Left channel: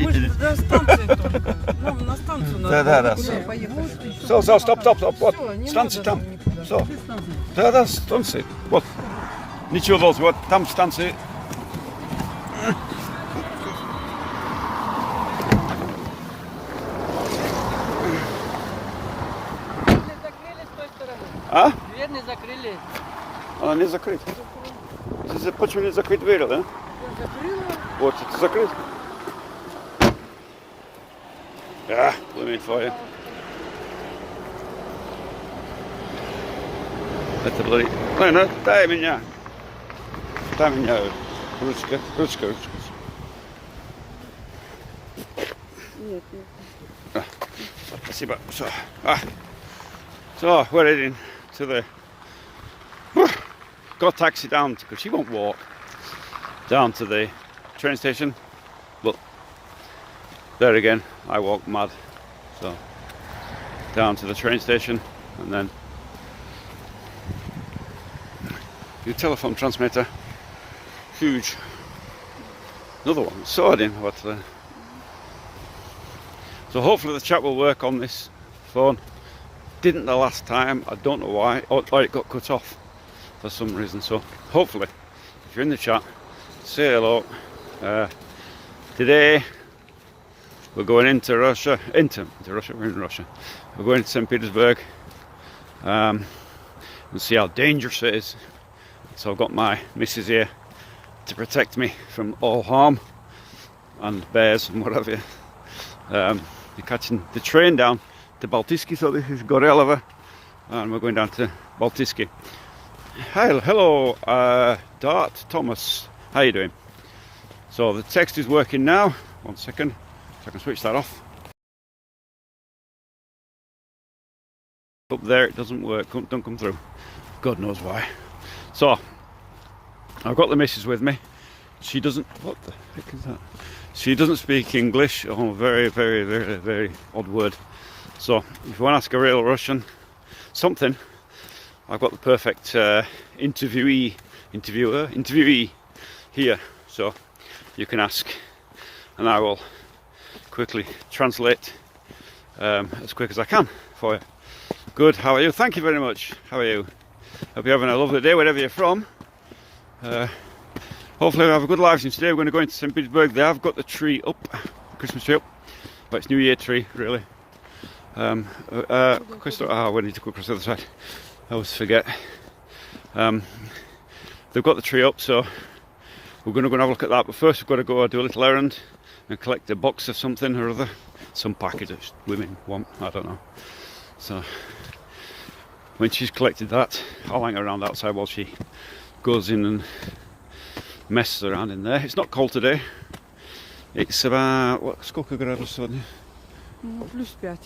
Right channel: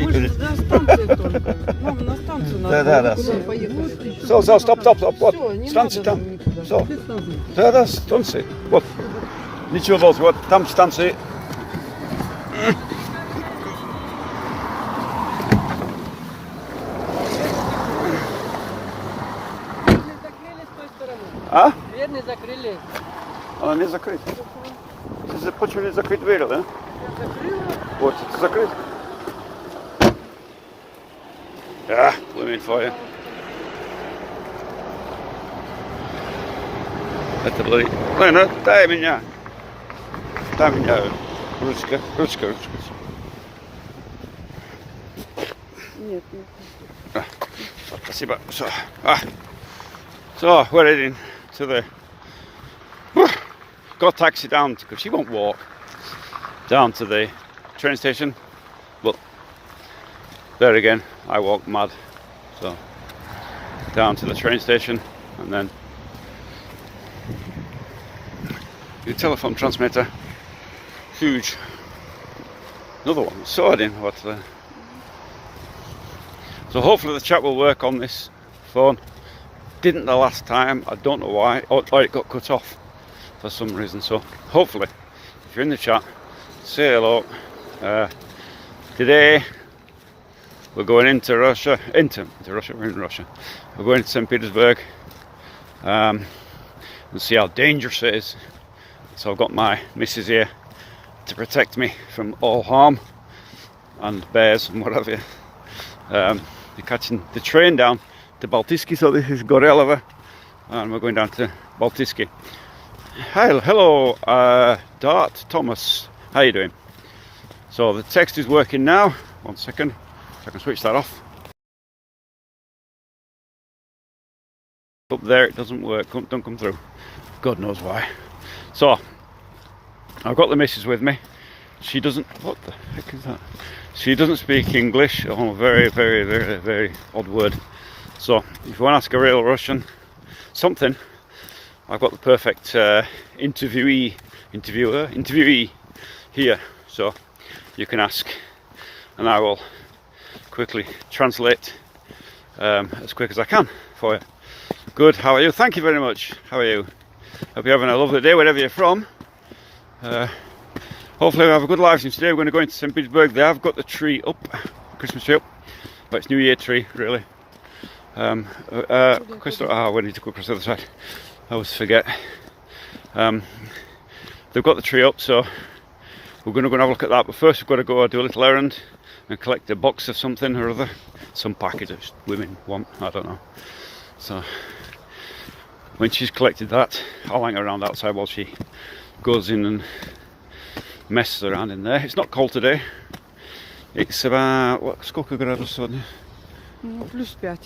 станции. Мы же до станции только. Нам на станцию надо. Да. Поехали. Все, стоп. Вот, Всё, не станция надо там. нам никуда. Все. Да, станции. Вот. Ничего должного. Вот там станции. А? Дверь не закрыли. Она не закрыта. Почему не закрыть дверь, да? Я закрыла. Вот, это закрыт. Да, пламень твоя. Это было... Ой, ну дай меня. Дай меня. Ручка. Нет. Спасибо. So, we're heading to the... Got a taxi down, because she won't walk, down to the train station. But there again, I walk mad. So, down to the train station, and then the telephone transmitter, huge. Another one, so I didn't know what to... So hopefully the chat will work on this phone. Didn't the last time, I don't know why, or it got cut off for some reason. So hopefully, if you're in the chat, say hello. Today we're going into Russia, we're in Russia. We're going to Saint Petersburg. We'll see how dangerous it is. So I've got my missus here to protect me from all harm and bears and whatever. We're catching the train down to Baltiski, so this is Gorelova, and we're going down to Baltiski. Hello, Dart Thomas, how you doing? So the text is working now. 1 second, so I can switch that off. Up there it doesn't work, don't come through. God knows why. So I've got the missus with me. She doesn't, what the heck is that? She doesn't speak English. Oh, very odd word. So if you want to ask a real Russian something, I've got the perfect interviewee here. So you can ask, and I will quickly translate as quick as I can for you. Good, how are you? Thank you very much. How are you? Hope you're having a lovely day wherever you're from. Hopefully we have a good live stream today. We're going to go into Saint Petersburg. They have got the tree up, Christmas tree up, but it's New Year tree really. We need to go across the other side. I always forget. They've got the tree up, so we're going to go and have a look at that. But first we've got to go do a little errand and collect a box of something or other. Some package that women want, I don't know. So when she's collected that, I'll hang around outside while she goes in and messes around in there. It's not cold today. It's about, what, сколько градусов сегодня? Plus 5.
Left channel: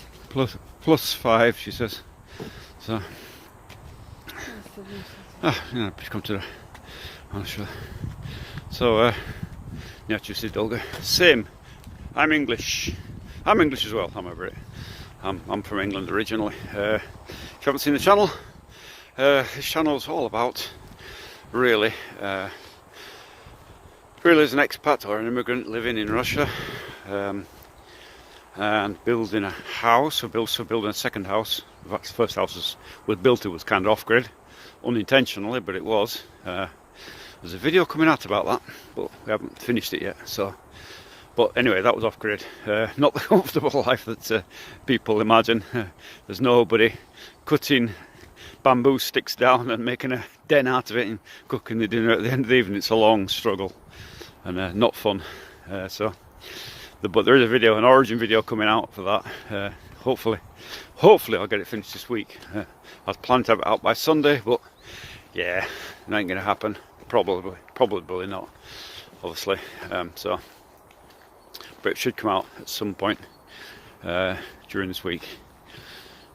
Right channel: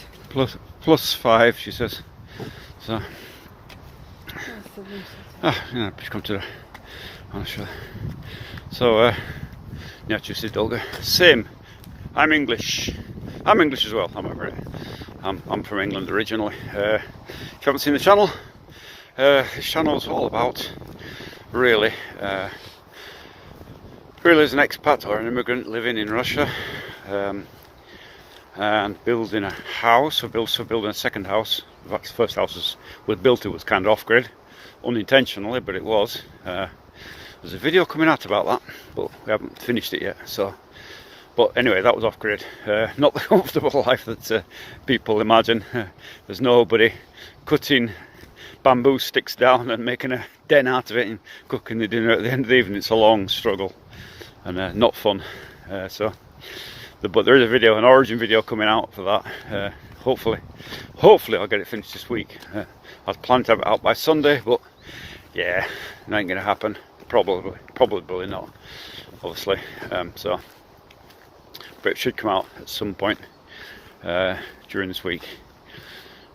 Plus 5, she says. So, yeah, please come to the, I'll show. So, yeah, just долго. Same. I'm English as well. I'm from England originally. If you haven't seen the channel, this channel is all about really as an expat or an immigrant living in Russia, and building a house, or building a second house. In fact, the first house was built, it was kind of off-grid, unintentionally, but it was. There's a video coming out about that, but we haven't finished it yet. So, but anyway, that was off-grid. Not the comfortable life that people imagine. There's nobody cutting bamboo sticks down and making a den out of it and cooking the dinner at the end of the evening. It's a long struggle and not fun. But there is a video, an origin video coming out for that. Hopefully I'll get it finished this week. I was planning to have it out by Sunday, but yeah, it ain't gonna happen. Probably not, obviously. So, but it should come out at some point during this week,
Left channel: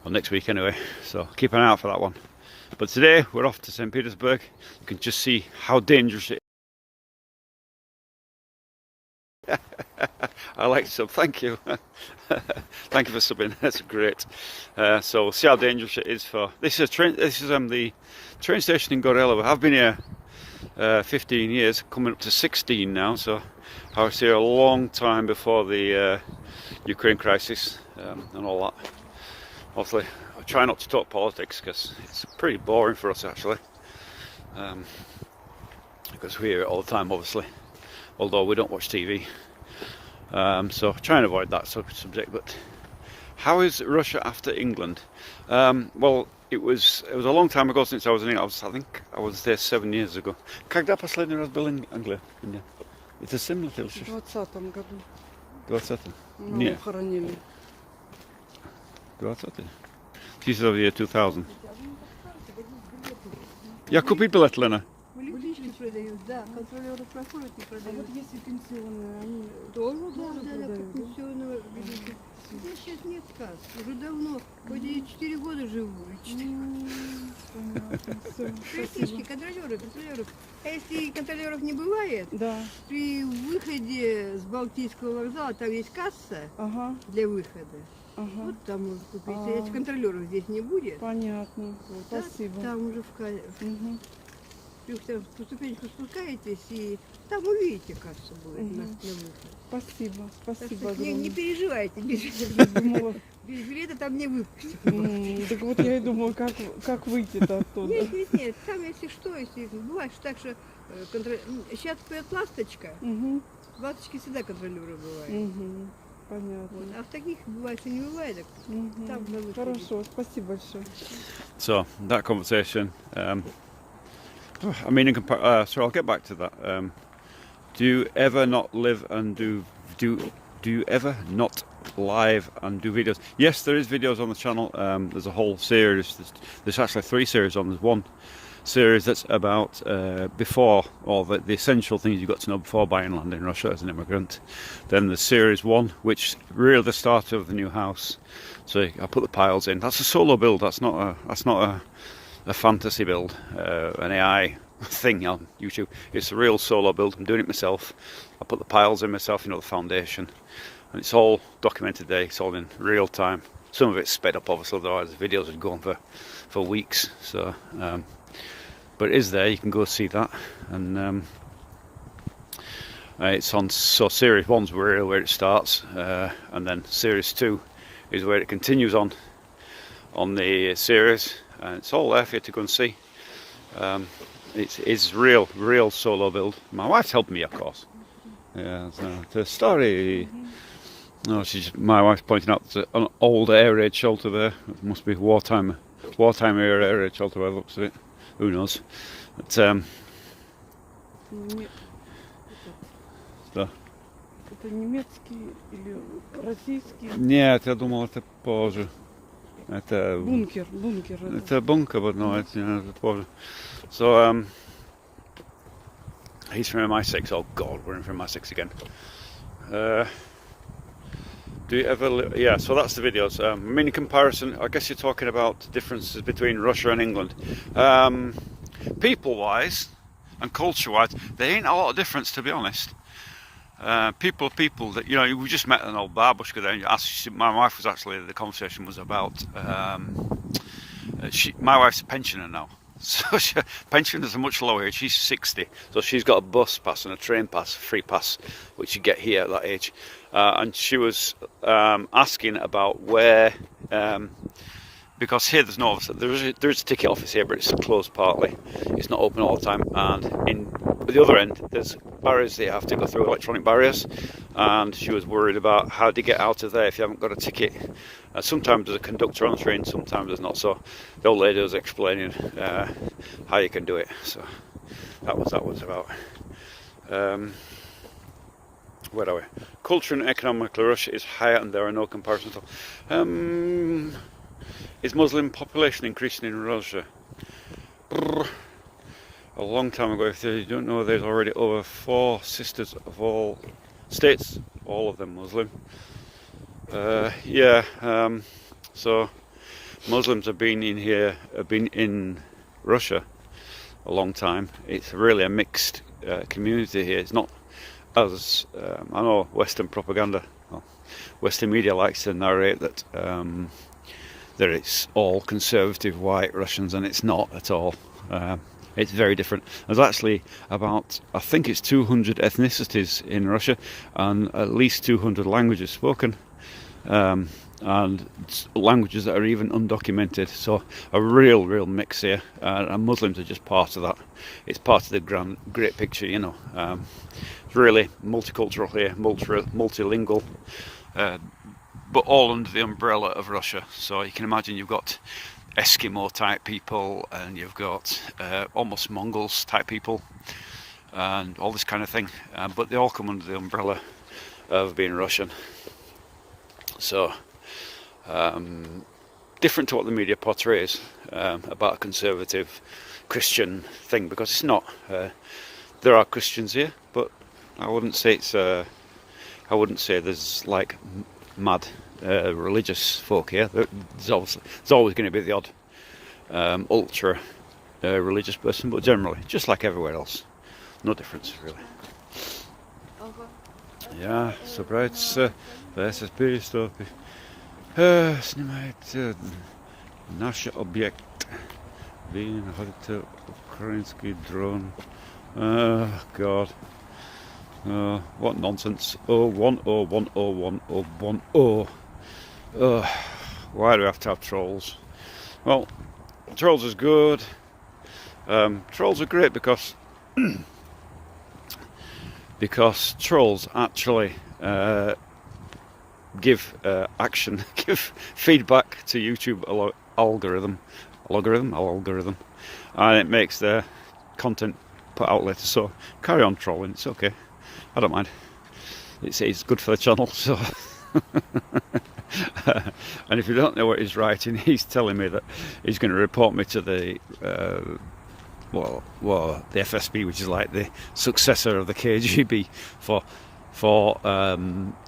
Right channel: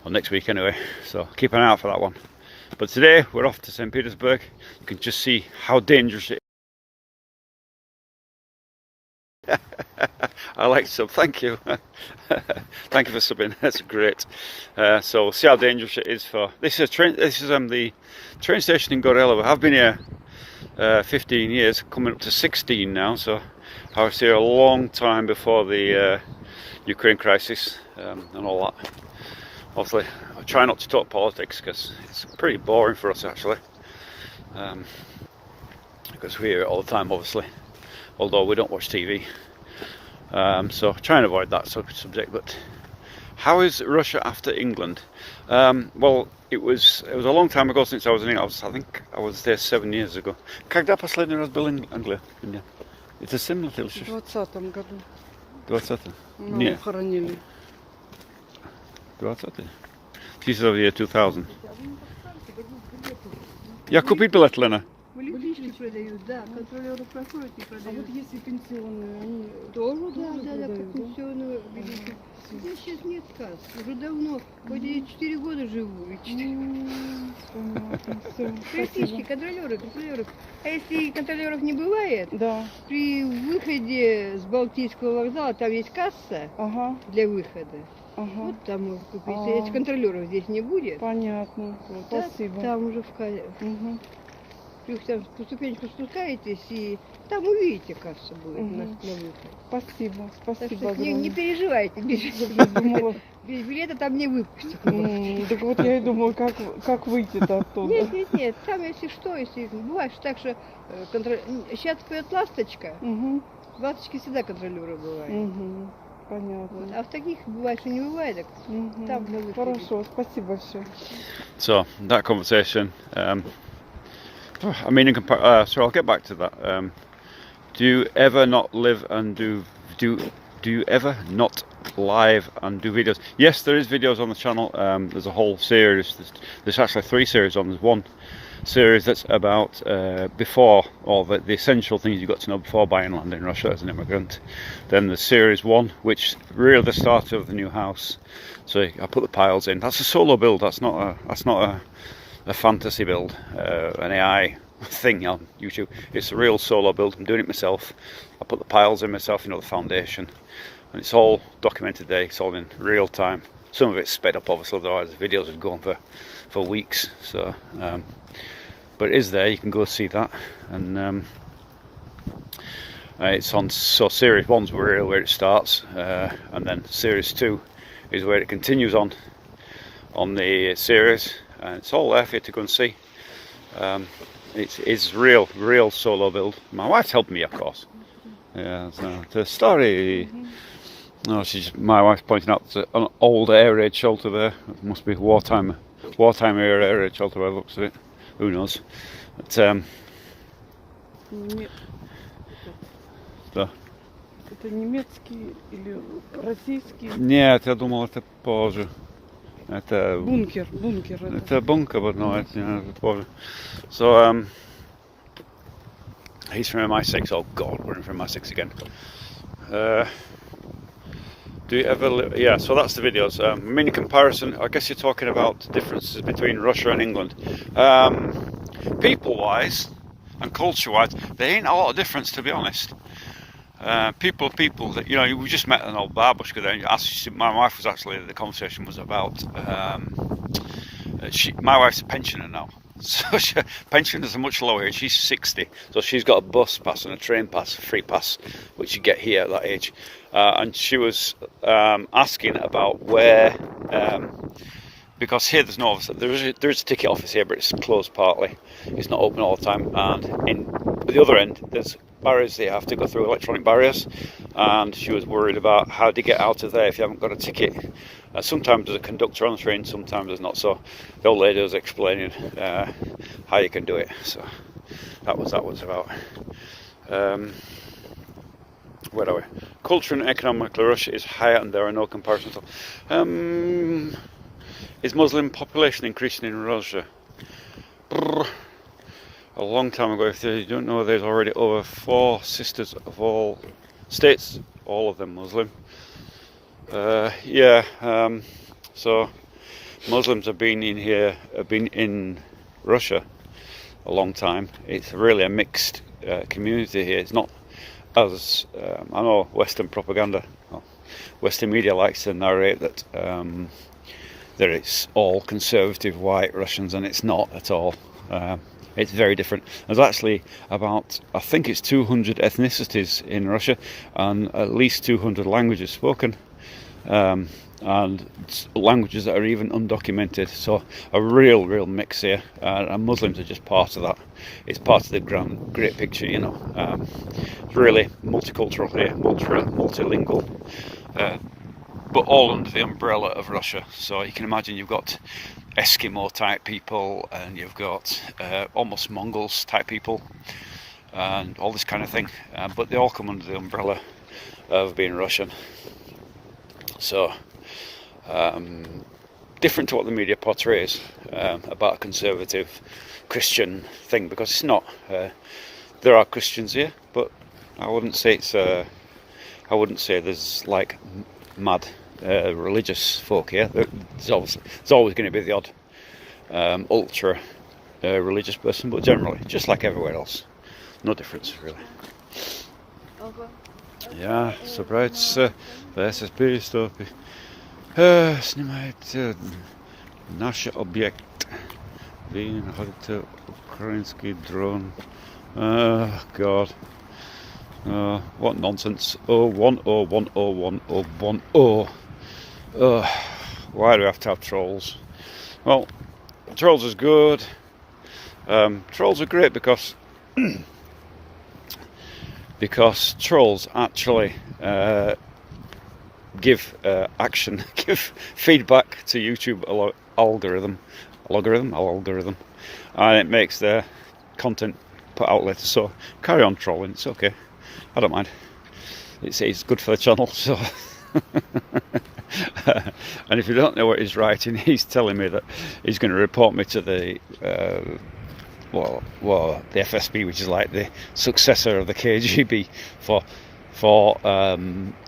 or next week anyway. So keep an eye out for that one. But today we're off to Saint Petersburg. You can just see how dangerous it is. I like sub, thank you. Thank you for subbing, that's great. So we'll see how dangerous it is for this is the train station in Gorelova. I've been here 15 years, coming up to 16 now, so I was here a long time before the Ukraine crisis and all that. Obviously, I try not to talk politics because it's pretty boring for us actually. Because we hear it all the time, obviously. Although we don't watch TV, so I try and avoid that sort of subject. But how is Russia after England? Well, it was a long time ago since I was in England. I think I was there 7 years ago. Когда последний раз был in Англия? Это similar to В 20-м году. 20-м? Маму хоронили. 20-й? This is of the year 2000. Я купить билет, Лена? Близкие продают, да, контролеры проходят и А продают. вот если пенсионные, они Тоже, тоже да, продают, да? пенсионные билеты. Здесь сейчас нет касс, уже давно. Хоть я 4 года живу. Понятно, все, Практически спасибо. контролеров. А если контролеров не бывает, Да, при выходе с Балтийского вокзала там есть касса ага, для выхода. ага, Вот там можно купить. А. Если контролеров здесь не будет, понятно, вот, спасибо. там уже Мгм. там по ступеньку спускаетесь, и там увидите кассу будет Мгм. на выход. Спасибо, Так спасибо что не огромное. переживайте, Я думала, без билета там не выпустят. так вот я и думала, как выйти-то оттуда. Нет, там если что, если бывает так, что сейчас поет ласточка, Мгм, в ласточке всегда контролеры бывают. мгм, Вот. понятно. А в таких бывает, что не бывает, так Мгм. там на выходе. Хорошо, спасибо большое. So that conversation. I mean, so I'll get back to that. Do you ever not live and do you ever not live and do videos? Yes, there is videos on the channel. There's a whole series. There's actually 3 series on. There's one series that's about before, or the essential things you've got to know before buying land in Russia as an immigrant. Then there's series 1, which really the start of the new house. So I put the piles in. That's a solo build. That's not a fantasy build, an AI thing on YouTube. It's a real solo build. I'm doing it myself. I put the piles in myself, the foundation, and it's all documented there. It's all in real time. Some of it's sped up, obviously, otherwise the videos would go on for weeks. So, but it is there. You can go see that, and it's on. So series 1's really where it starts, and then series 2 is where it continues on the series. And it's all there for you to go and see. It's real solo build. My wife's helped me, of course. Yeah, so the story. No, my wife's pointing out an old air raid shelter there. It must be wartime air raid shelter. By the looks of it, who knows? But Не- so. Это немецкий или российский? Нет, я думал, это позже. Это Бункер. Это bunker, but no, it's позже. So he's from MI6. Oh God, we're in from MI6 again. Do you ever live? Yeah, so that's the videos. Mini comparison. I guess you're talking about differences between Russia and England. People-wise and culture-wise, there ain't a lot of difference, to be honest. People that we just met an old babushka there. And my wife was actually, the conversation was about my wife's a pensioner now, so pensioners are much lower age. She's 60, so she's got a bus pass and a train pass, free pass, which you get here at that age. And she was asking about where, because here there's no office. There is a ticket office here, but it's closed partly. It's not open all the time. And in the other end, there's barriers they have to go through, electronic barriers. And she was worried about how to get out of there if you haven't got a ticket. Sometimes there's a conductor on the train, sometimes there's not. So the old lady was explaining how you can do it. So that was about. Where are we? Culture and economically, Russia is higher, and there are no comparisons. Is Muslim population increasing in Russia? A long time ago. If you don't know, there's already over 4 sisters of all states, all of them Muslim. So Muslims have been in Russia a long time. It's really a mixed community here. It's not as I know Western propaganda, Western media likes to narrate that it's all conservative white Russians, and it's not at all. It's very different. There's actually about, I think it's 200 ethnicities in Russia, and at least 200 languages spoken, and languages that are even undocumented. So a real mix here, and Muslims are just part of that. It's part of the great picture, you know. It's really multicultural here, multilingual, but all under the umbrella of Russia. So you can imagine you've got Eskimo type people, and you've got almost Mongols type people, and all this kind of thing, but they all come under the umbrella of being Russian. So different to what the media portrays about a conservative Christian thing, because it's not. There are Christians here, but I wouldn't say it's I wouldn't say there's like mad religious folk here. There's always going to be the odd ultra religious person, but generally, just like everywhere else, no difference really. Я собирается в перестопе снимает наш объект. Вы находите украинский дрон. God. What nonsense. 010101010. Why do we have to have trolls? Well, trolls is good. Trolls are great because trolls actually give feedback to YouTube algorithm, and it makes their content put out later. So carry on trolling, it's okay. I don't mind. It's good for the channel. So, and if you don't know what he's writing, he's telling me that he's going to report me to the the FSB, which is like the successor of the KGB, for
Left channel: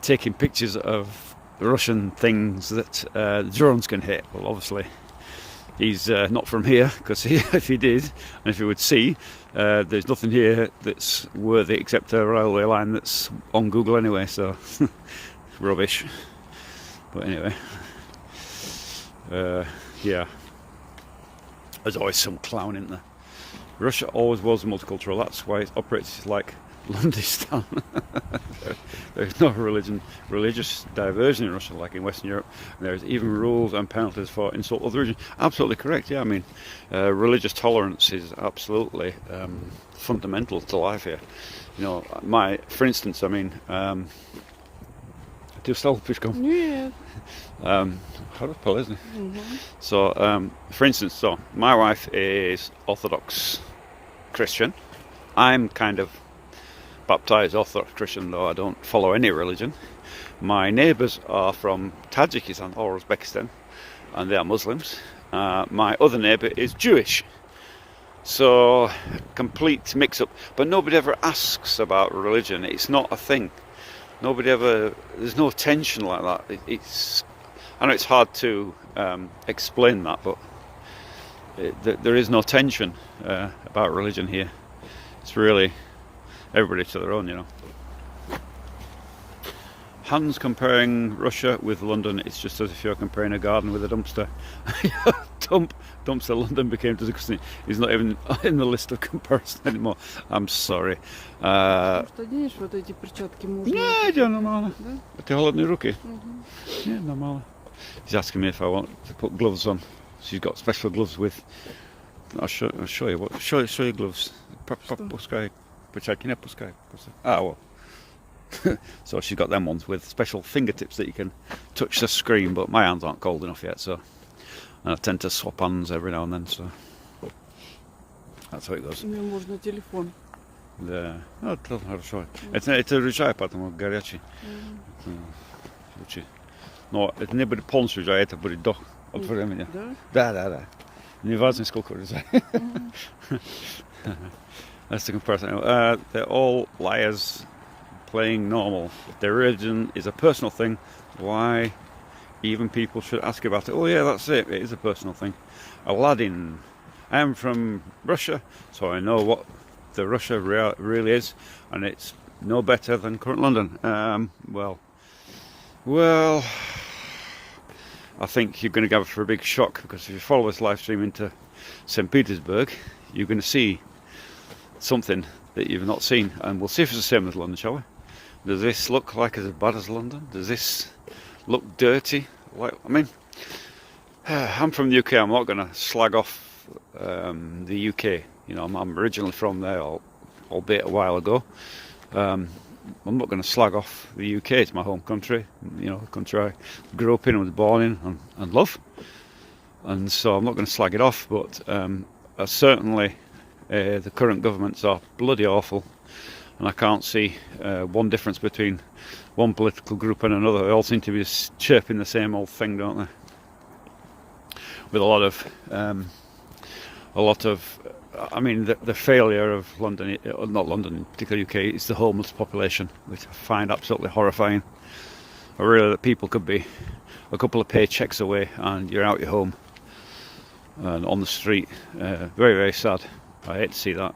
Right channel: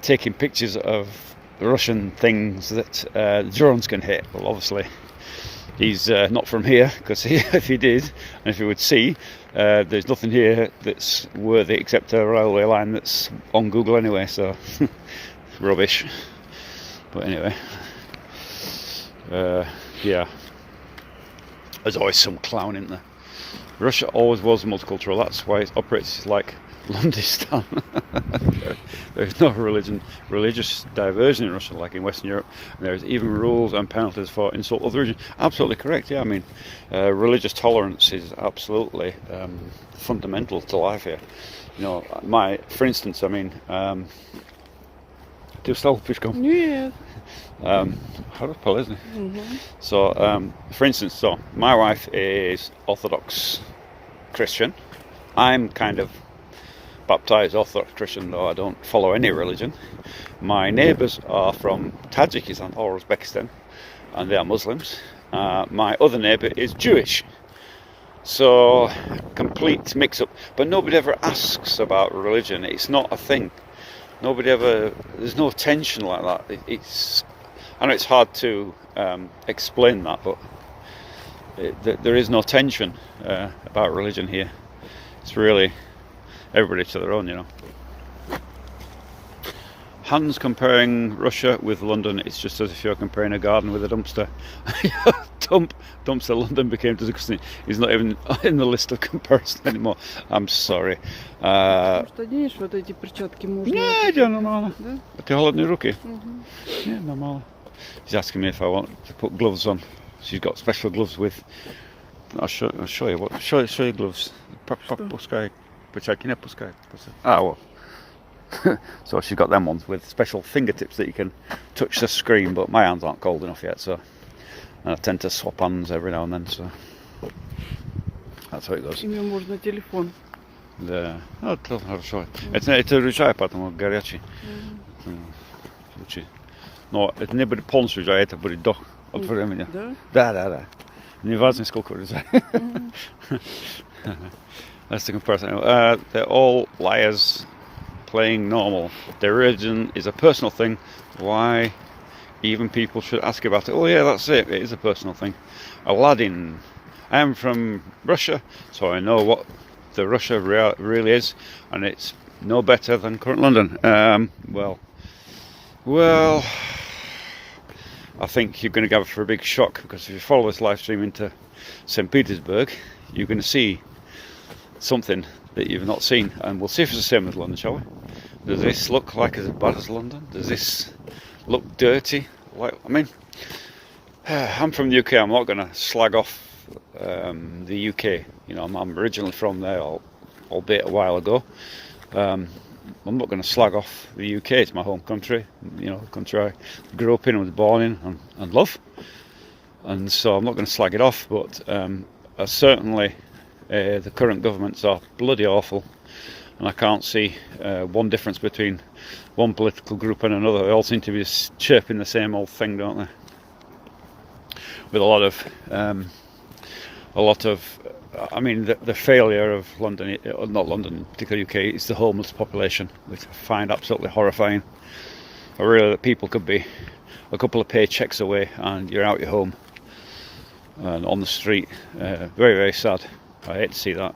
taking pictures of Russian things that drones can hit. Well, obviously he's not from here, because if he did, and if he would see, there's nothing here that's worthy except a railway line that's on Google anyway, so rubbish. But anyway, yeah, there's always some clown in there. Russia always was multicultural. That's why it operates like Londistan. There's no religious diversion in Russia like in Western Europe. There's even rules and penalties for insult of the religion. Absolutely correct. Yeah, I mean, religious tolerance is absolutely fundamental to life here. You know, for instance, I mean, do you still пешком? Нет. Хорошо, полезно. So, for instance, my wife is Orthodox Christian. I'm kind of baptized Orthodox Christian, though I don't follow any religion. My neighbours are from Tajikistan or Uzbekistan, and they are Muslims. My other neighbour is Jewish. So, complete mix-up. But nobody ever asks about religion. It's not a thing. There's no tension like that. I know it's hard to explain that, but there is no tension about religion here. It's really everybody to their own, you know. Hans comparing Russia with London, it's just as if you're comparing a garden with a dumpster. Dumpster London became disgusting. He's not even in the list of comparison anymore. I'm sorry. Может, оденешь вот эти перчатки можно? Нет, нормально. Да? Ты холодные руки? Yeah, normal. She's asking me if I want to put gloves on. She's got special gloves with. I'll show you. Show you gloves. Пускай. Well. So she's got them ones with special fingertips that you can touch the screen, but my hands aren't cold enough yet, so I tend to swap hands every now and then, so that's how it goes. Ими можно телефон. Да, ну, хорошо. Это рычаг, потому горячий. Лучше. Но это не будет полностью рычаг, это будет до от времени. Да? Да. Не важно, сколько рычаг. That's the comparison. They're all liars playing normal. Their religion is a personal thing. Why even people should ask about it? Oh yeah, that's it. It is a personal thing. Aladdin. I am from Russia, so I know what the Russia really is, and it's no better than current London. Well, I think you're going to go for a big shock, because if you follow this live stream into Saint Petersburg, you're going to see something that you've not seen, and we'll see if it's the same as London, shall we? Does this look like as bad as London? Does this look dirty? Like, I mean, I'm from the UK. I'm not going to slag off the UK. You know, I'm originally from there, albeit a while ago. I'm not going to slag off the UK. It's my home country. You know, the country I grew up in and was born in and love. And so I'm not going to slag it off. But certainly the current governments are bloody awful. And I can't see one difference between one political group and another. They all seem to be chirping the same old thing, don't they? With a lot of, I mean, the failure of London, not London, particularly UK, is the homeless population, which I find absolutely horrifying. I really, that people could be a couple of paychecks away and you're out your home and on the street. Very, very sad. I hate to see that.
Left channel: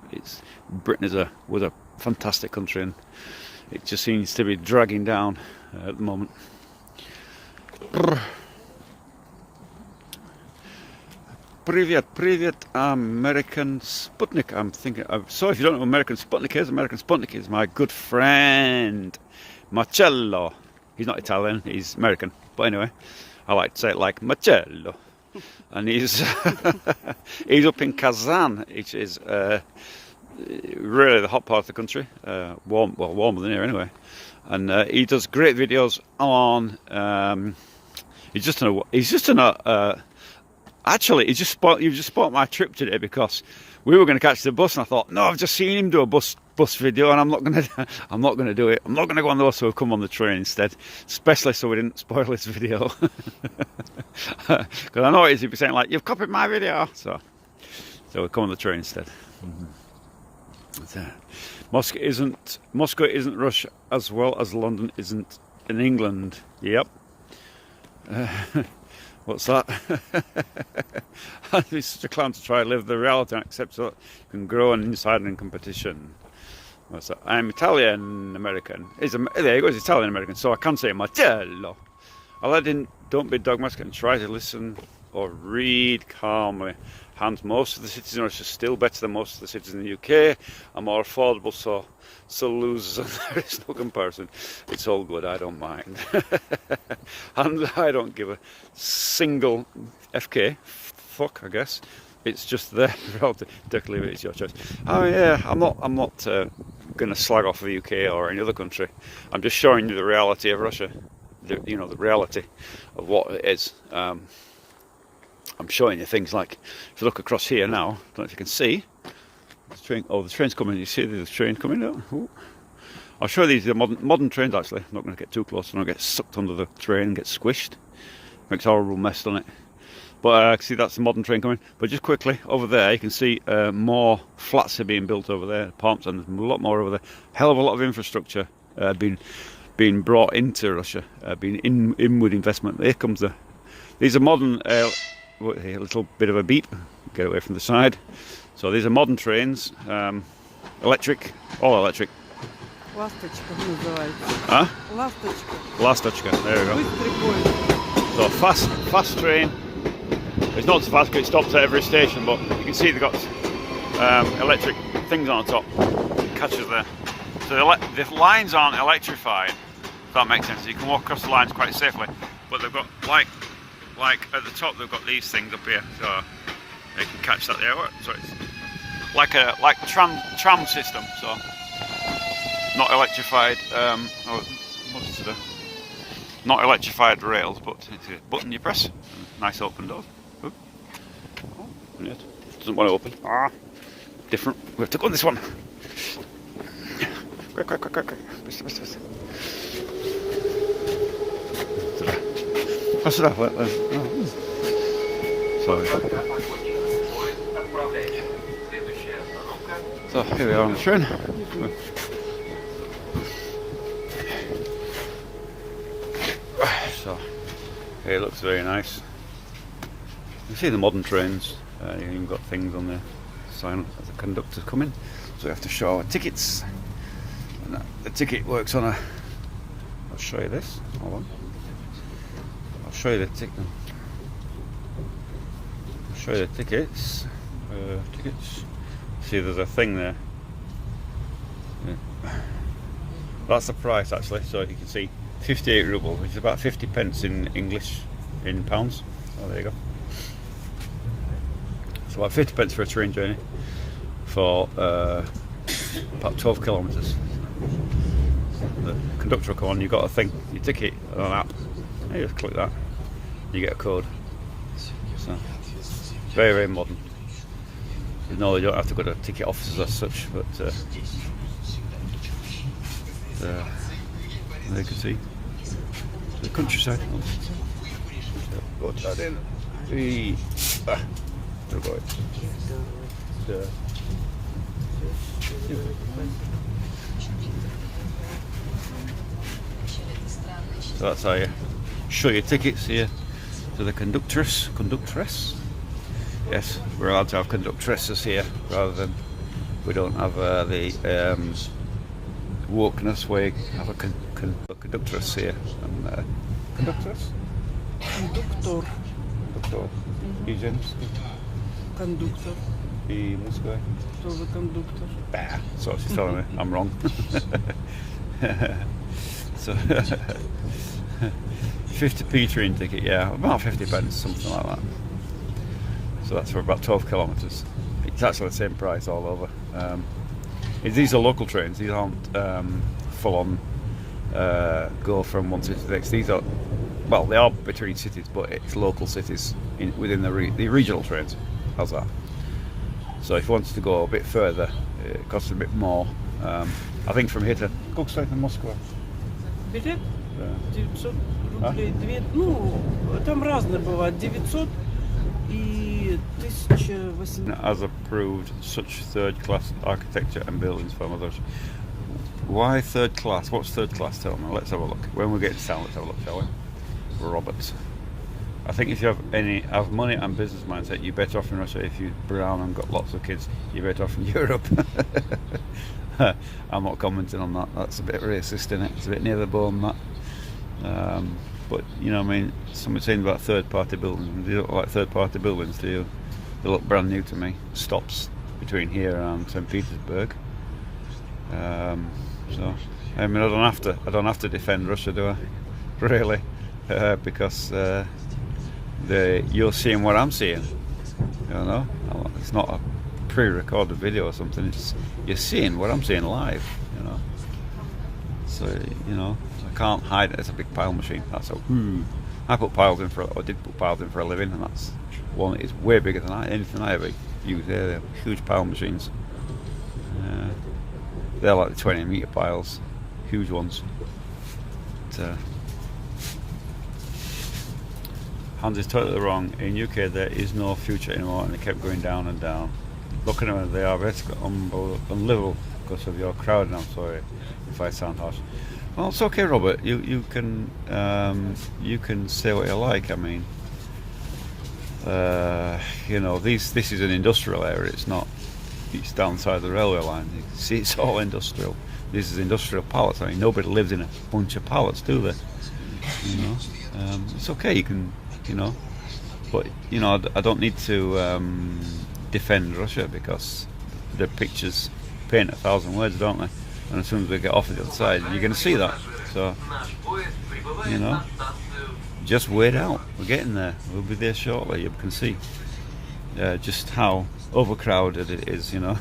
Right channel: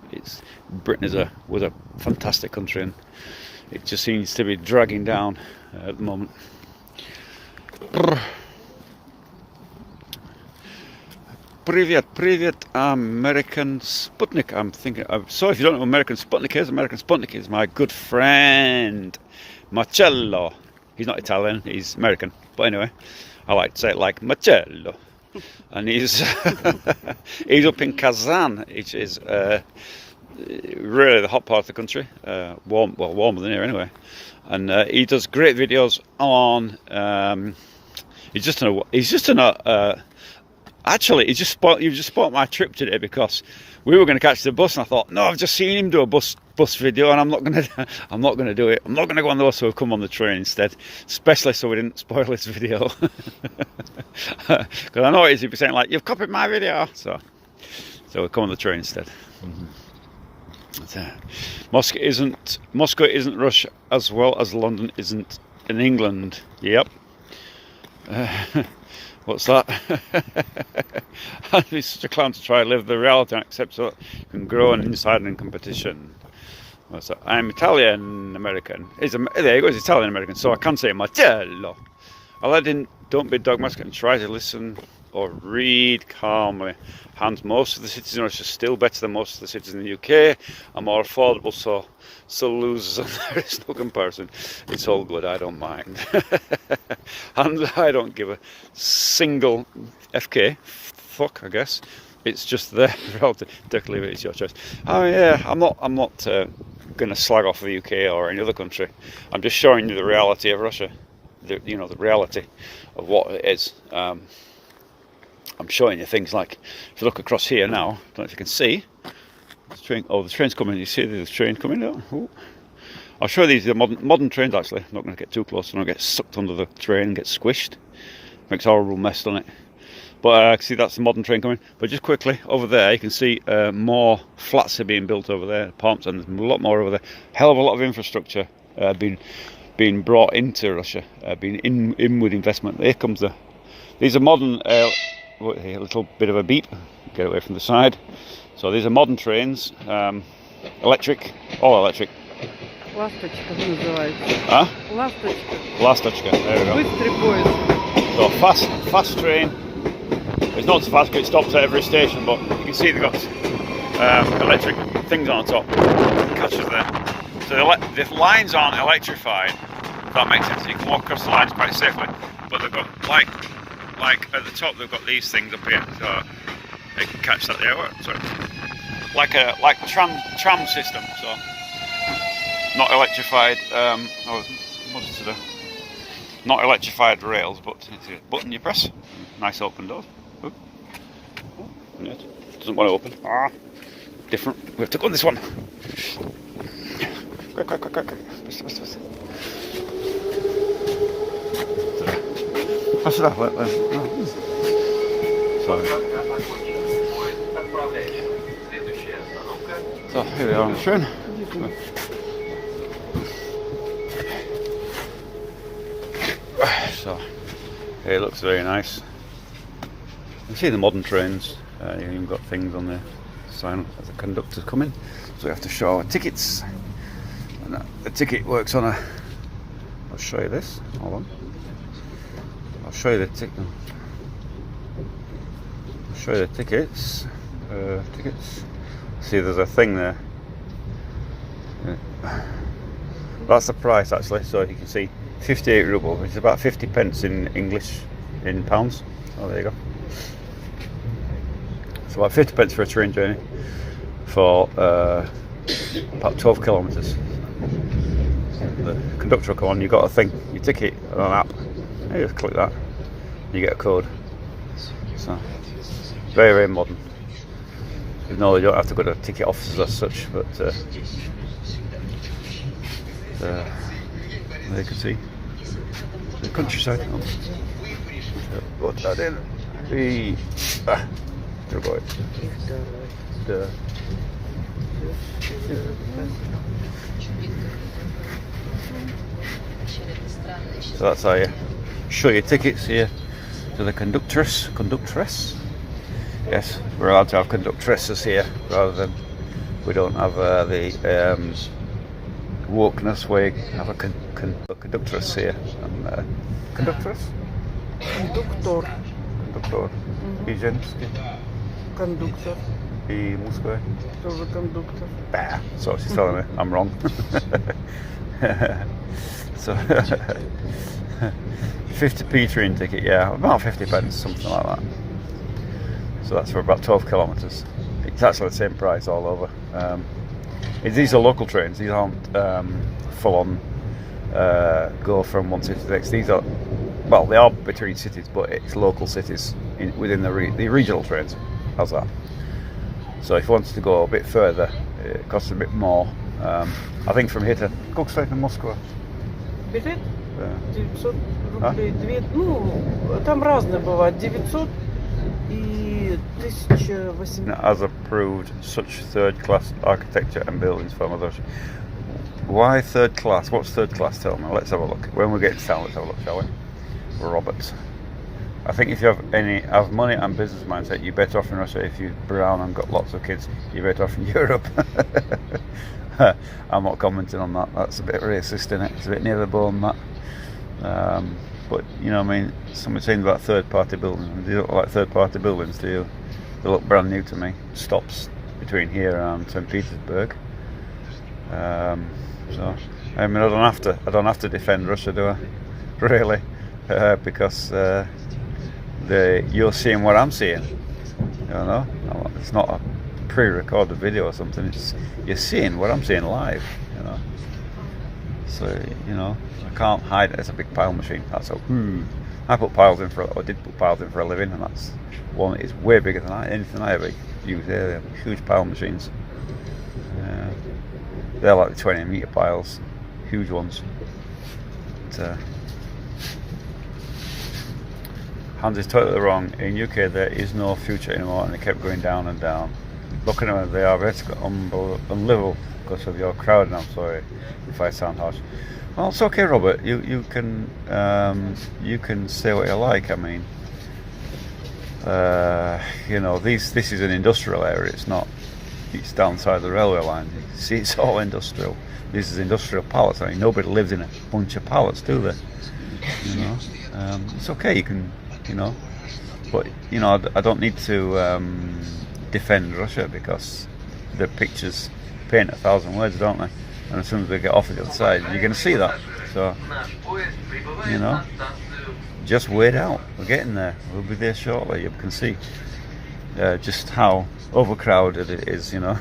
Britain was a fantastic country, and it just seems to be dragging down at the moment. Привет, American Sputnik. I'm sorry if you don't know what American Sputnik is. American Sputnik is my good friend Marcello. He's not Italian, he's American. But anyway, I like to say it like Marcello. And he's he's up in Kazan, which is really the hot part of the country. Warmer than here anyway. And he does great videos on. Actually, you just spoiled my trip today, because we were going to catch the bus, and I thought, no, I've just seen him do a bus video, and I'm not going to do it. I'm not going to go on the bus, so we've come on the train instead, especially so we didn't spoil his video. Because I know he'd be saying like, you've copied my video, so we'll come on the train instead. Moscow isn't Russia as well as London isn't in England. Yep. What's that? I'd be such a clown to try to live the reality and accept so you can grow and inside and in competition. What's that? I'm Italian American. There you go, it's Italian American, so I can say Marcello. Aladdin, don't be dogmatic and try to listen or read calmly. Hans, most of the cities in Russia are still better than most of the cities in the UK, are more affordable, so losers, and there is no comparison. It's all good, I don't mind. And I don't give a single FK fuck, I guess. It's just there. Take or leave it, it's your choice. Oh yeah, I'm not going to slag off the UK or any other country. I'm just showing you the reality of Russia. The reality of what it is. I'm showing you things like, if you look across here now, I don't know if you can see, the train's coming. You see the train coming down? Ooh. I'll show you these modern trains actually. I'm not going to get too close, I'm going to get sucked under the train and get squished. Makes a horrible mess, doesn't it? But see, that's the modern train coming. But just quickly, over there, you can see more flats are being built over there, apartments, and there's a lot more over there. Hell of a lot of infrastructure being brought into Russia, being inward investment. Here comes these are modern. A little bit of a beat. Get away from the side. So these are modern trains, electric, all electric. Ласточка называется. Huh? Ласточка. Lastочка. There we go. Быстрый поезд. So fast train. It's not so fast, but it stops at every station. But you can see they've got electric things on the top. Catches there. So the lines aren't electrified. If that makes sense. You can walk across the lines quite safely. But they've got like at the top, they've got these things up here, so they can catch that there. So it's like tram system. So not electrified. What's today? Not electrified rails, but it's a button you press. Nice open doors. Doesn't want to open. Different. We have to go on this one. Quick. That's enough. So here we are on the train. So here it looks very nice. You see the modern trains. You've even got things on the sign as the conductor's coming. So we have to show our tickets. And the ticket works on a. I'll show you this. Hold on. I'll show you the ticket. I'll show you the tickets. Tickets. See, there's a thing there. That's the price actually. So you can see 58 rubles, which is about 50 pence in English, in pounds. Oh, there you go. It's about 50 pence for a train journey for about 12 kilometres. The conductor will come on, you've got a thing, your ticket on an app, you just click that, you get a code. So, very, very modern. You know, you don't have to go to ticket offices as such, but there you can see the countryside. Got that in. There we go. So that's how you show your tickets here to the conductress. Yes, we're allowed to have conductresses here rather than we don't have the wokeness where you have a conductress here. Conductress? Кондуктор. Conductor. И женский. Кондуктор. И мужской. Тоже кондуктор. Bah. So she's telling me I'm wrong. So 50p train ticket, yeah, about 50 pence, something like that. So that's for about 12 kilometres. It's actually the same price all over. These are local trains, these aren't full on go from one city to the next. These are, well, they are between cities, but it's local cities within the regional trains. How's that? So if you wanted to go a bit further, it costs a bit more. I think from here to Koksvej and Moscow. Билет 900 рублей. Ну, там разные бывают. 900 и 1800. As approved, such third-class architecture and buildings from others. Why third class? What's third class? Tell me. Let's have a look. When we get to town, let's have a look, shall we? Robert. I think if you have money and business mindset, you're better off in Russia. If you're brown and got lots of kids, you're better off in Europe. I'm not commenting on that. That's a bit racist, isn't it? It's a bit near the bone, that. But you know, I mean, someone's saying about third-party buildings. You don't like third-party buildings, do you? They look brand new to me. Stops between here and Saint Petersburg. So I mean, I don't have to defend Russia, do I? Really, because you're seeing what I'm seeing. You know, it's not a pre-recorded video or something. You're seeing what I'm seeing live. You know, so you know, I can't hide it. It's a big pile machine. That's all. I put piles in or did put piles in for a living, and that's one that is way bigger than anything I ever use. They're huge pile machines. They're like the 20-metre piles, huge ones. But, Hans is totally wrong. In UK there is no future anymore, and they kept going down and down. Look at them, they are basically unlivable because of your crowd. And I'm sorry if I sound harsh. Well, it's okay, Robert. You can say what you like. I mean, you know, this is an industrial area. It's not. It's downside the railway line. You see, it's all industrial. This is industrial pallets. I mean, nobody lives in a bunch of pallets, do they? You know, it's okay. You can, you know, but you know, I don't need to defend Russia because their pictures paint 1,000 words, don't they? And as soon as we get off the other side, you're going to see that. So, you know, just wait out. We're getting there. We'll be there shortly. You can see just how overcrowded it is, you know.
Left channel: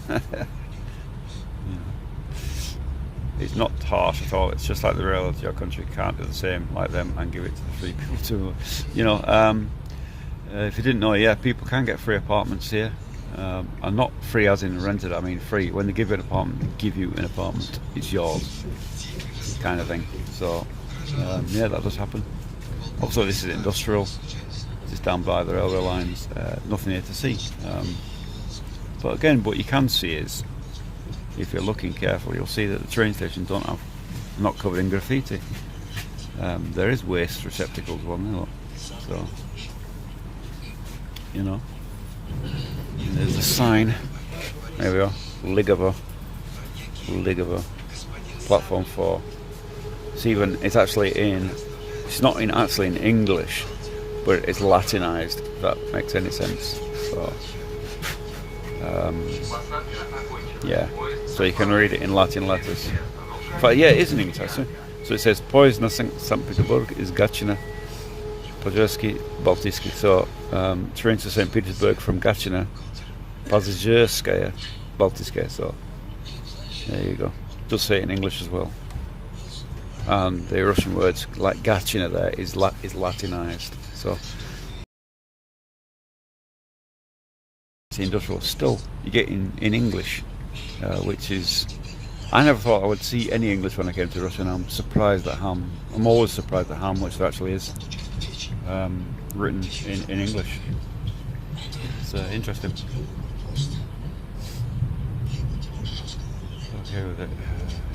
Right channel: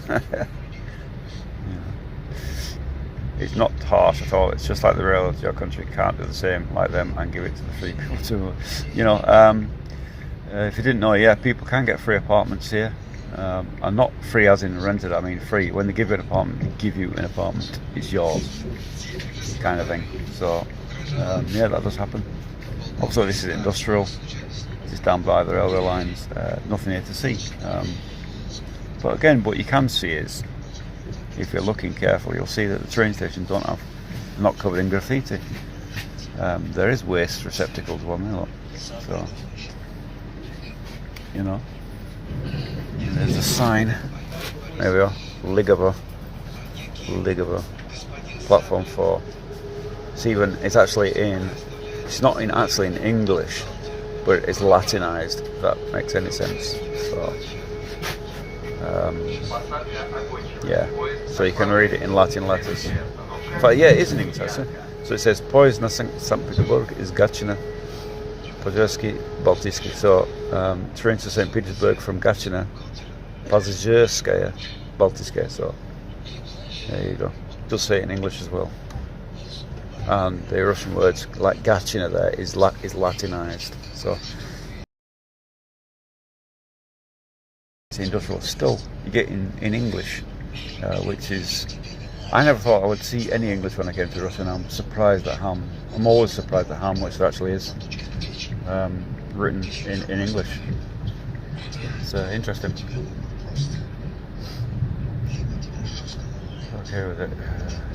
It's not harsh at all. It's just like the reality. Your country can't do the same like them and give it to the free people too. You know, if you didn't know, yeah, people can get free apartments here. And not free as in rented, I mean free. When they give you an apartment, they give you an apartment. It's yours, kind of thing. So, yeah, that does happen. Also, this is industrial. It's down by the railway lines. Nothing here to see. But again, what you can see is, if you're looking carefully, you'll see that the train stations not covered in graffiti. There is waste receptacles one there, look. So, you know, there's a sign. There we are. Ligova platform 4. It's actually it's not actually in English, but it's Latinized, if that makes any sense. So Yeah, so you can read it in Latin letters. But yeah, it is in English actually. So it says poезд на Saint Petersburg is Gatchina, Podjersky, Baltisky. So train to Saint Petersburg from Gatchina, Podjersskaya, Baltiskaya. So there you go. Does say it in English as well. And the Russian words like Gatchina there is Latinized. So it's industrial. Still, you get in English, which is. I never thought I would see any English when I came to Russia, and I'm surprised at how. I'm always surprised at how much there actually is written in English. It's interesting. Okay with it.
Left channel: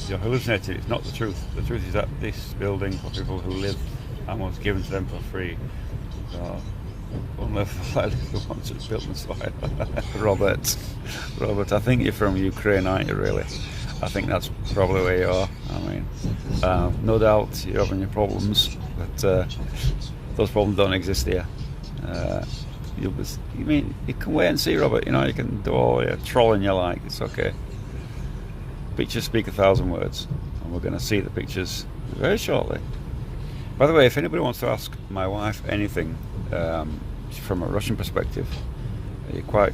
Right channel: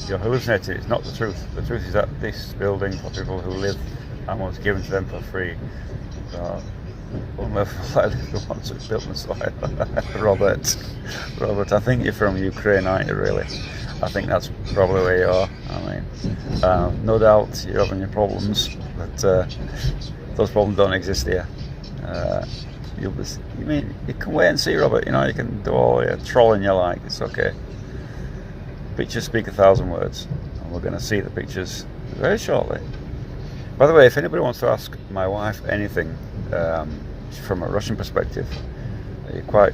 You're hallucinating. It's not the truth. The truth is that this building for people who live and was given to them for free. Unless the ones that built this like Robert, I think you're from Ukraine, aren't you? Really? I think that's probably where you are. I mean, no doubt you're having your problems, but those problems don't exist here. You can wait and see, Robert. You know, you can do all your trolling you like. It's okay. Pictures speak 1,000 words, and we're going to see the pictures very shortly. By the way, if anybody wants to ask my wife anything from a Russian perspective, you're quite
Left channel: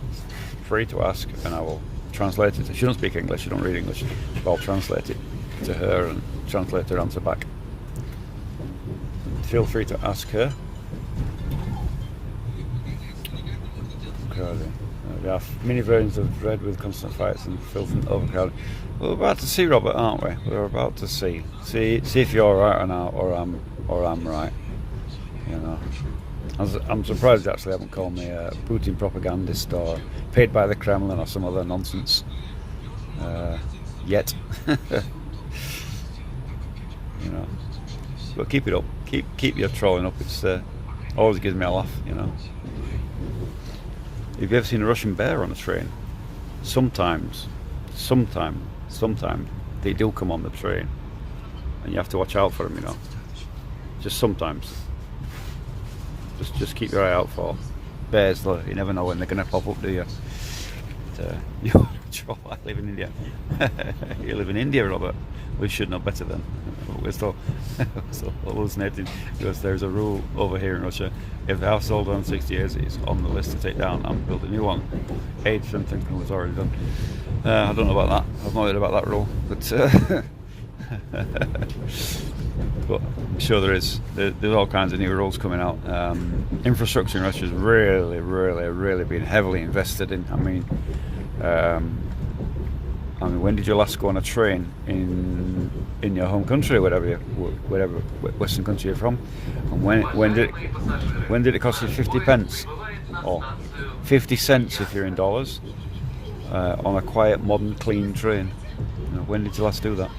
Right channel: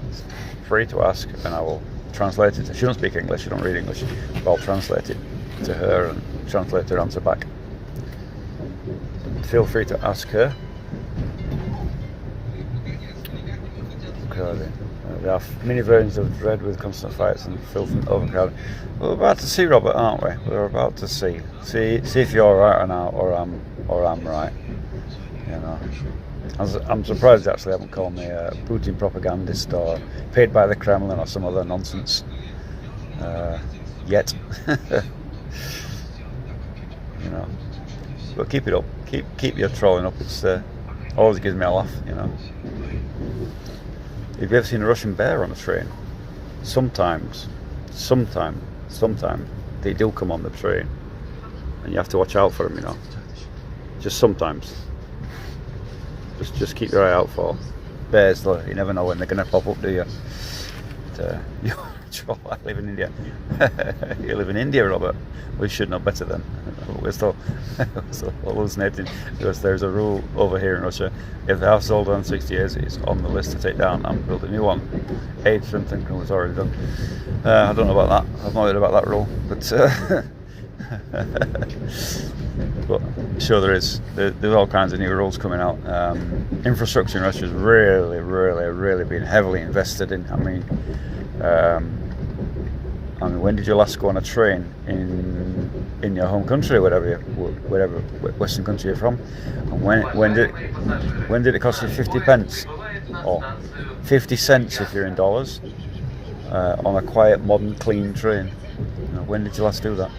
free to ask, and I will translate it. She don't speak English, she don't read English, but I'll translate it to her and translate her answer back. Feel free to ask her. Okay. There are many versions of dread with constant fights and filth and overcrowding. We're about to see, Robert, aren't we? We're about to see. See if you're right or not, or I'm right. You know. I'm surprised actually I haven't called me a Putin propagandist or paid by the Kremlin or some other nonsense yet. You know. But keep it up. Keep your trolling up. It's always gives me a laugh, you know. Have you ever seen a Russian bear on a train? Sometimes they do come on the train, and you have to watch out for them, you know. Just sometimes. Just keep your eye out for bears, though. You never know when they're going to pop up, do you? I live in India. You live in India, Robert. We should know better then. We're still hallucinating because there's a rule over here in Russia. If the house is older than 60 years, it's on the list to take down and build a new one. Age something was already done. I don't know about that. I've not heard about that rule, but I'm sure there is. There's all kinds of new rules coming out. Infrastructure in Russia has really been heavily invested in. I mean, when did you last go on a train in your home country, whatever Western country you're from? And when did it cost you 50 pence or 50 cents if you're in dollars on a quiet, modern, clean train? You know, when did you last do that?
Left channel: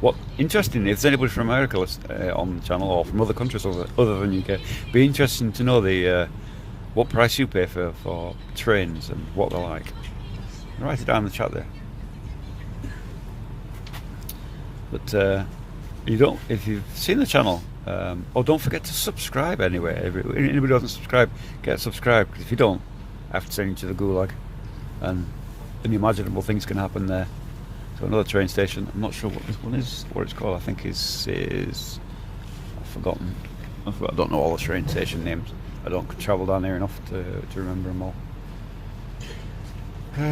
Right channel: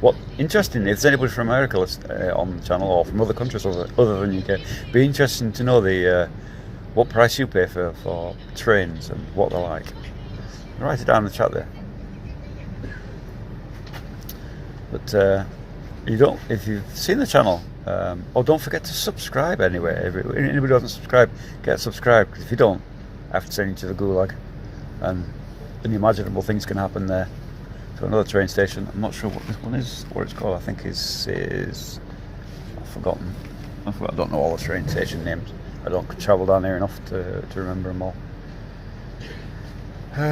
What interesting, if there's anybody from America on the channel or from other countries other than UK, be interesting to know the what price you pay for trains and what they're like. Write it down in the chat there. But if you've seen the channel, don't forget to subscribe anyway. Anybody who doesn't subscribe, get subscribed. Because if you don't, I have to send you to the gulag, and unimaginable things can happen there. So another train station. I'm not sure what this one is, what it's called. I think is I've forgotten. I don't know all the train station names. I don't travel down there enough to remember them all. So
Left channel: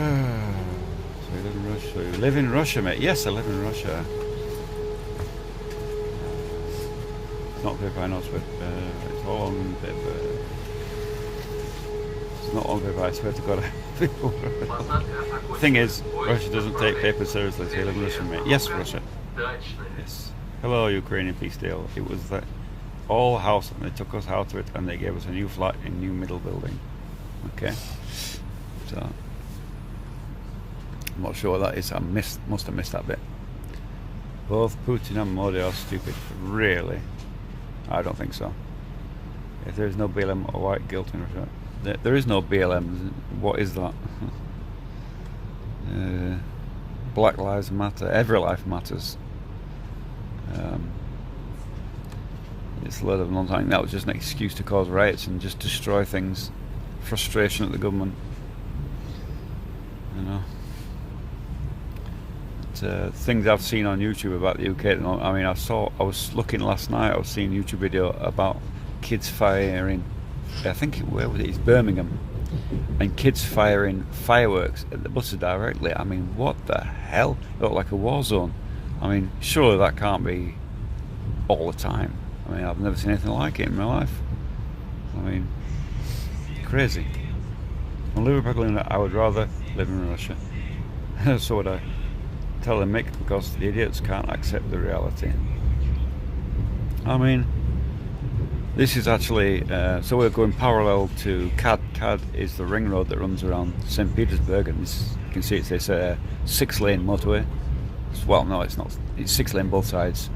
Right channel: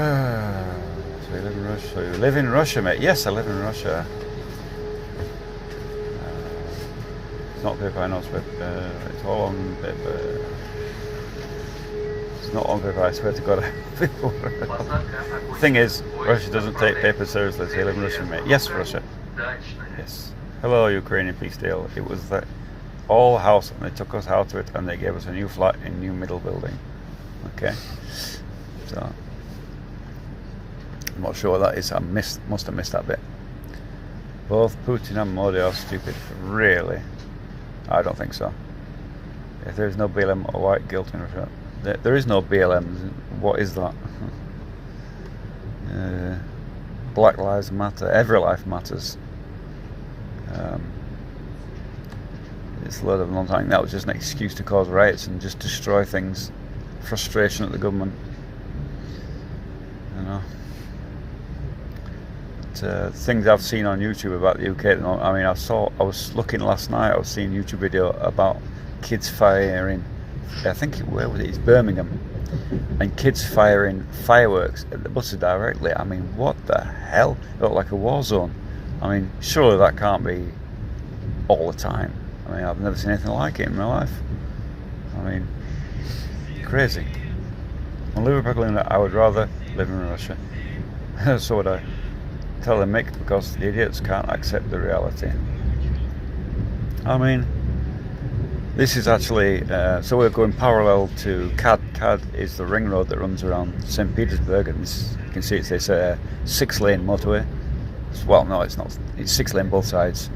you live in Russia. You live in Russia, mate? Yes, I live in Russia. It's not paper, I know, but it's all on paper. It's not on paper, I swear to God. The thing is, Russia doesn't take paper seriously. So you live in Russia, mate? Yes, Russia. Yes. Hello, Ukrainian peace deal. It was the all house, and they took us out of it, and they gave us a new flat in new middle building. Okay. So. I'm not sure what that is. I must have missed that bit. Both Putin and Modi are stupid. Really? I don't think so. If there is no BLM or white guilt in Russia, there is no BLM. What is that? Black lives matter. Every life matters. It's a load of nonsense. That was just an excuse to cause riots and just destroy things. Frustration at the government. things I've seen on YouTube about the UK at the moment. I mean, I was looking last night. I was seeing a YouTube video about kids firing. I think where was it? It's Birmingham, and kids firing fireworks at the buses directly. I mean, what the hell? It looked like a war zone. I mean, surely that can't be all the time. I mean, I've never seen anything like it in my life. I mean, crazy. On Liverpool, I would rather live in Russia. So would I. Tell them, Mick, because the idiots can't accept the reality. I mean, this is actually, so we're going parallel to CAD. CAD is the ring road that runs around Saint Petersburg, and you can see it says 6-lane motorway. Well, no, it's not. It's 6-lane both sides.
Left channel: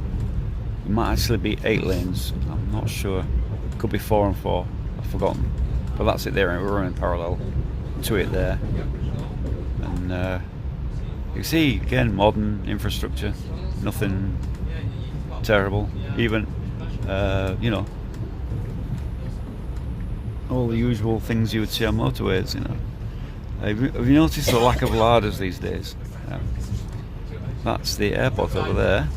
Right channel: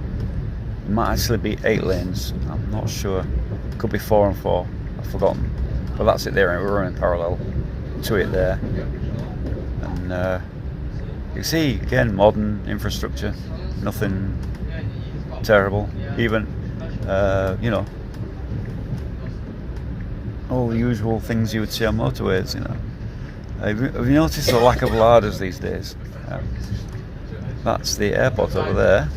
It might actually be 8 lanes. I'm not sure. It could be 4 and 4. I've forgotten. But that's it there, and we're running parallel to it there. And you see, again, modern infrastructure. Nothing terrible. Even, you know, all the usual things you would see on motorways, you know. Have you noticed the lack of larders these days? That's the airport over there.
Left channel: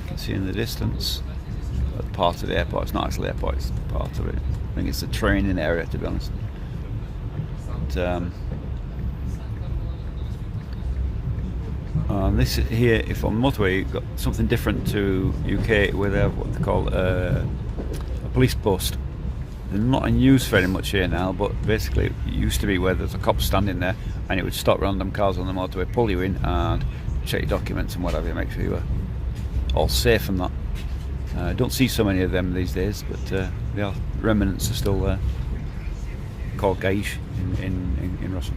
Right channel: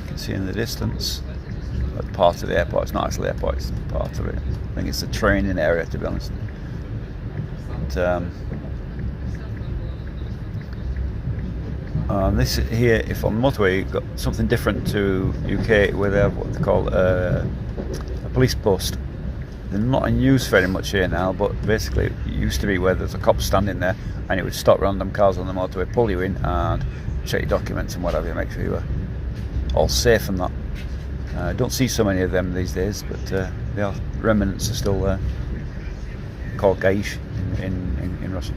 You can see in the distance. Part of the airport. It's not actually the airport, it's part of it. I think it's a training area, to be honest. But, this here, if on the motorway, you've got something different to UK, where they have what they call a police post. They're not in use very much here now, but basically it used to be where there's a cop standing there, and it would stop random cars on the motorway, pull you in, and check your documents and whatever, make sure you are all safe and that. I don't see so many of them these days, but yeah, remnants are still there. Called gaish in Russian.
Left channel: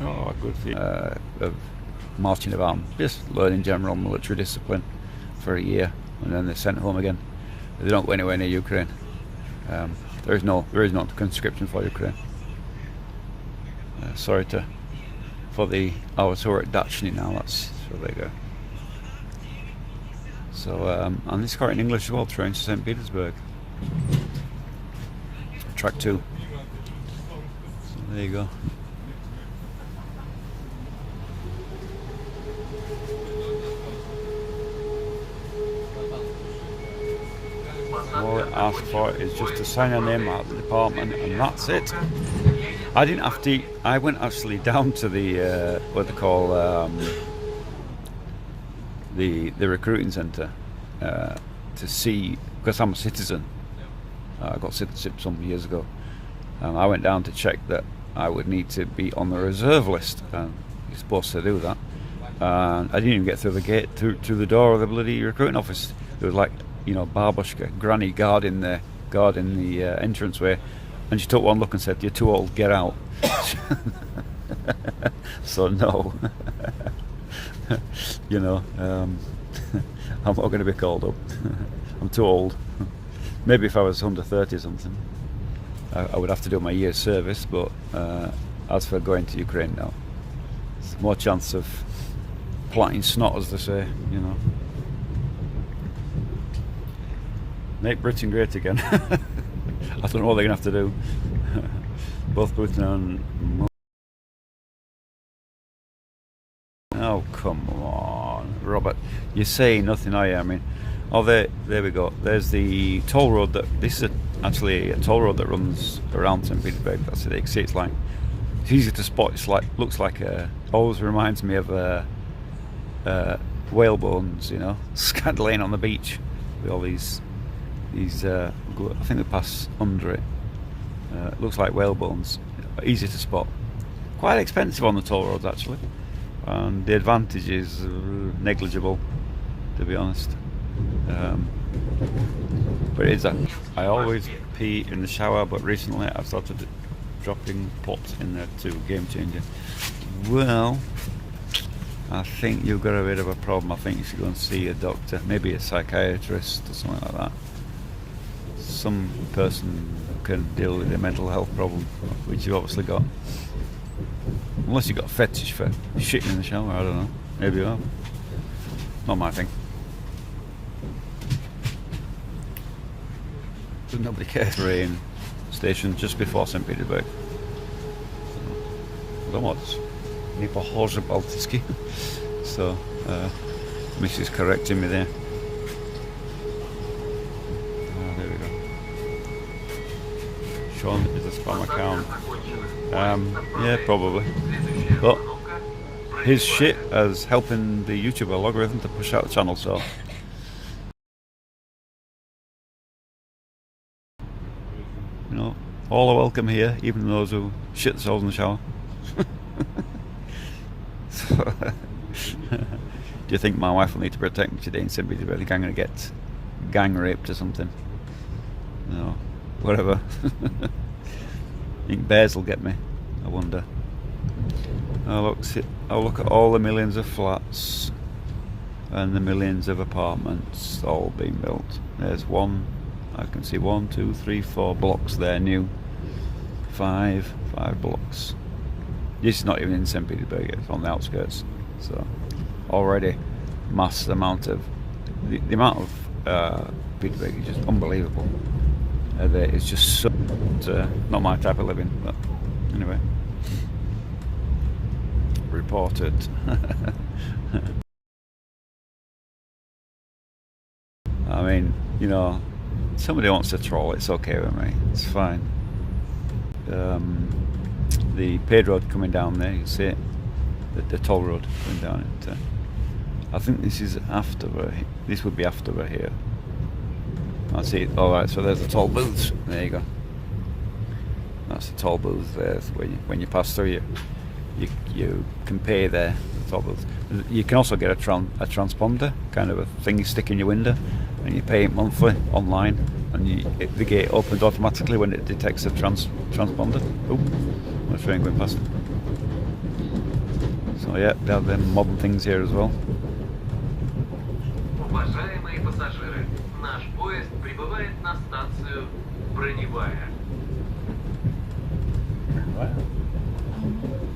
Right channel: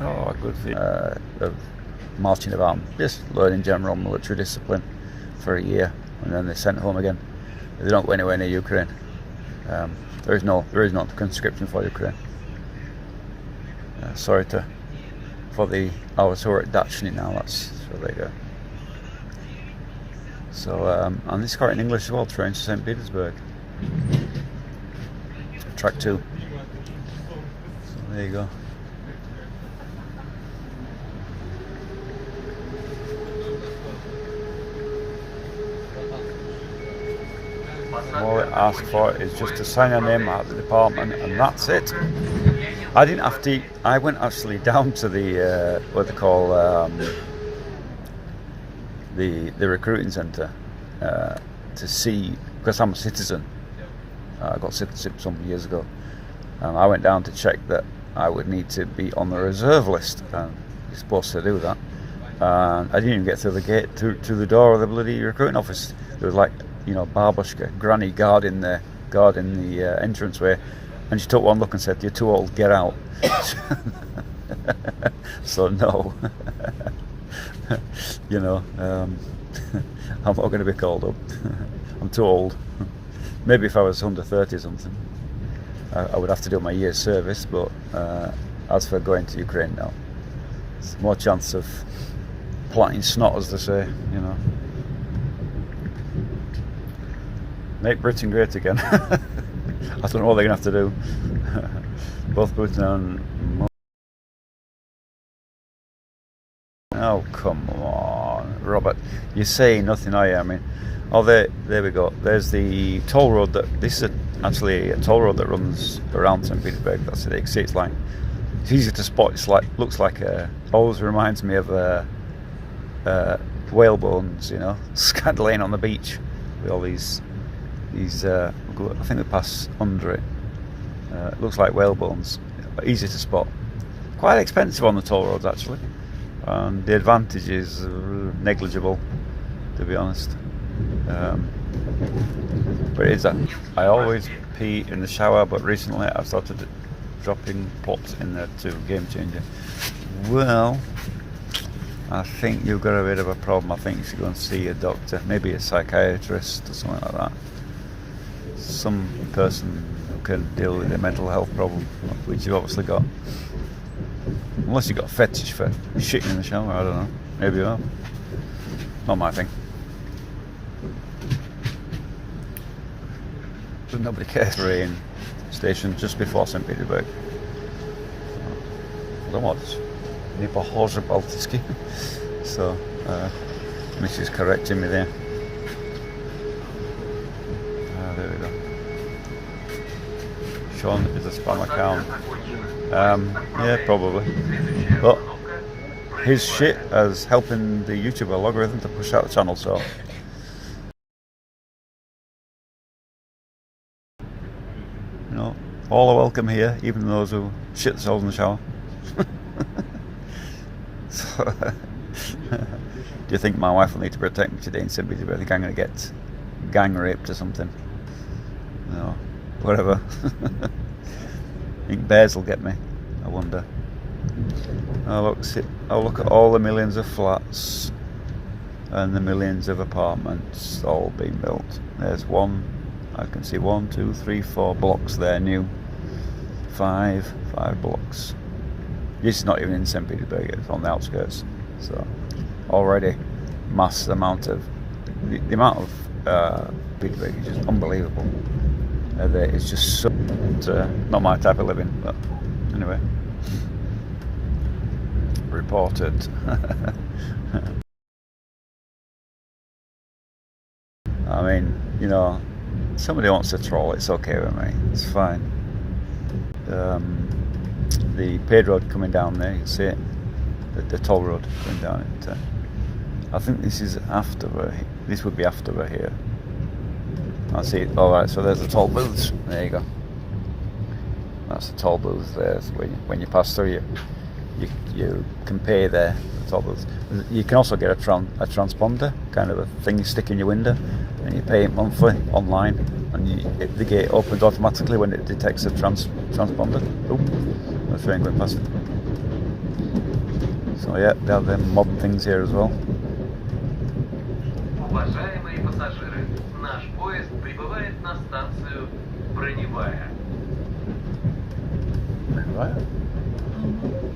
Oh, a good thing of marching about, just learning general military discipline for a year, and then they're sent home again. They don't go anywhere near Ukraine. There is no conscription for Ukraine. Sorry for the hours who are at Dachshund now. So there you go. So and this is quite in English as well. Train to Saint Petersburg. Track 2. So there you go. All it asks for is just to sign your name out of the department, and that's it. I didn't have to. I went actually down to the what they call the recruiting centre to see, because I'm a citizen. I got citizenship some years ago. I went down to check that I would need to be on the reserve list. You're supposed to do that. I didn't even get through the gate to the door of the bloody recruiting office. There was like, you know, babushka, granny guarding the entranceway, and she took one look and said, "You're too old, get out." So no, you know, I'm not going to be called up. I'm too old. Maybe if I was under 30 or something, I would have to do my year's service. But as for going to Ukraine now, it's more chance of planting snot, as they say, you know. Make Britain great again. I don't know what they're going to have to do. Both Putin and... Oh, come on, Robert. You're saying nothing, are you? I mean, oh, there we go. There's the toll road. This is actually a toll road that runs around St. Petersburg. That's it. You see, it's like, it's easy to spot. It's like, looks like always reminds me of whale bones, you know, scattered laying on the beach with all these I think we pass under it. It looks like whale bones. Easy to spot. Quite expensive on the toll roads, actually. And the advantage is negligible, to be honest. But it is that. I always pee in the shower, but recently I've started dropping pots in there too. Game changer. Well, I think you've got a bit of a problem. I think you should go and see a doctor, maybe a psychiatrist or something like that. Some person who can deal with a mental health problem, which you've obviously got. Unless you've got a fetish for shitting in the shower, I don't know. Maybe you are. Not my thing. because nobody cares. Train station just before Saint Petersburg. Domot, nie pochorze Baltycki. So, Mrs. correcting me there. There we go. Sean is a spam account. Yeah, probably. But his shit as helping the YouTube algorithm to push out the channel, so. You know, all are welcome here, even those who shit themselves in the shower. So, do you think my wife will need to protect me today in Saint Petersburg? I think I'm going to get gang raped or something. No, whatever. I think bears will get me, I wonder. Oh look at all the millions of flats and the millions of apartments all being built. There's one, I can see 1, 2, 3, 4 blocks there new. 5 blocks. This is not even in St. Petersburg, it's on the outskirts. So already mass amount of the amount of Petersburg is just unbelievable. It's just so, not my type of living, but anyway. Reported. I mean, you know, somebody wants to troll, it's okay with me, it's fine. The paved road coming down there, you can see it, the toll road coming down it. I think this is after this would be after we're here. I see it. Alright, so there's the toll booths, there you go. That's the toll booths there. When you pass through, you can pay there. The toll booths. You can also get a transponder, kind of a thing you stick in your window, and you pay it monthly online, and the gate opens automatically when it detects a transponder. Oh, no train going past. So yeah, they have them modern things here as well. Уважаемые пассажиры, наш поезд прибывает на станцию Броневая. Right.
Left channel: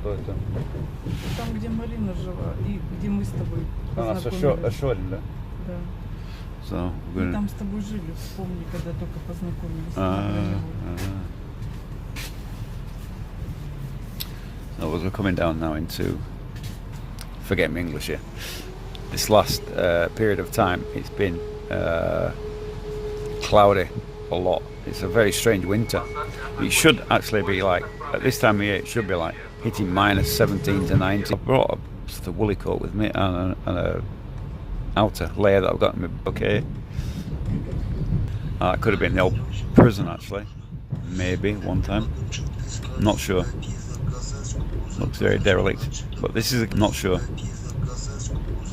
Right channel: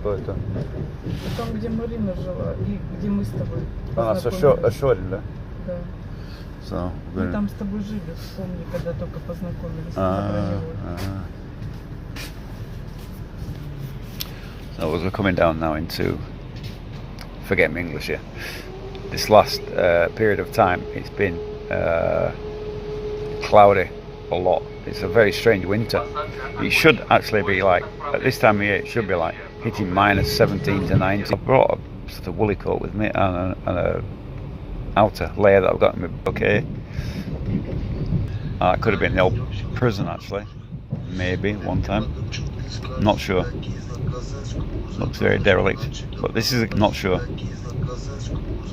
Кто это? Там, где Марина жила и где мы с тобой Она познакомились. Ашорин, да? Да. So, Мы там с тобой жили, вспомни, когда только познакомились. на Броневой. So as we're coming down now into, forget my English here, this last period of time it's been cloudy a lot. It's a very strange winter. It should actually be like, at this time of year, it should be like hitting minus 17 to 19. I brought a sort of woolly coat with me and a outer layer that I've got in my okay. It could have been the old prison actually, maybe one time. Not sure. Looks very derelict, but this is not sure.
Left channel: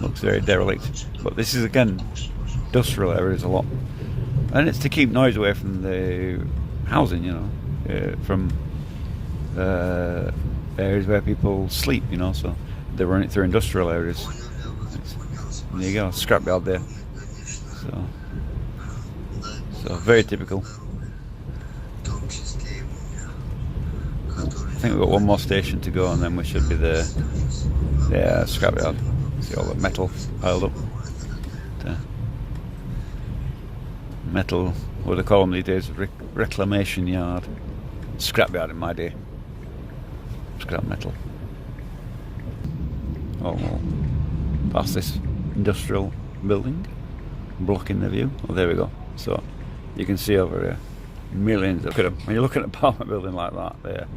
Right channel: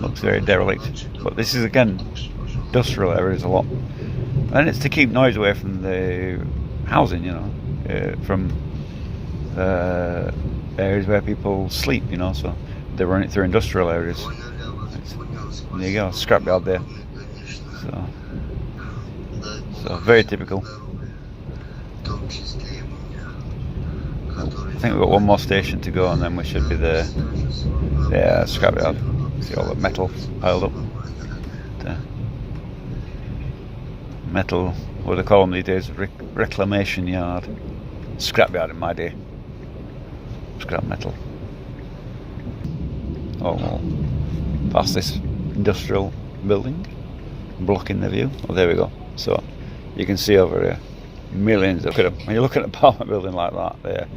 Looks very derelict, but this is again industrial areas a lot, and it's to keep noise away from the housing, you know, from areas where people sleep, you know. So they run it through industrial areas. There you go, scrapyard there. So very typical. I think we've got one more station to go and then we should be there. Yeah, scrapyard. See all the metal piled up. There. Metal, what do they call them these days? Reclamation yard. Scrapyard in my day. Scrap metal. Oh, past this industrial building, blocking the view. Oh, there we go. So you can see over here millions of. When you look at an apartment building like that, there,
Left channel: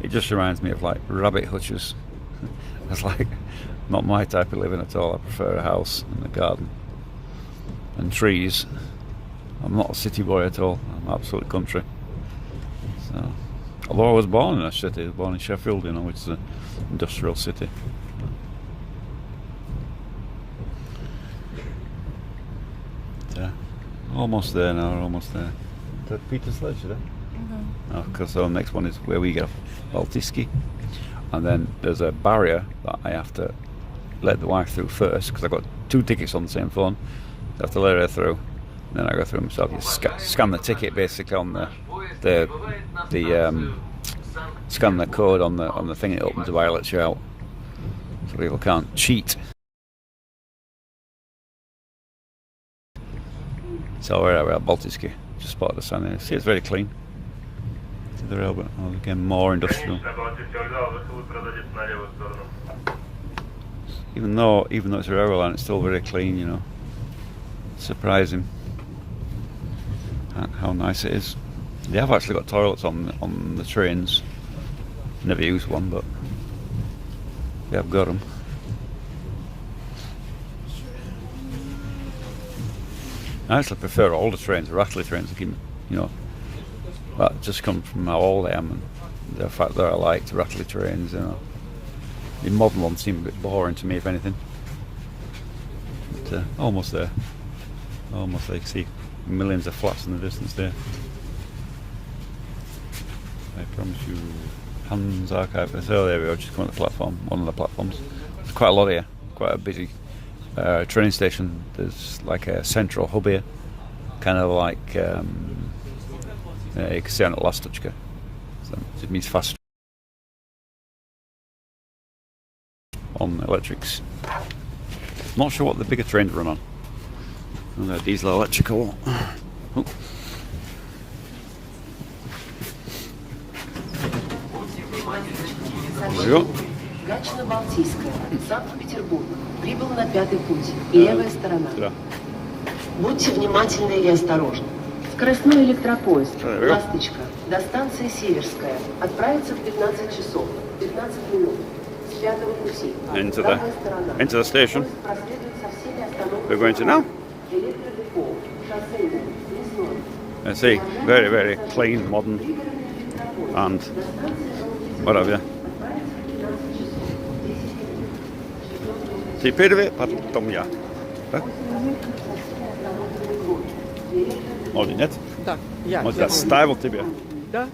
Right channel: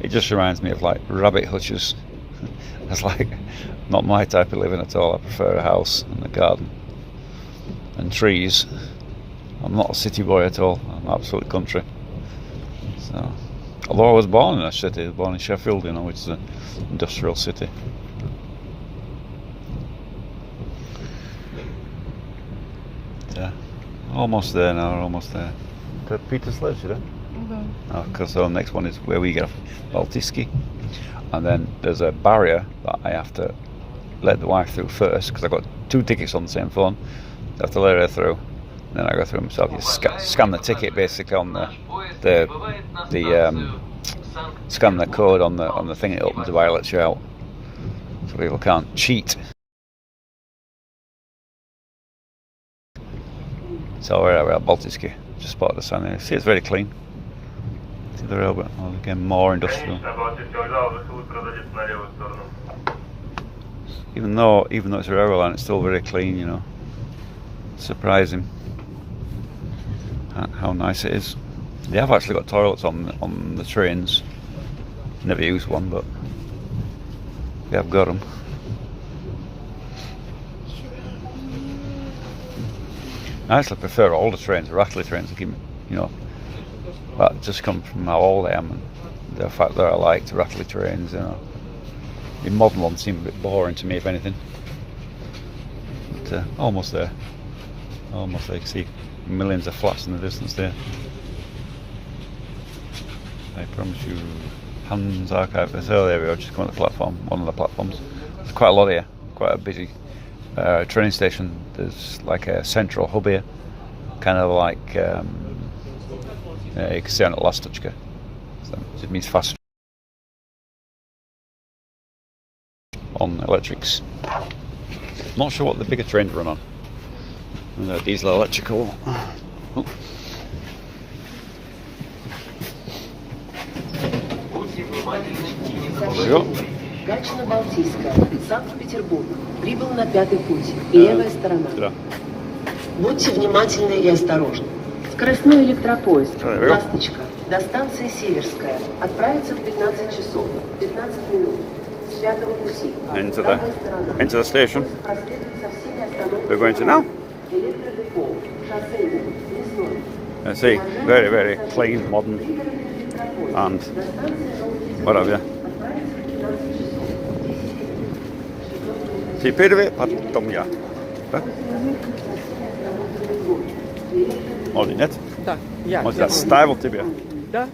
it just reminds me of like rabbit hutches. That's like not my type of living at all. I prefer a house and a garden and trees. I'm not a city boy at all. I'm absolute country. So, although I was born in a city, I was born in Sheffield, you know, which is an industrial city. Yeah, almost there now. Almost there. To Peter's Ledge, you know? Да. Because the next one is where we get off, Baltycki, and then there's a barrier that I have to let the wife through first because I've got 2 tickets on the same phone. I have to let her through, and then I go through myself. You scan the ticket basically on the scan the code on the thing. It opens the bar, lets you out, so people can't cheat. So we're at Baltycki. Just spotted a sign there. See, it's very clean. See the rail, but again, more industrial. Even though it's a railway line, it's still very clean, you know. Surprising how nice it is. They have actually got toilets on the trains. Never used one, but they have got them. I actually prefer older trains, rattly trains. You know, that just comes from how old I am and the fact that I like rattly trains. You know, the modern ones seem a bit boring to me, if anything. But almost there. Almost there. You can see millions of flats in the distance there. I promise you, Hans Archive. So there we go. Just come on the platform. One of the platforms. There's quite a lot here. Quite a busy train station. There's like a central hub here, kind of like you can see on the last touchka. So it means fast on electrics. Not sure what the bigger trains run on. And they're diesel electrical. Oh. There we go. Дачно-Балтийская, Санкт Петербург. Прибыл на 5-й путь. Левая сторона. Будьте внимательны и осторожны. Скоростной электропоезд «Ласточка» до станции Северская отправится в 15 часов 15 минут с 5-го пути. Into the station. We're going to now. I see, very, very clean, modern, and whatever. Теперь вы потом я. Молодец, нет? Да, я. Вот я ставил тебе. Да?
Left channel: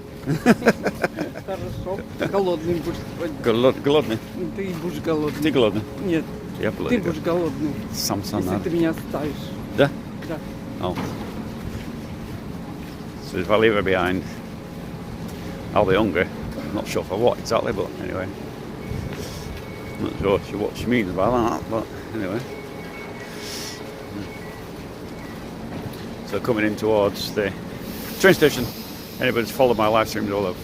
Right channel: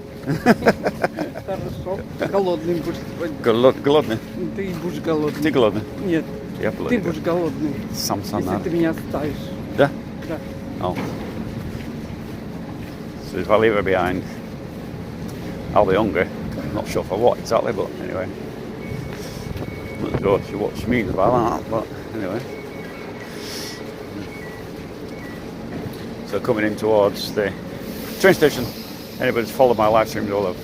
Хорошо. Голодный будешь сегодня. Голодный? Ты будешь голодный. Ты голодный? Нет. Я Ты голодный. будешь голодный. Сам Если ты меня оставишь. Да? Да. Oh. So if I leave her behind, I'll be hungry. I'm not sure for what exactly, but anyway. Not sure what she means about that, but anyway. So coming in towards the train station. Anybody's followed my live streams will have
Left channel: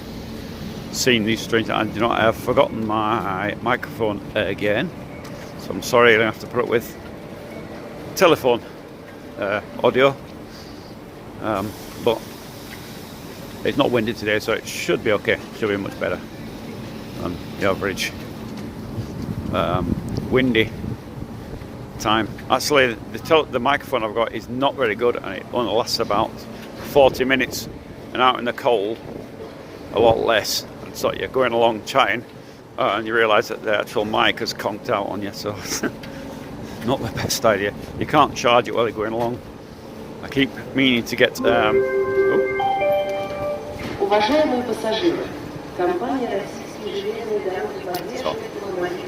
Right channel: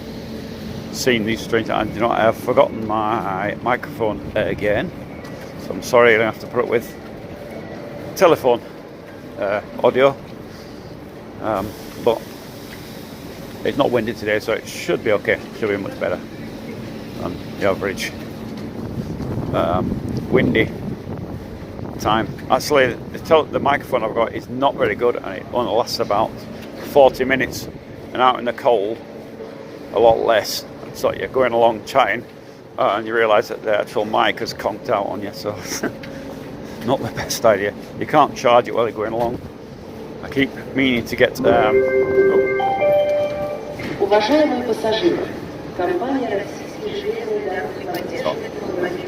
seen these trains, and you know, I've forgotten my microphone again. So I'm sorry, I have to put it with telephone audio, but it's not windy today, so it should be okay. Should be much better on the average windy time. Actually, the microphone I've got is not very good, and it only lasts about 40 minutes, and out in the cold a lot less. So you're going along chatting and you realise that the actual mic has conked out on you, so it's not the best idea. You can't charge it while you're going along. I keep meaning to get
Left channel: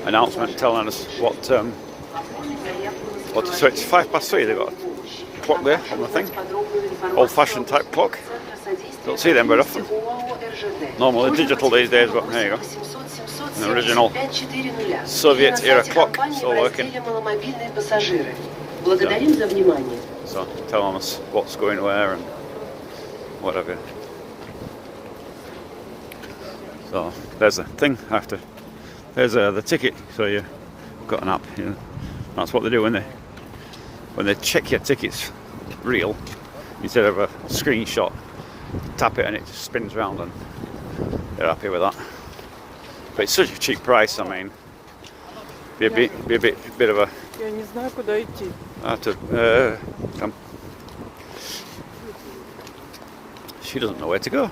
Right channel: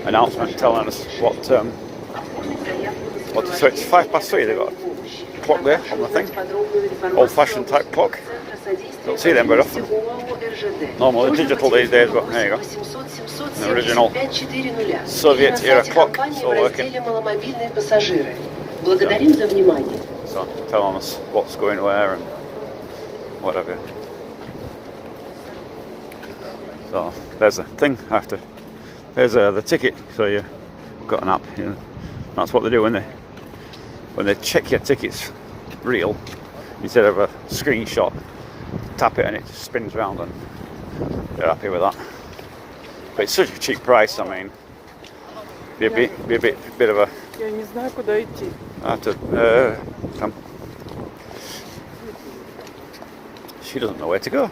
announcement telling us what so it's 3:05. They've got a clock there on the thing, old-fashioned type clock. Don't see them very often. Normally digital these days, but there you go. The original Soviet era clock still working. So telling us what's going where and whatever. So there's a thing after. There's the ticket. So you've got an app. You know. That's what they do when they check your tickets real instead of a screenshot. Tap it and it just spins round, and they're happy with that. But it's such a cheap price. I mean, be a bit of a. Я не знаю, куда идти. I have to come. She doesn't know where to go.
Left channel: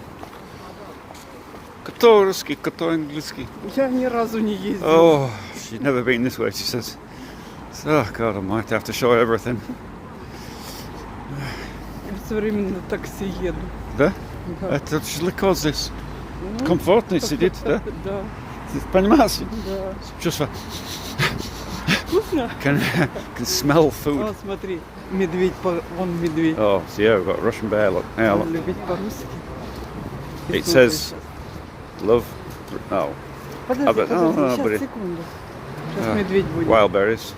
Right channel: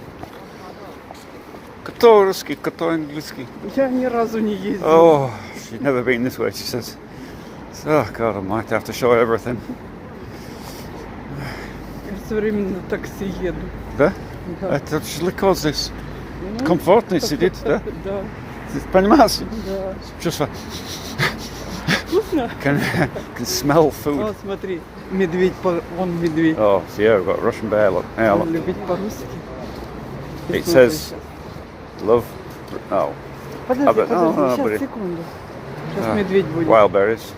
Кто русский, кто английский? Я ни разу не ездила. Oh, she's never been this way. She says, "Oh God, I might have to show her everything." Я все время на такси еду. Да? Да. Это же легко здесь. Комфортно сидеть, да? Да. Понимаешь? Да. Чувство. Вкусно? Can smell food. Вот смотри, медведь, вон медведь. Oh, so yeah, we've got Russian bear. Look, yeah, look. Любить по-русски. It says, "Love." Oh. Подожди, Buddy. сейчас, секунду. Сейчас медведь будет. Wild berries.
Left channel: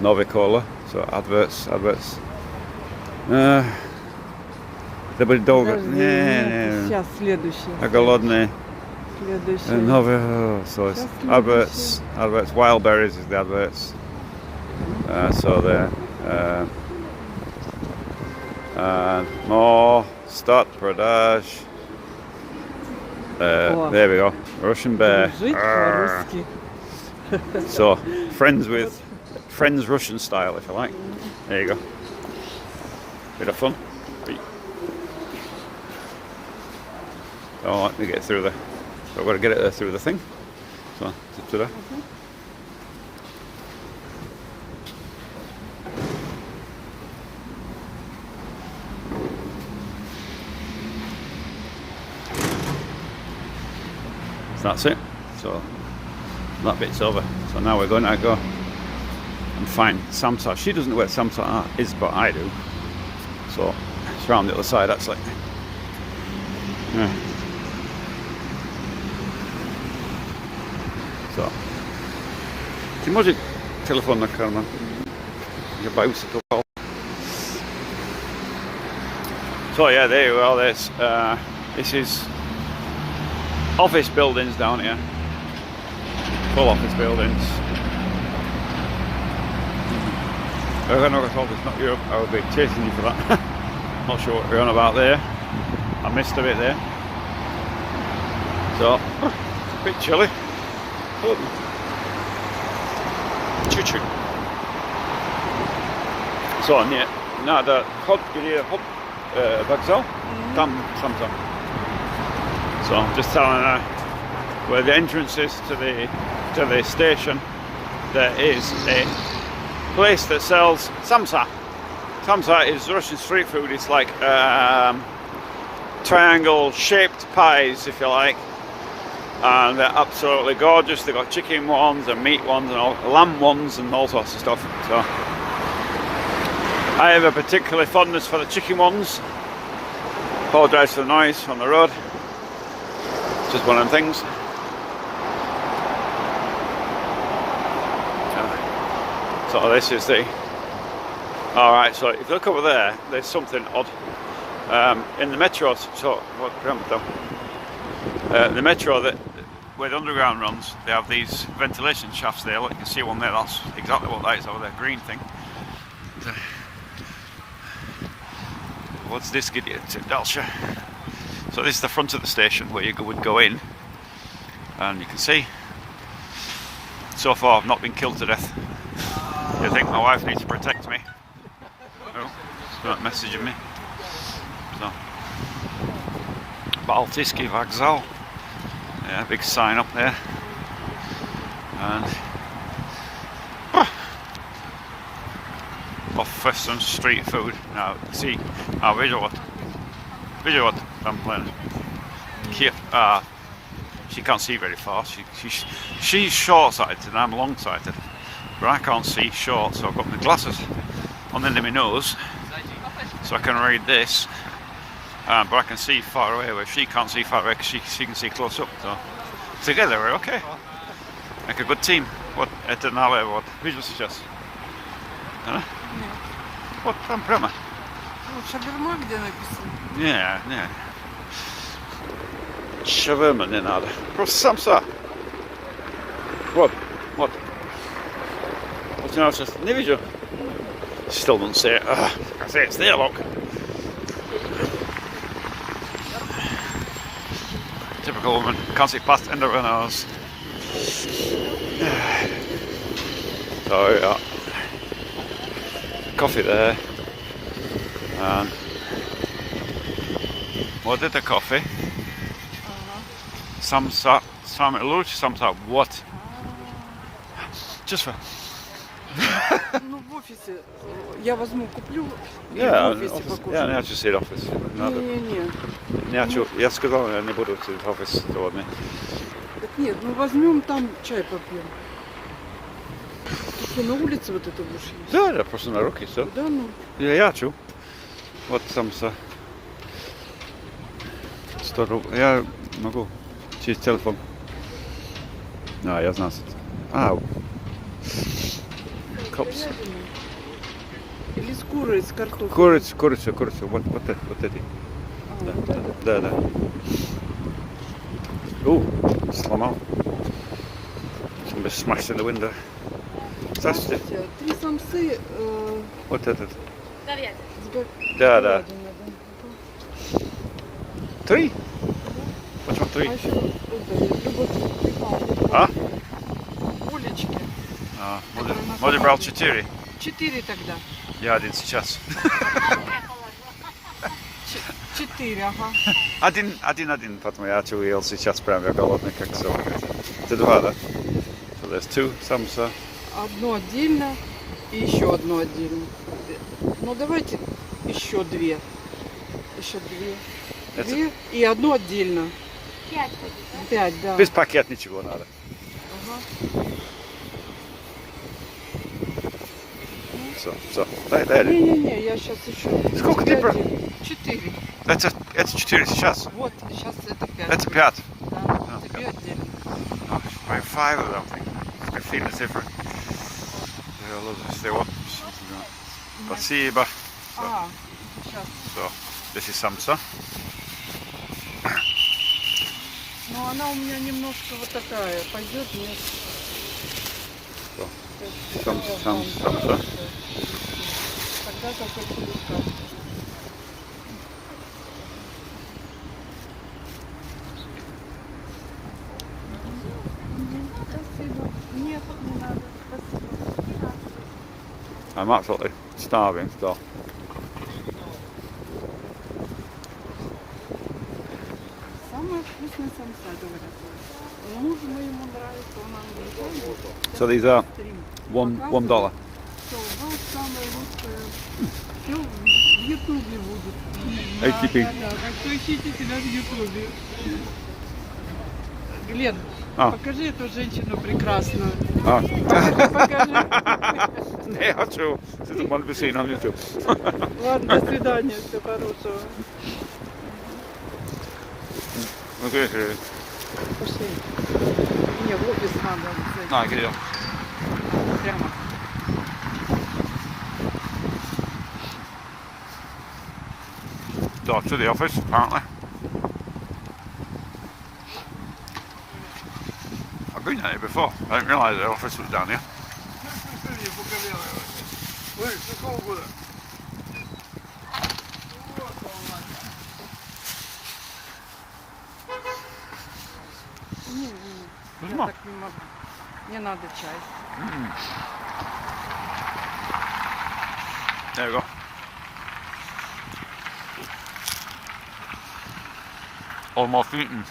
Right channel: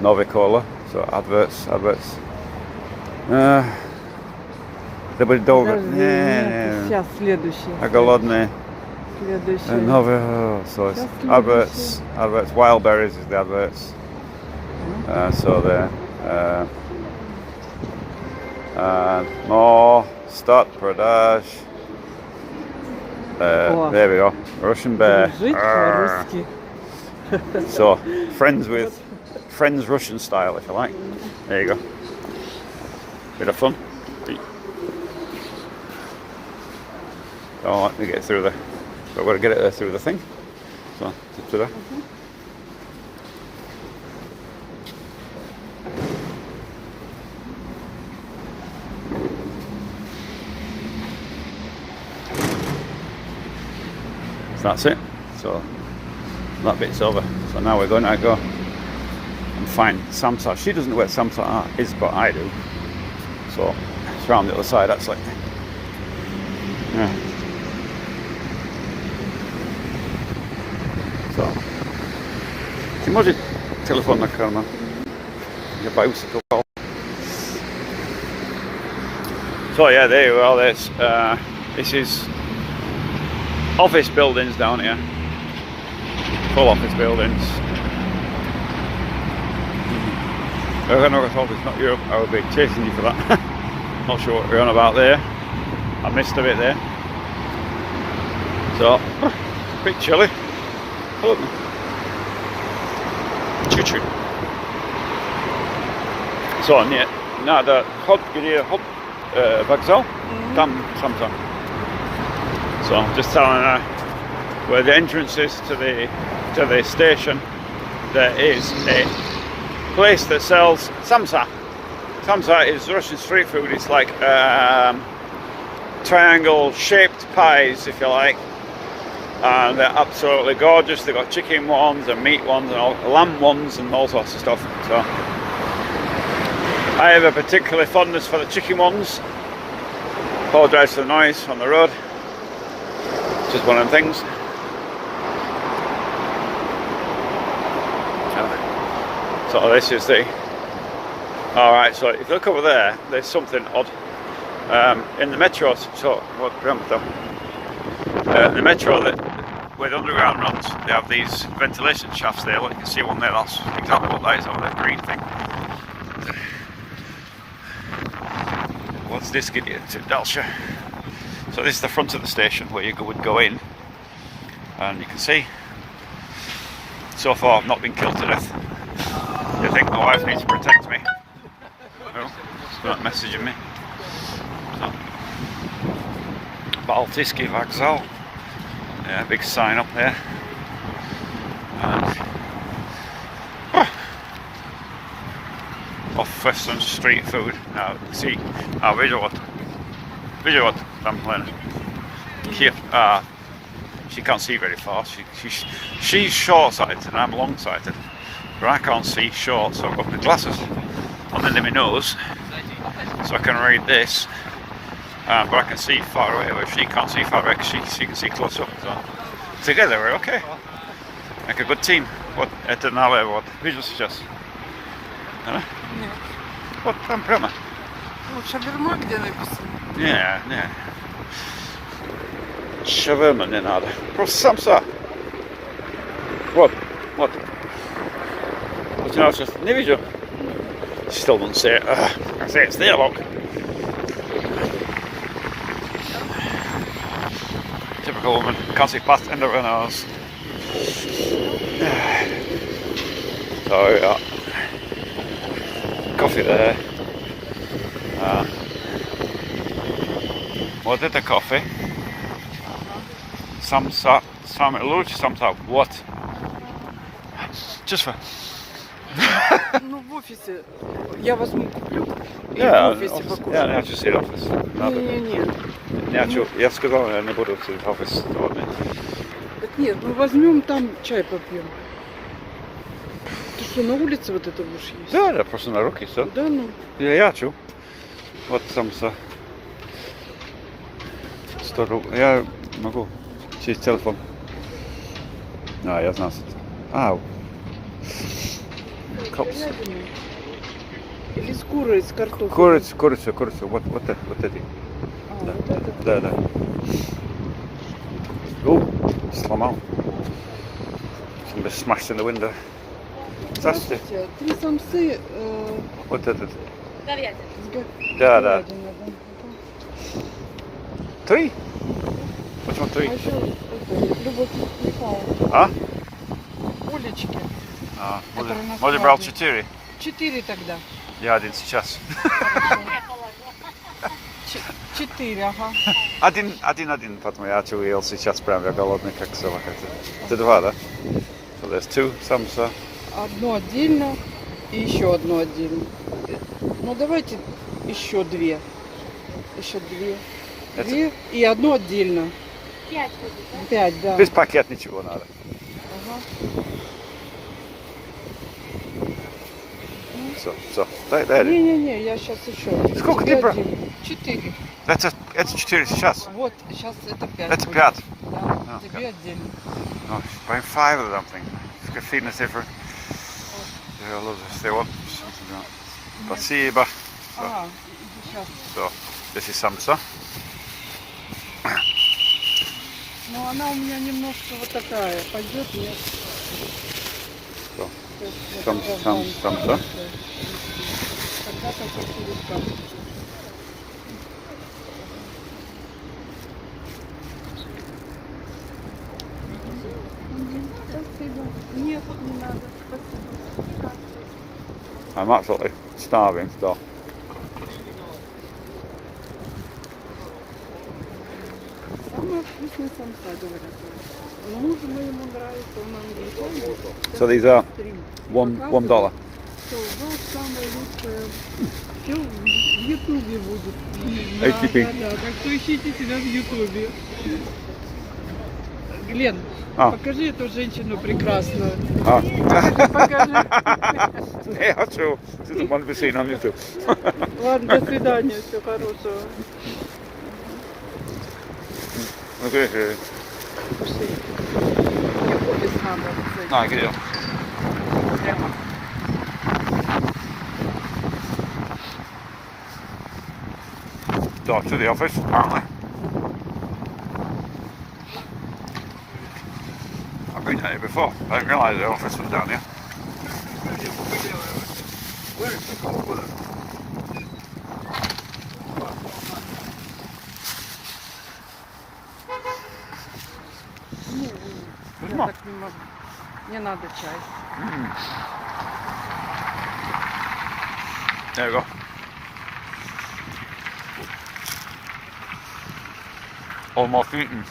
Novicola. So adverts. Это будет долго. Подожди, нет, сейчас следующий. А голодные. Следующий. Another, so it's adverts, wild berries is the adverts. So there. More, start produce. There we go, Russian bear. Жить по-русски. So, friends Russian style if you like. There you go. Bit of fun. Oh, let me get through there. So I've got to get it through the thing. So, it's up to there. So that's it. So that bit's over. So now we're going to go and find Samsa. She doesn't know where Samsa is, but I do. So it's round the other side, that's it. Yeah. So, ty może telefon na kanał. Zabawił się to. So yeah, there you are. This is office buildings down here. Full office buildings. I know it's not Europe. I would be chasing you for that. Not sure what we're on about there. I missed a bit there. So, a bit chilly. Hello. Choo-choo. So, надо ход, где ход вокзал, там Samsa. So I'm just telling her where the entrance is to the station. There is a place that sells Samsa. Samsa is Russian street food. It's like triangle-shaped pies, if you like, and they're absolutely gorgeous. They've got chicken ones and meat ones and lamb ones and all sorts of stuff. So I have a particular fondness for the chicken ones. Apologise for the noise on the road. Just one of them things. So this is the... Alright, so if you look over there, there's something odd. In the metro, so what the metro where the underground runs, they have these ventilation shafts there. Look, you can see one there, that's exactly what that is over there, green thing. What's this get you to Dalsha? So this is the front of the station where you would go in, and you can see, so far I've not been killed to death. They think my wife needs to protect me. Well, it's not messaging me. So, Baltiski Vokzal. Yeah, big sign up there. And off Western street food. Now, see, visual what I'm playing. See, she can't see very far. She's short-sighted and I'm long-sighted. But I can't see short, so I've got the glasses on the end of my nose, so I can read this. But I can see far away, where she can't see far away, because she can see close up. So together we're okay. Like a good team. What? Это налево. Вот. Видишь сейчас? Вот там прямо. Вот шаверма где написано? Не. Шаверма не надо. Просто Samsa. Вот. Вот я сейчас не видел. Still didn't say it. I say it's there, look. Typical woman. Can't see past end of her nose. So, yeah. Coffee there. Вот это кофе. Samsa. Самый лучший Samsa. What? Just for... Ну, в офисе. Я возьму, куплю и в офисе покушаю. Я хочу сидеть в офисе. Не. Я сказал, я не буду сидеть в офисе сегодня. Так нет, ну возьмем там чай попьем. Ты что, на улице вот это будешь есть? Да, просто на руки, все. Да, ну. Я хочу. Вот Samsa. 100 рублей. Я могу через телефон. Я знал. Cops. Или с курой, с картофелем. Курица. Вот эти. вот этот. Да, да. Сломал. Somebody smashed in the window. Здравствуйте. Здравствуйте. 3 самцы Вот этот. с Да, да. говядиной, да. 3? Почему 3? А еще это, любовь. А? Улички. Может брал 4? 4 тогда. Я один сейчас. 4, ага. Один, потом я ел сейчас прям, я голодный как собака. Это 2, да? So there's 2 самца. Одно отдельно и еще одно отдельно. Ну давайте еще 2. Еще 2. 2 и одно отдельно. 5, да. Без пакет ничего надо. Ага. Все. Дай. Не, я сейчас еще. Сколько ты брал? 4. Это 4 сейчас. Вот, сейчас это 5. Это 5. Да, тебе отдельно. Buy 5 of them things. I've seen it different. Спасибо. Сейчас. So, this is samsa. Ну, она у меня немножко вот такая. Пойдет, нет. So, Это самса. Когда-то как Спасибо. Нет, не надо. Спасибо. I'm absolutely starving still. Самая вкусная самса, говорят. Мужу моему нравится, он английский. So these are $1. Все, у вас самое лучшее. Все в Ютубе будет. ATP. Да, так что ищите себя в Ютубе. Глен, покажи эту женщину прекрасную. Покажи. Не хочу. Это можно бы seen on YouTube. Ладно, до свидания, всего хорошего. Пошли. Мне в офис надо. Где? Прямо. So, to the office, apparently. I've been here before. I didn't realise the office was down here. Я так не могу. Мне надо чай. There we go. Almost eaten.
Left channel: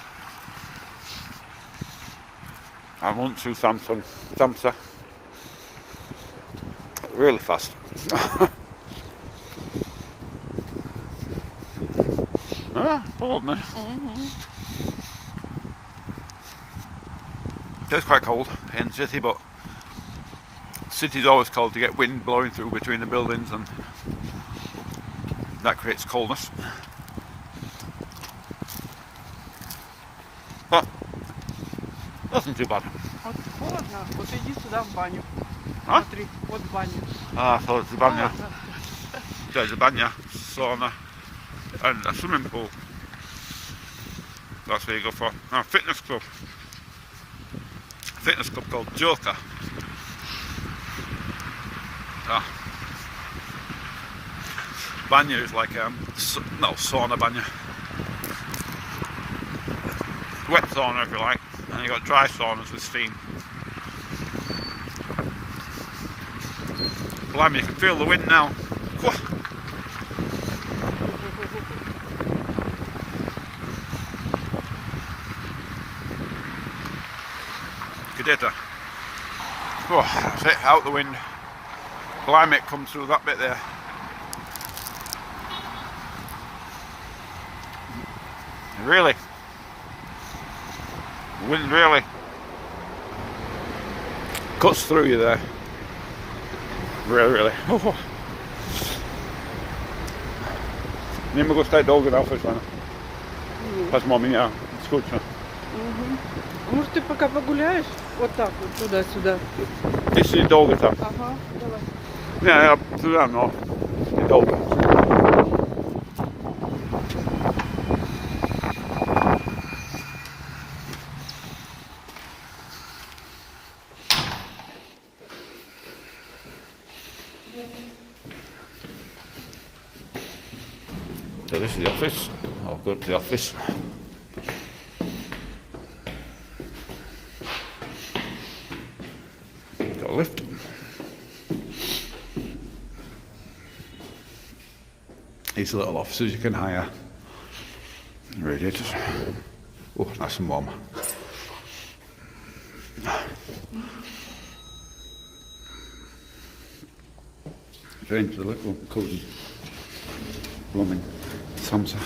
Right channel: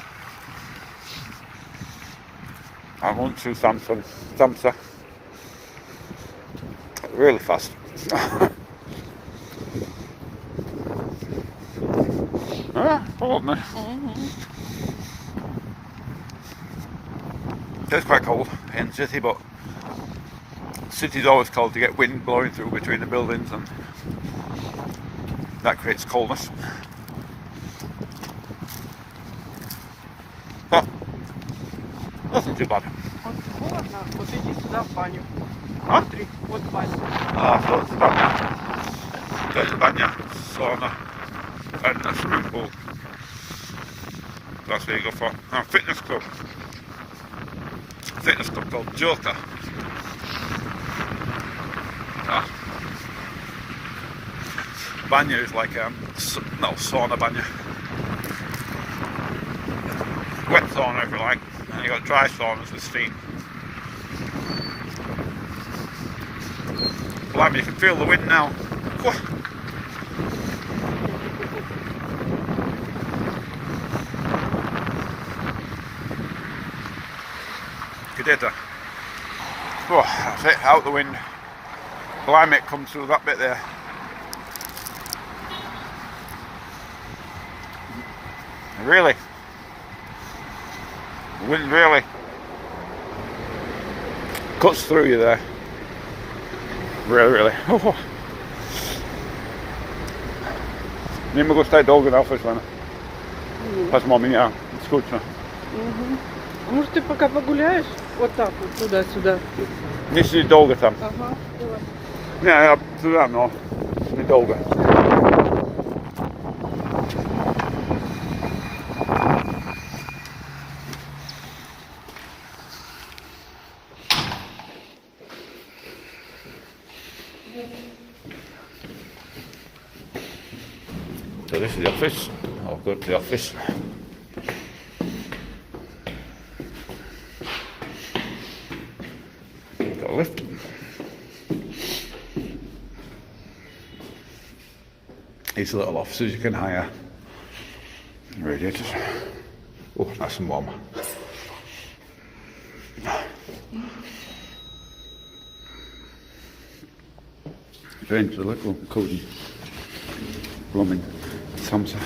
I want to samsa. Really fast. Hold me. It's quite cold in the city, but city's always cold to get wind blowing through between the buildings, and that creates coldness. But nothing too bad. Вот холодно, вот иди сюда в баню. А? Смотри, вот баня. So it's the banya. There's a banya, sauna, and a swimming pool. That's where you go for. Now, fitness club. Fitness club called Joker. Banya is like sauna banya. Wet sauna if you like, and you got dry saunas with steam. Blimey, you can feel the wind now. Cadeta. Oh, that's it, out the wind. Blimey, it comes through that bit there. Really? The wind really cuts through you there. Really. Oh. Не могу стать долго на офис, ладно. Поэтому меня скучно. Может, ты пока погуляешь? Вот так вот, туда-сюда. Если долго там. Ага, давай. Не, я туда, но недолго. this is the office. I'll go to the office. Got a lift. These little offices you can hire. Radiators. Oh, it's nice and warm. Going to the little cosy blooming Samsa.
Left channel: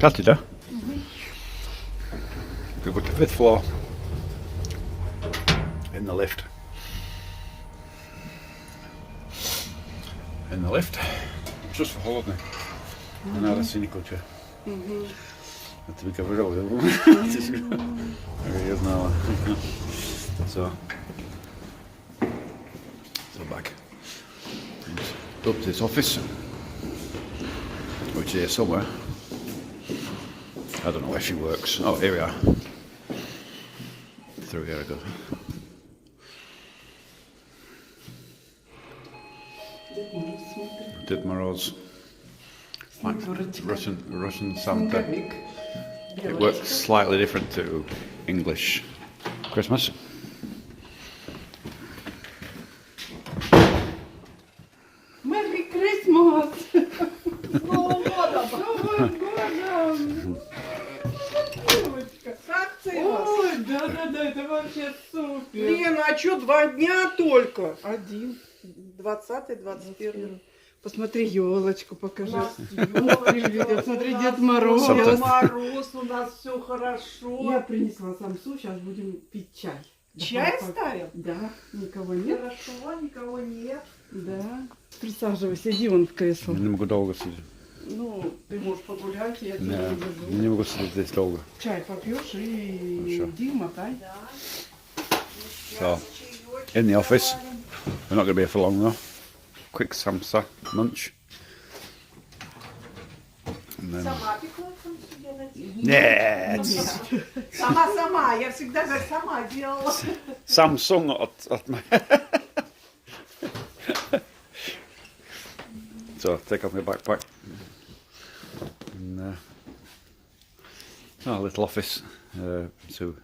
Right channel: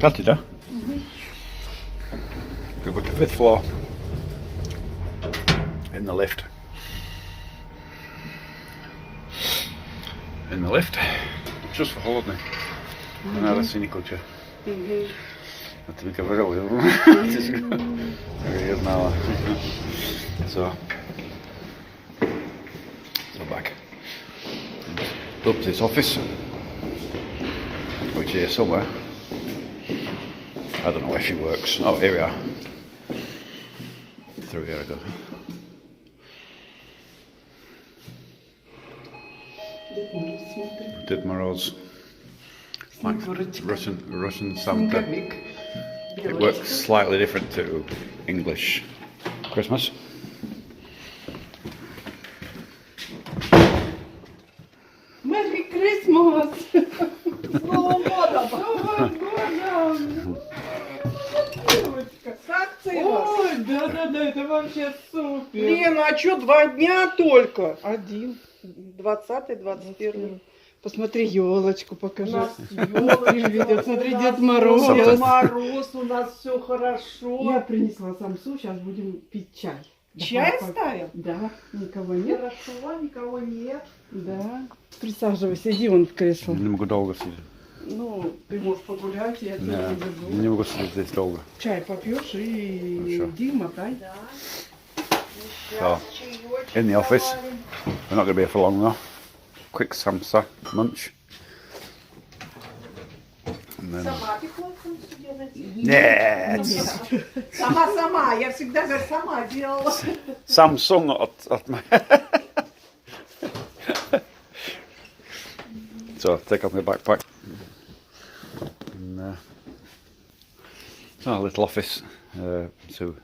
Cottage, huh? We go to the 5th floor in the lift. In the lift, just for holiday. Another scenic culture. I think I've got there he is now. So back up to this office, which is somewhere. I don't know where she works. Oh, here we are. Through here I go. Did Moroz. Russian Santa. It works slightly different to English Christmas. Merry Christmas! Ой, да, это вообще супер. Лена, а что, 2 дня только? 1. 20-й, 21. Посмотри, елочку покажи. Смотри, Дед Мороз. Дед Мороз, у нас все хорошо. Я принесла самсу, сейчас будем пить чай. Чай ставим? Да. Никого нет. Хорошо, никого нет. Да. Присаживайся, иди вон в кресло. Не могу долго сидеть. Ну, ты можешь погулять, я тебя заведу. Не могу сидеть здесь долго. Чай попьешь и иди, мотай. So, in the office, we're not going to be here for long though. Quick samsa munch. And then... Нет! Сама, я всегда говорю, сама делала. Samsung at my... So, take off my backpack. And, a little office. So,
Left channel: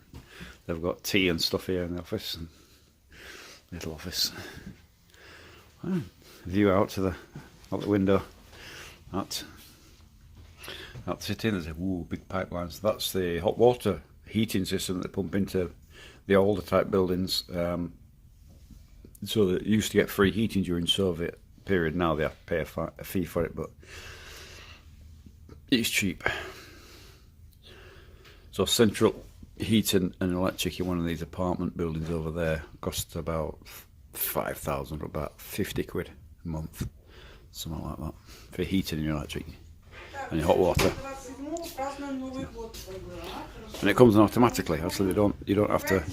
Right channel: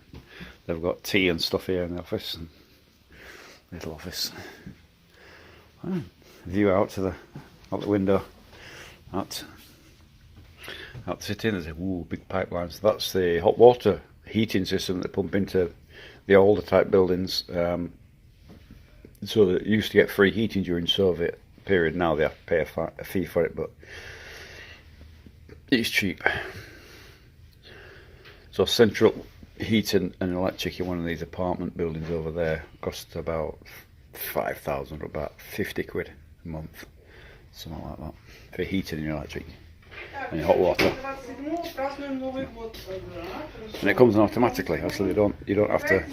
they've got tea and stuff here in the office. And little office. View out to the window. Out the city. There's a big pipeline. So that's the hot water heating system that they pump into the older type buildings. So they used to get free heating during Soviet period. Now they have to pay a fee for it, but it's cheap. So central heating and electric in one of these apartment buildings over there costs about 5,000 or about 50 quid a month, something like that, for heating and electric and hot water. And it comes on automatically, so you don't have to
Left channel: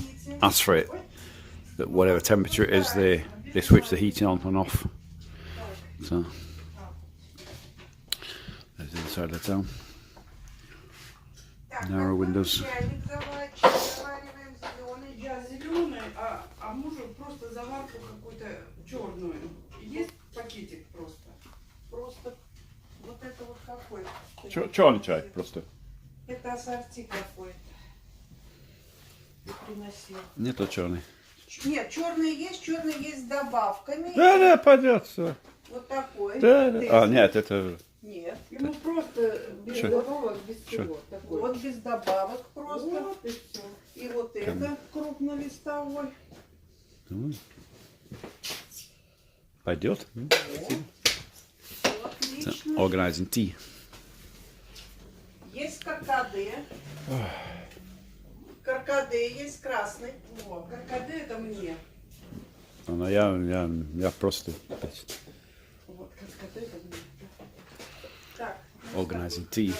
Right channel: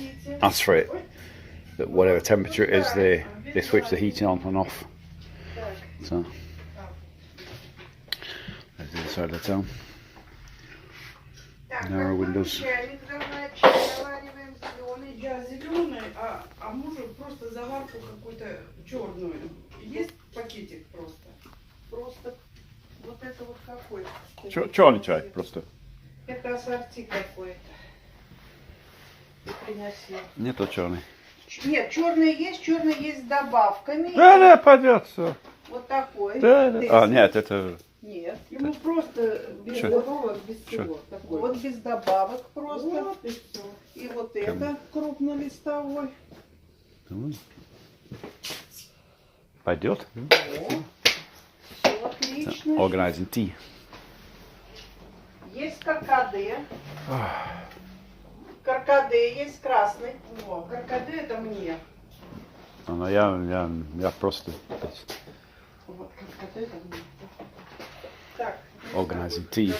ask for it. That whatever temperature it is, they switch the heating on and off. So that's the other side of the town. Narrow windows. Я зеленый, а мужу просто заварку какую-то черную. Есть пакетик просто? Просто вот это вот какой-то. Черный чай просто. Это ассорти какой-то. И приносил. Нету черный. Нет, черный есть с добавками. Да, пойдет все. Вот такой. Да. А, нет, это... Нет, ему просто без добавок, без всего. Такой. Вот без добавок просто. Вот и все. И вот это крупнолистовой. Пойдет. Все отлично. Organizing tea. Есть каркаде. Каркаде есть красный. О, каркаде это мне. Ну, я просто... Вот каркаде это мне. Так. Organizing tea.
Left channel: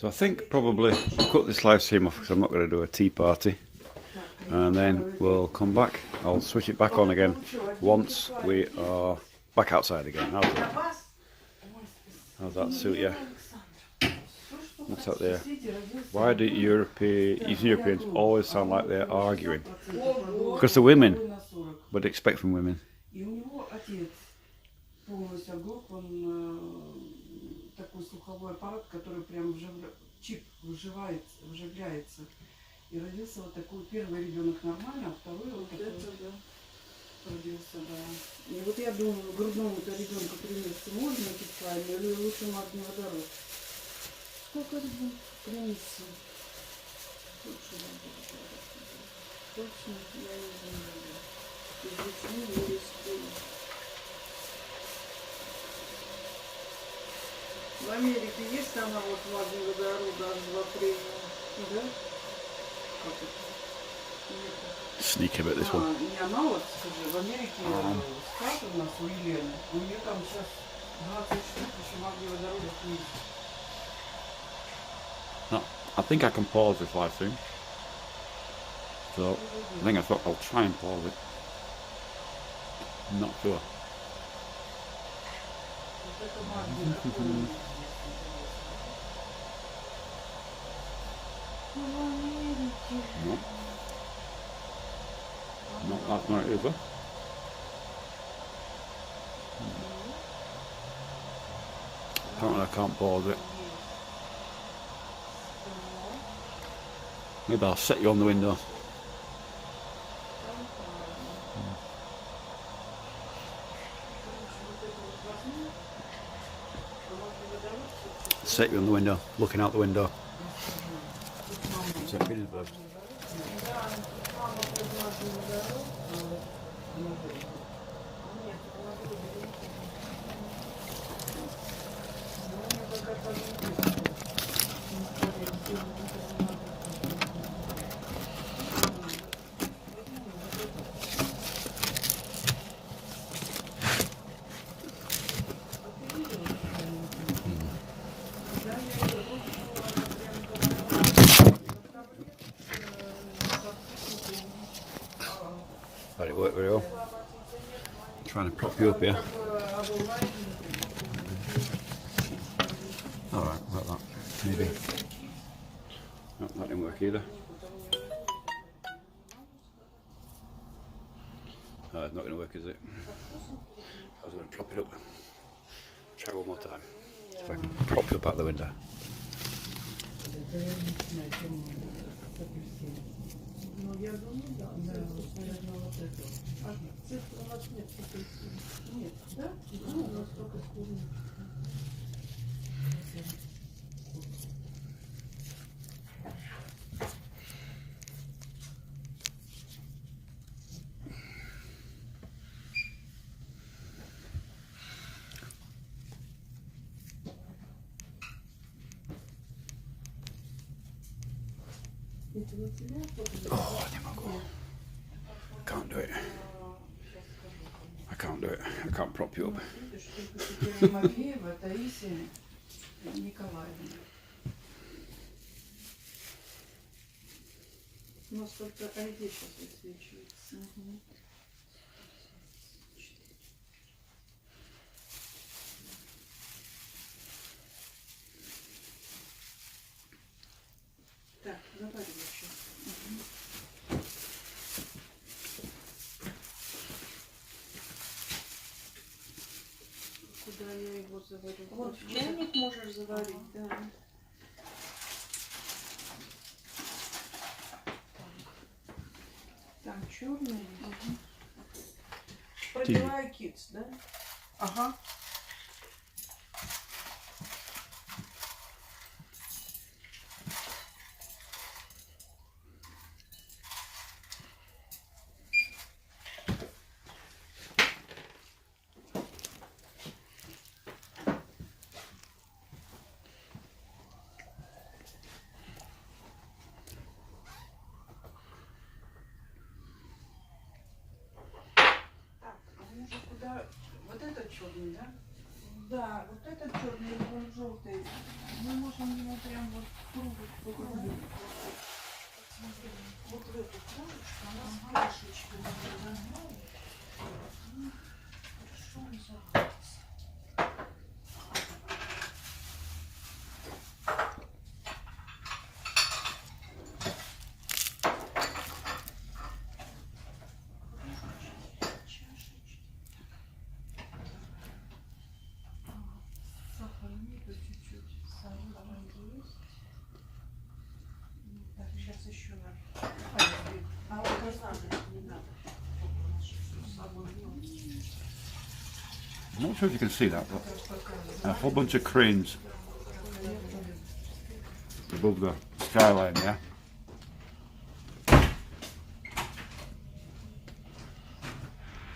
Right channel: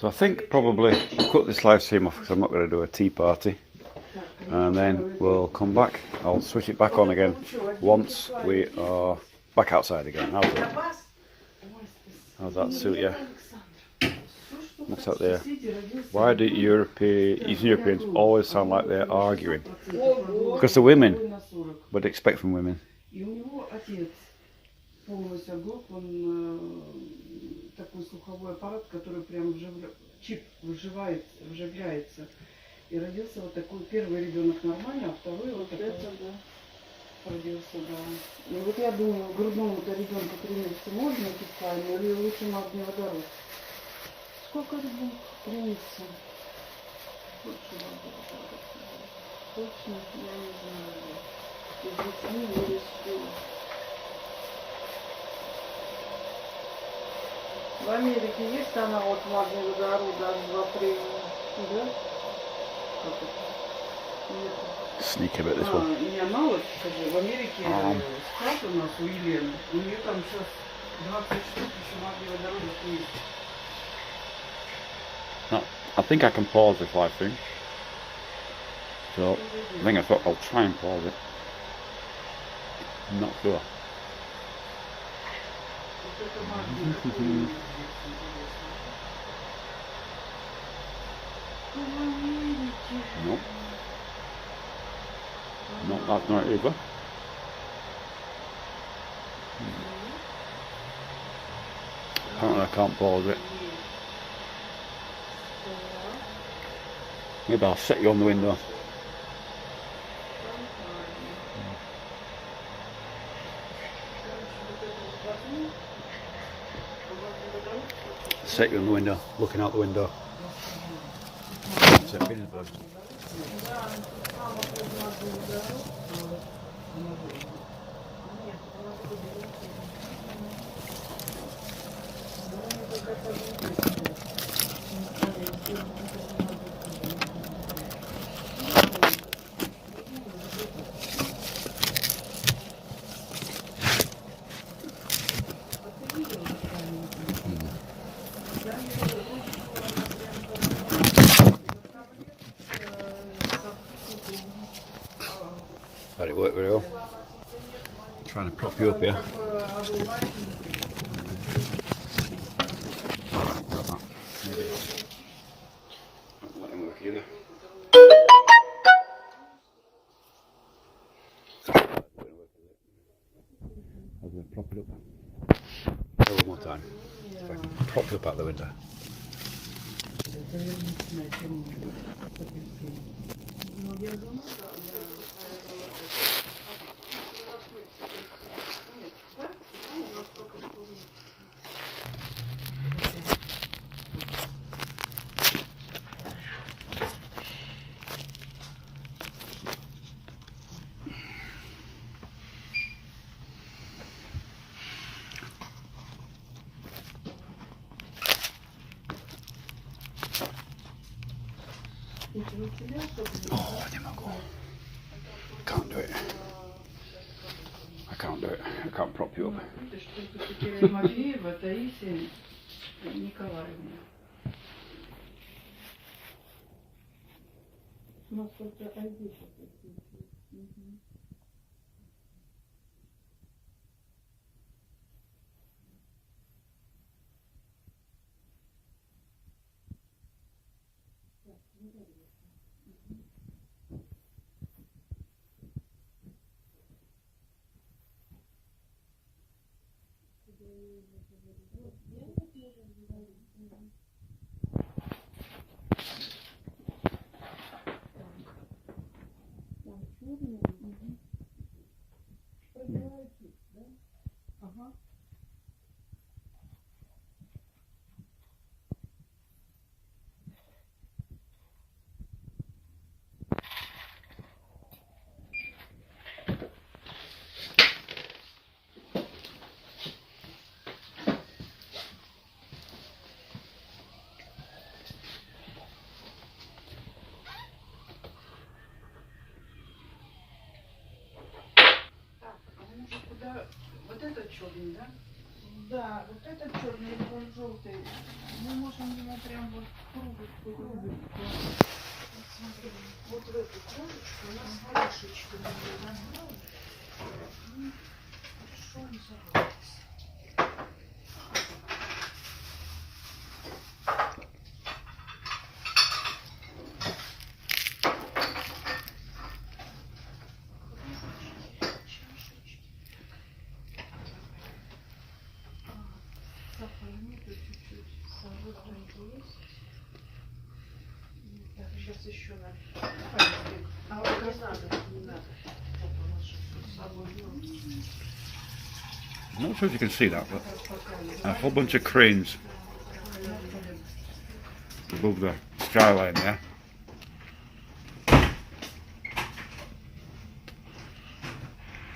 So I think probably cut this live stream off because I'm not going to do a tea party, and then we'll come back. I'll switch it back on again once we are back outside again. How's that suit you? What's out there? Why do Eastern Europeans always sound like they're arguing? Because the women would expect from women. И у него отец полностью оглох, он такой слуховой аппарат, который прям чип вживляется. И родился вот такой, первый ребенок нормально, а второй вот это, да, родился, да. И вот я думаю, грудному-то ребенку примериться можно официально, или лучше магний водород? Сколько ребенку примется? Лучше магний водород. Точно, я не знаю. И с детьми не рискую. В Америке есть аналог магния водорода H2 премиум, да? Как это? Нет. Sneak a bit this one. Не аналог, скажи, в Америке склад у нас у Елены, у нее там сейчас 20 штук еще магния водорода есть. No, I think I can pause this live stream. So I think I'll try and pause it. I'm not sure. Вот это магния такой. No. No, that's not either. Apparently I can't pause it. Maybe I'll set you on the window. Set you on the window, looking out the window. Saint Petersburg. Let it work very well. Trying to prop you up here. Maybe. Oh, that didn't work either. It's not going to work, is it? I was going to prop it up. Try one more time. If I can prop it up out the window. Oh, I can't do it. I can't do it. I can't prop you up. У нас только ID сейчас высвечивается. Так, заваривай еще. Куда я его заварю? Вот в чайник можешь заварить, да. Там черный. Угу. Пробиваю китс, да? Ага. Вот этот черный, да? Да, вот этот черный или вот желтый. Мы можем его прям вот в круг. Вот в эту кружечку у нас крышечка. Хорошо, не забудьте. Сейчас еще надо. А вот не надо, не надо. I'm not sure if you can see that, but a whole bunch of cranes above the skyline there.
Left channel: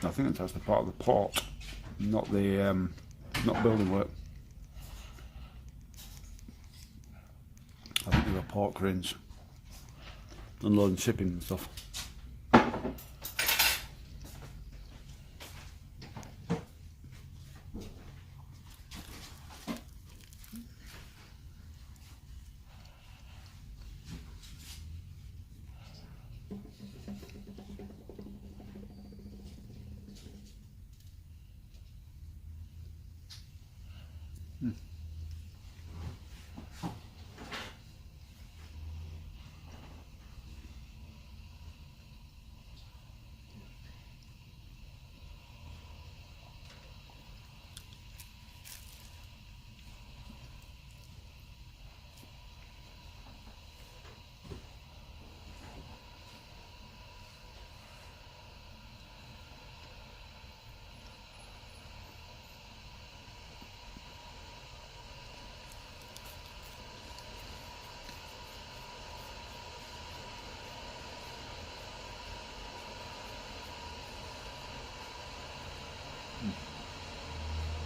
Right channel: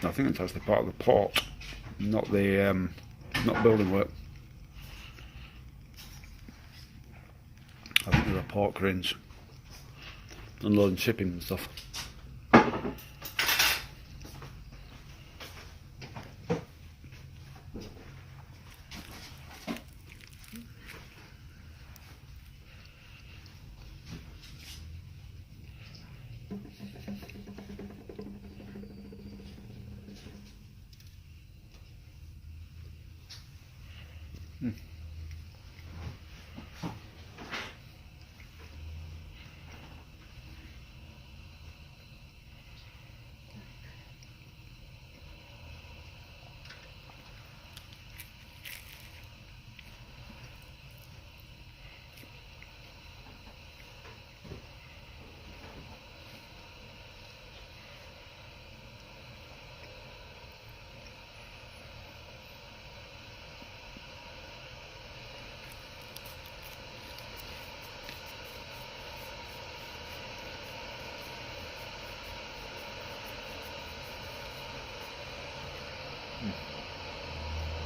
I think that's the part of the port, not the not building work. I think there are port cranes unloading shipping and stuff.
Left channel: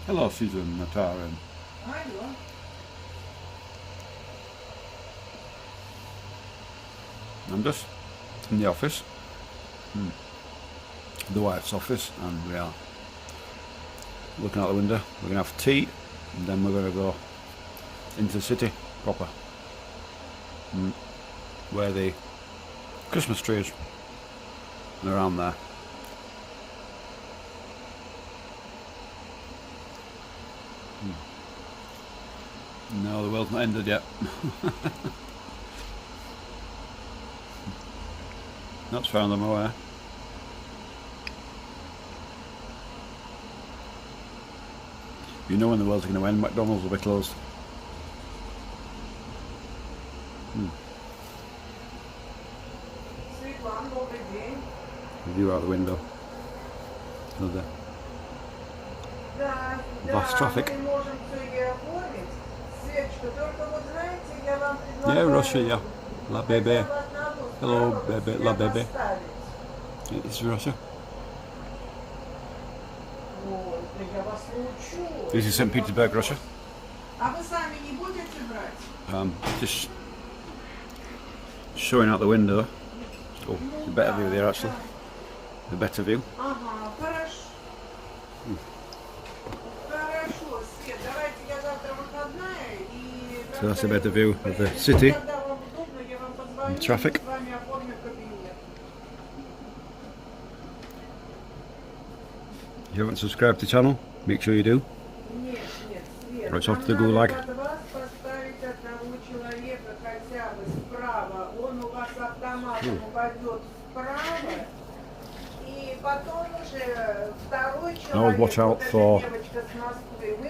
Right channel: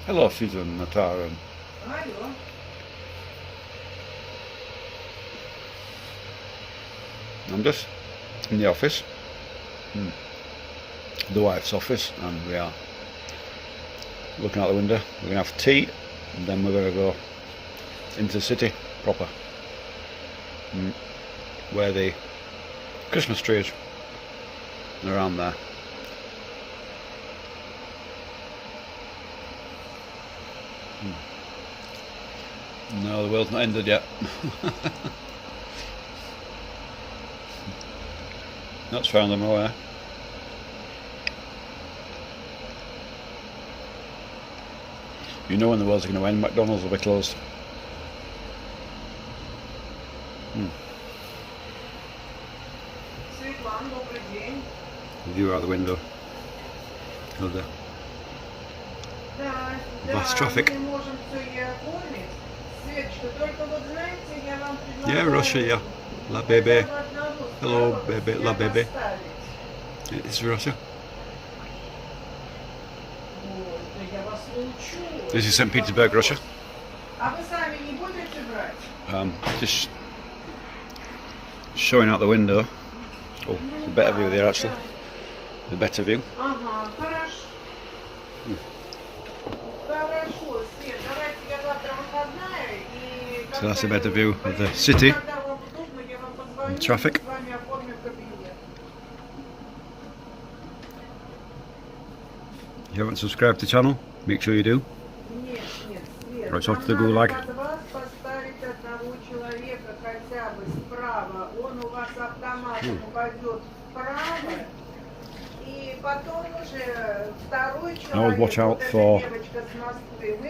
Hello, Susan, Natara. Алло. I'm just in the office, the wife's office, and we are looking out the window. We're going to have tea, and then we're going to go into the city proper, where the Christmas tree is, around there. No, the world's not ended yet. That's found them away. You know when the world's going to end, McDonald's will be closed. The view out the window of the vast traffic. Yeah, Russia, yeah. La bébé. Hello, baby, la bébé. It's Russia. This is Saint Petersburg, Russia. Just showing out the window. Oh, the better view there actually. The better view. So that's a better view of the city and traffic. If you haven't subscribed to the channel, make sure you do. Right off to the gulag. I always watch out for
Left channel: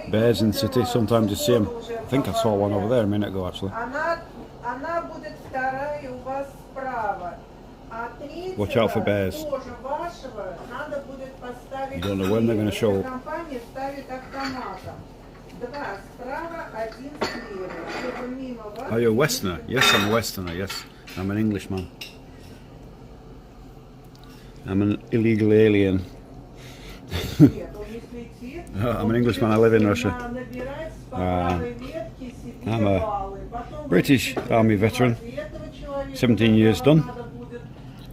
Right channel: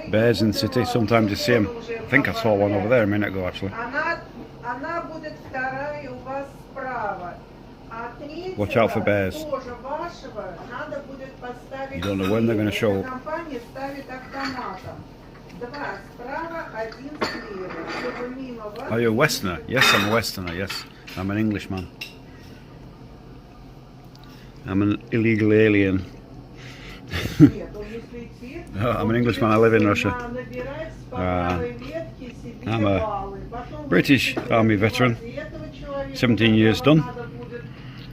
bears in the city. Sometimes you see them. I think I saw one over there a minute ago actually. Watch out for bears. You don't know when they're going to show up. Are you a Westerner? Yes, I'm a Westerner, yes. I'm an Englishman. I'm an illegal alien. I'm an Englishman, I live in Russia. I'm a British Army veteran, 17 years done.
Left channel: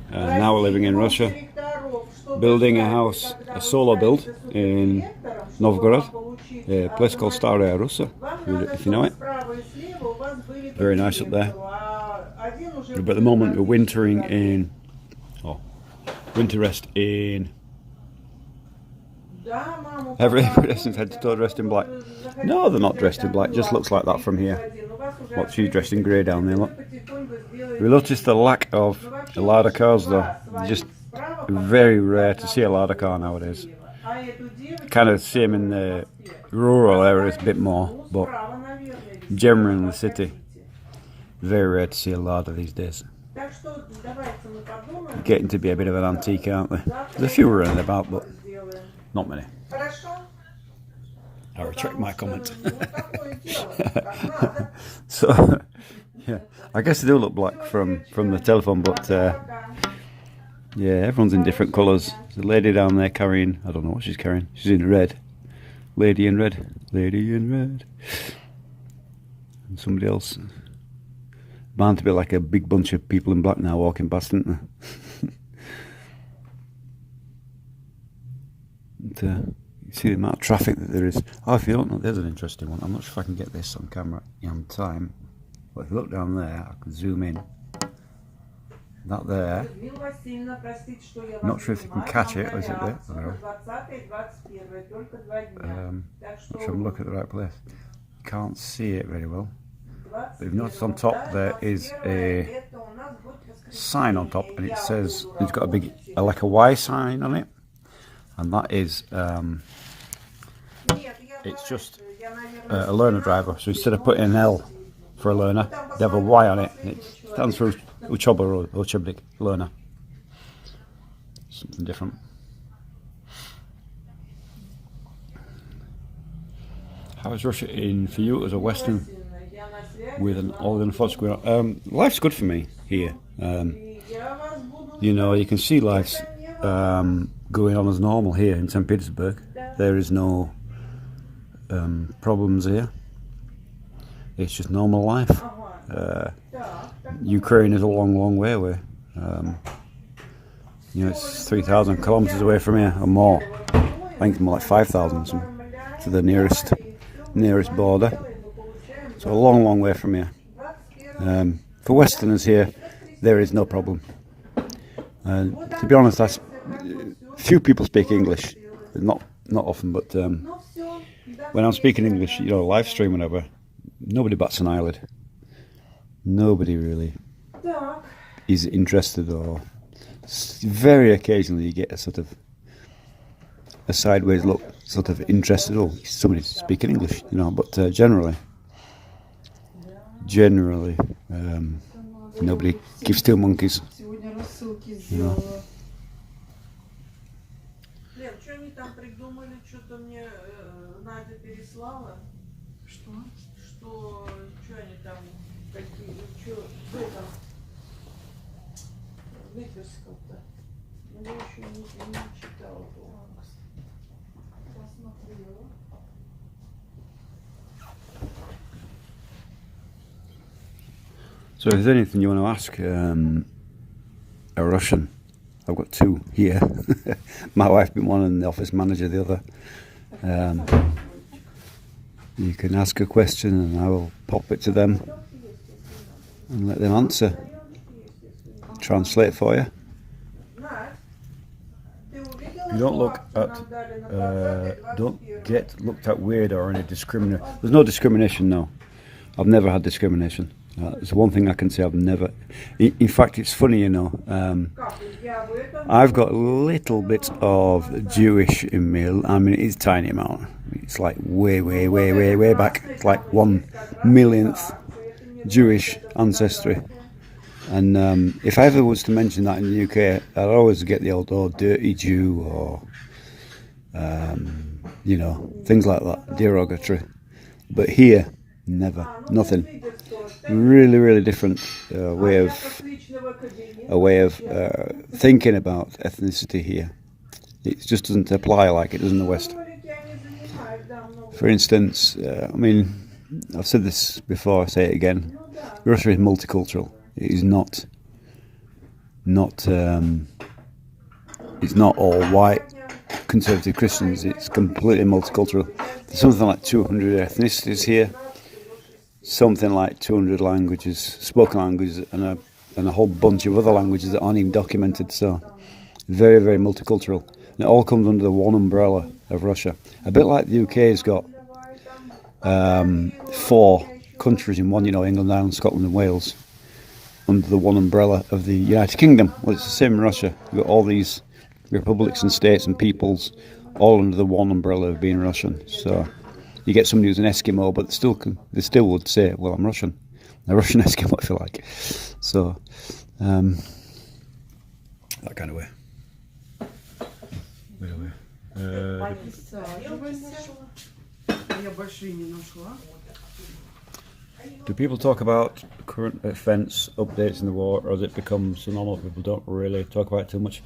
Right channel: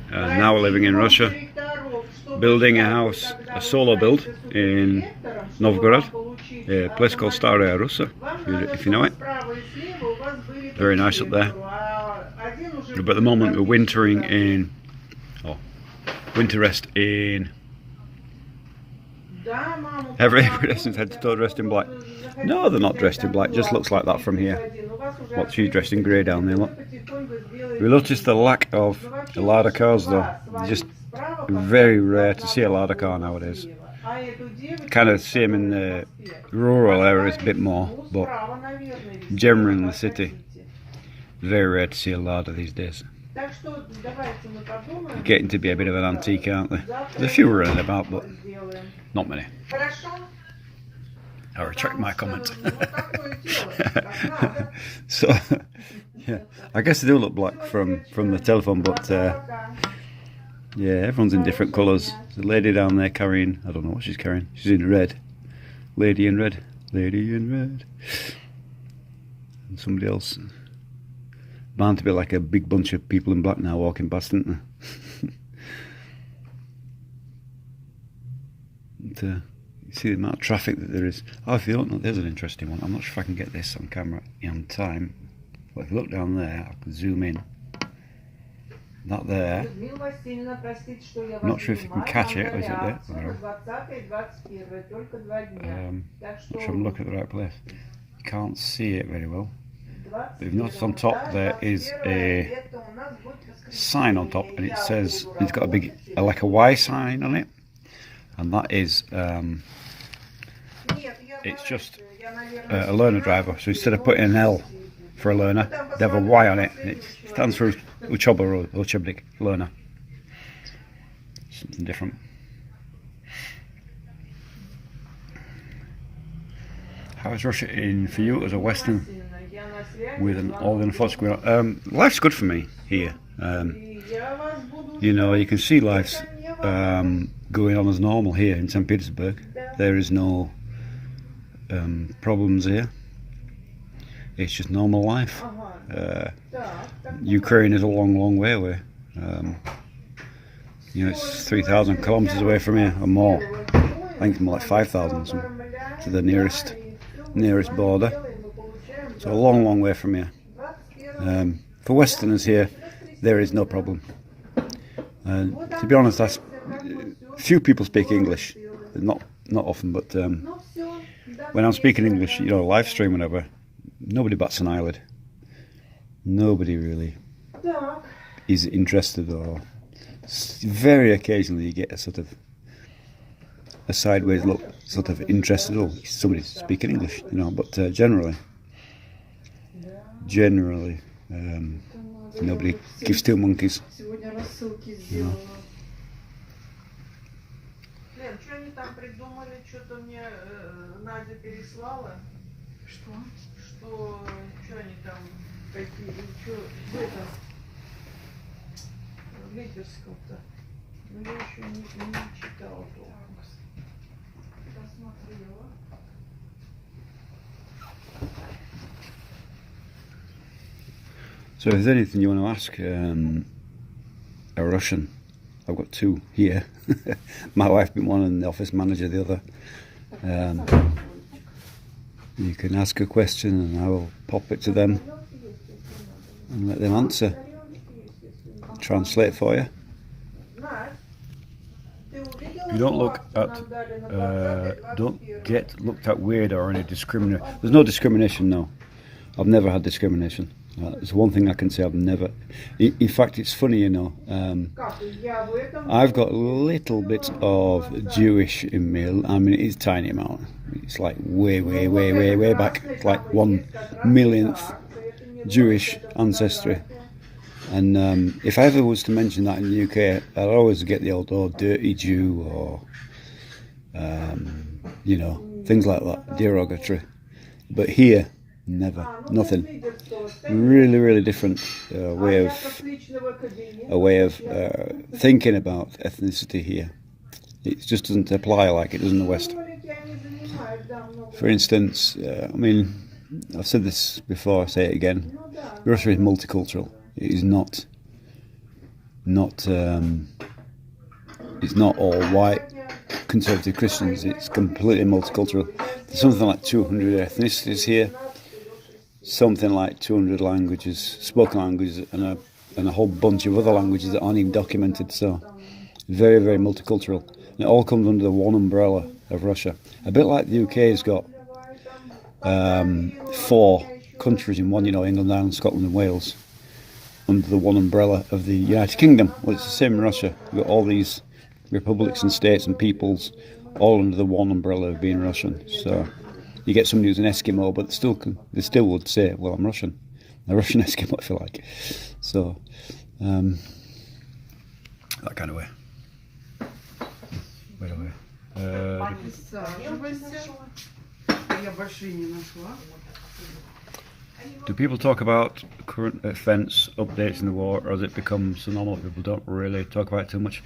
Now we're living in Russia, building a house, a solo build in Novgorod, a place called Staraya Russa, if you know it. Very nice up there. But at the moment we're wintering in, winter rest in, every person's head to toe dressed in black. No, they're not dressed in black, just looks like that from here. What, she's dressed in grey down there, look. We noticed the lack of a Lada cars though. Just very rare to see a Lada car nowadays. Kind of same in the rural areas a bit more, but generally in the city, very rare to see a larder these days. Getting to be a bit of an antique, aren't they? There's a few running about, but not many. I retract my comment. So, yeah, I guess they do look black from the telephone, but yeah, everyone's in different colours. There's a lady down there carrying, I don't know what she's carrying. She's in red. Lady in red. Lady in red. And somebody else. Bound to be like a big bunch of people in black now walking past, isn't there? And, you see the amount of traffic that there is. Oh, if you don't know, there's an interesting one. I'm not sure if I can get this on camera on time. But if you look down there, I can zoom in. That there. I'm not sure if you can catch it, or is it there? I don't know. Not sure I'm looking at the right place. You can't see it very well. But if you notice on top there is a sign on top, and it says, it's got a big, like a Y sign on it. And that is, it's just a learner driver. So instead of putting an L for a learner, they have a Y on it. And it stands for Uchoba or Uchebnik, learner. Something different. How is Russia for you as a Western with an Orthodox force going on? Life's good for me here. You know, you can see life's going on as normal here in Saint Petersburg. There is no problems here. It's just normal life. Ukraine is a long way away. You know, it's 3,000 kilometers away from here or more. I think it's more like 5,000 to the nearest border. So a long way from here. For Westerners here, there is no problem. To be honest, few people speak English. Not often, but when I'm speaking English, you know, live stream, whatever, nobody bats an eyelid. Nobody really is interested, or very occasionally you get a sort of a sideways look, sort of interested. Oh, somebody's speaking English, you know. But generally, nobody gives two monkeys. You know. Лен, что они там придумали? Что-то мне Надя переслала. Что? Что они там какие? Что это? Литерского-то. Ну я еще не читала. Посмотрела. So if there's anything you want to ask a Russian, I've got two here. My wife being one and the office manager the other. You can ask a question and I will pop it to them and let them answer. Translate for you. You don't look at, don't get looked at weird or any discrimination. There's no discrimination, no. I've never had discrimination. It's one thing I can say I've never. In fact, it's funny, you know. I've got a little bit of Jewish in me. I mean, it's a tiny amount. It's like way back. It's like 1/1,000,000th Jewish ancestry. And if I ever was to mention that in the UK, I'd always get the old dirty Jew or, you know, things like that, derogatory. But here, never, nothing. Really different way of thinking about ethnicity here. It just doesn't apply like it does in the West. For instance, I mean, I've said this before, I say it again. Russia is multicultural. It is not. It's not all white conservative Christians. It's completely multicultural. There's something like 200 ethnicities here. Something like 200 languages, spoken languages, and a whole bunch of other languages that aren't even documented. So, very multicultural. And it all comes under the one umbrella of Russia. A bit like the UK has got 4 countries in one, you know, England, Ireland, Scotland and Wales, under the one umbrella of the United Kingdom. Well, it's the same in Russia. You've got all these republics and states and peoples all under the one umbrella of being Russian. So, you get somebody who's an Eskimo, but they still would say, well, I'm Russian. A Russian Eskimo, if you like. So, that kind of way. Wait a minute. Я большие не нашла. Do people talk about current events, updates in the war, or has it become so normal that people don't really talk about it too much?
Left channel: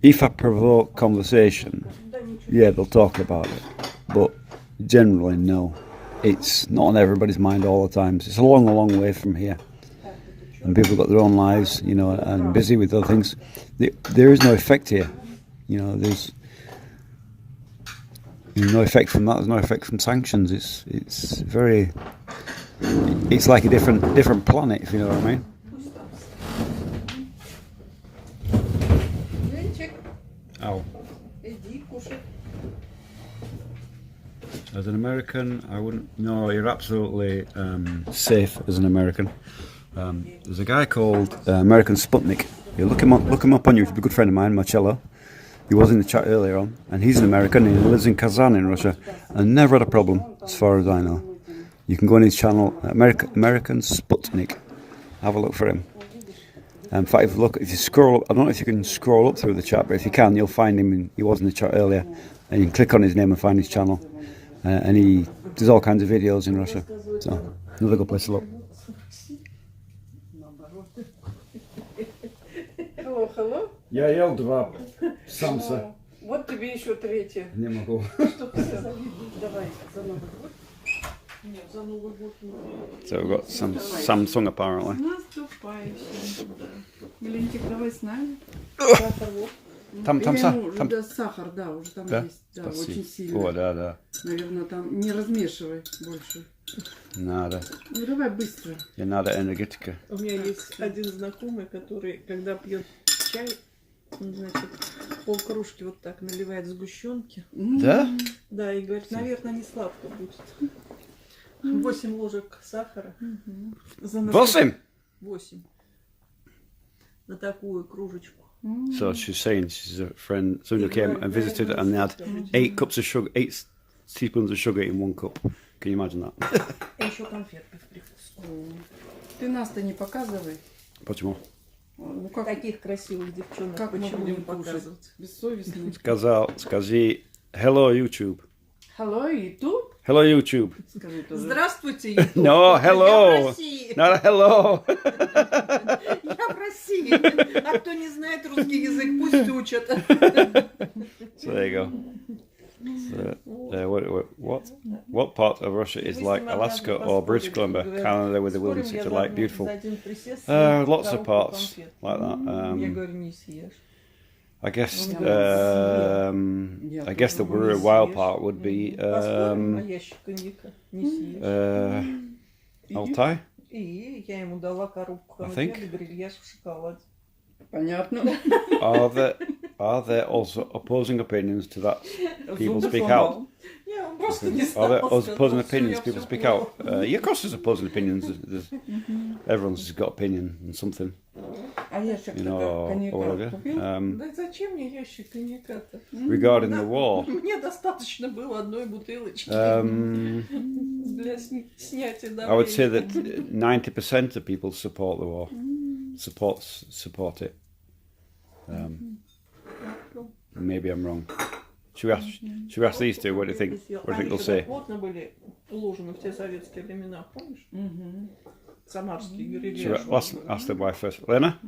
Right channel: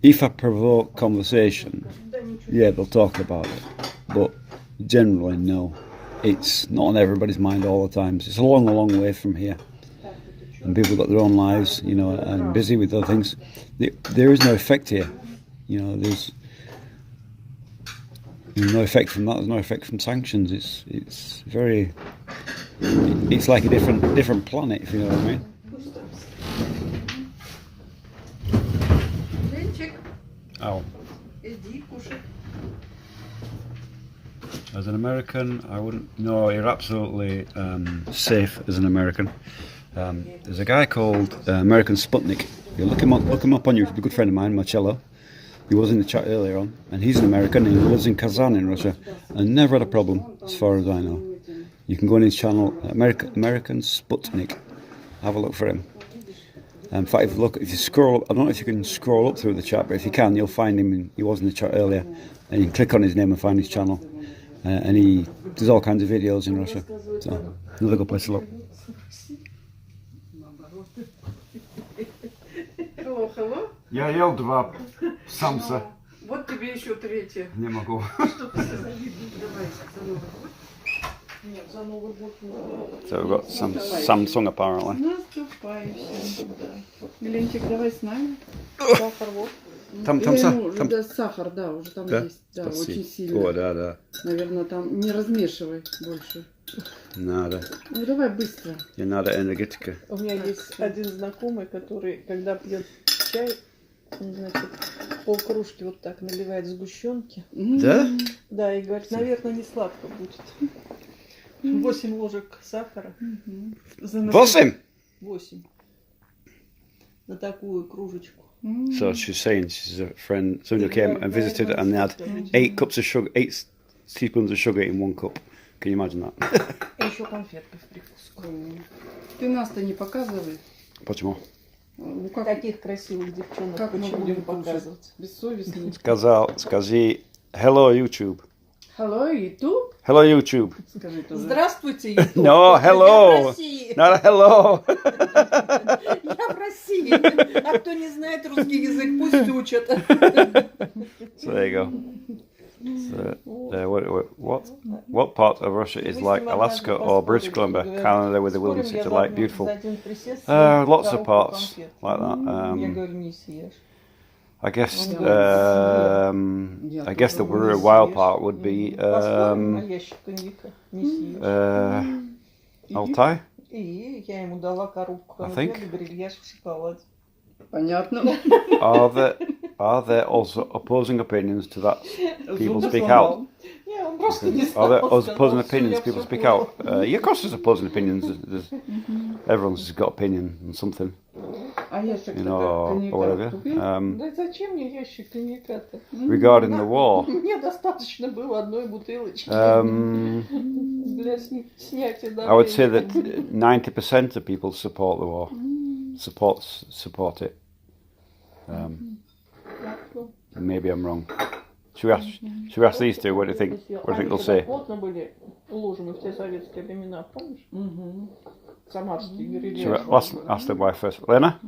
If I provoke conversation, yeah, they'll talk about it. But generally, no. It's not on everybody's mind all the time. It's a long, long way from here. And people have got their own lives, you know, and busy with other things. There is no effect here. You know, there's no effect from that. There's no effect from sanctions. It's very. It's like a different planet, if you know what I mean. Ow. As an American, I wouldn't. No, you're absolutely safe as an American. There's a guy called American Sputnik. You look him up on YouTube. He's a good friend of mine, Marcello. He was in the chat earlier on, and he's an American, and he lives in Kazan in Russia, and never had a problem, as far as I know. You can go on his channel, American Sputnik. Have a look for him. In fact, if you scroll up, I don't know if you can scroll up through the chat, but if you can, you'll find him. He was in the chat earlier, and you can click on his name and find his channel. And he does all kinds of videos in Russia. So, another good place to look. Hello? Я ел 2 самса. Вот тебе еще третье. Не могу. Давай, за Новый год. So we've got some Samsung apparently. Наступающим, да. Ленчик, давай с нами. Сахар вот. Там Да, сахар, да, уже там есть. Да, очень сильно. О, да. Наверное, там не размешивай больше. Надо. Ну давай быстро. Не надо энергетика. У меня есть один знакомый, который, когда пьет чай, значит, полкружки вот так наливает сгущенки. Да? Да, и говорит, наверное, не сладко будет. 8 ложек сахара. 8? 8. На такую кружечку. So she's saying she's a friend, somebody who came and visited and they had 8 cups of sugar, 8 teaspoons of sugar in 1 cup. Can you imagine that? И еще конфетка в прикуску. Ты нас-то не показывай. Почему? Ну как, Таких красивых девчонок, как мы почему не будем кушать? показывать? Бессовестно. Скажи hello YouTube. Hello, YouTube? Hello YouTube. Скажи тоже. Здравствуйте, YouTube. No, hello. Я в России. Not hello. Я в России. А кто не знает русский язык, пусть учат. So there you go. So, what part of Russia is like Alaska or British Columbia? Canada with the wilderness is like beautiful. Lots of parts like that. Я говорю, не съешь. I guess the wild part would be Altai. И я ему дала коробку конфет и грильяж в шоколаде. Понятно. Are there also opposing opinions to that? People speak out. Не, он просто не Are there стал. opposing opinions? People speak out. Yeah, of course, there's opposing opinions. Everyone's got opinion on something, А ящик you know, or whatever. Да зачем мне ящик коньяка-то? Regarding the war, Мне достаточно было одной бутылочки для снятия I would say давления. that 90% of people support the war. Support it. Maybe I'm wrong. Should we ask these two? What do you think? What do you think they'll say? Плотно были уложены в те советские времена, помнишь? Самарские Should грильяж. I ask the wife first? Lena?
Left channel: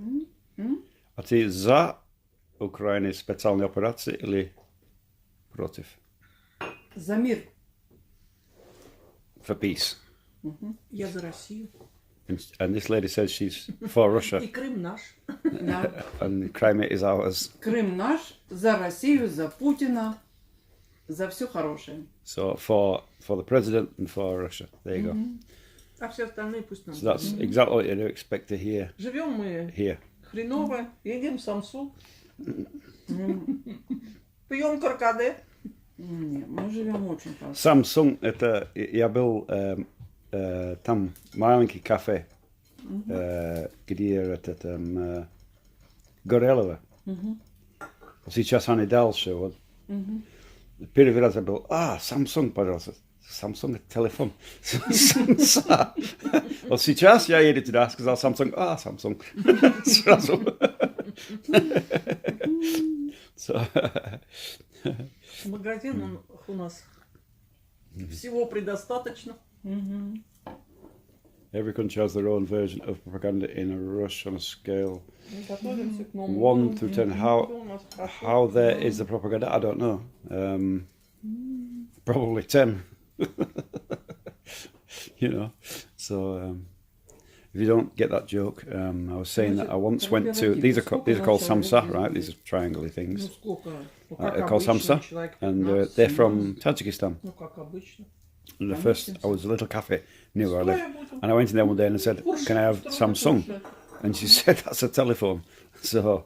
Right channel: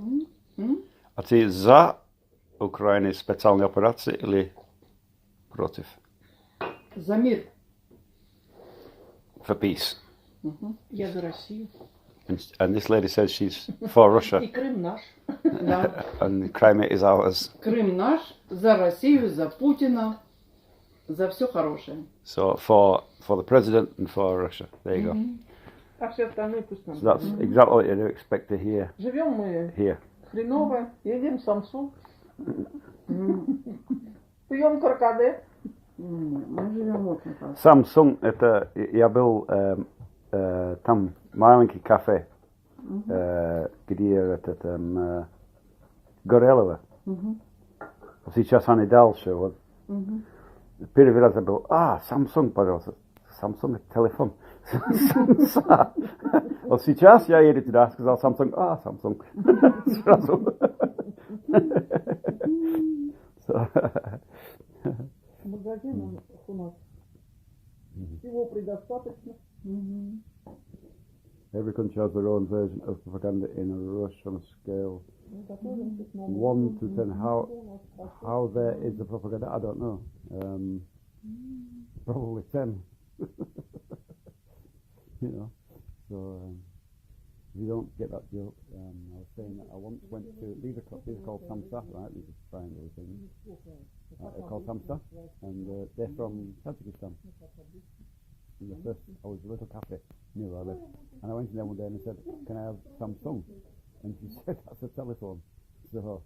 A ty za Ukrainy specjalnej operacji или против? За мир. For peace. Я за Россию. And this lady says she's for Russia. И Крым наш. Да. And Crimea is ours. Крым наш, за Россию, за Путина, за все хорошее. So for the president and for Russia. There you go. А все остальные пусть нам. So that's exactly what you expect to hear Живем мы here. хреново, едим самсу, пьем каркаде. Нет, мы живем очень хорошо. Samsung, это я был там маленький кафе, где этот Горелого. сейчас они дальше. Вот. Первый раз я был, Samsung, пожалуйста. Samsung это телефон. Вот сейчас я еду туда, сказал Samsung, Samsung. Сразу. Магазин у нас всего предостаточно. Every country has their own version of propaganda in a rush on a scale. Готовимся к Новому 1 году. through 10. How there is the propaganda? I don't know. Probably 10. You know. So if you don't get that joke, I was saying that I once went to. These are called samsa, right? These are triangle things. Ну сколько? Ну, They're как called обычно, samsa, человек and 15. they're from Tajikistan. Ну как обычно. And the first, I was a little cafe near where I live, and I went in there one day and I said, "Can I have Samsung?" And she said, "That's a telephone." So,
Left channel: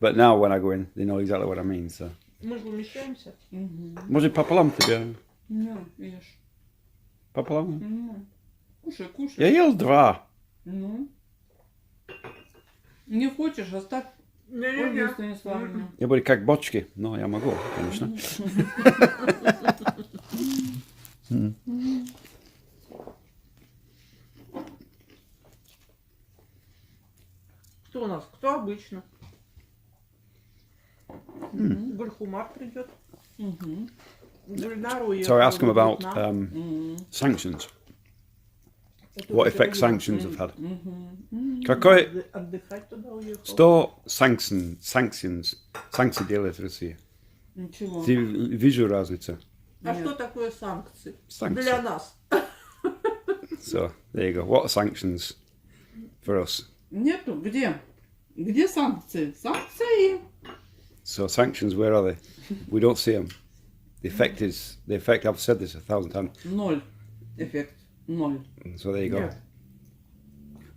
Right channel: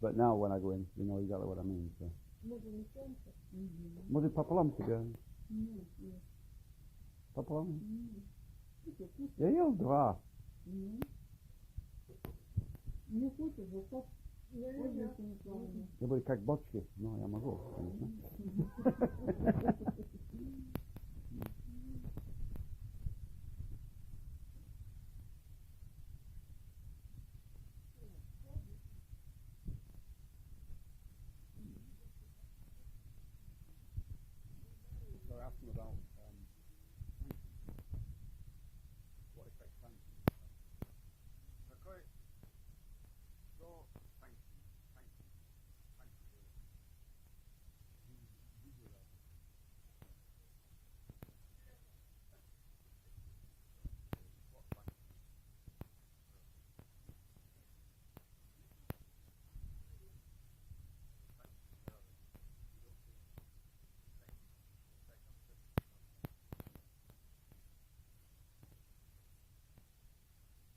but now when I go in, they know exactly what I mean. So, Мы помещаемся. может пополам тебе? Ну, ешь. Пополам? Ну, кушай, кушай. Я ел 2. Ну. Не хочешь, оставь. Ольга Станиславовна. Я буду как бочки. Но я могу, конечно. Кто у нас? Кто обычно? Гульхумар придет. Гульнару So I asked him about Вьетнам. sanctions. Это What вот effect это sanctions вот. have had. Какой Отдыхать туда уехал. 100 sanctions, санкции делает Россия? Ничего. Ты вижу разницу. А что такое санкции? Санкции. Для нас. So there you go. What are sanctions for us? Нету. Где? Где санкции? Санкции. So sanctions, where are they? We don't see them. The effect. I've said this 1,000 times. 0. Эффект. 0. So there you go. Нет.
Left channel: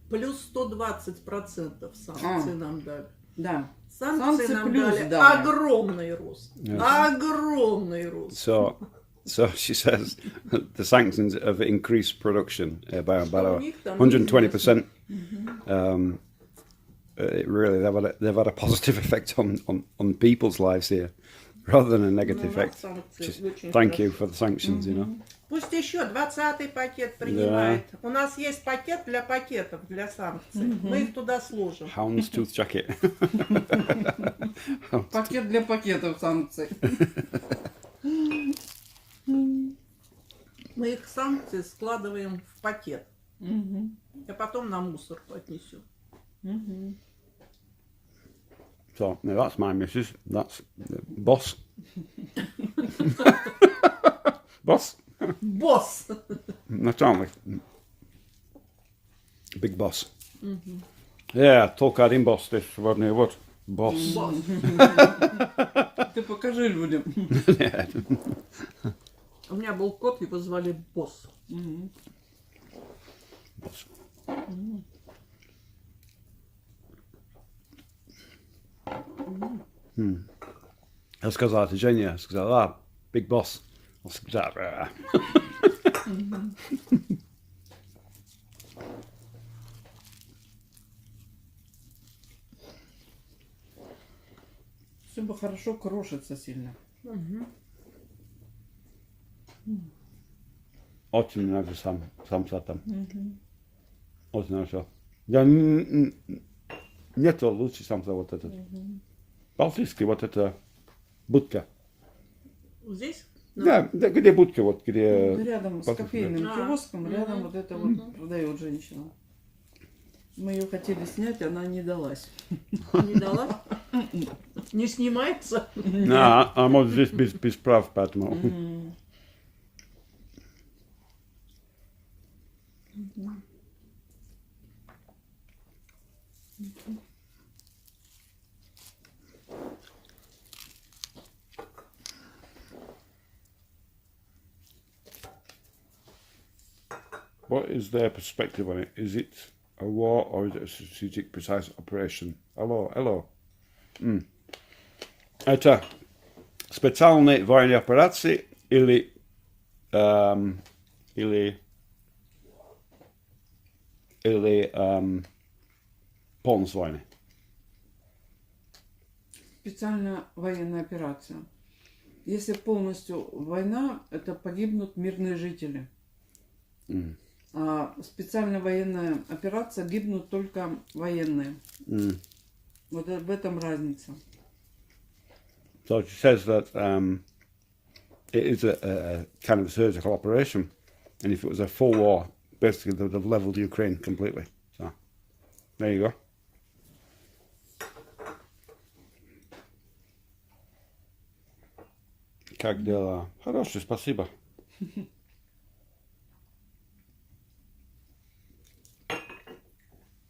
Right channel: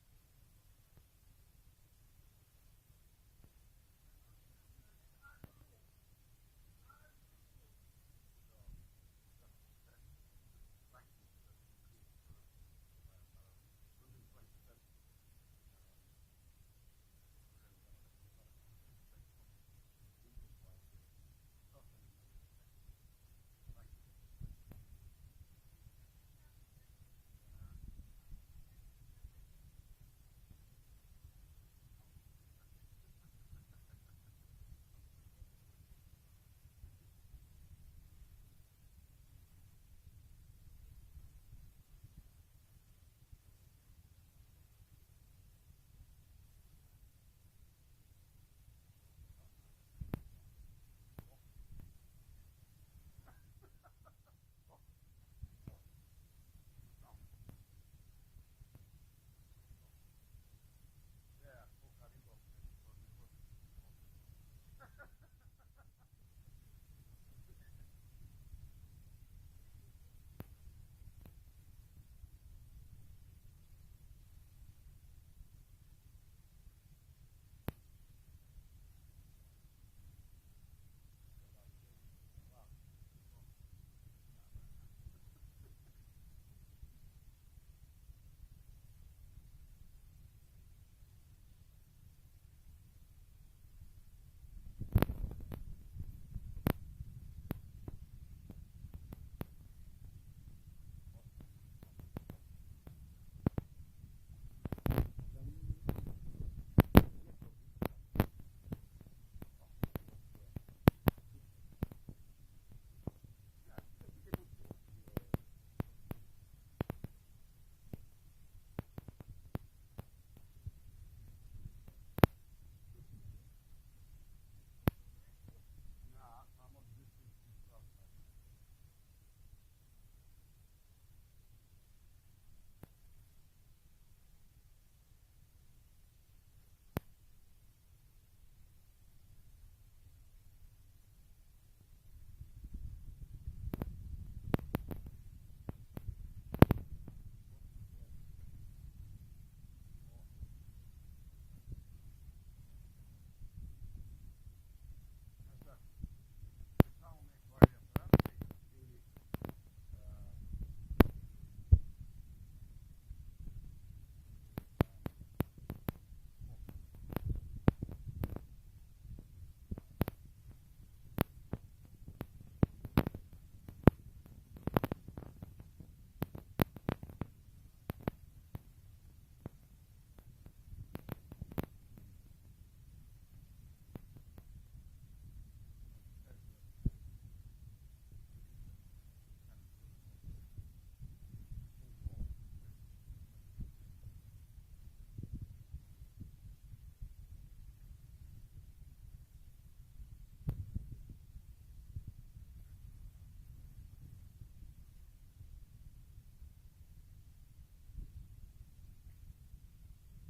Плюс 120% санкций нам дали. Да. Санкции нам плюс дали дали. огромный рост. Yes. Огромный рост. So she says the sanctions have increased production by about 120%. Really, they've had a positive effect on people's lives here, rather than a negative effect. Just thank you for the sanctions, you know. Пусть еще 20-й пакет принимает. У нас есть пакет для пакетов, для санкций. Мы их туда сложим. Houndstooth jacket. Пакет для пакетов санкций. Мы их санкции складываем в пакет. А потом на мусорку отнесем. So now that's my missus. That's the boss. Boss. Босс! That's aren't we? Big boss. Yeah, только один boss. This one what? Boss. Босс. Ты покажи людям. Yeah. У меня был кот, его звали Босс. Boss. Я сказал, это Женя. Сказал, big boss. Он сказал, Все бы хорошо крошится сильно. очень нравится самса там. Очень нравится. Я нету лучше самса вот этот. Балтийский вот это будка. Здесь? Да, где будка, вот где... Рядом с кофейным киоском, рядом вот это вот продает женщина. Мы ее хотели снять, она не далась. Не дала? Не снимается? Да, а может здесь без прав, поэтому... What is their perspective on it? Is it a war or is it a strategic precise operation? Hello. Это специальные военные операции или полночь войны? специальная военная операция. Если полностью война, это погибнут мирные жители. А специальная военная операция гибнут только военные. Вот в этом разница. So it says that it is a kind of surgical operation, and if it was a full war, basically they would have leveled Ukraine completely. So there you go. Как дела? Хорошо, спасибо.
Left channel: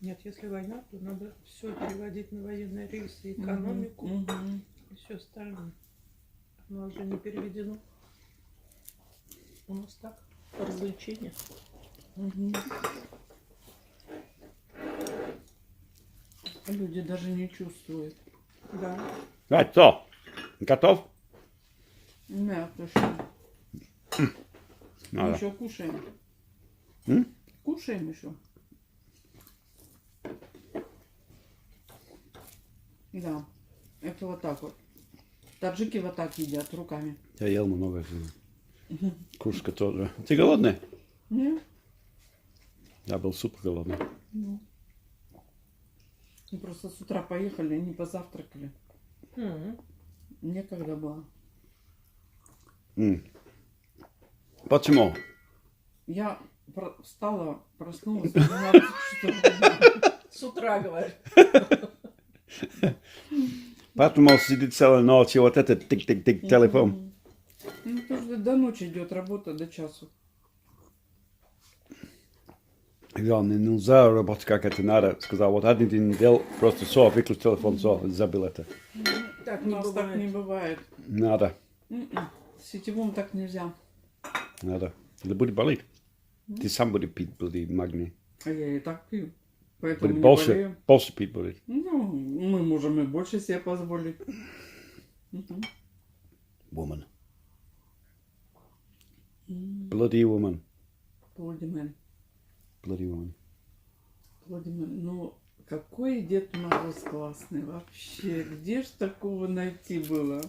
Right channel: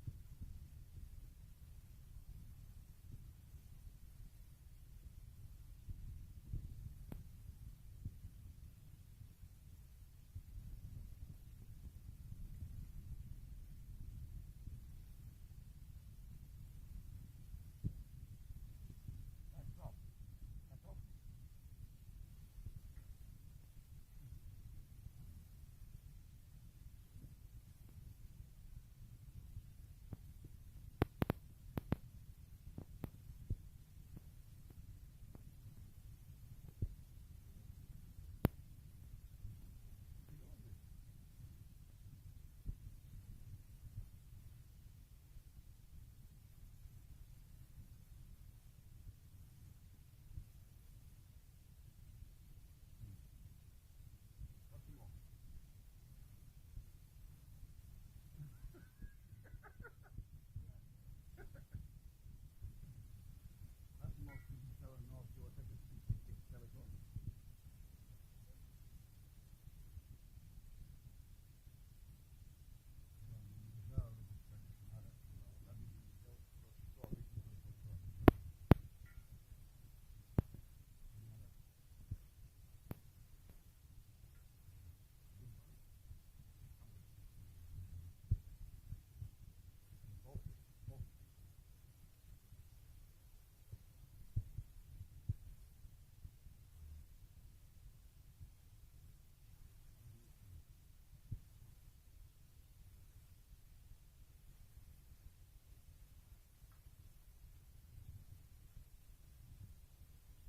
Нет, если война, то надо все переводить на военные рельсы, экономику и все остальное. Но уже не переведено. У нас так, развлечения. Люди даже не чувствуют. Да. Right, so, готов? Нет, точно. Мы Надо. еще кушаем. Кушаем еще. Да, это вот так вот. Таджики вот так едят руками. Я ел много. Кружка тоже. Ты голодный? Нет? Я был супер голодный. Ну. Мы просто с утра поехали, не позавтракали. Некогда было. Почему? Я встала, проснулась. 12 часов. С утра, говорю. Потому сидит целую ночь, и вот этот тик-тик-тик телефон. Ну, тоже до ночи идет работа, до часу. Главное, нельзя работать как это надо. Сказал, вот один день делал, просто все, выключил телефон, все, забыл это. Так У не нас так не бывает. Надо, С сетевым так нельзя. надо. Это будет болеть. Ты сам будешь пить, будет магний. А я и так пью. Поэтому Будет не больше, болею. больше пить будет. Ну, мы можем и больше себе позволить. Woman. Bloody woman. Владимир. Bloody woman. Владимир, ну какой Дед Мороз классный вообще. Где ж такого найти было?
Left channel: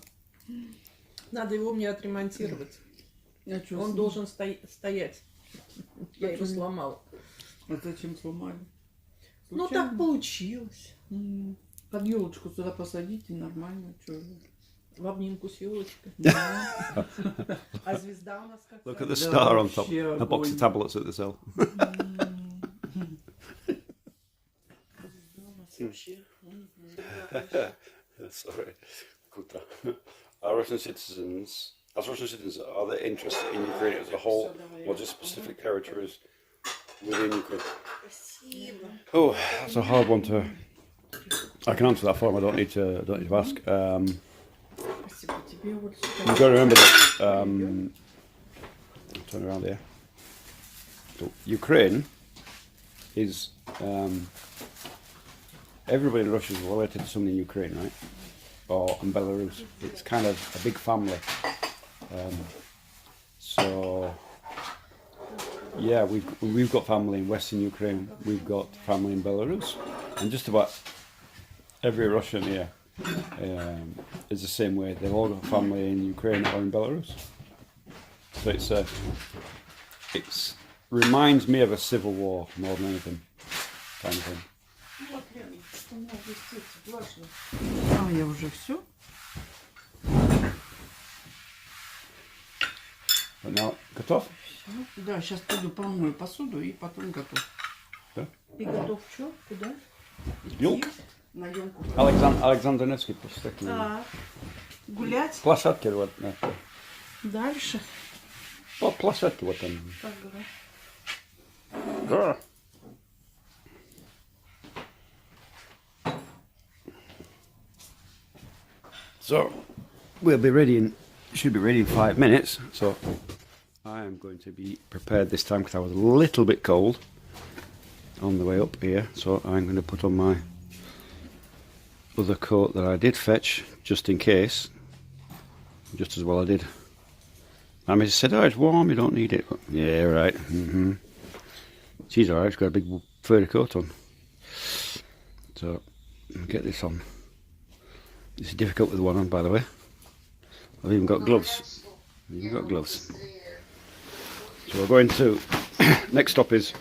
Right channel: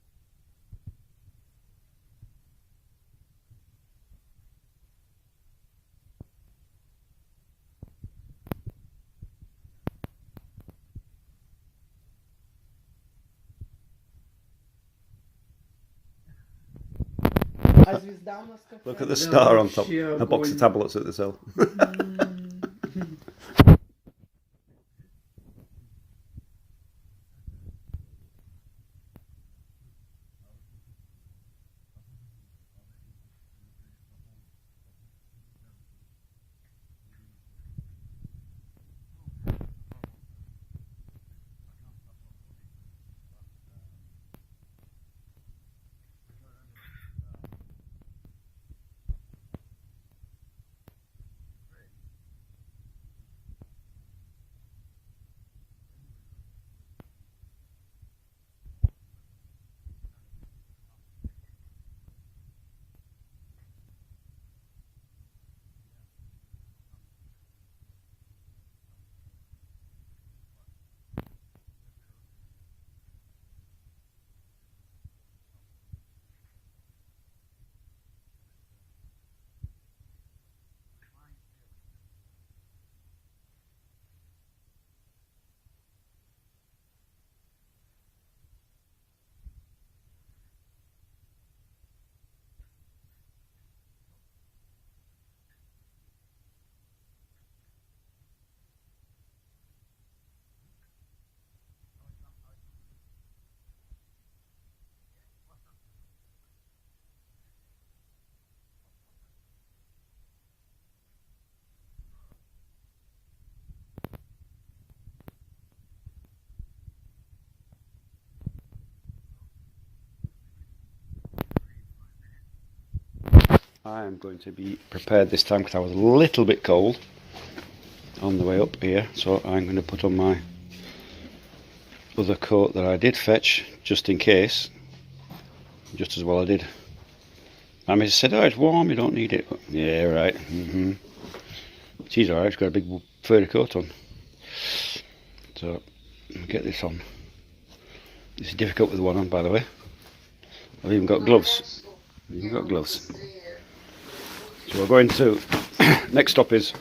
Надо его мне отремонтировать. Я чё, Он должен стоять. Я его Почему? сломала. А зачем сломали? Ну так получилось. Под елочку сюда посадите, нормально. Чё вы? В обнимку с елочкой. Да. А звезда у нас какая? Look at the Да, star on top. вообще A box of огонь. tablets at the cell. Sorry. Are Russian citizens, as Russian citizens, are they interested in Ukraine as a whole, or just specific territories within Ukraine? Oh, that's a hard one to. I can answer that for him. I don't need to ask. Спасибо тебе. Вот You've got to remember that. Turn around here. So Ukraine is. Everybody in Russia is related to someone in Ukraine, right? Or in Belarus. It's kind of a big family. So yeah, we've got family in Western Ukraine. We've got family in Belarus, and just about every Russian here is the same way. They've all got family in Ukraine or in Belarus. So it's reminds me of a civil war more than anything, kind of thing. Вот, Лена, у меня здесь влажно. А, я уже все? But now, готов? Да, сейчас пойду помою посуду и потом готов. И готов что? Куда? Юг? На емку. Alexander Nevsky проспект. Гулять? Площадки вот. Дальше? По площадке вот там. Как говорят. Да. So we'll be ready should be ready in 5 minutes. So I am going to be prepared this time because I was a little bit cold on the way up here. So I'm going to put on my other coat that I did fetch just in case. Just as well I did. I said, oh, it's warm, you don't need it. Yeah, right. She's alright, she's got a big furry coat on. So, I'll get this on. It's difficult with one on, by the way. I've even got gloves. You've got gloves. So we're going to, next stop is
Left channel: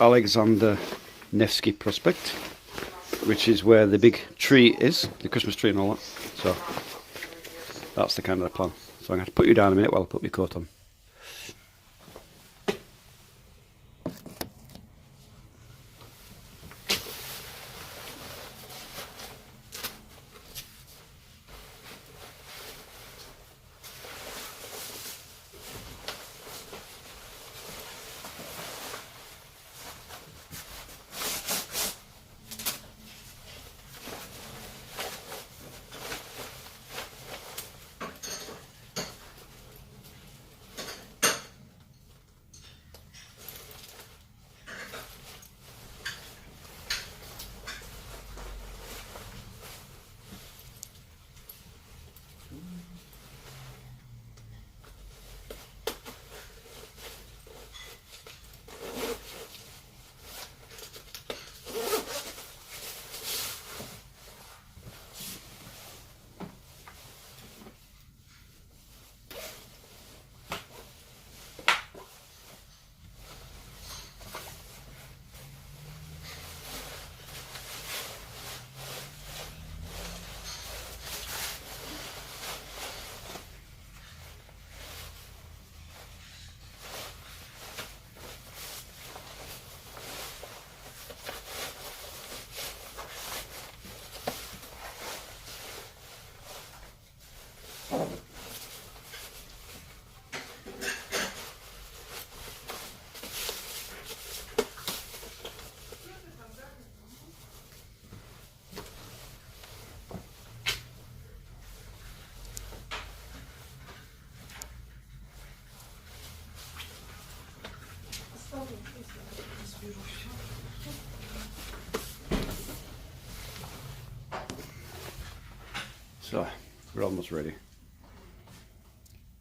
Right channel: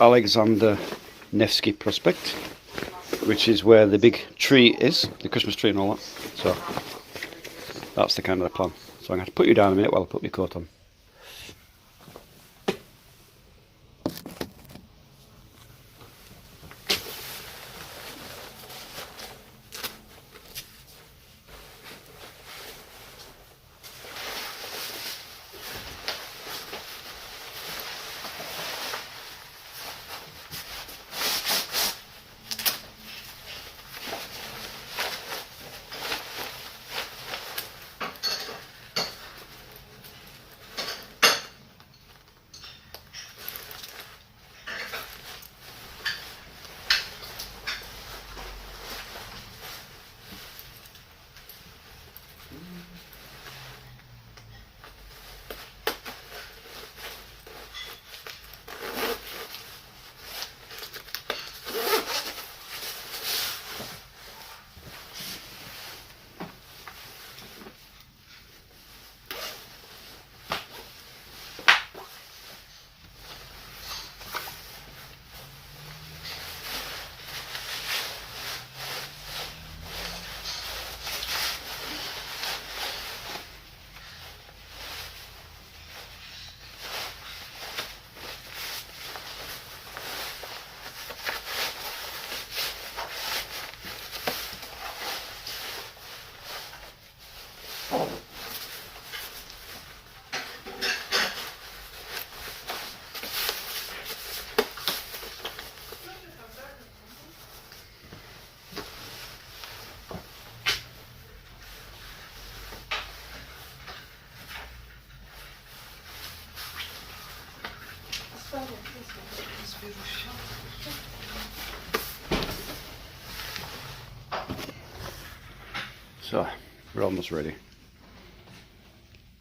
Alexander Nevsky Prospect, which is where the big tree is, the Christmas tree and all that. So that's the kind of the plan. So I'm going to put you down a minute while I put my coat on. So, we're almost ready.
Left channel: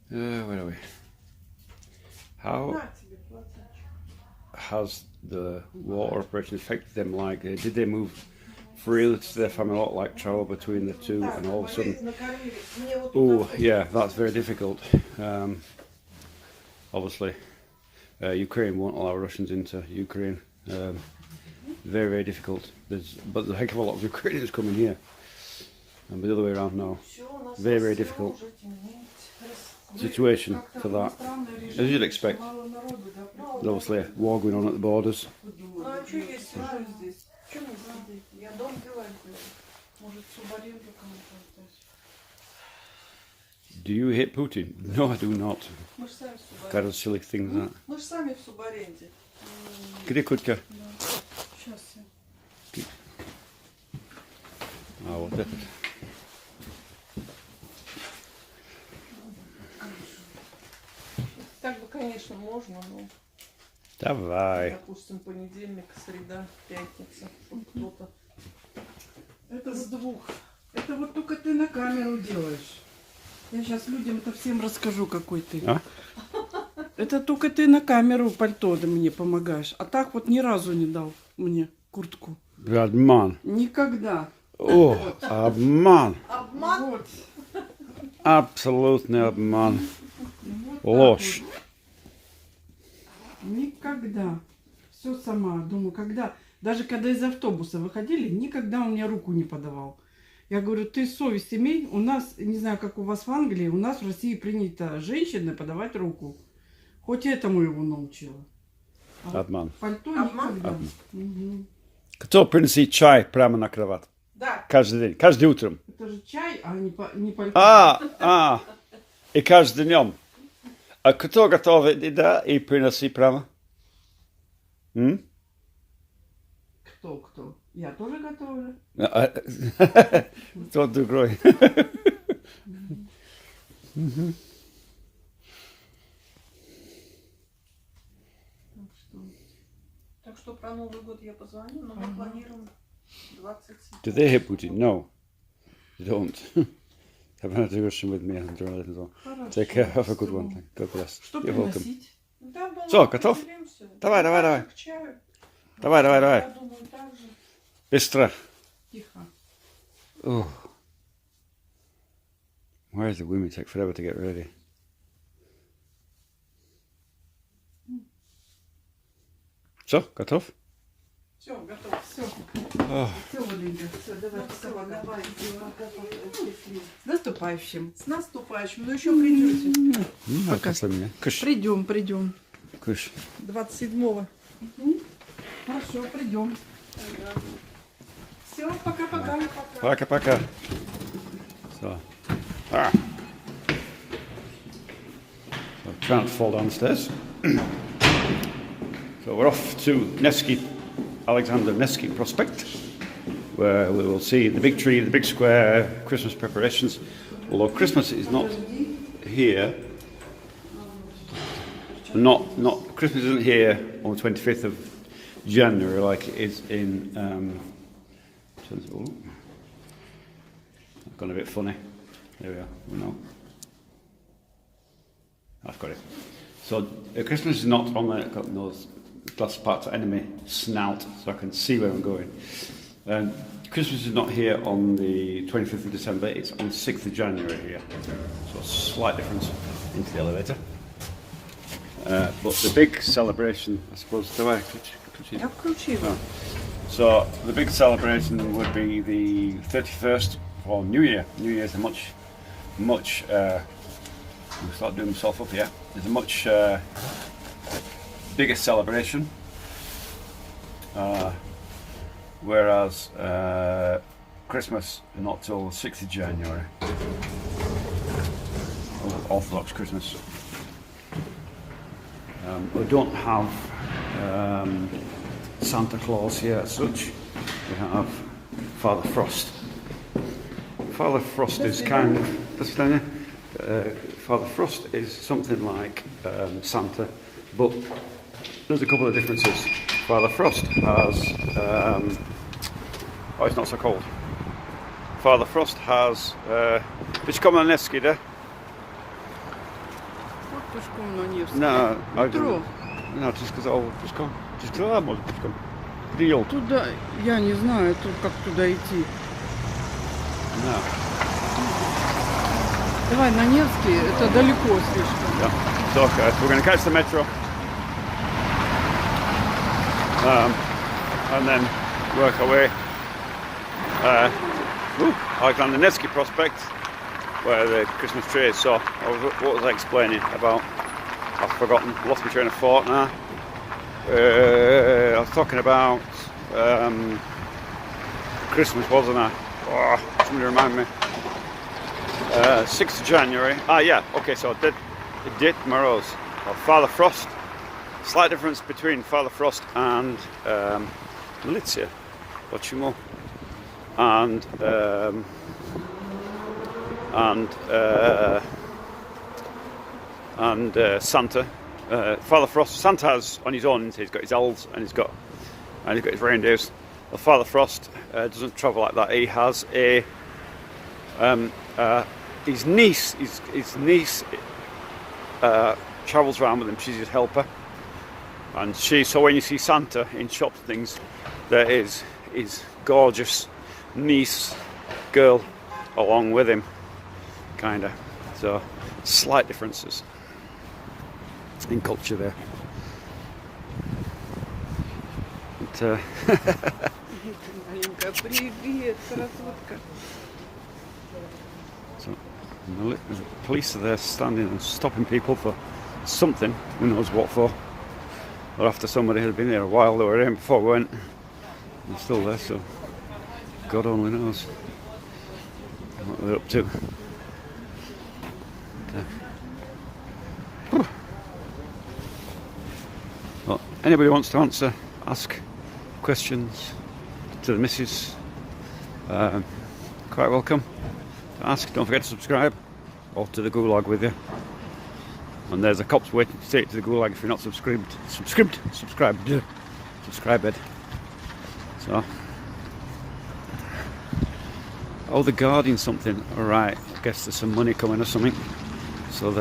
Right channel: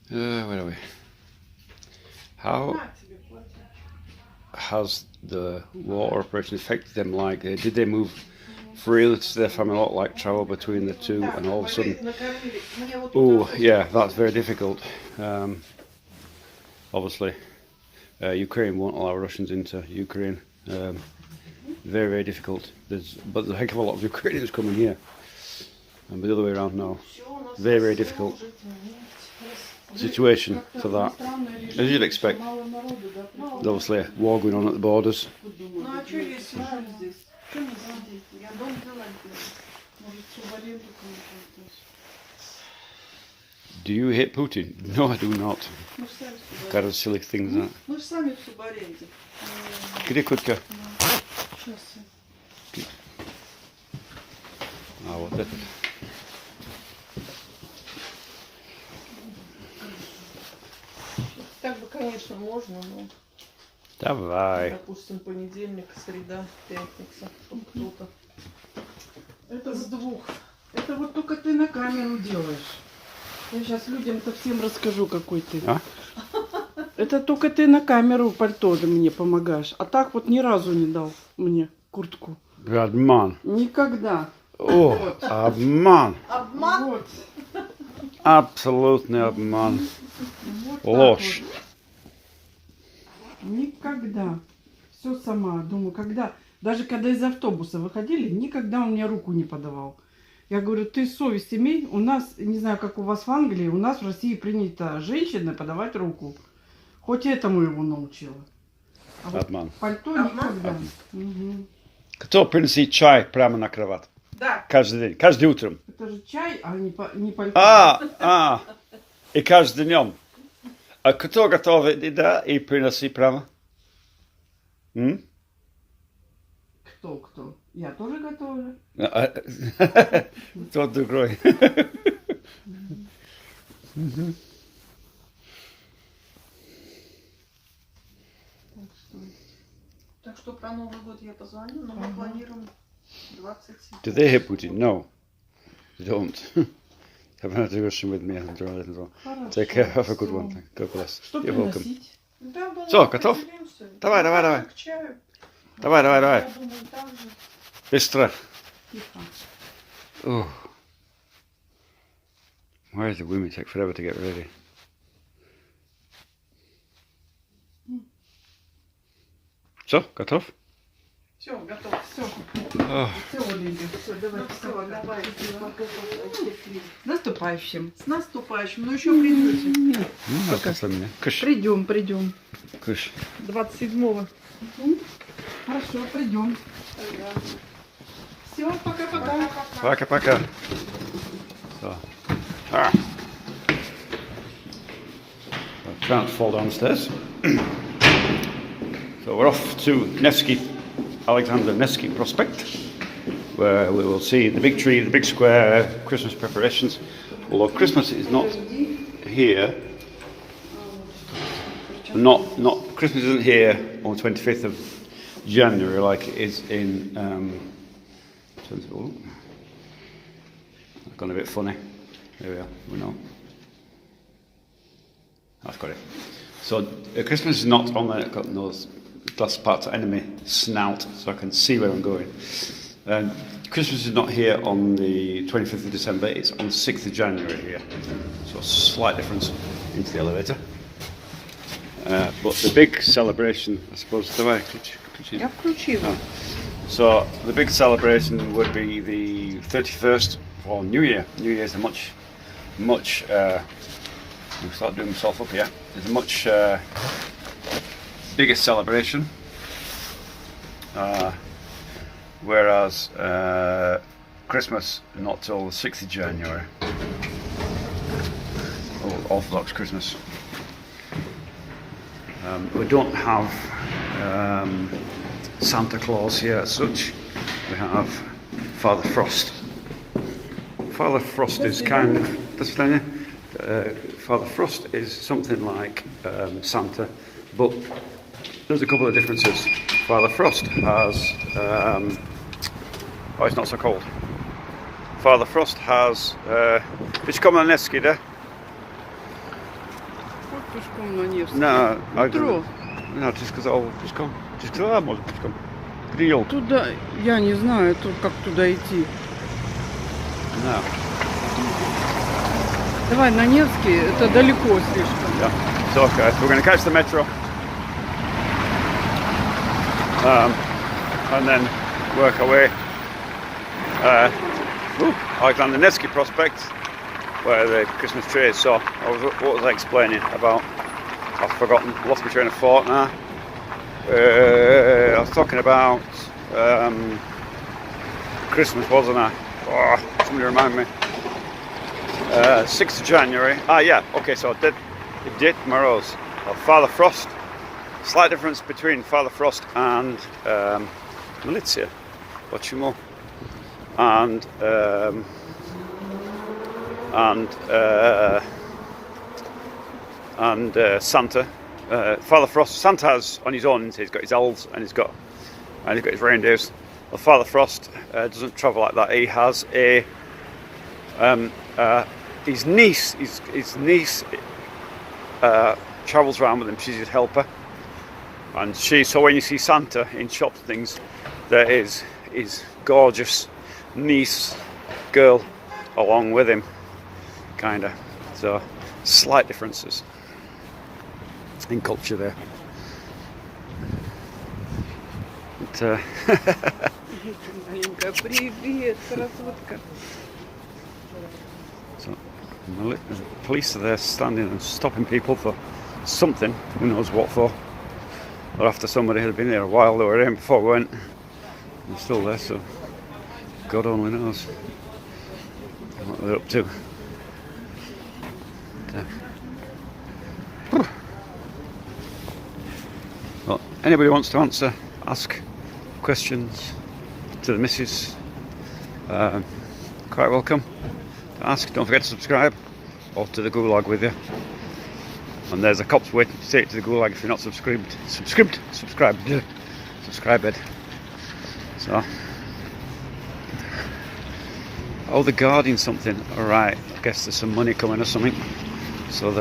Where are we? How has the war operation affected them? Like, did they move freely to their family, a lot like travel between the two, and all of a sudden, oh yeah, that's very difficult. Obviously, Ukraine won't allow Russians into Ukraine. Very, very difficult. But there's a heck of a lot of Ukrainians coming here. And the other way around now. Very, very difficult situation for that. As you'd expect. There's obviously a war going on at the borders. Do you hate Putin? No, I do not. Kind of silly things that. Где куртка? А вот этот. Так бы, конечно, можно, но... Давай. Допустим, понедельник, среда, пятница, чтобы кто-то... Это с двух. Это вот только ты на камеру делаешь. Я сейчас людям-то всем расскажу, какой ты. А? Это только ты на камеру пальто мне помогаешь. А так вот ни разу не дал мне куртку. Обман. Никогда. О, обман. Обман? Вот. Абсолютный обман. Вот Ложь. вот. Никогда. Все сама. Думаю, когда... Даже когда из автобуса выходили, никогда он мне руку не подавал. Я говорю, ты совесть имей. У нас, не знаю, как у вас в Англии, у нас в России принято женщине подавать руку. Хоть этому его научила. А вот Обман. пальто никогда. Угу. Кто приносит чай прямо на кровать? Да. Каждый день, каждый утром. Это же чай, а не пальто. И каждый днем. А кто готовит еда и приносит прямо? Кто? Я тоже готовлю. Тот другой. Так что про Новый год я позвоню, но мы планируем 27. Do they hate Putin? No. They don't. Have a discussion with me and so. Take care. Have a good one. God bless. Что You're welcome. приносить? Да, Всё, готов? поделимся. Давай. К чаю. Давай. Я думаю, так же. Быстро. Тихо. Oh. Why does the women take forever to get ready? Все, готов? Все, готов, все. Ох. Все, Оленька, все, давай, все, давай. С наступающим, но еще придете. Ну, как меня. Кыш, Придем. кыш. 27-го. Хорошо, придем. Все, пока-пока. Пока-пока. So. Ah. So try not to fall downstairs. So we're off to Alexander Nevsky Prospect, where we will see the big tree, the big square, Christmas preparations. Although Christmas is not here, Christmas isn't here on the 25th of January like it is in. Oh, I've gone a bit funny. There we are. We know. I've got it. So Christmas is not on the. I've got those glass parts enemy snout, so I can see where I'm going. Christmas is not here on the 25th of December. It's on the 6th of January here. So a slight difference into the elevator. But the big celebration, I suppose, the way. Я включила. So the big celebration would be the 31st for New Year. New Year is a much. I'll start doing myself up here. It's a much bigger celebration, whereas Christmas not till the 6th of January. Orthodox Christmas. We don't have Santa Claus here as such. We have Father Frost. Father Frost is kind of. Father Frost is something like Santa, but there's a couple of differences. Father Frost has. It's not so cold. Father Frost has. It's come on Nevsky, there. Вот пешком на Невский. No, Метро. No, just because come. Just because может пешком. Где елка? Туда, я не знаю, как туда идти. No. Давай на Невский, это далеко слишком. Yeah. So we're going to catch the metro, and then work our way. Alexander Nevsky Prospect, where the Christmas tree is. So what was I explaining about? I've forgotten. Lost my train of thought now. I was talking about Christmas, wasn't I? Oh, somebody remind me. 6th of January. Okay, so the date Moroz. Father Frost. Slight difference between Father Frost and Militia. Почему? And Santa. Father Frost. Santa has on his own. He's got his elves and he's got his reindeers. Well, Father Frost doesn't travel like that. He has a his niece travels around with him. She's his helper, and so when you see Santa in shops and things, there is his gorgeous niece girl along with him, kinda. So slight differences in culture there. But, Маленькая, привет, красотка. so the police are there standing and stopping people for something, who knows what for. Or after somebody had been there a while, they were in before we went. They're still there, so God only knows what they're up to. Well, anybody wants to ask questions to the missus, quite welcome to ask. Don't forget to subscribe, or to the gulag with you. And there's a cop's waiting to take it to the gulag if you're not subscribed. Subscribe it. So, they're guarding something. Alright, I guess there's some money coming or something. So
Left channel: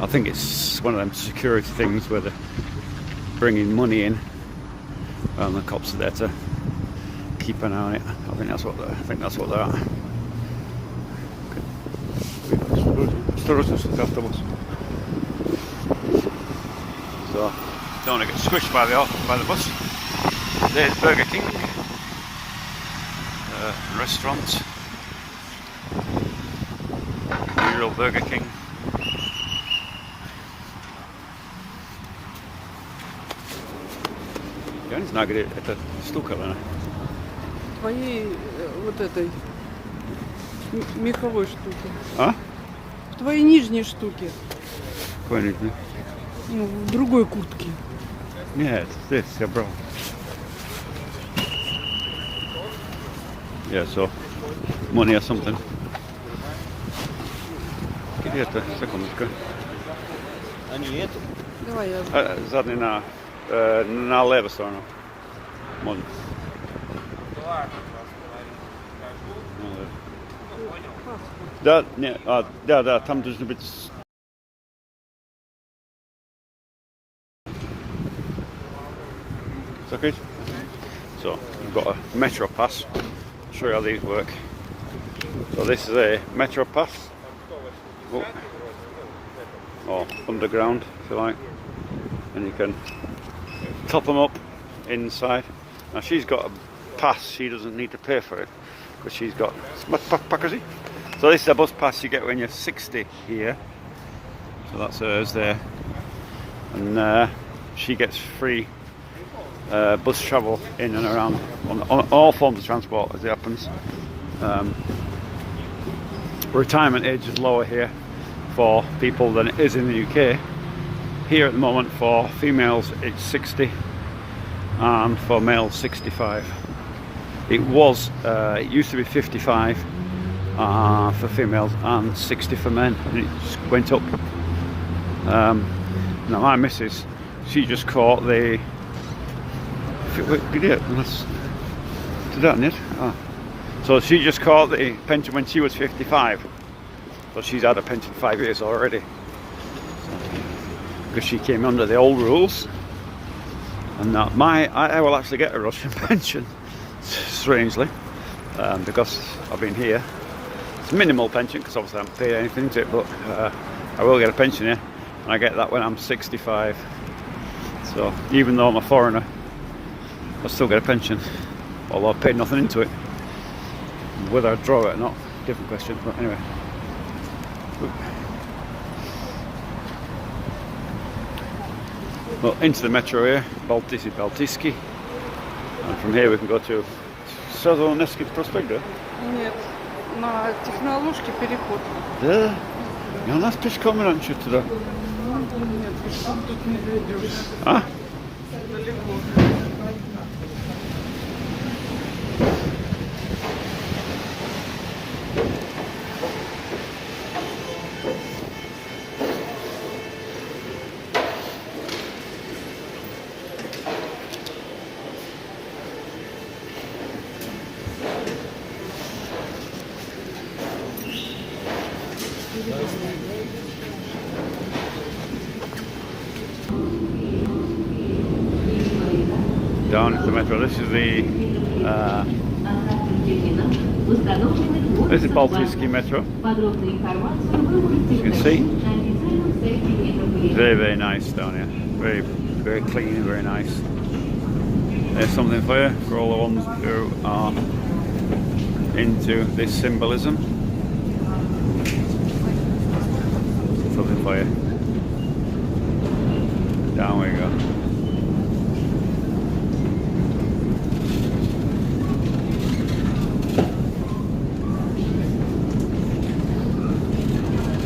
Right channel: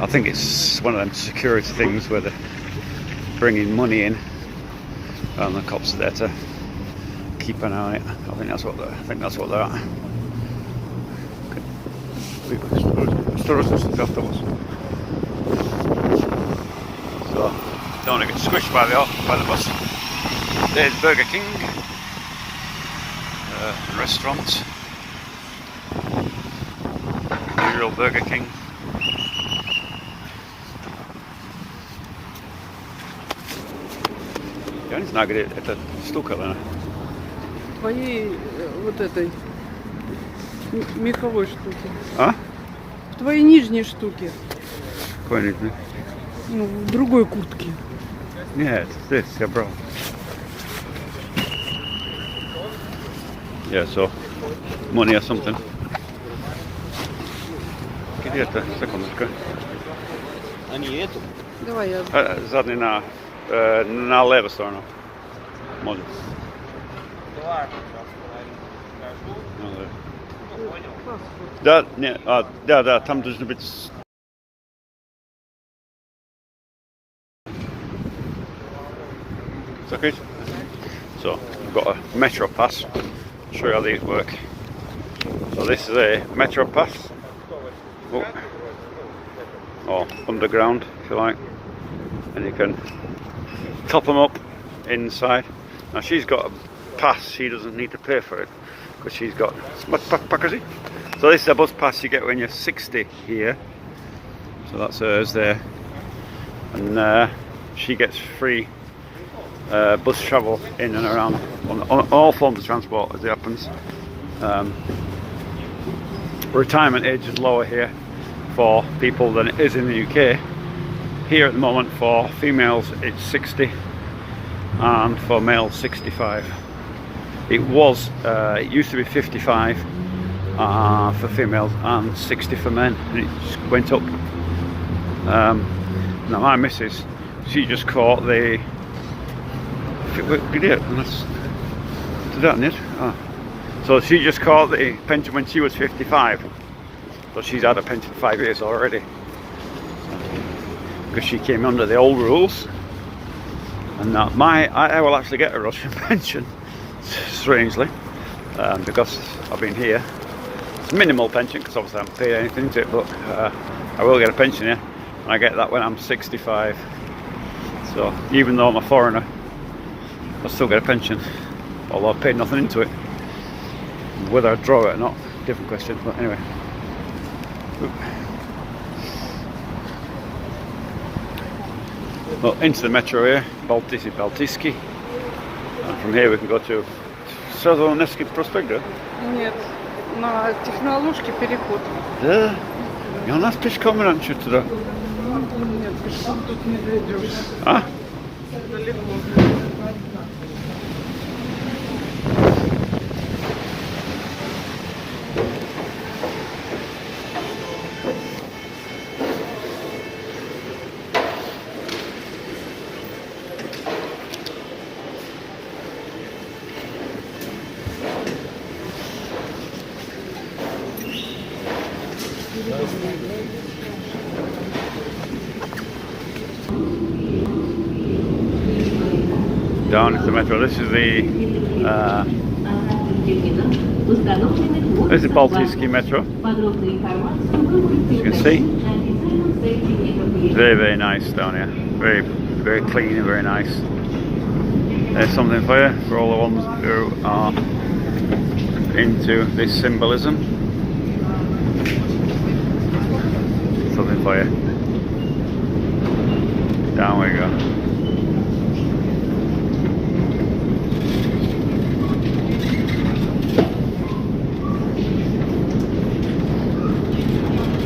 I think it's one of them security things where they're bringing money in, and the cops are there to keep an eye on it. I think that's what they're at. So don't want to get squished by the bus. There's Burger King, restaurant, real Burger King. Я не знаю, где эта штука, наверное. Твоей вот этой меховой штуки. А? В твоей нижней штуке. Какой нижний? Ну, в другой куртке. Нет, здесь я брал. Yeah, so money or something. Где это? Секундочку. Они эту? Давай я. Задний на левую сторону. Можно. Да, не, да, там должно быть. It's okay. So you've got a metro pass. I'll show you how these work. So this is a metro pass. Oh. Or underground, if you like, and you can top them up inside. Now she's got a pass, she doesn't need to pay for it because she's got so this is a bus pass you get when you're 60 here, so that's hers there, and she gets free bus travel in and around on all forms of transport as it happens. Retirement age is lower here for people than it is in the UK. Here at the moment for females it's 60 and for males 65. It used to be 55 for females and 60 for men, and it went up. Now my missus, she just caught the so she just caught the pension when she was 55. So she's had a pension 5 years already, because she came under the old rules. And now I will actually get a Russian pension, strangely, because I've been here. It's a minimal pension, because obviously I haven't paid anything to it, but I will get a pension here, and I get that when I'm 65. So even though I'm a foreigner, I'll still get a pension, although I've paid nothing into it. Whether I draw it or not, different question, but anyway. Well, into the metro here, Baltiski, and from here we can go to сразу на Невский проспект, да? Нет, на Техноложке переход. Да? И у нас пешком раньше туда. Нет, пешком тут не дойдешь. А? Далеко. Down into the metro. This is the Baltiski metro. You can see. Very, very nice down here. Very, very clean and very nice. There's something for you, for all the ones who are into this symbolism. Something for you. Down we go.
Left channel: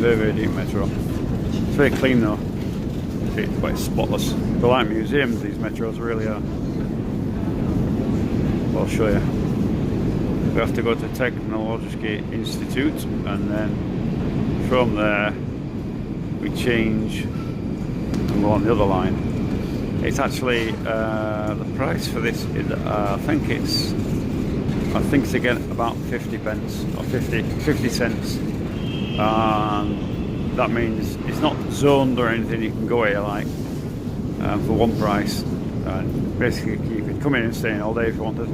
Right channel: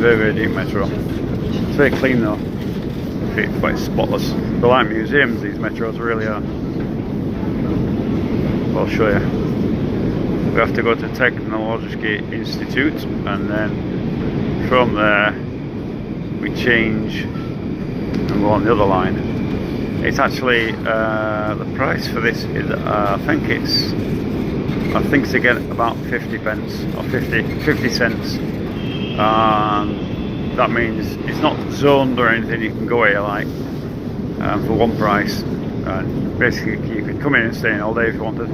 Very, very deep metro. It's very clean though. It's quite spotless. They're like museums, these metros really are. I'll show you. We have to go to Technological Institute, and then from there we change and go on the other line. It's actually the price for this is I think it's to get about 50 pence or 50 cents. That means it's not zoned or anything. You can go here like for one price. Basically, you could come in and stay in all day if you wanted.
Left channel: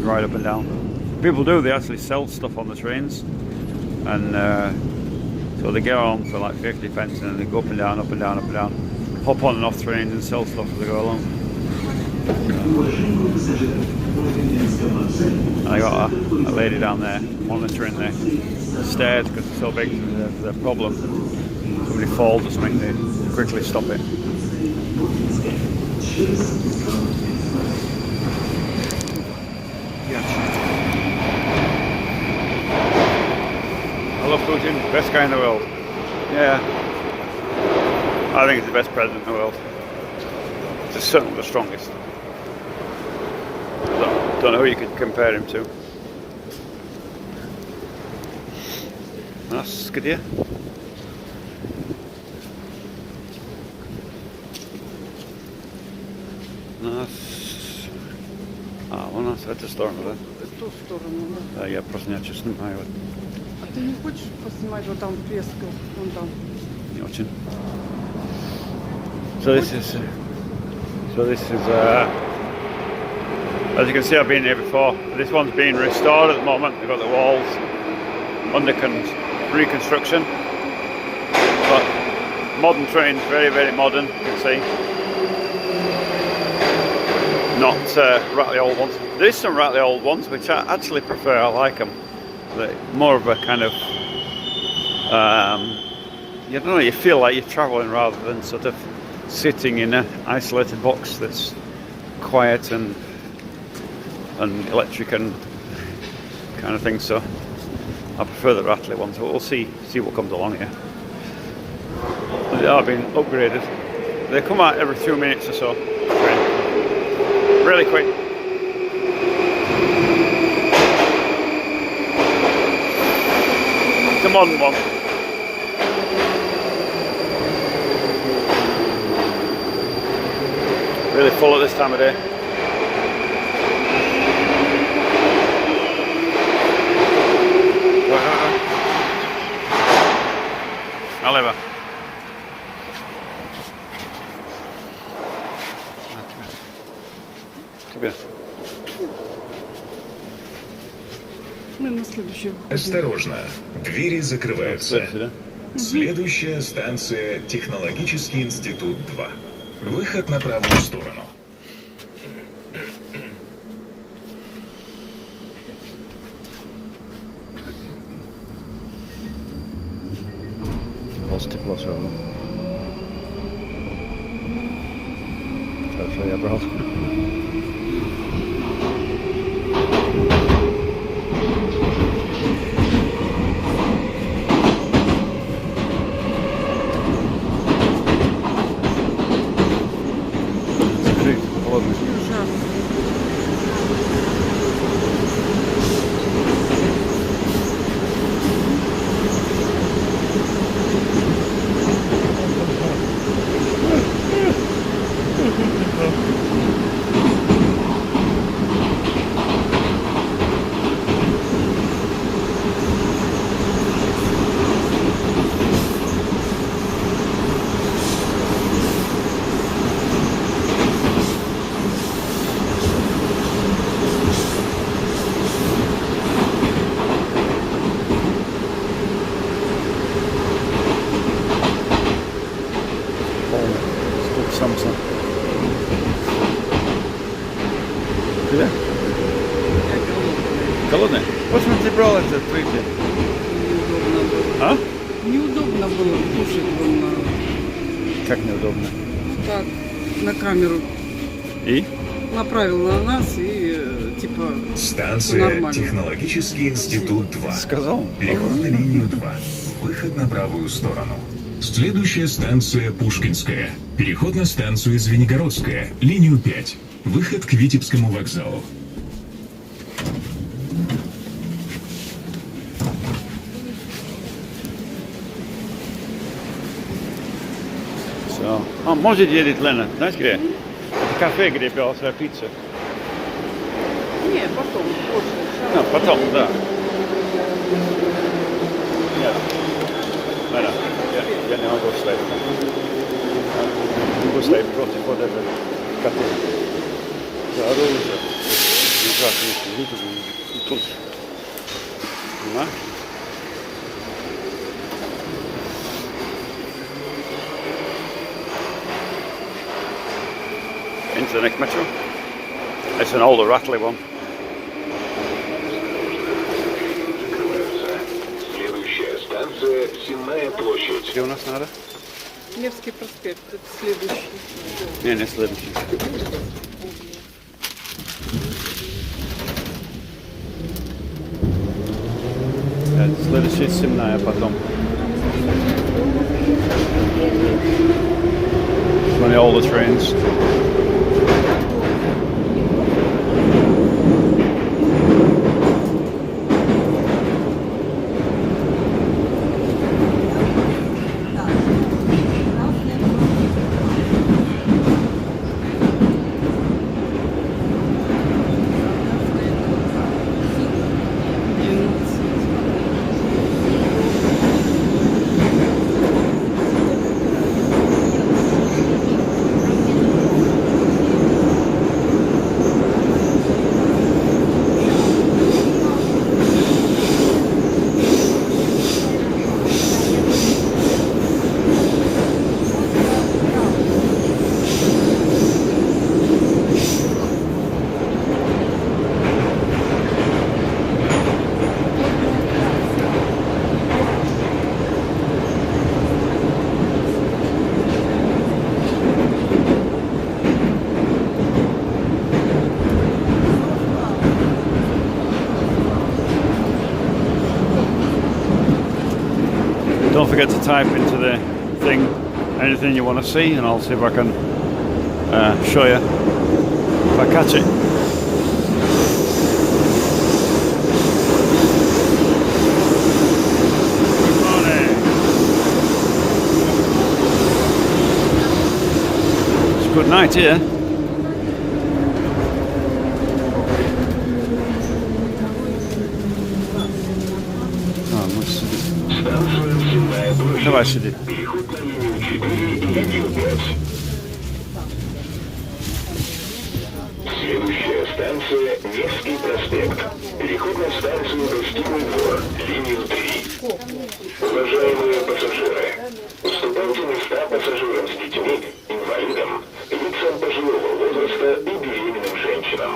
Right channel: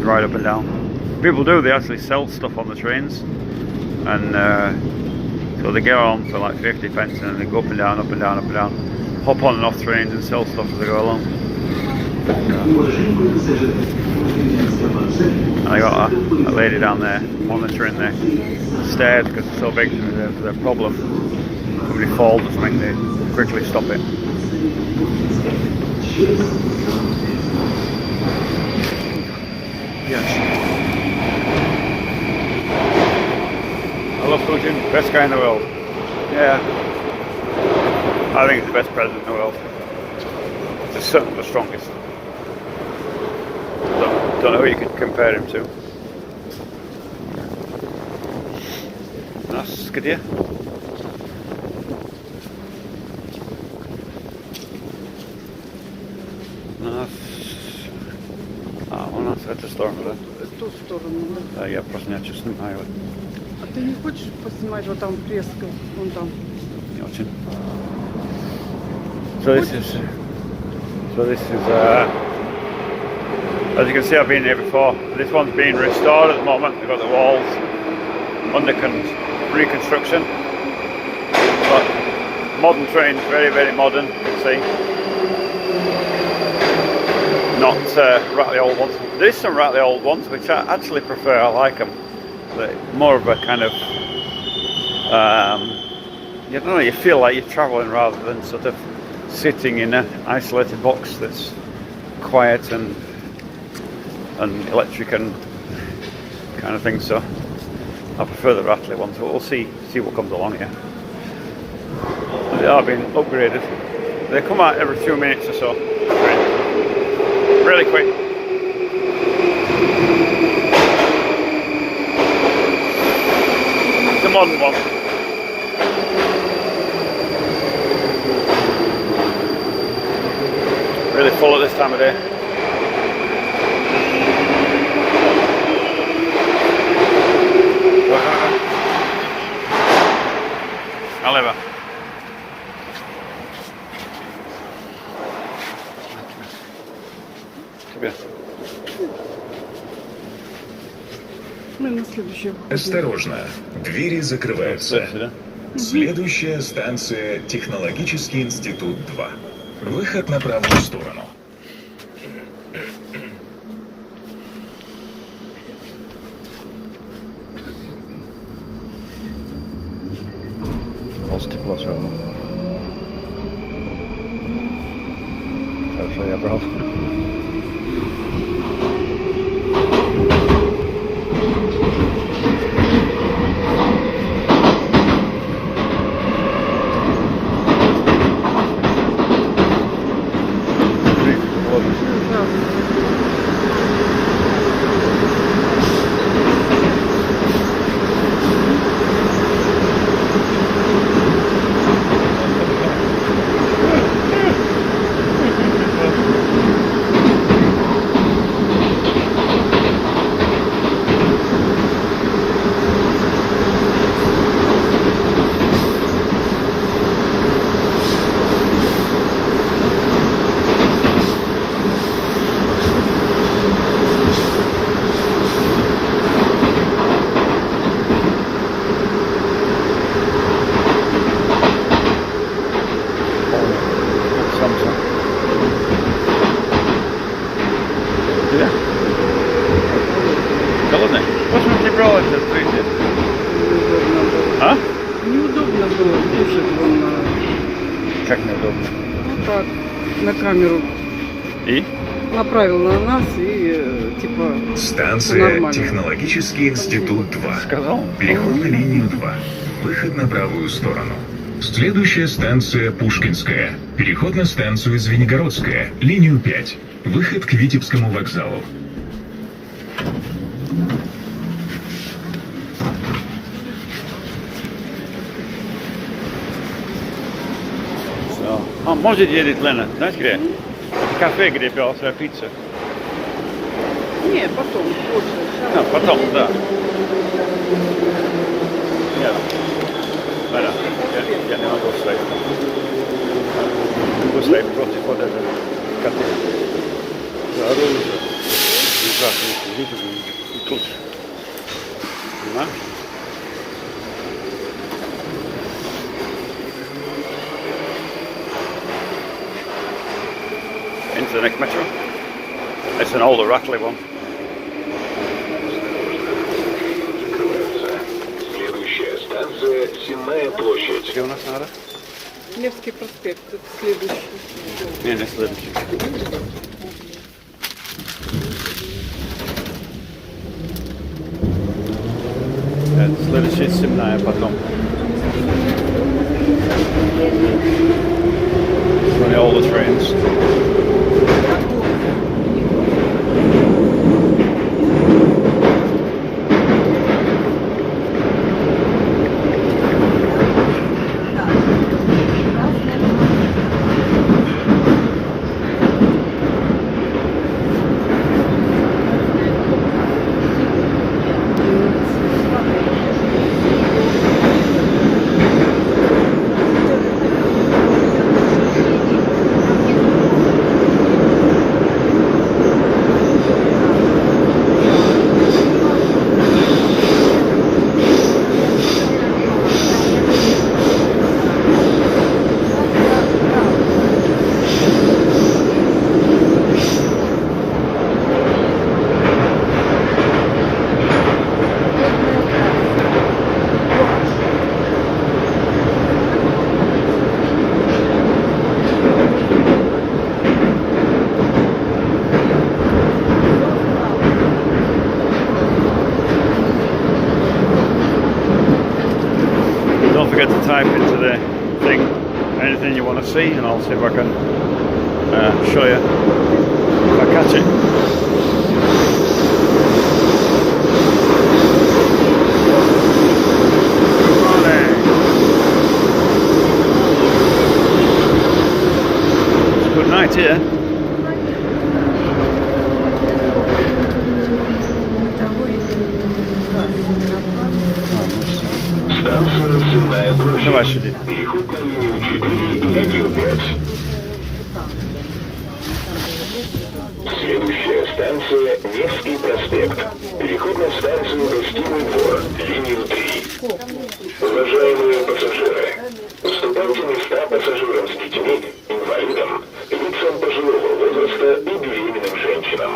ride up and down. People do, they actually sell stuff on the trains, and so they get on for like 50 pence and then they go up and down, up and down, up and down, hop on and off trains and sell stuff as they go along. And I got a lady down there monitoring the stairs because it's so big. There's a problem. Somebody falls or something, they quickly stop it. Yes. I love Putin, best guy in the world. Yeah. I think he's the best president in the world. He's certainly the strongest. Don't know who you could compare him to. Nice, good year. У нас в эту сторону, да? В ту сторону, да. Да, я просто не очень снимаю. А ты не хочешь поснимать вот там фреску, вон там? Не очень. So this is as you can see, I've been here before. This one's being restored at the moment. They've got the walls under reconstruction. But modern trains, very, very modern, you can see. Not rattly old ones. There is some rattly old ones, which I actually prefer. I like them. They're more of a kind of, you don't know, you feel like you're travelling rather than sort of sitting in an isolated box that's quiet and electric and kind of thing. So I prefer the rattly ones. But we'll see what comes along here. They are being upgraded. They come out every few minutes or so. Really quick. It's a modern one. Really full at this time of day. Oliver. Мы на следующую. Осторожно, двери закрываются. Следующая станция Технологический институт 2. Выход на правую сторону. Тепло все равно. Хорошо, я брал. Холодно? Почему ты брала это открытие? А? Неудобно было кушать вон на... Как неудобно? Ну так, на камеру. И? Направил на нас и типа... Станция Технологический институт 2. Сказал? Переход на линию 2. Выход на правую сторону. Следующая станция Пушкинская. Переход на станцию Звенигородская. Линию 5. Выход к Витебскому вокзалу. Может едет Лена, знаешь где? Это кафе, где пила своя пицца. Не, потом, позже. Потом, да. Нет. Лена, я не могу стоять. Не могу стоять против вот этого кота. За оружие. Into the next metro. It's an older rattly one. Следующая станция Сенная площадь. Где у нас надо? Невский проспект, это следующий. Не следующий. Следующий Сенная потом. Running all the trains. Don't forget to type into the thing anything you want to see, and I'll see if I can show you if I catch it. It's a good night here. Давай сюда. Переход на линию 4 и линию 5. Следующая станция Невский проспект. Переход на станцию Гостиный двор, линию 3. Уважаемые пассажиры, уступайте места пассажирам с детьми, инвалидам, лицам пожилого возраста и беременным женщинам.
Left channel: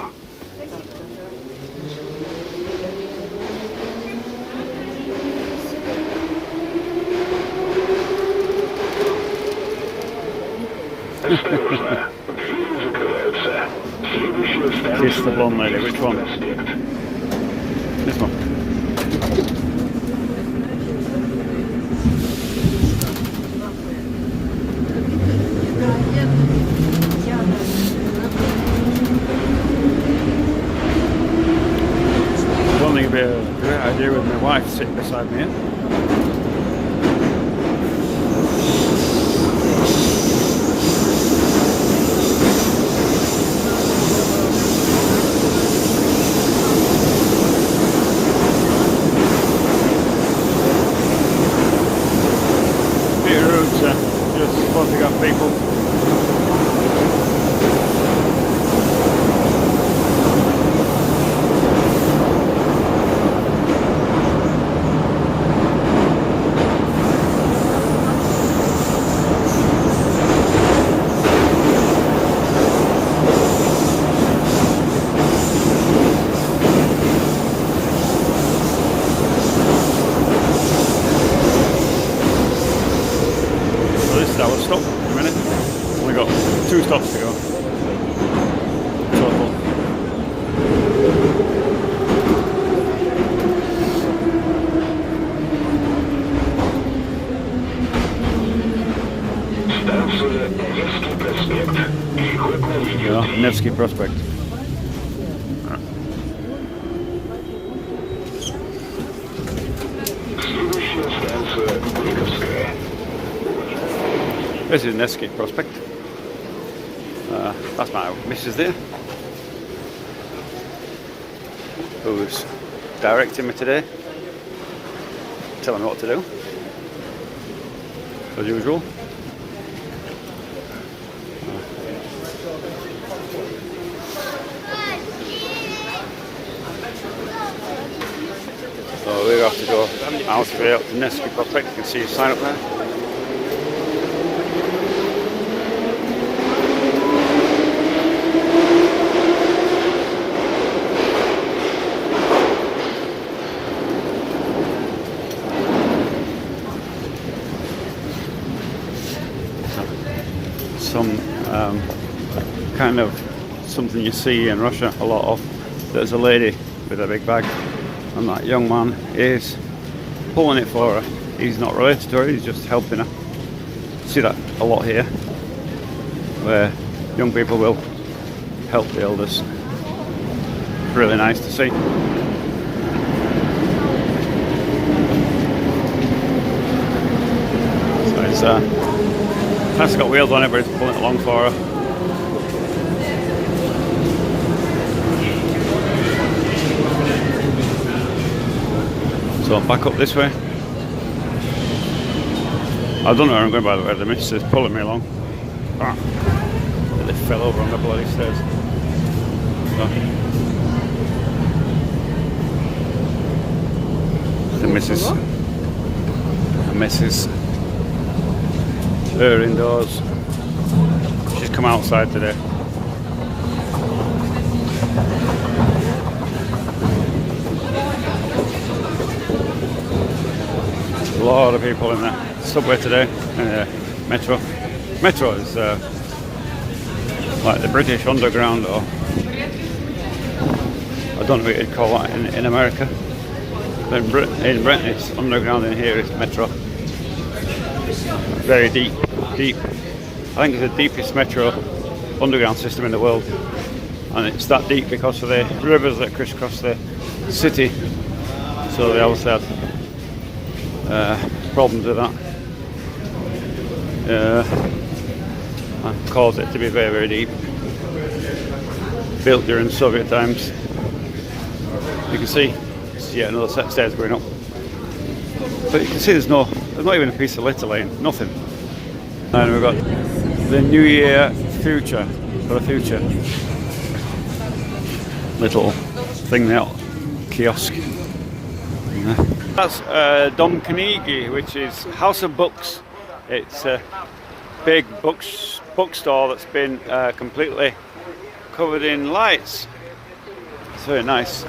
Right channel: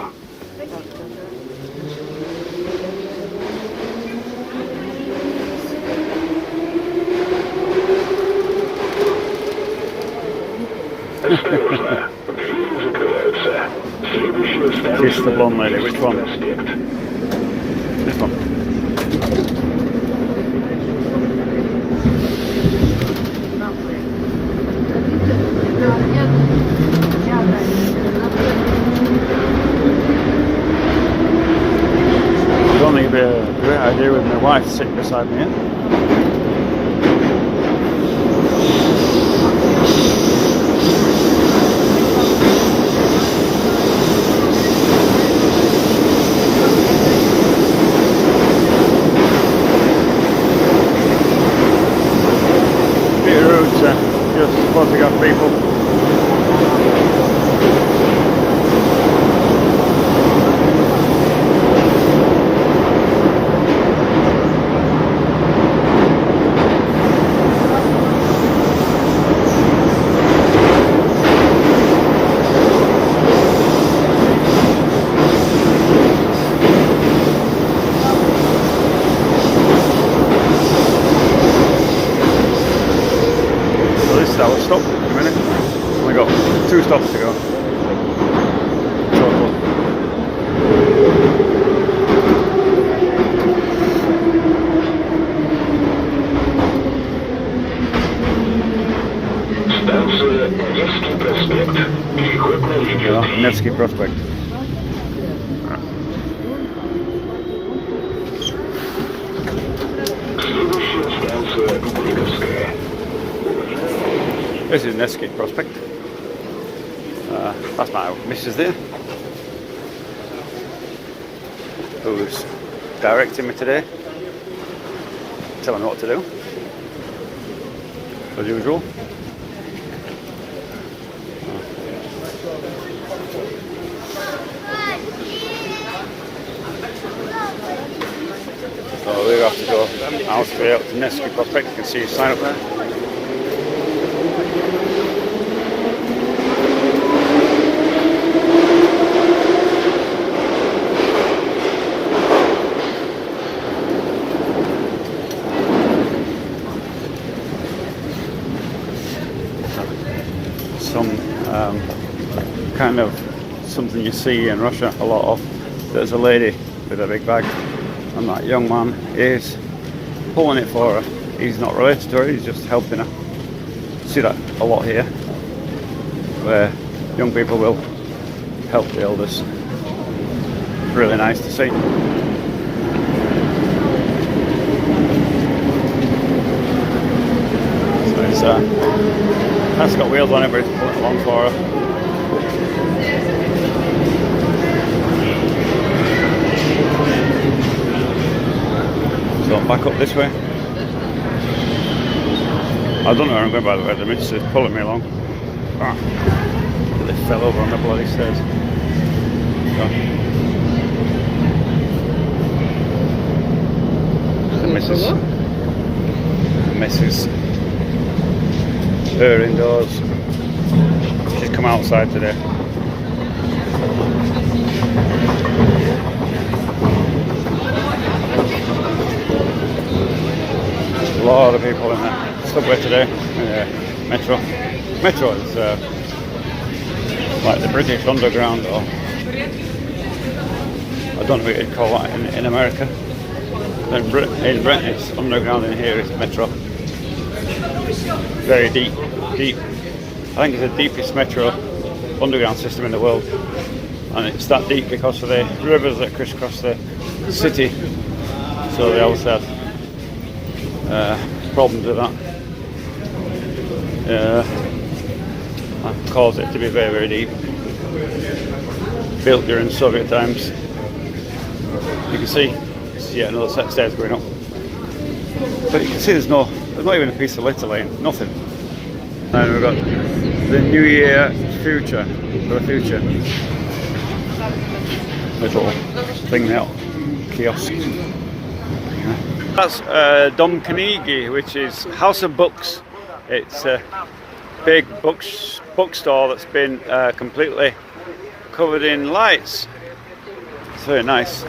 Осторожно, двери закрываются. Следующая станция This is the blonde lady. Which one? проспект. This one. I don't think it'd be a great idea with my wife sitting beside me here. Bit rude to just photograph people. Our stop in a minute. Only got 2 stops to go. Total. Станция Невский проспект. Переход на линию 3. Nevsky Prospect. Следующая станция Бриtovская. This is Nevsky Prospect. That's my missus there, who's directing me today, telling me what to do, as usual. So we have to go out straight up to Nevsky Prospect. You can see a sign up there. Some kind of something you see in Russia a lot of. There's a lady with a big bag, and that young man is pulling it for her. He's not related to her, he's just helping her. See that a lot here, where young people will help the elders. It's really nice to see. So it's got wheels on it, but it's pulling it along for her. So back up this way. I don't know where I'm going, by the way. The mist is pulling me along. Ah, they fell over on the bloody stairs. So Mrs. Her indoors. She's come outside today. A lot of people in the subway today, in the metro. Metro is like the British underground, or I don't know what you'd call that in America. In Britain it's underground, and here it's metro. Very deep. I think it's the deepest metro underground system in the world, and it's that deep because of the rivers that crisscross the city. So they also have problems with that. That caused it to be very, very deep. Built during Soviet times. You can see another set of stairs going up. But you can see there's not even a piece of litter lane, nothing. And we've got the New Year future, for the future. Little thing now, kiosk. Yeah. That's Dom Knigi, which is House of Books. It's a big bookstore that's been completely covered in lights. It's very nice.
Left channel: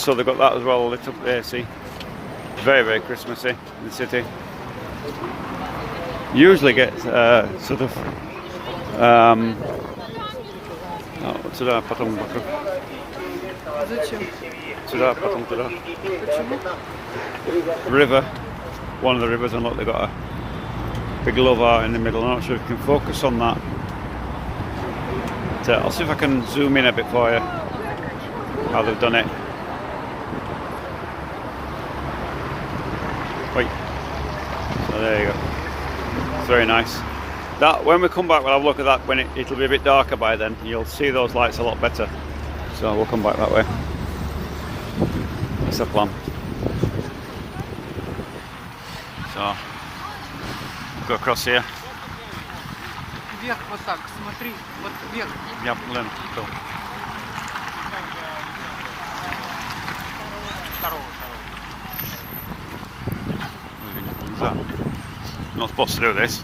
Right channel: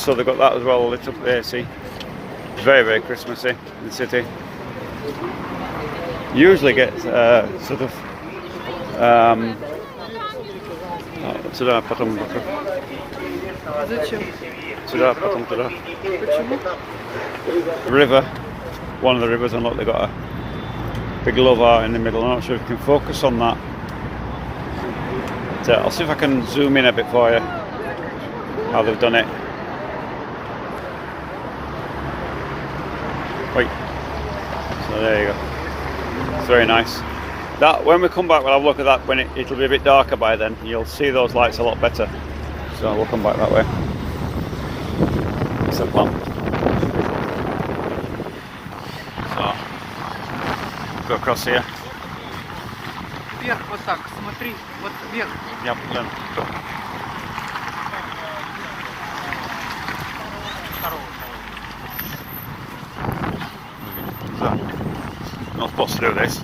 So they've got that as well, lit up there, see. Very, very Christmassy in the city. Usually get sort of сюда, потом Зачем? Сюда, потом туда. Почему? River, one of the rivers, and look, they've got a big love art in the middle. I'm not sure if you can focus on that. But, I'll see if I can zoom in a bit for you, how they've done it. Right. So there you go. It's very nice. That when we come back, we'll have a look at that when it'll be a bit darker by then. You'll see those lights a lot better. So we'll come back that way. It's the plan. So go across here. Вверх вот так, смотри, вот вверх. Yep. Not supposed to do this.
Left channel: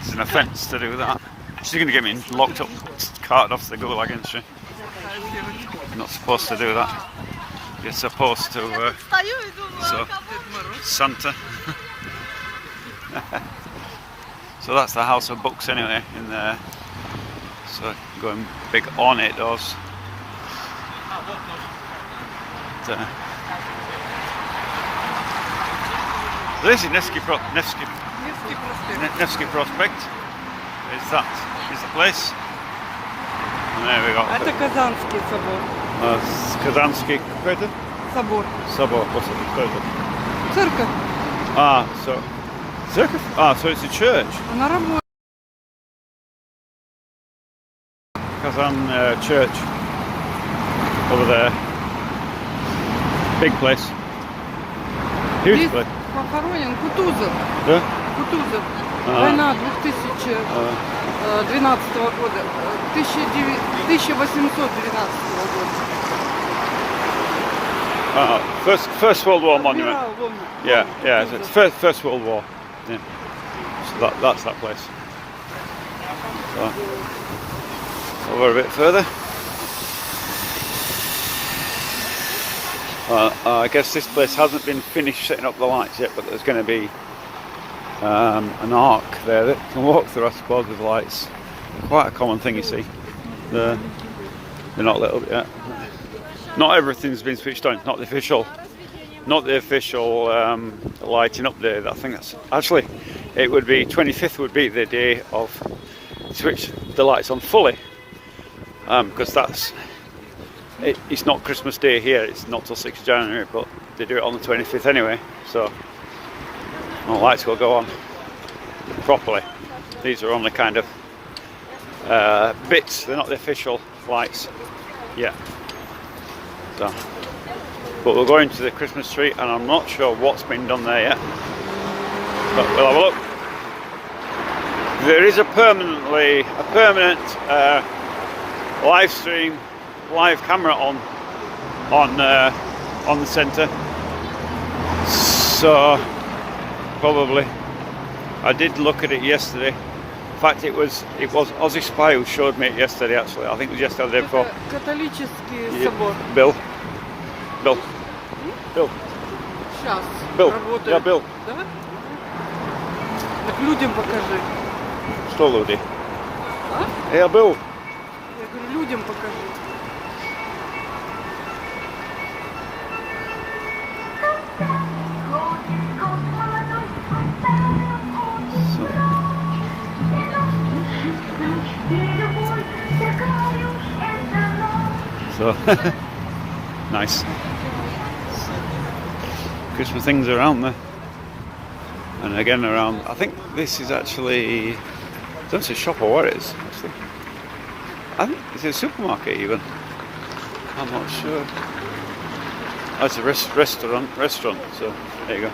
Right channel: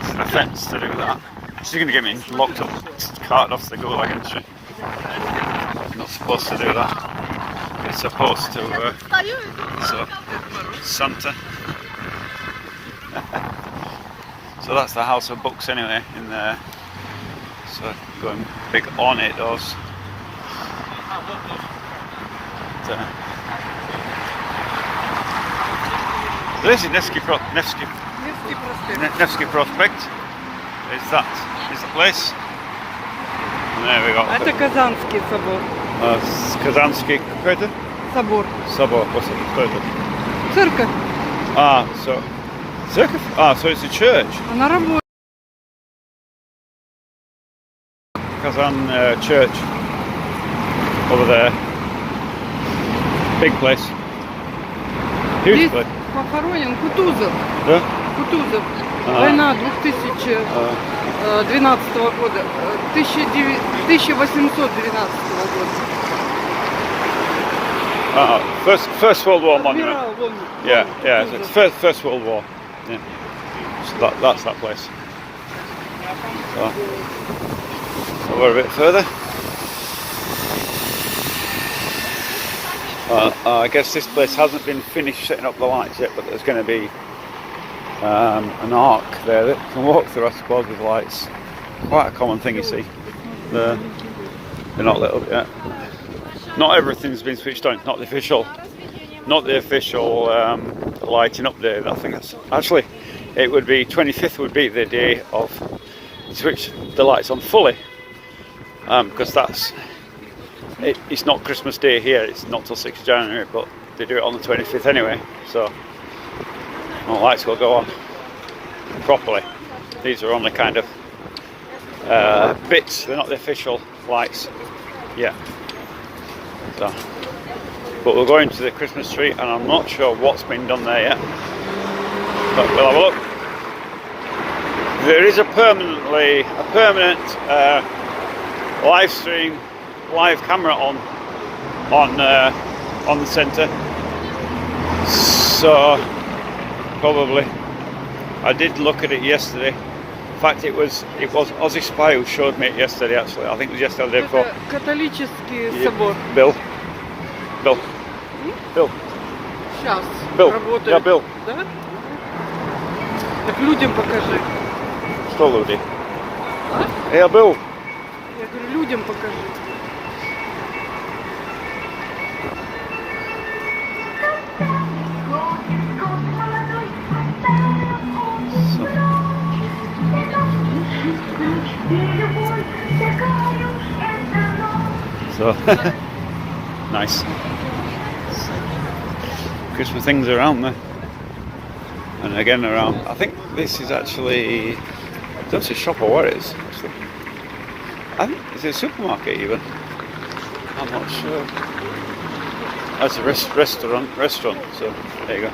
It's an offence to do that. She's going to get me locked up, carted off the gulag against you. I'm not supposed to do that. It's supposed to. So, Santa. So that's the House of Books anyway in there. So going big ornate those. So, this is Nevsky Prospect. Is that the place? And there we go. Это Казанский собор. Казанский какой-то? Собор. Собор. What's it? Церковь. So it's a church. Она работает. Kazan church over there. Big place. Huge Здесь place. похоронен Кутузов. Да? Кутузов. Война 2012 года, 1812 года. First World War monument. Адмирал, вон. Yeah, yeah. So it's First World War. Yeah. So that's that place. So we're a bit further. I guess this place hasn't been finished setting up the lights yet, but there's going to be an arc there that can walk through, I suppose, with lights. Quite a common thing, you see. They're not lit up yet. Not everything's been switched on. Not the official lighting up there. I think that's actually it would be 25th would be the day of switch the lights on fully, because it's not Christmas Day here. It's not till 6th of January, but they do it on the 25th anyway. So the lights will go on properly. These are only kind of bits. They're not the official lights. Yeah. So, but we're going to the Christmas tree, and I'm not sure what's been done there yet. But we'll have a look. There is a permanent live stream, live camera on the centre. So probably I did look at it yesterday. In fact, it was Aussie Spy who showed me it yesterday. Actually, I think it was yesterday. Это католический собор. Bill. Сейчас Bill. работает. Yeah, Bill. Да? Так людям покажи. Что люди? А? Я был. Я говорю, людям покажи. So nice. Christmas things around there, and again around. I think this is actually. I don't see a shop or what it is. Actually. I think it's a supermarket even. I'm not sure. That's a restaurant. So there you go.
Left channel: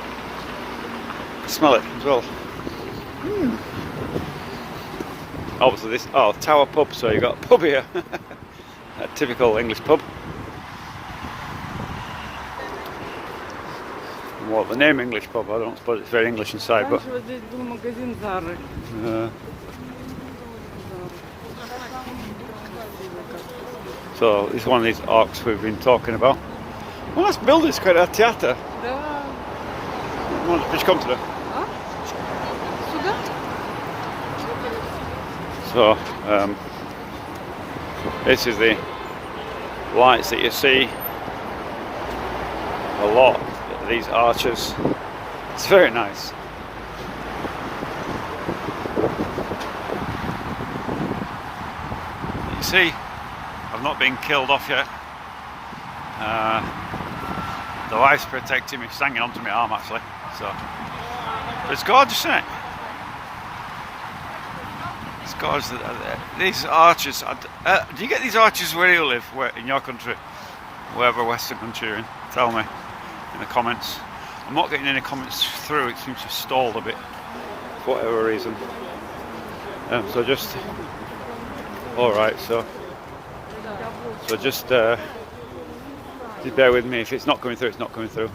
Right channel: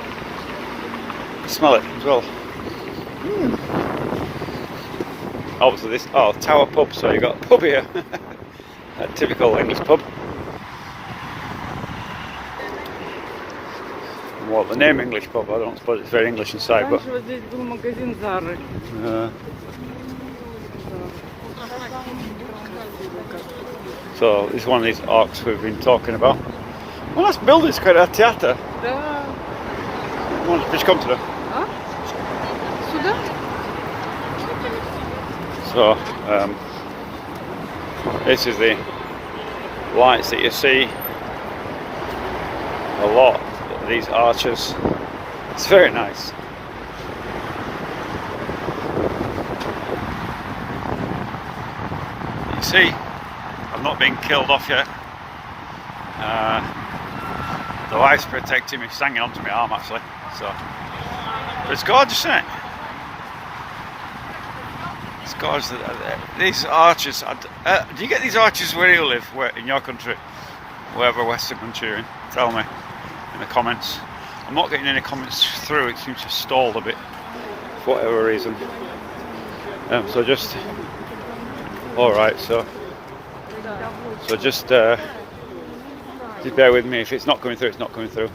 Smell it as well. Obviously this. Oh, Tower Pub. So you got a pub here. A typical English pub. Well, the name English pub, I don't suppose it's very English inside, but. Раньше вот здесь был магазин Зары. So it's one of these arcs we've been talking about. Well, this building's quite a theatre. Да. Just come to the. А? Сюда? So this is the lights that you see. A lot of these arches. It's very nice. You see, I've not been killed off yet. The wife's protecting me, she's hanging onto my arm actually. So, but it's gorgeous, isn't it? It's gorgeous. These arches. Do you get these arches where you live, in your country, wherever Western country you're in? Tell me in the comments. I'm not getting any comments through. It seems to have stalled a bit for whatever reason. So just. All right. So just bear with me. If it's not coming through, it's not coming through.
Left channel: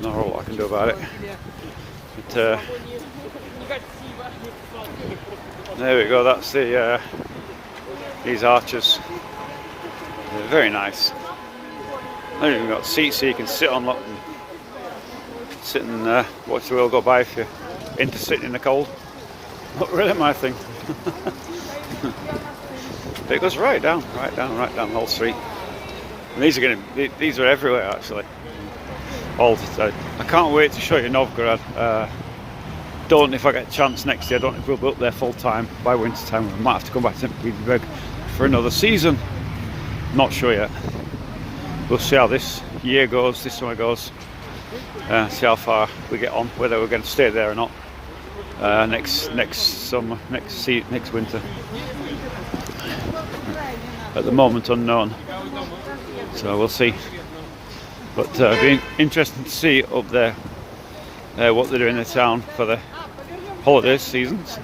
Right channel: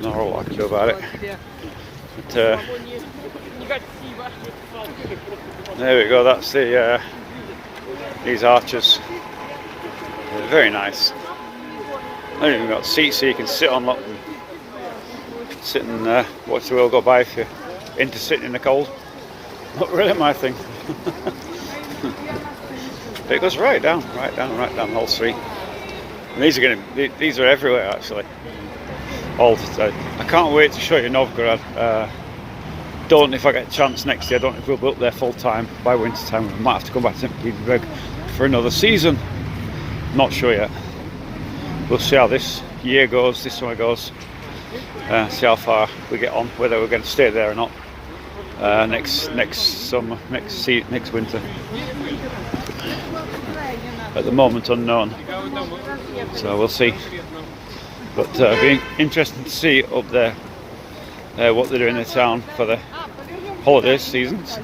Not a lot I can do about it. But, there we go. That's the these arches. They're very nice. They've even got seats so you can sit on them and sit and watch the world go by if you're into sitting in the cold. Not really my thing. But it goes right down the whole street. And these are everywhere actually. All I can't wait to show you Novgorod. Don't know if I get a chance next year. I don't know if we'll be up there full time by winter time. We might have to come back to Saint Petersburg for another season. Not sure yet. We'll see how this year goes, this summer goes. See how far we get on, whether we're going to stay there or not. Next summer, next winter. At the moment, unknown. So we'll see. But it'll be interesting to see up there what they're doing in the town for the holiday seasons.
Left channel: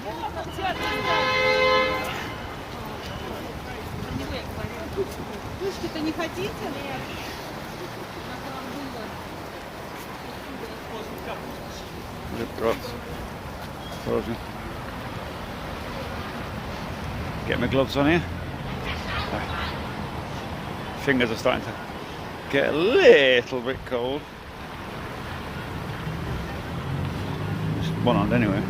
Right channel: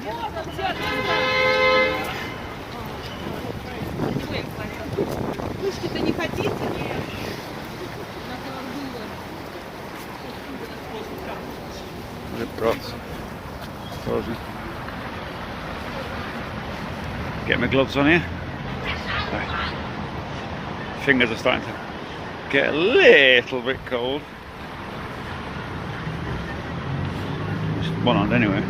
Good God. Told you. Get my gloves on here. Fingers are starting to get a little bit cold. Just one on anyway.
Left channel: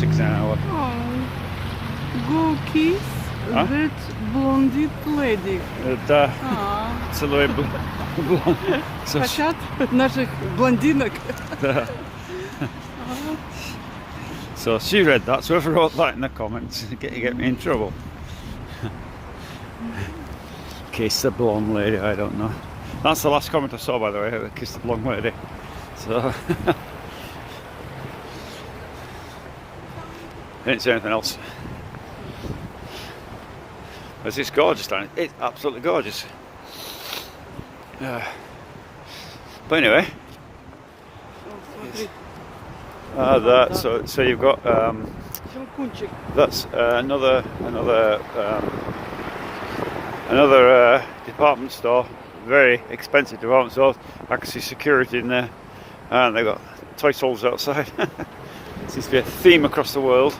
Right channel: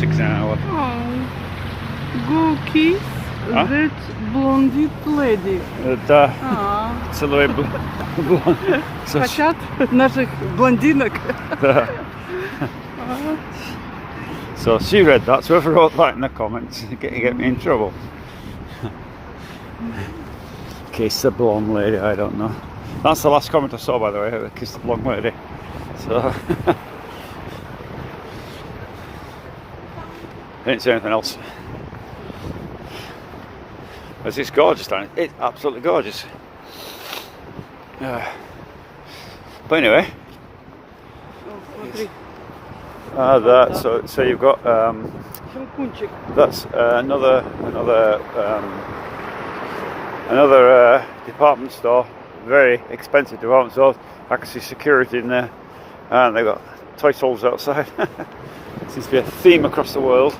6 hours. Go kiss Huh? that blondie lady. Да. Целую Хотят наших блондинок. Да. So she read that, so whoever wrote that in the comments, you get me in trouble. Kiss the blonde lady, I don't know. That's the last comment I saw, by the way, kiss the blonde lady. So didn't say anything else. It's just gorgeous, down it? It's absolutely gorgeous. But anyway, so you've got that's another department store, very expensive department store. I can see security in there, and they've got toy soldiers outside. Seems to be a theme across the world.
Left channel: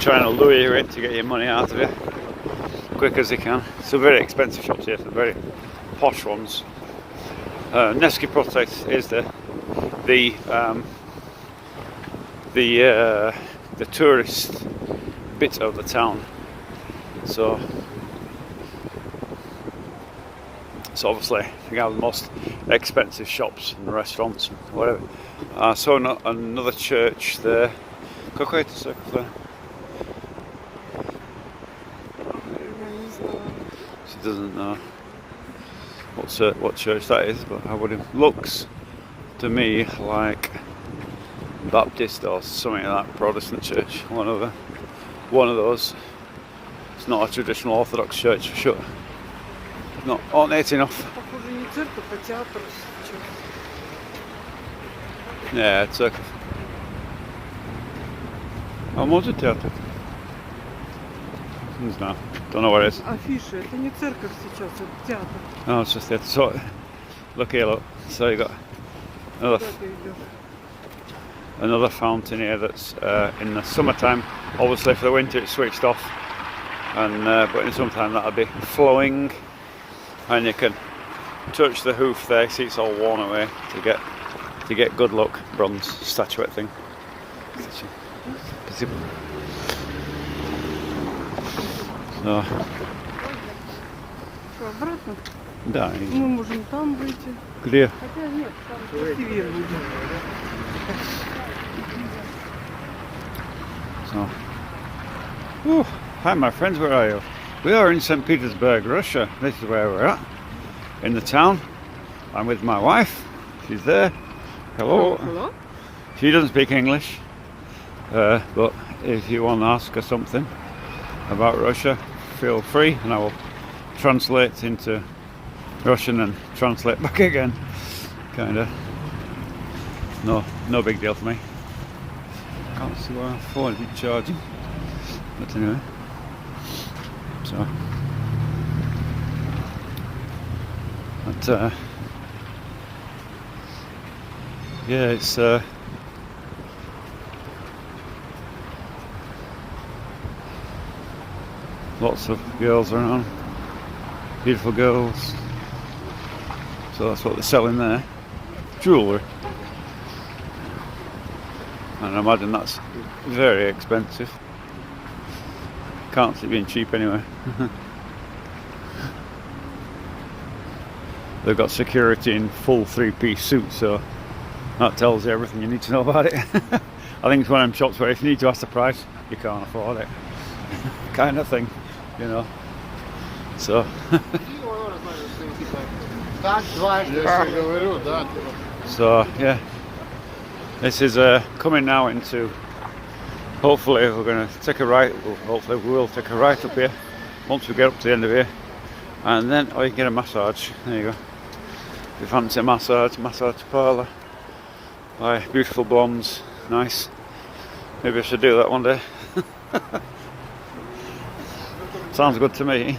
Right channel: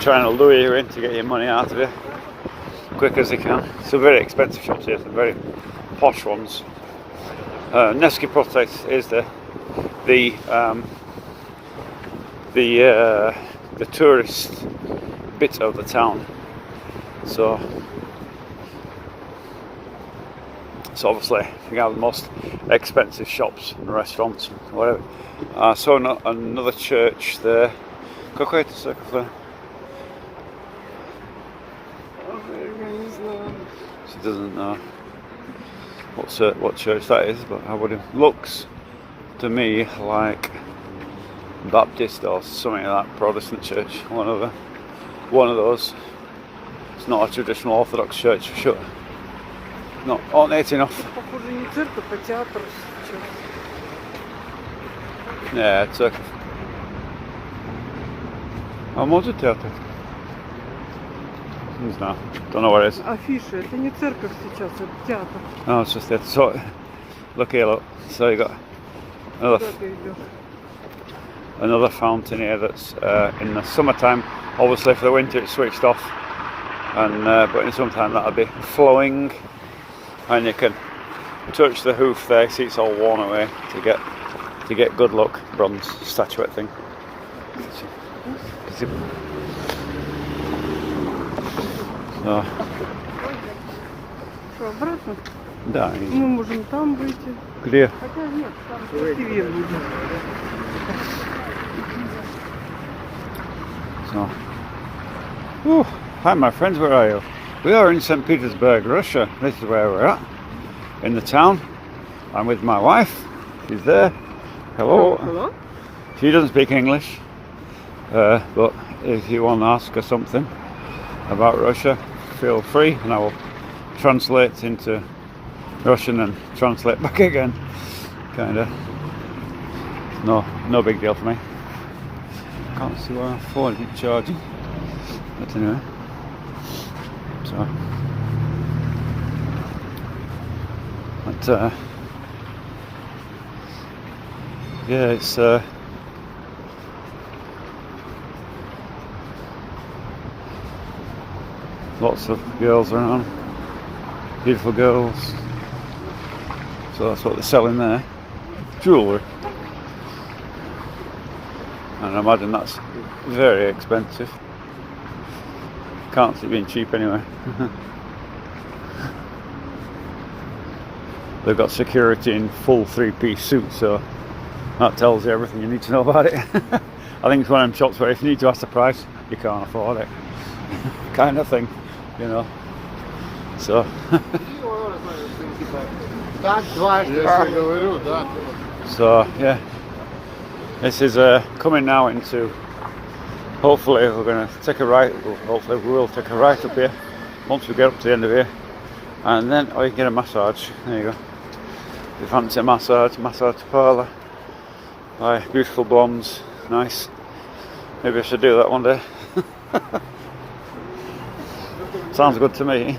Trying to lure you in to get your money out of you quick as they can. So very expensive shops here, some very posh ones. Nevsky Prospect is the tourist bit of the town. So obviously you have the most expensive shops and restaurants and whatever. I saw another church there. Какой-то церковь. She doesn't know what church that is, but it looks to me like Baptist or something like Protestant church. One of those. It's not a traditional Orthodox church for sure. No, ornate enough. Похоже, не церковь, а театр. Yeah, церковь. А может театр? Не знаю. Don't know what it is. Афиша, это не церковь сейчас, это театр. No, it's just it. So, look here, look. So you got another fountain here that's in the summertime. Obviously, for the winter it's switched off, and but in summertime that'll be flowing, and you can touch the hoof there. See, it's all worn away to get good luck. Bronze statuette thing. Что, обратно? Да. Мы можем там выйти. Где? Хотя нет, там красивее будет. So. Oh, hi my friends, where are you? We are in Saint Petersburg, Russia. This is where we're at, in the town. I'm with my wife. She's there. Hello. Hello? She doesn't speak English, but if you want to ask her something about Russia, feel free, and I will translate into Russian and translate back again. Kinda. No big deal for me. Can't see why my phone isn't charging. But anyway. So. But yeah, it's lots of girls around, beautiful girls. So that's what they're selling there. Jewellery. And I imagine that's very expensive. Can't see it being cheap anyway. They've got security in full three-piece suits, so that tells you everything you need to know about it. I think it's one of them shops where if you need to ask the price, you can't afford it. Kind of thing, you know. So so yeah, this is coming now into, hopefully we're going to take a right, hopefully we will take a right up here once we get up to the end of here, and then you can get a massage. There you go. If you fancy a massage parlour, Buy beautiful blondes, nice. Maybe I should do that one day. Sounds good to me.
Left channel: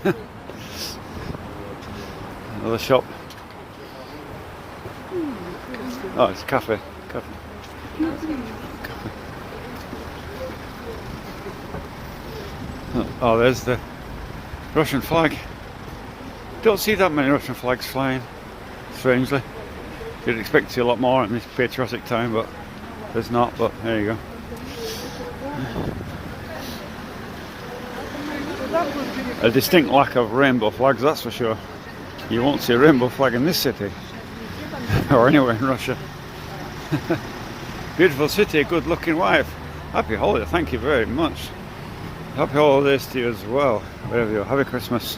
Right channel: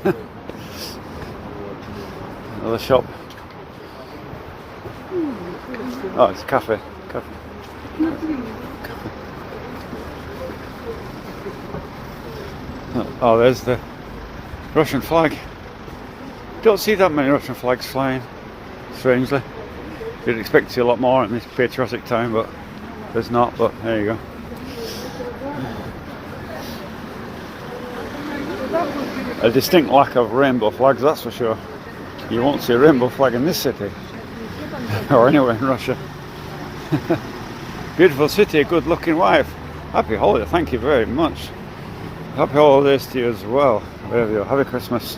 Another shop. Oh, it's a cafe. Oh, there's the Russian flag. Don't see that many Russian flags flying, strangely. You'd expect to see a lot more in this patriotic time, but there's not, but there you go. A distinct lack of rainbow flags, that's for sure. You won't see a rainbow flag in this city, or anywhere in Russia. Beautiful city, good looking wife. Happy holiday, thank you very much. Happy holidays to you as well. There we go, happy Christmas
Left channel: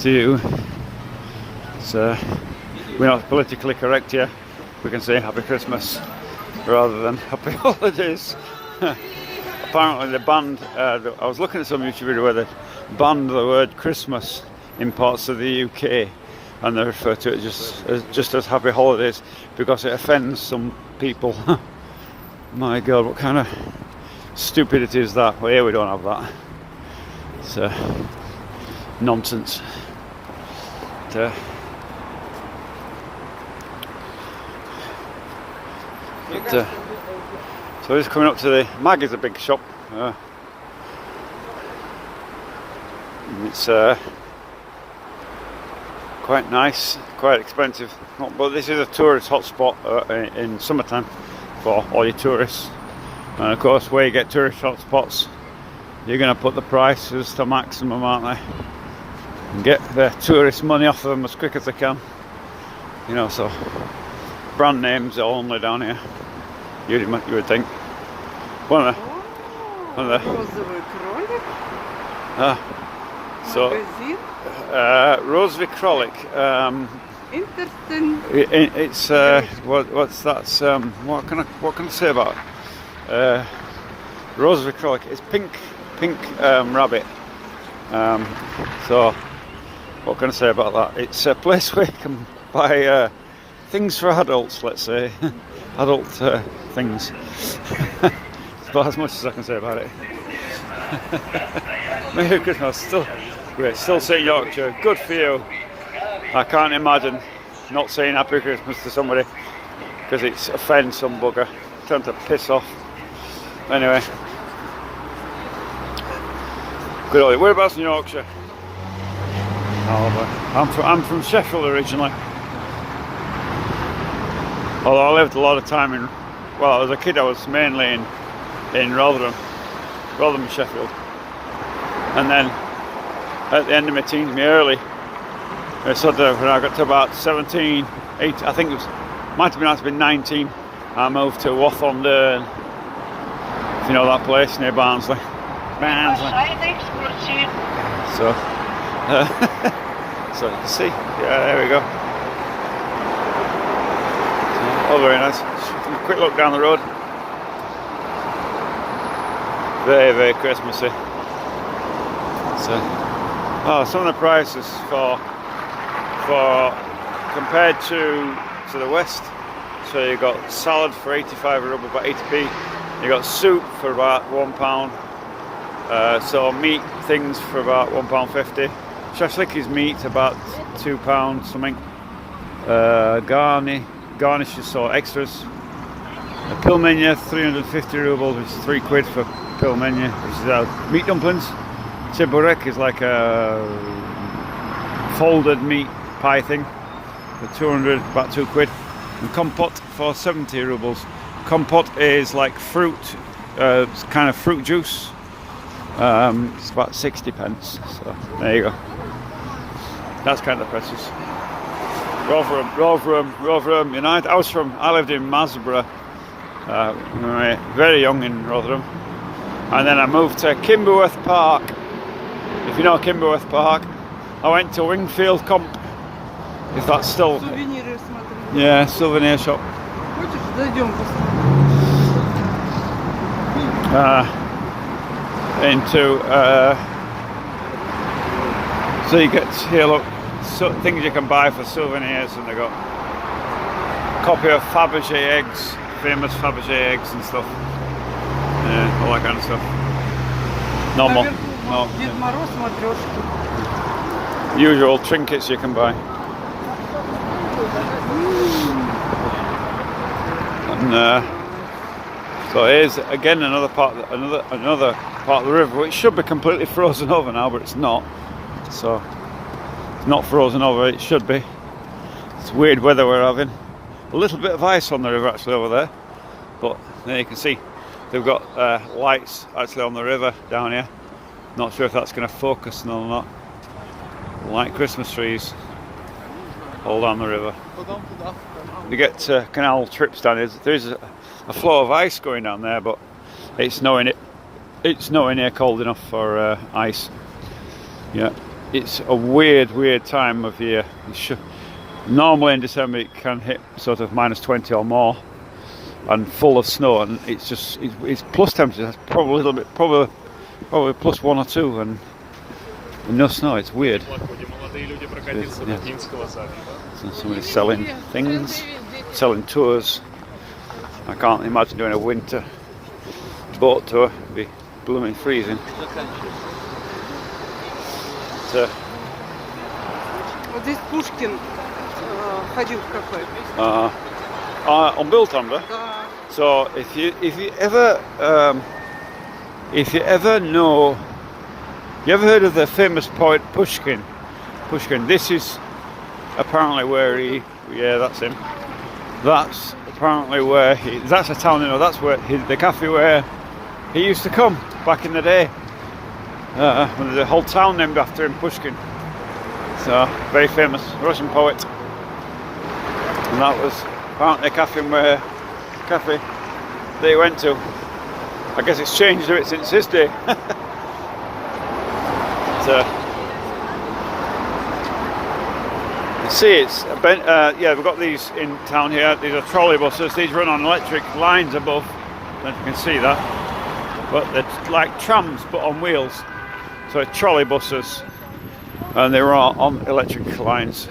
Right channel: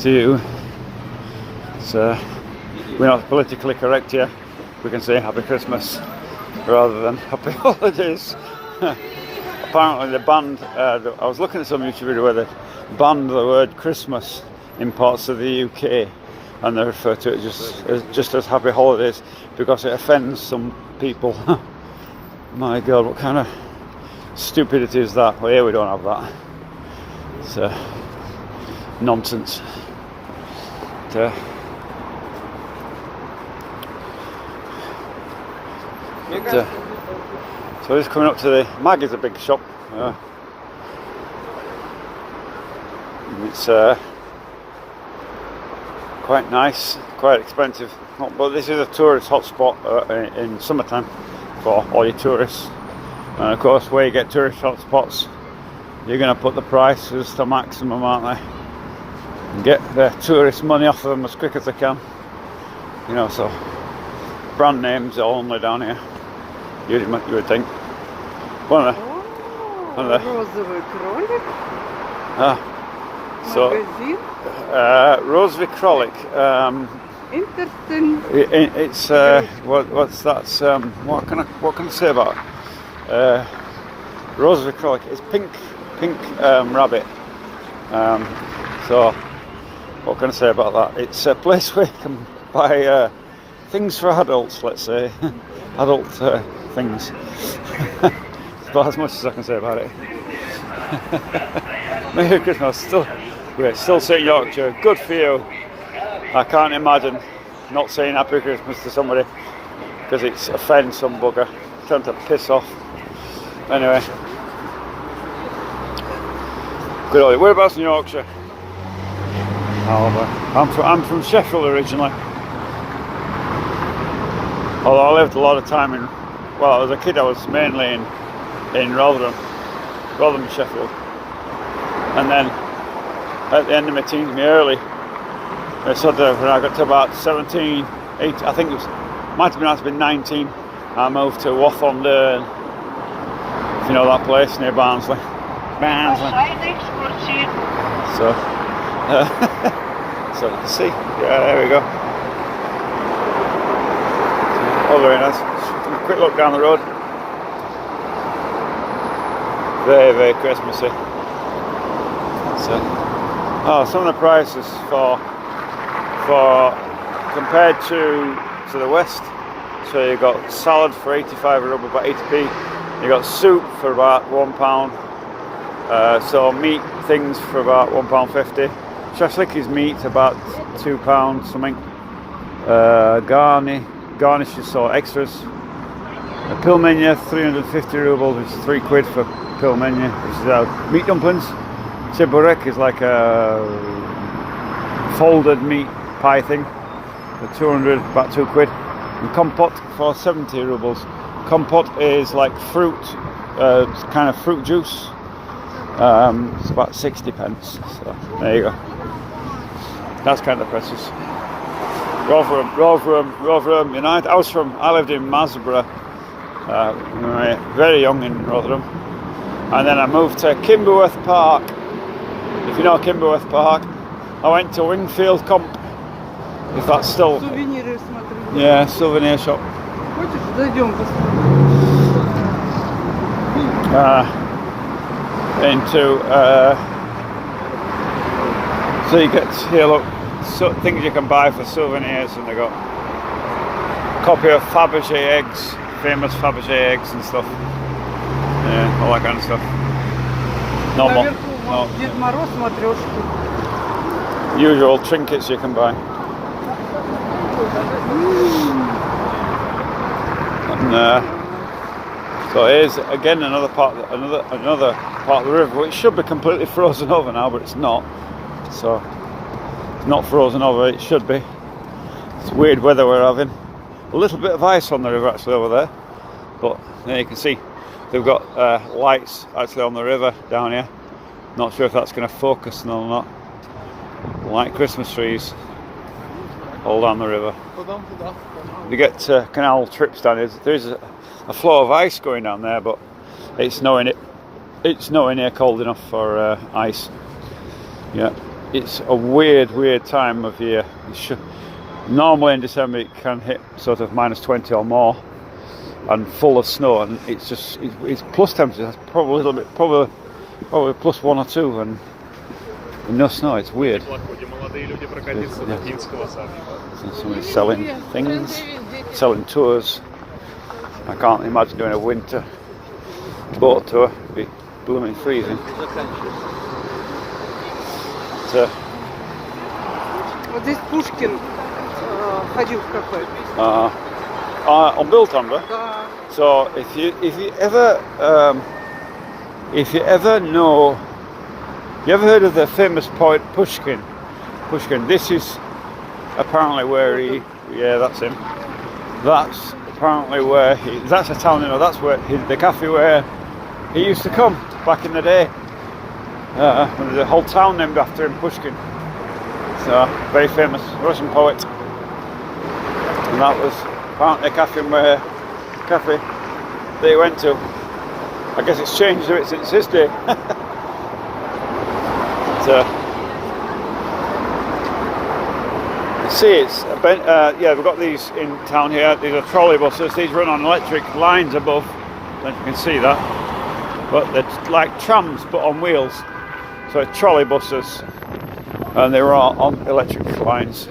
to you. So, we're not politically correct here. We can say happy Christmas rather than happy holidays. Apparently they banned, I was looking at some YouTube video where they banned the word Christmas in parts of the UK, and they refer to it just as happy holidays because it offends some people. My God, what kind of stupidity is that? Well, here we don't have that. It's nonsense. So we're just coming up to the Mag is a big shop. It's quite nice, quite expensive, but this is a tourist hotspot in summertime for all your tourists. And of course, where you get tourist hotspots, you're going to put the prices to maximum, aren't they? And get the tourist money off of them as quick as they can. You know, so brand names are only down here. You would think. One of the Розовый кролик. So, Magazine. Rozový Králík. Interesting. It's what's that? What can I say about it? Rozový Králík. It's pink rabbit. So what can I say about that? It's a place where you can buy things for adults. Let's say adult things. That's about as much as I can say about it. Merry Christmas. Still St Yorkshire. Good for you. I can't imagine not saying Happy Christmas to somebody because it offends some bugger trying to piss off. Anyway, good old. Whereabouts in Yorkshire? I'm from Sheffield originally. Although I lived a lot of time in. Well, as a kid I was mainly in Rotherham, Sheffield, and then at the end of my teens, my early, I said that when I got to about 17, 18, I think might have been 19, I moved to Wath-on-Dearne, if you know that place near Barnsley. So see, yeah, there we go. Oh, very nice. Just a quick look down the road. Very, very Christmassy. So, some of the prices for compared to the west. So you got salad for 85 ruble, about 80p. You got soup for about £1. So meat things for about £1.50. Shashlik meat about £2 something. Garnishes, so extras. A pilmeni 350 rubles, which is £3 for pilmeni, which is meat dumplings. Cheburek is like a folded meat pie thing for 200, about £2. And kompot for 70 rubles. Kompot is like fruit, it's kind of fruit juice. It's about 60 pence. So there you go. That's kind of prices. Rotherham United. I lived in Masborough, very young in Rotherham, and then I moved to Kimberworth Park. If you know Kimberworth Park, I went to Wingfield Comp. If that's still. Сувениры смотри. Yeah, souvenir shop. Хочешь, зайдем посмотрим. So you get here, look, things you can buy for souvenirs, and they got a copy of Fabergé eggs famous Fabergé eggs and stuff. Yeah, all that kind of stuff. Normal. Наверху Дед Мороз матрешку. Usual trinkets you can buy. And so here's again another part of the river, which should be completely frozen over now, but it's not. So it's not frozen over. It should be. It's weird weather we're having. A little bit of ice on the river actually over there, but there you can see they've got lights actually on the river down here. Not sure if that's going to focus or not. Like Christmas trees all down the river. You get canal trips down here. There's a flow of ice going down there, but it's nowhere near cold enough for ice. Yeah, it's a weird time of year. Normally in December it can hit sort of -20 or more and full of snow, and it's plus temperatures, probably a little bit, probably +1 or 2, and no snow. It's weird. Yeah. So somebody's selling things, selling tours. I can't imagine doing a winter boat tour. It'd be blooming freezing. So, Вот здесь Пушкин ходил в кафе. On Biltonder. Да. So if you ever know, you ever heard of the famous poet Pushkin? This is apparently where that's him. That's apparently where that's a town, that's where the cafe where he used to come back in the day. There's a whole town named after him, Pushkin. So, very famous Russian poet. And that was apparently a cafe that he went to. I guess it's changed a bit since his day. So, you see, it's we've got these in town here. These are trolley buses. These run on electric lines above. I don't know if you can see that, but they're like trams but on wheels. So trolley buses, and they run on electric lines.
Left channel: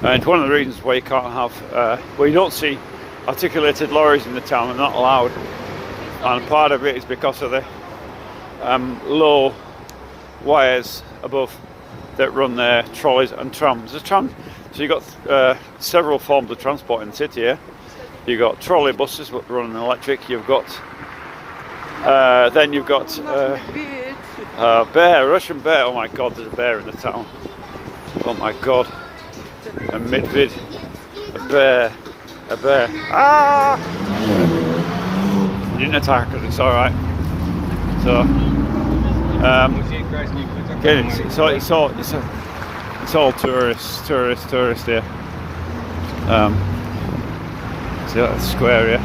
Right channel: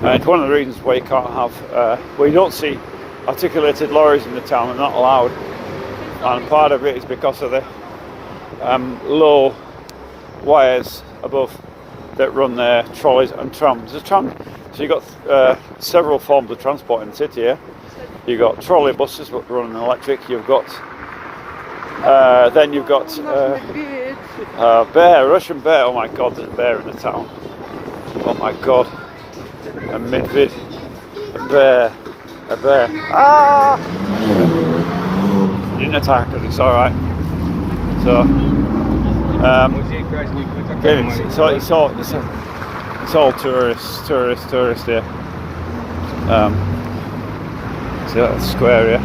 And one of the reasons why you can't have, you don't see articulated lorries in the town. They're not allowed. And part of it is because of the low wires above that run their trolleys and trams. So you've got several forms of transport in the city here. You've got trolley buses that run on electric. You've got then you've got bear, Russian bear. Oh my God, there's a bear in the town. Oh my God, a midvid, a bear. Ah! Didn't attack us. It's all right. So, it's all tourists here. So that's square here.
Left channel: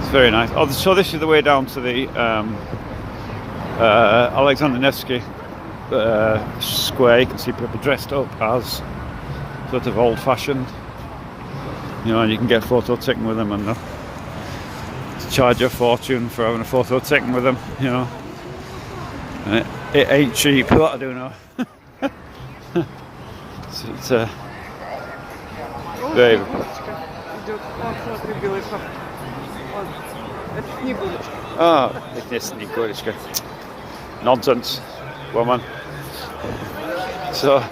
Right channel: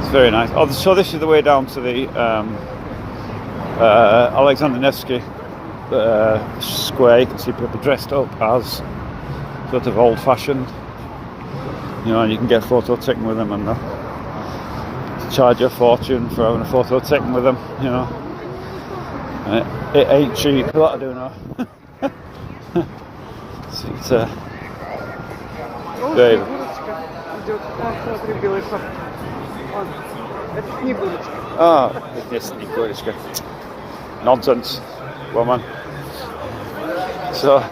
It's very nice. Oh, so this is the way down to the Alexander Nevsky square. You can see people dressed up as sort of old-fashioned, and you can get a photo taken with them, and charge a fortune for having a photo taken with them. It ain't cheap. What I do know. So it's very. Идет, он смотри, белый шаг. Это Снегурочка. Oh, it's Снегурочка. Nonsense, woman. So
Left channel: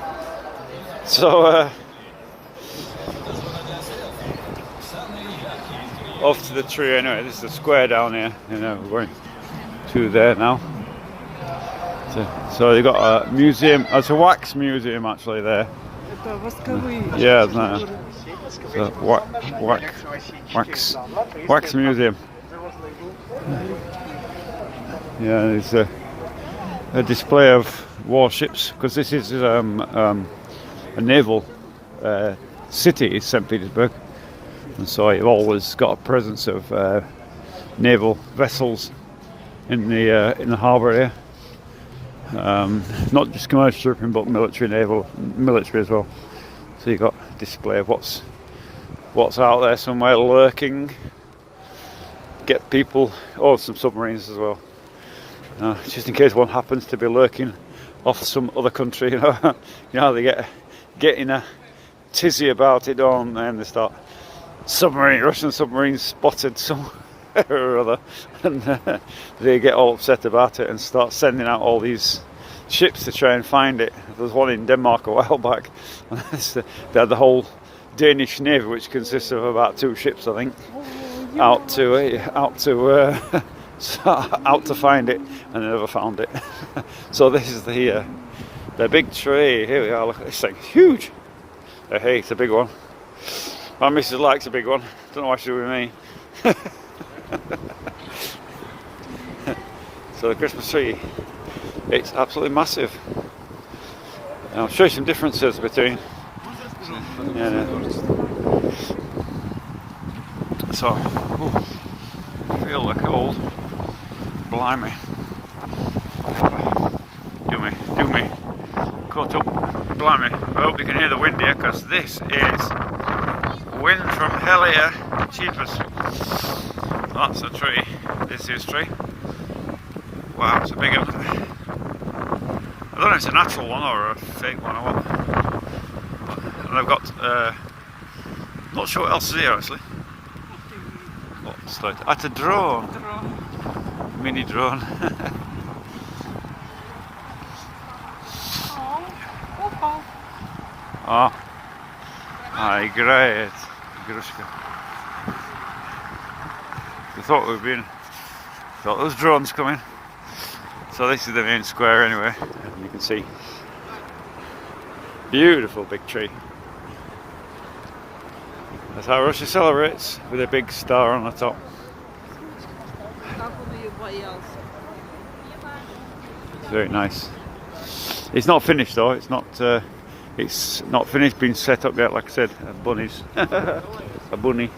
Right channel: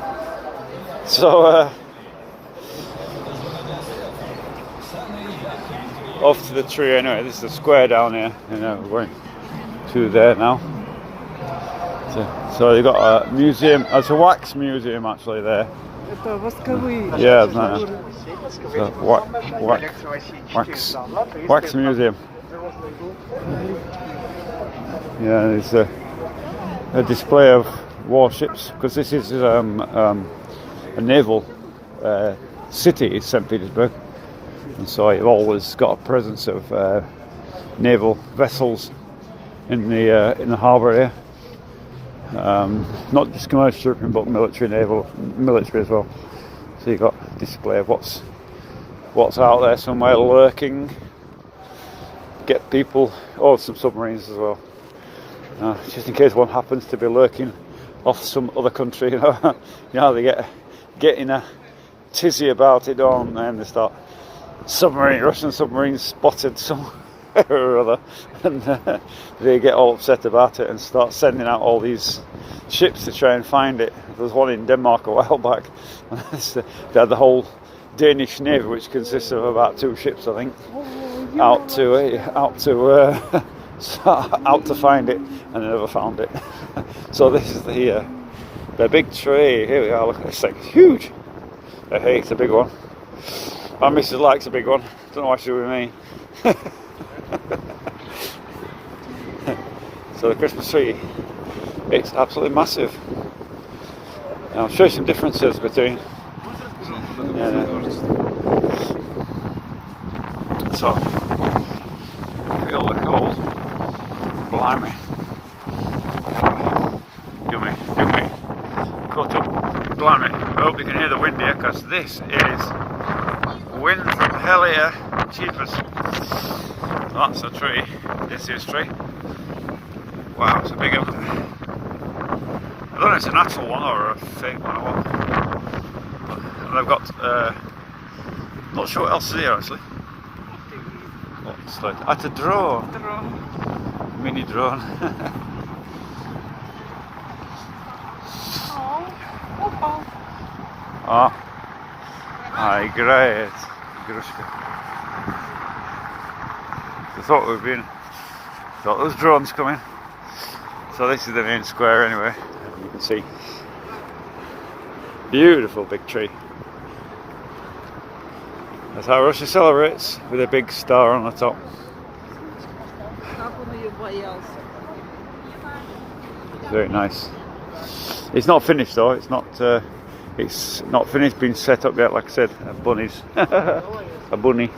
off to the tree anyway. This is the square down here. We're going to there now. So you've got a museum. It's a wax museum actually there. Это восковые. Yeah, no. So, wax museum. Yeah, there's a display of warships, because this is a naval city, is Saint Petersburg, and so you've always got a presence of naval vessels in the harbour here. Not just commercial shipping, but military as well. So you've got a display of what's out there somewhere lurking. Get people, some submarines as well. Just in case one happens to be lurking off some other country, they get in a tizzy about it, don't they? And they start Russian submarines spotted somewhere or other, and they get all upset about it and start sending out all these ships to try and find it. There was one in Denmark a while back. They had the whole Danish navy, which consists of about 2 ships, I think, out to find it, and they never found it. So this is the big tree. Here we are. It's like huge. Hey, it's a big one. My missus likes a big one. Don't know why she's with me. So the Christmas tree, it's absolutely massive. I'll show you some differences between. So, feel the cold. Blimey. Do me. Cut up. Blimey. I hope you can hear the wind here, because this is wind from hell here. Cheapers. That's a tree. This is a tree. Wow, it's a big one. I don't know if it's a natural one or a fake one or what. And I've got, not sure what else is here actually. What's that? That's a drone. Mini drone. Oh, I great. We thought there was drones coming. So this is the main square anyway, and you can see beautiful big tree. That's how Russia celebrates, with a big star on the top. Very nice. It's not finished though. It's not finished being set up yet. Like I said, bunnies, a bunny,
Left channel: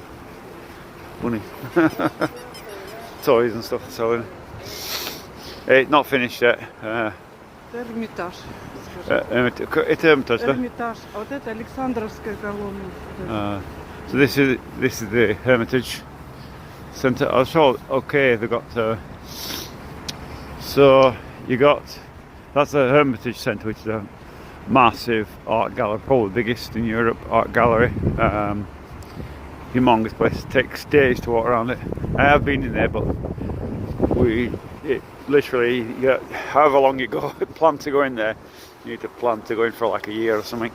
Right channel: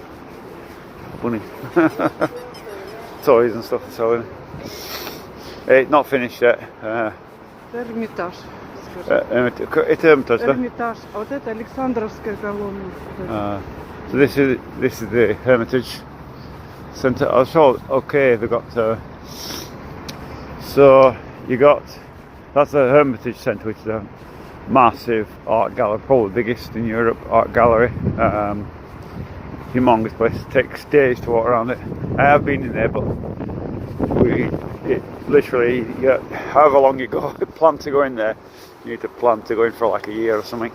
toys and stuff to sell in. It's not finished yet. Эрмитаж. Это Hermitage, да? Эрмитаж. А вот это Александровская колонна. So this is the Hermitage Centre. I saw. Okay, they got. So you got. That's the Hermitage Centre, which is a massive art gallery, probably the biggest in Europe art gallery. Humongous place. Takes days to walk around it. I have been in there, but literally, however long you go, plan to go in there, you need to plan to go in for like a year or something.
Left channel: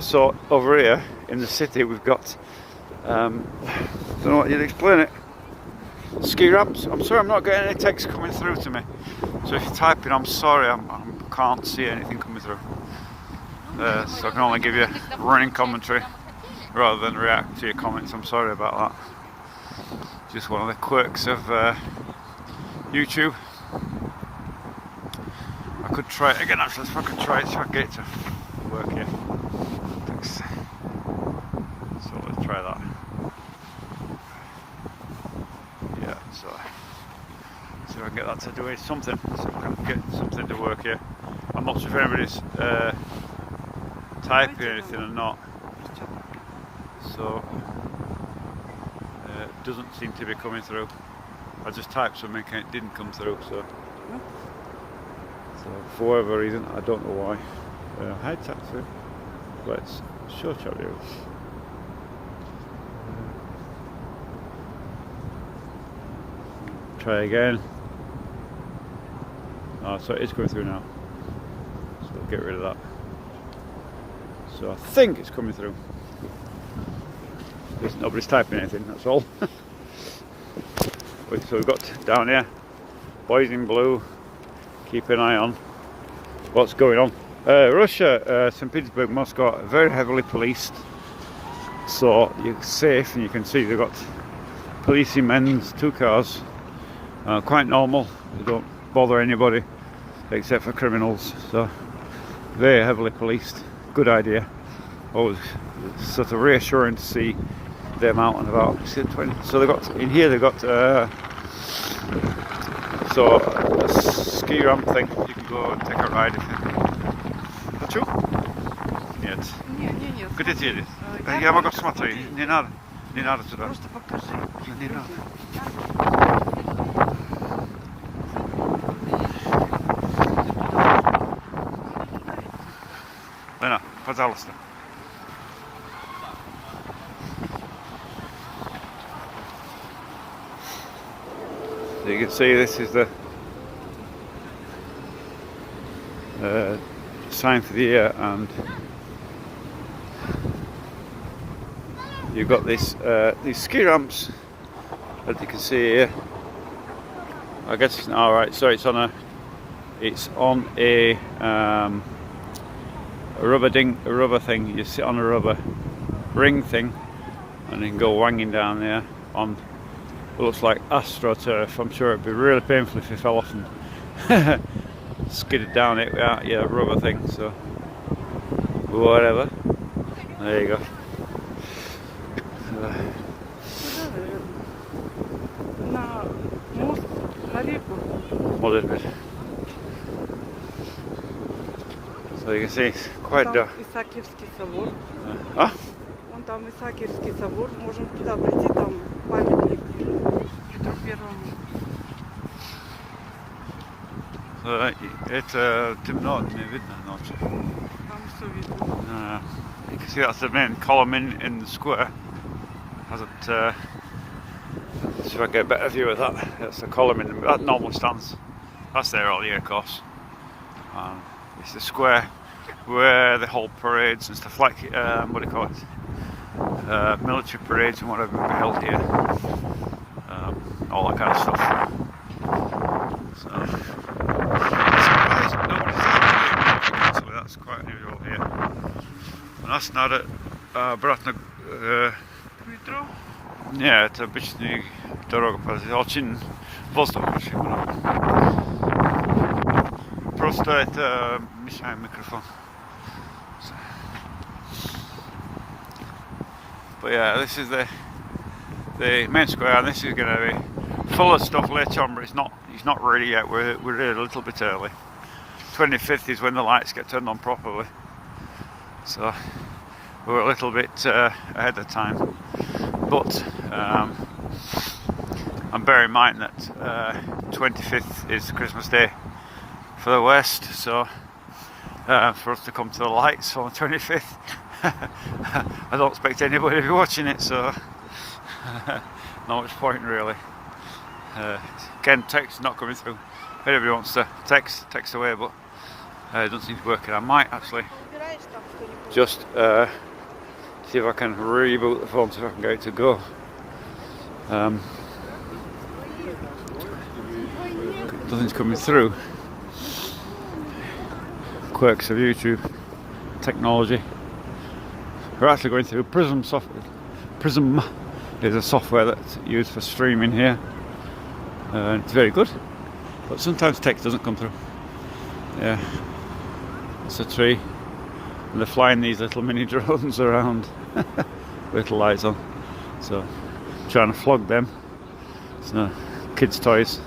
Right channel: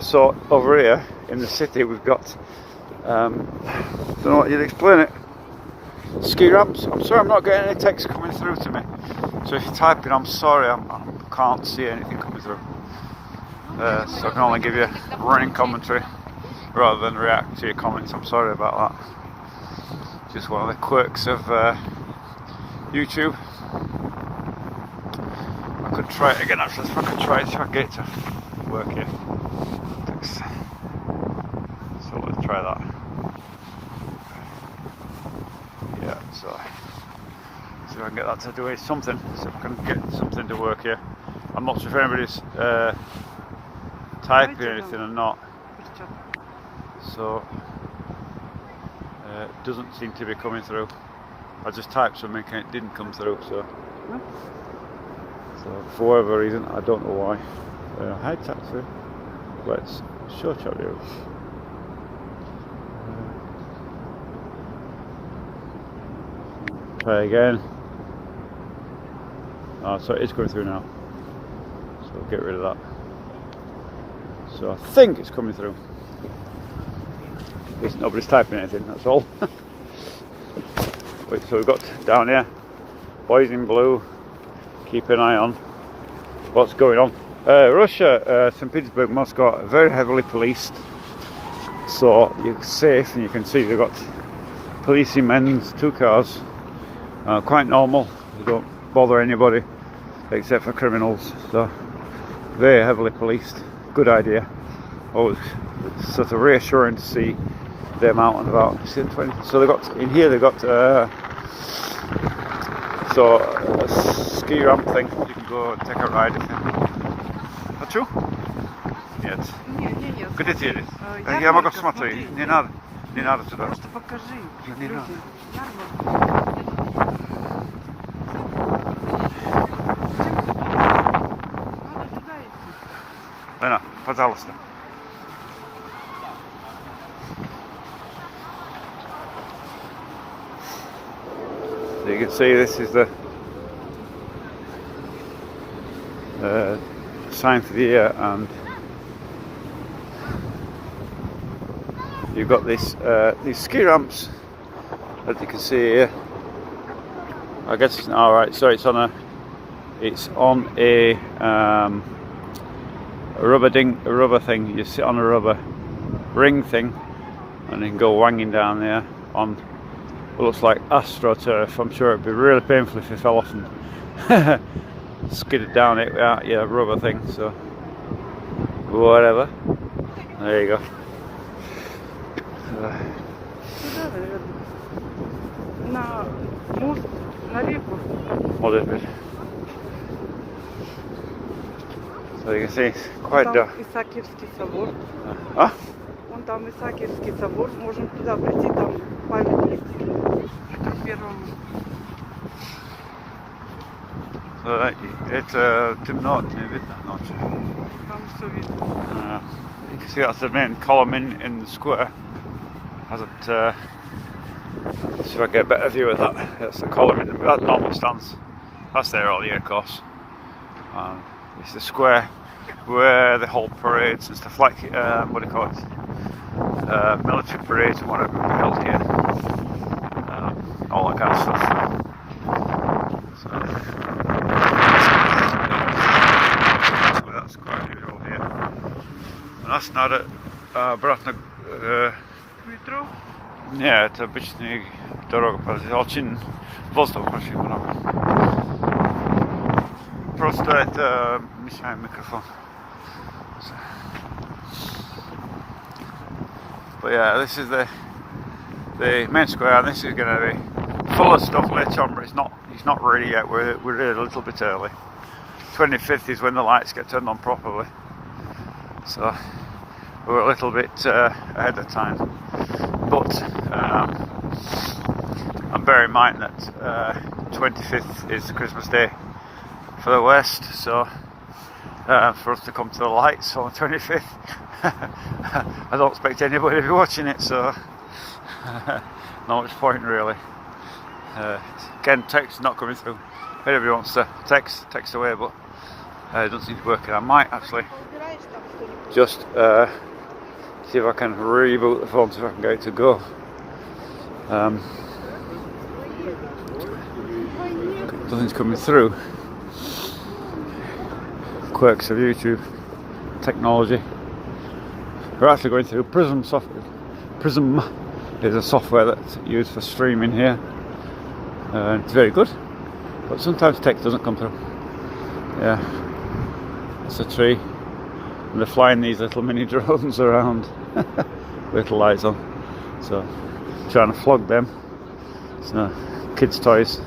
So over here in the city we've got, I don't know what you'd explain it, ski ramps. I'm sorry I'm not getting any text coming through to me, so if you're typing I'm sorry, I can't see anything coming through, so I can only give you running commentary rather than react to your comments. I'm sorry about that. Just one of the quirks of YouTube. I could try it again actually, if I could try it so I get it to work here. Thanks. So let's try that. Yeah, so I can get that to do something, so I can get something to work here. I'm not sure if anybody's typing anything or not. So it doesn't seem to be coming through. I just typed something and it didn't come through, so for whatever reason, I don't know why. Hi taxi. Let's show chat here. Try again. So it is coming through now. So get rid of that. So I think it's coming through. Nobody's typing anything, that's all. Right, so we've got down here, boys in blue, keep an eye on what's going on. Russia, Saint Petersburg, Moscow, very heavily policed, so you're safe, and you can see they've got policing men's 2 cars, quite normal, they don't bother anybody except for criminals, so very heavily policed, good idea. Always sort of reassuring to see them out and about. So they got in here. They got so a ski ramp thing. You can go and take a ride if you. Хочу? Нет. Где ты едешь? Я могу смотреть. Не надо туда. Просто покажи. Не надо. Лена, пожалуйста. So you can see this is the sign for the year, and you've got this these ski ramps that you can see here. I guess it's all right. So it's on a rubber thing. You sit on a rubber ring thing, and you can go wanging down there on what looks like astroturf. I'm sure it'd be really painful if you fell off and skidded down it. Yeah, rubber thing. So whatever. There you go. На мост, на реку. What is it? So you can see it's quite Там dark. Исаакиевский собор. Huh? Вон там Исаакиевский собор. Можем туда прийти, там памятник Петру Первому. Это темно, не видно ночью. Там все видно. You can see that's the main column in the square. Hasn't see if I get a better view of that. That's the column that normal stands. That's there all year, of course. It's the square where the whole parades and stuff like what do you call it? Military parades and whatever we held here. All that kind of stuff. So that's quite unusual here. And that's not it. Brat Метро. нет, это обычная дорога, очень воздух очень много. Просто это мешает микрофон. But yeah, this is the main square, and this is going to be full of stuff later on, but it's not ready yet. We're really a little bit early. 25th is when the lights get turned on properly, so we're a little bit ahead of time. But and bear in mind that 25th is Christmas Day for the West, so for us to come to the lights on the 25th, I don't expect anybody to be watching it, so not much point really. Again, text not coming through. If anybody wants to text away, but it doesn't seem to work. And I might actually just see if I can reboot the phone, so I can get it to go. Nothing's coming through. Quirks of YouTube technology. We're actually going through Prism software. Prism is a software that's used for streaming here. It's very good, but sometimes text doesn't come through. Yeah, it's a tree, and they're flying these little mini drones around with little lights on. So, trying to flog them. It's kids' toys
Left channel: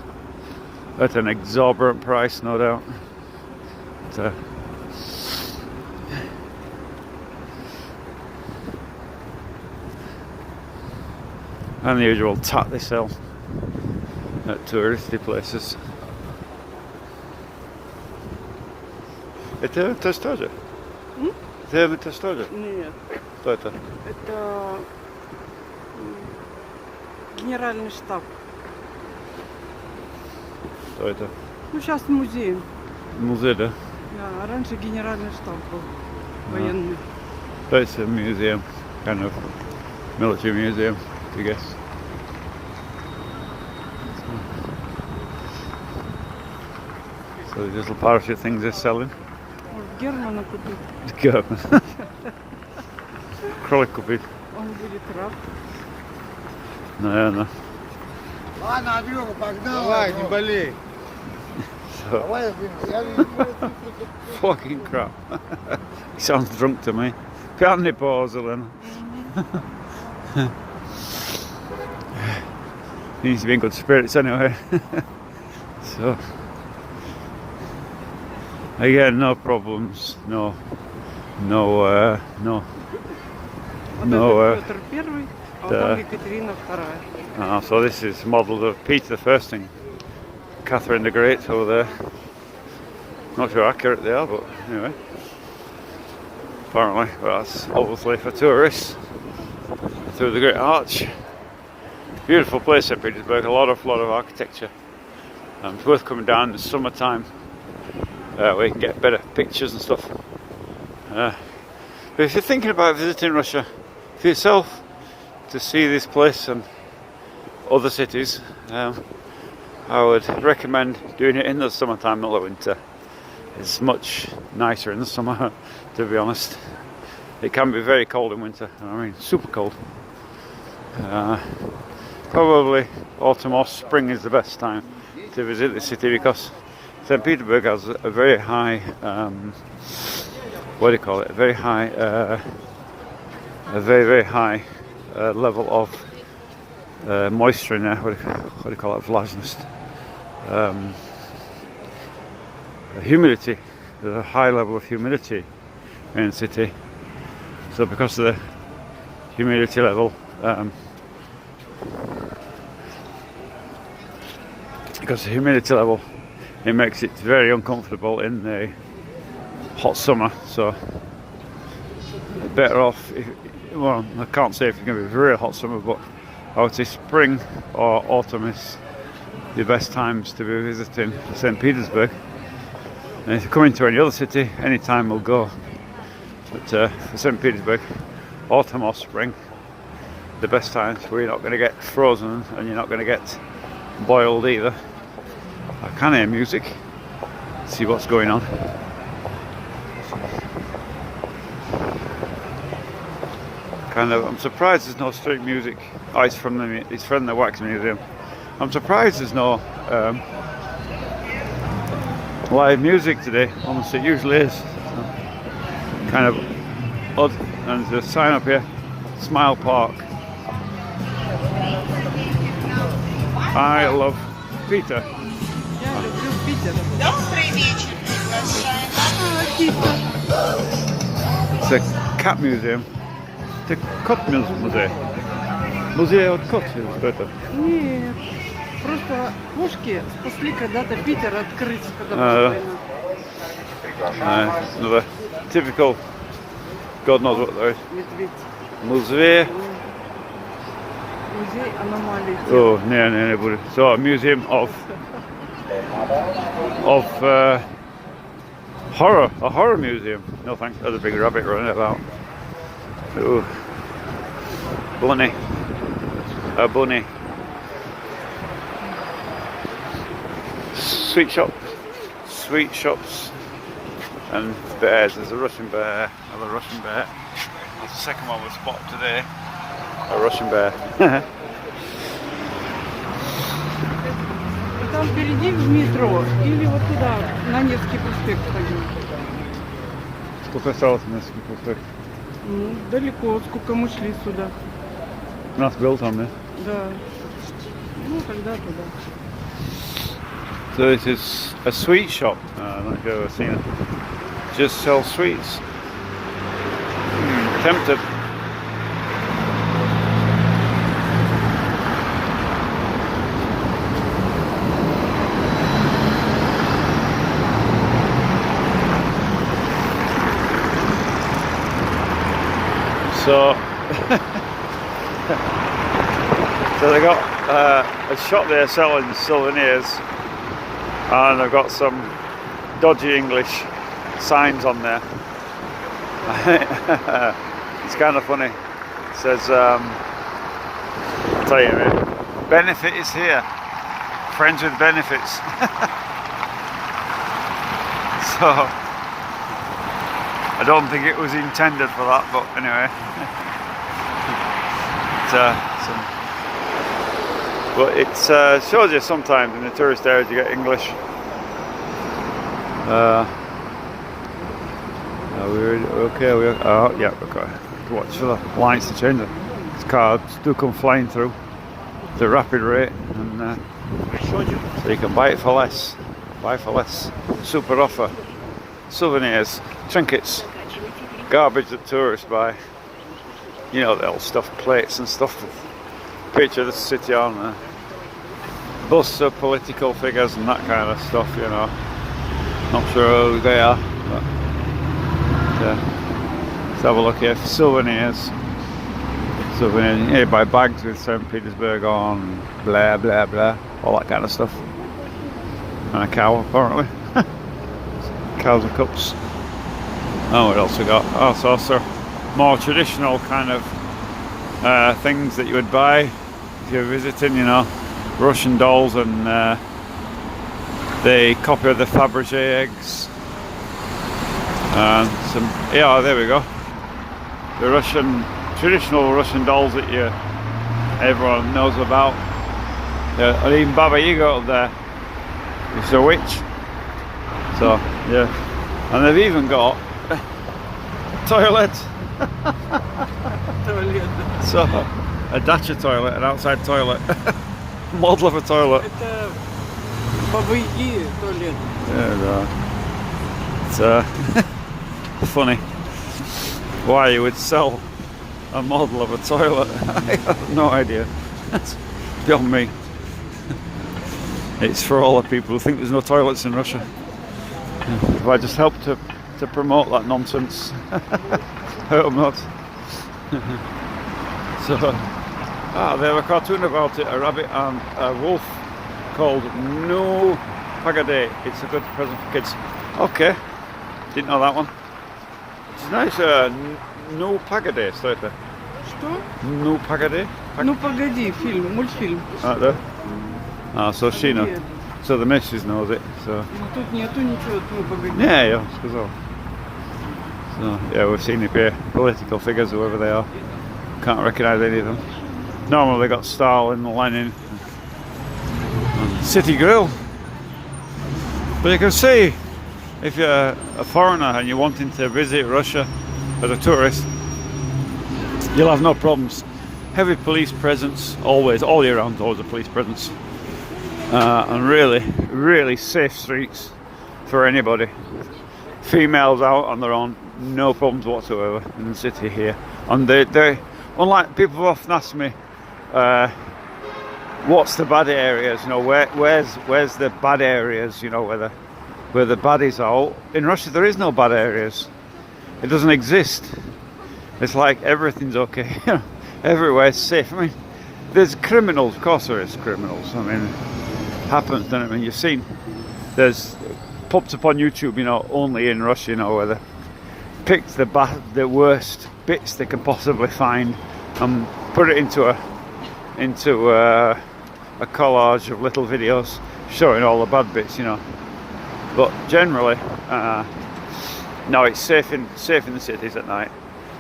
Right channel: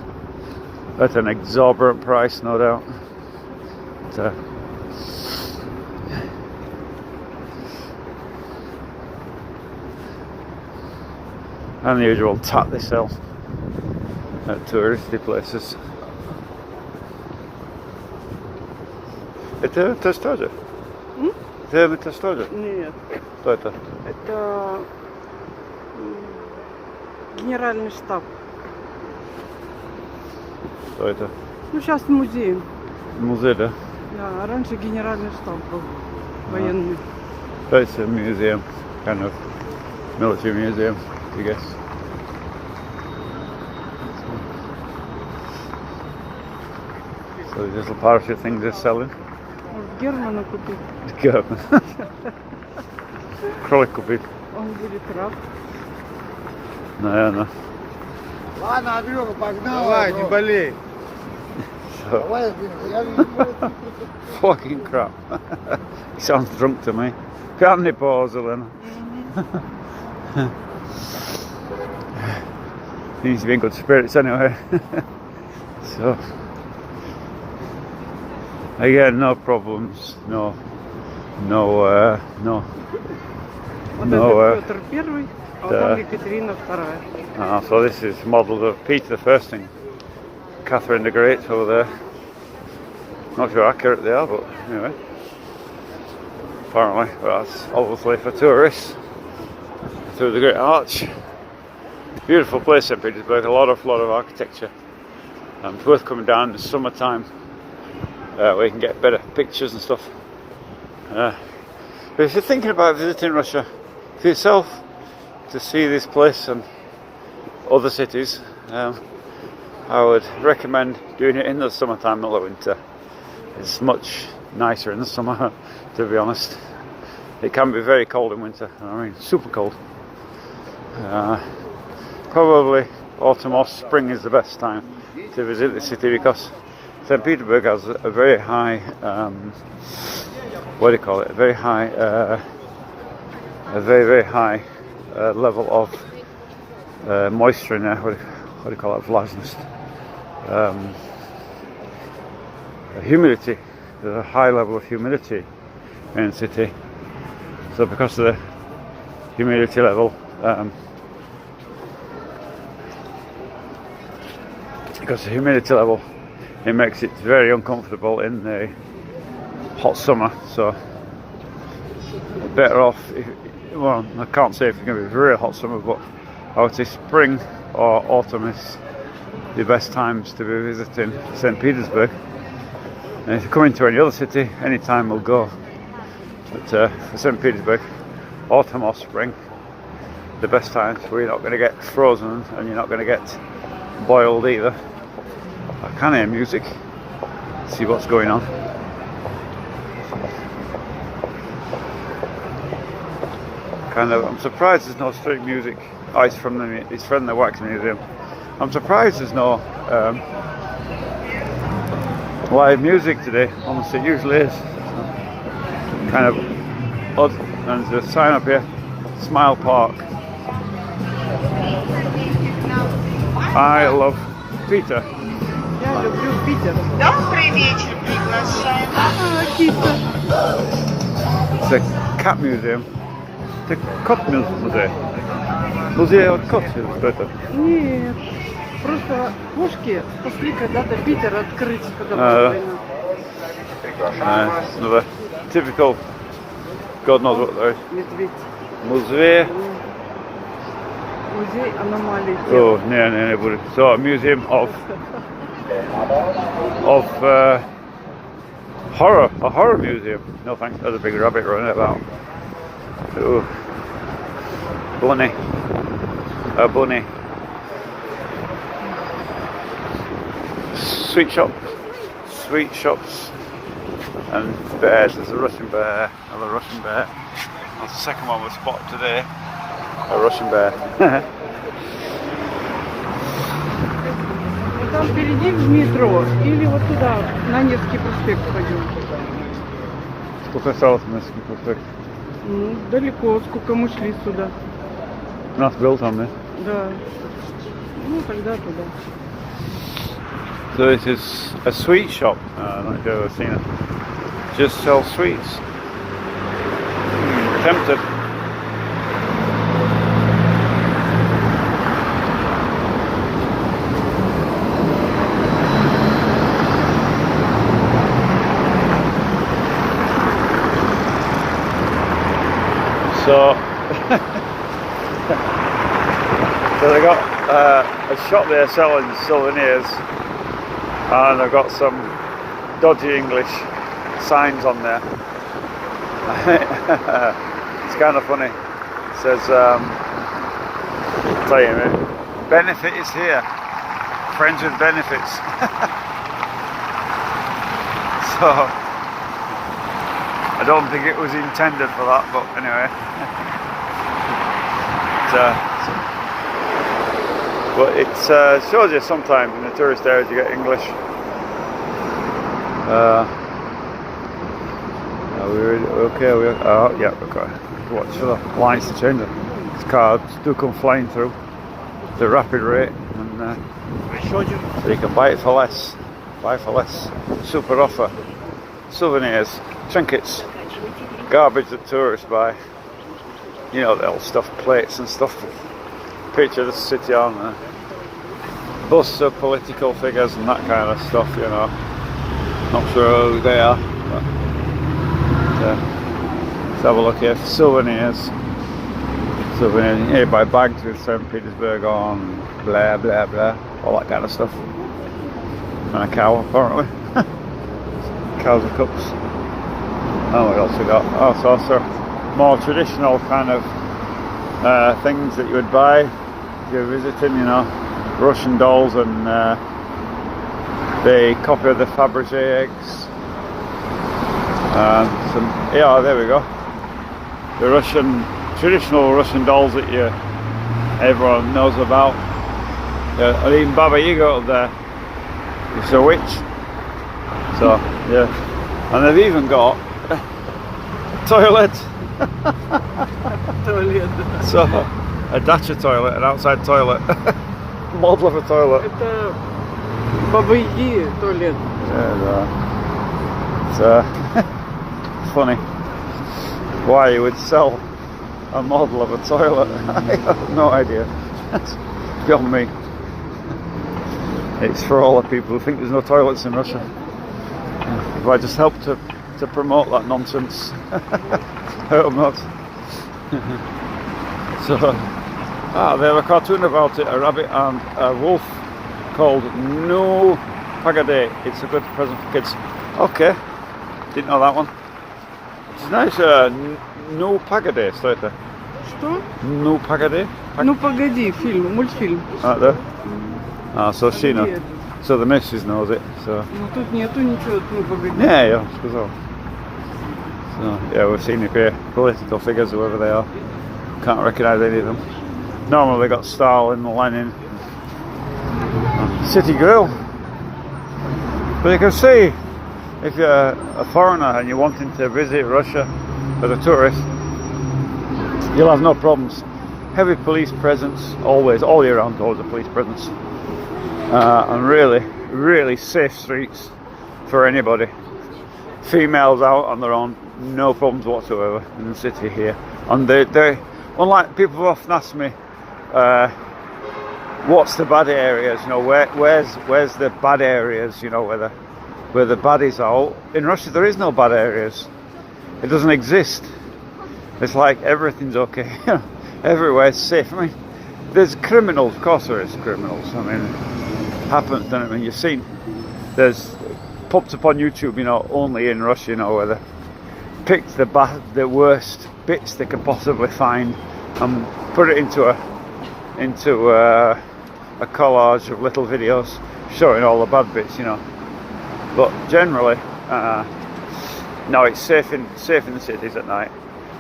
at an exorbitant price, no doubt. But, and the usual tat they sell at touristy places. Это тоже? Это тоже? Нет. Что это? Это генеральный штаб. Что это? Ну, сейчас музей. Музей, да? Да, а раньше генеральный штаб был военный. It's a museum, kind of military museum, I guess. So these little parachute things they're selling. Может, Германа купить. German. Кролик купить. Он будет рад. Наверное. Ладно, Андрюха, погнал. Давай, не болей. Давай, я Fucking crap. He sounds drunk to me. Can't you pause then? He needs to be in good spirits anyway. So again, no problems, no. Вот это Петр Первый, а Да. там Екатерина Вторая. So this is modelled of Peter the First thing. Catherine the Great over there. Not sure how accurate they are, but anyway. Apparently, that's obviously for tourists. Through the Great Arch. Beautiful place, Saint Petersburg. A lot of architecture. It's worth coming down in the summertime where you can get better pictures and stuff. But if you're thinking about visiting Russia for yourself to see this place and other cities, I would recommend doing it in the summertime, not the winter. It's much nicer in the summer, to be honest. It can be very cold in winter, I mean super cold. Probably autumn or spring is the best time to visit the city, because Saint Petersburg has a very high, what do you call it? A very high, very high level of moisture in there. What do you call it? Vlažnost. Humidity. There's a high level of humidity in the city. So because of the humidity level, it makes it very uncomfortable in the hot summer. So better off, well, I can't say if it's going to be a very hot summer, but I would say spring or autumn is the best times to be visiting Saint Petersburg. And if you come into any other city, any time will go. But for Saint Petersburg, autumn or spring, the best times, where you're not going to get frozen and you're not going to get boiled either. I can hear music, see what's going on. I'm surprised there's no street music. Oh, it's from the Wax Museum. I'm surprised there's no live music today. Almost it usually is. Kind of odd. And there's a sign up here, Smile Park. I love Peter. Я люблю Питер. Добрый вечер, приглашаем. It's a cat museum. It's a cat museum. Музей от котов, это? Нет, просто кошки спасли когда-то Питер открыть, когда была война. Another typical, God knows what though. Медведь. Музей. Музей аномалий. Oh, no. So a museum of horror, a horror museum. No thanks, there's a big rabbit running about. Oh, bunny, a bunny. Sweet shops, and bears. There's a Russian bear, another Russian bear. That's the second one we spotted today. A Russian bear. Там впереди в метро или вот туда, на Невский проспект пойдем. Сколько осталось на Невский проспект? Ну, далеко, сколько мы шли сюда. У нас был там, да? Да. Ну, тогда туда. So this is a sweet shop. I'm not sure I've seen it. Just sells sweets. Tempted. So they got a shop there selling souvenirs, and I've got some dodgy English signs on there. It's kind of funny. It says, I'll tell you a minute, benefit is here, friends with benefits. So I don't think it was intended for that, but anyway. But it shows you sometimes in the tourist areas you get English. Yeah, we've got to watch for the lights to change. The cars do come flying through at a rapid rate, and so you can buy it for less. Super offer. Souvenirs, trinkets, garbage that tourists buy. You know, the old stuff, plates and stuff. Picture of the city on there. Busts of political figures and that kind of stuff, you know. Not sure who they are. Let's have a look here for souvenirs. Souvenirs. Here buy bags with Saint Petersburg on, blah blah blah, all that kind of stuff. And a cow, apparently. Cows and cups. And what else we got? All sorts of more traditional kind of things that you would buy if you're visiting, you know, Russian dolls and the copy of the Fabergé eggs. Yeah, there we go. The traditional Russian dolls that everyone knows about. And even Baba Yaga up there. It's a witch. So, yeah. And they've even got a toilet. So, a dacha toilet, an outside toilet. Model of a toilet. Это Баба Яги туалет. Yeah, right. It's funny why you would sell a model of a toilet. I have no idea. That's beyond me. It's for all the people who think there's no toilets in Russia. If I just help to promote that nonsense, I hope not. So, they have a cartoon about it, a rabbit and a wolf called No Pagade. It's a good present for kids. Okay, didn't know that one. It's nice. No Pagade, что это? Что? No Pagade? Ну погоди, фильм, мультфильм. Да? So she knows. So the missus knows it. So. Ну тут нету ничего, ну погоди. Yeah, сказал. So, yeah, we've seen the political figures, whoever they are. Can't recognise any of them. Normally they got Stalin, Lenin, and City Grill. But you can see, if you're a foreigner and you're wanting to visit Russia as a tourist, you'll have no problems. Heavy police presence, always, all year round, always a police presence. And really safe streets for anybody. Females out on their own, no problems whatsoever in the city here. And they unlike people have often asked me, what's the bad areas? You know, where's the bad areas? You know, where the baddies are. In Russia, there is no bad areas. It doesn't exist. It's like everything's okay. Everywhere's safe. I mean, there's criminals. Of course, there is criminals. I mean, it happens. I mean, you've seen. There's popped up on YouTube. You know, only in Russia. You know, where they pick the worst bits they can possibly find and put it into a collage of little videos showing all the bad bits, you know. But generally, no, it's safe in the cities at night.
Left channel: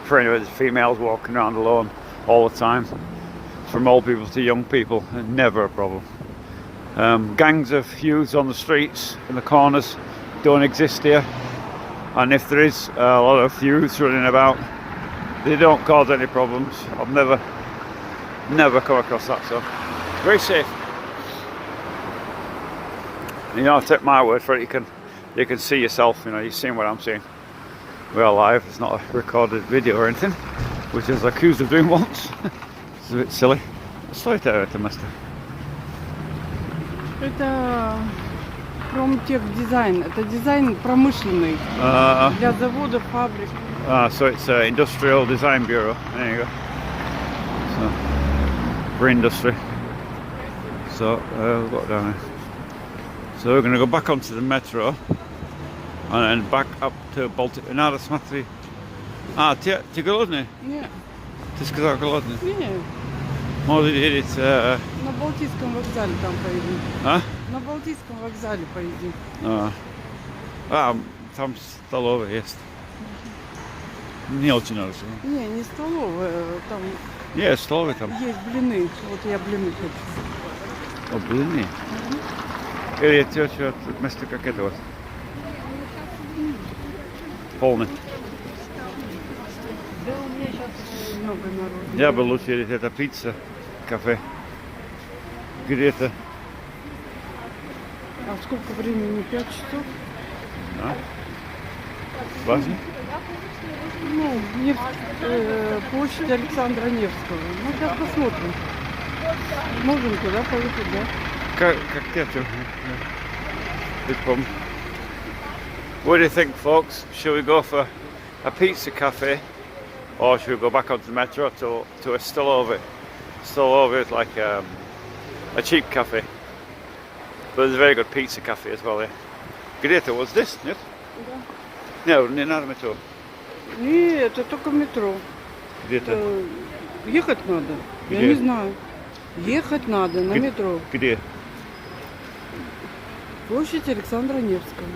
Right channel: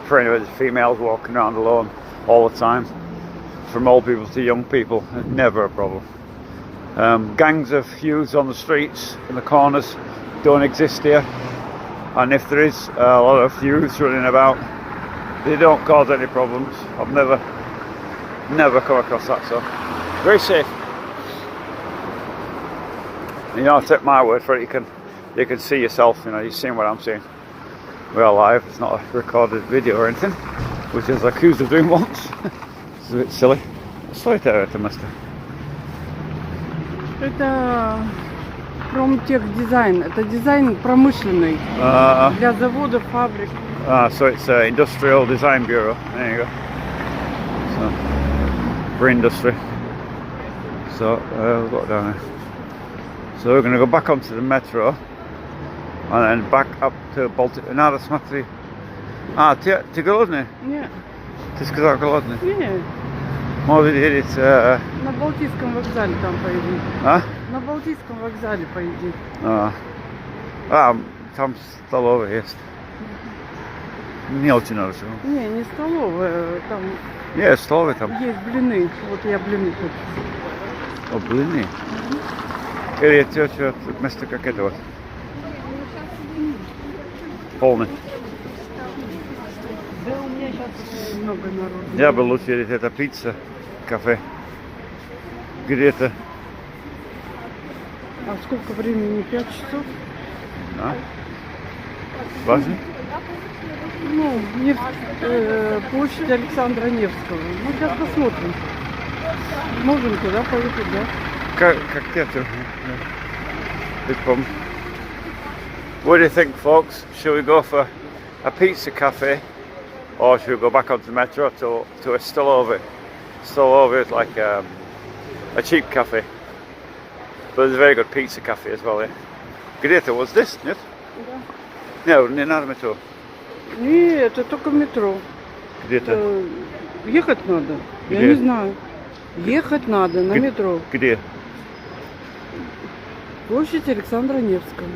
For anybody, females walking around alone all the time, from old people to young people, it's never a problem. Gangs of youths on the streets and the corners don't exist here, and if there is a lot of youths running about, they don't cause any problems. I've never come across that, so very safe. You know, take my word for it. You can see yourself. You know, you're seeing what I'm seeing. We're live. It's not a recorded video or anything, which I was accused of doing once. It's a bit silly. Что это место? Это промтехдизайн. Это дизайн промышленный для заводов, фабрик. So it's Industrial Design Bureau. There you go. So, for industry. So we've got down here. So we're going to go back onto the metro and then back up to Baltic. Надо смотри. Ты голодный? Нет. Ты сказал голодный? Нет. Может едет... На Балтийском вокзале там поедем. А? На Балтийском вокзале поедем. Там столовая есть. Не очень нравится. Не столовая, там... Нет, столовая там. Есть блины, вот я блины хочу. О, блины? Или тетя вместо как этого? Полный. Много народу. Я бы лучше это пицца, кафе. Где-то. А сколько времени? 5 часов? Важно? Ну, площадь Александра Невского. Ну, сейчас посмотрим. Можем туда поехать, да? Как это? What do you think, folks? Shall we go for a pizza cafe, or should we go back onto the metro to a Stolove? Stolove is like a cheap cafe. But there's a very good pizza cafe as well, yeah. Где это? Вот здесь, нет? Да. Нет, не надо метро. Нет, это только метро. Где-то. Ехать надо. Я Где? не знаю. Ехать надо на метро. Где? Площадь Александра Невского.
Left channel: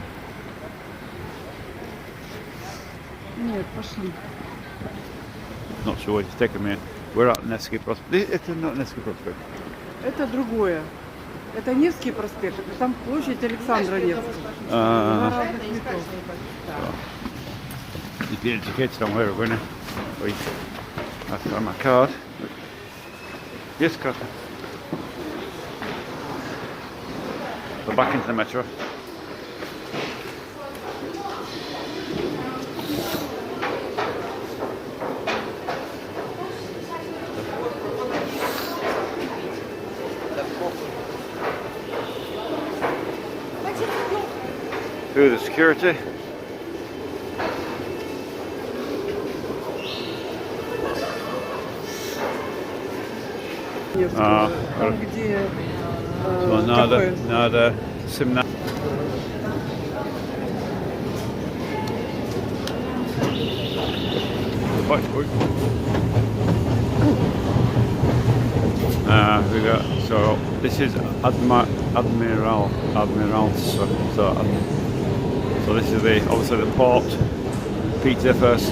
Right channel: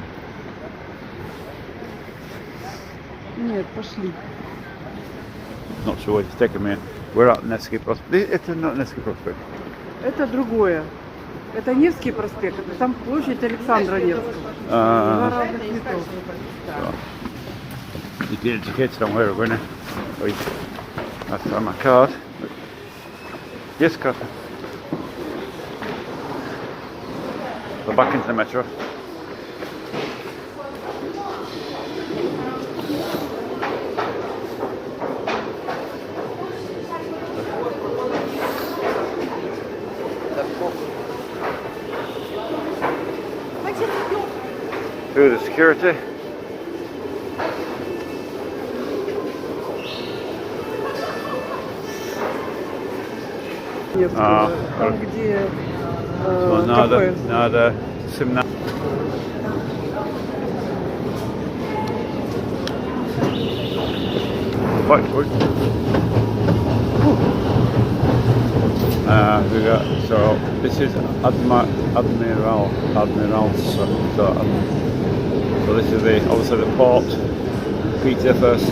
Нет, пошли. Not sure what it's taking me. We're at Nevsky Prospect. Это not Nevsky Prospect. Это другое. Это Невский проспект, это там площадь Александра Невского. Два разных метро. If you're educated on where we're going, please. I'll find my card. Yes, card. We're back into the metro. Through the security. Там, где Надо 17. So this is Admiral. So this is the obviously the port. Pizza first.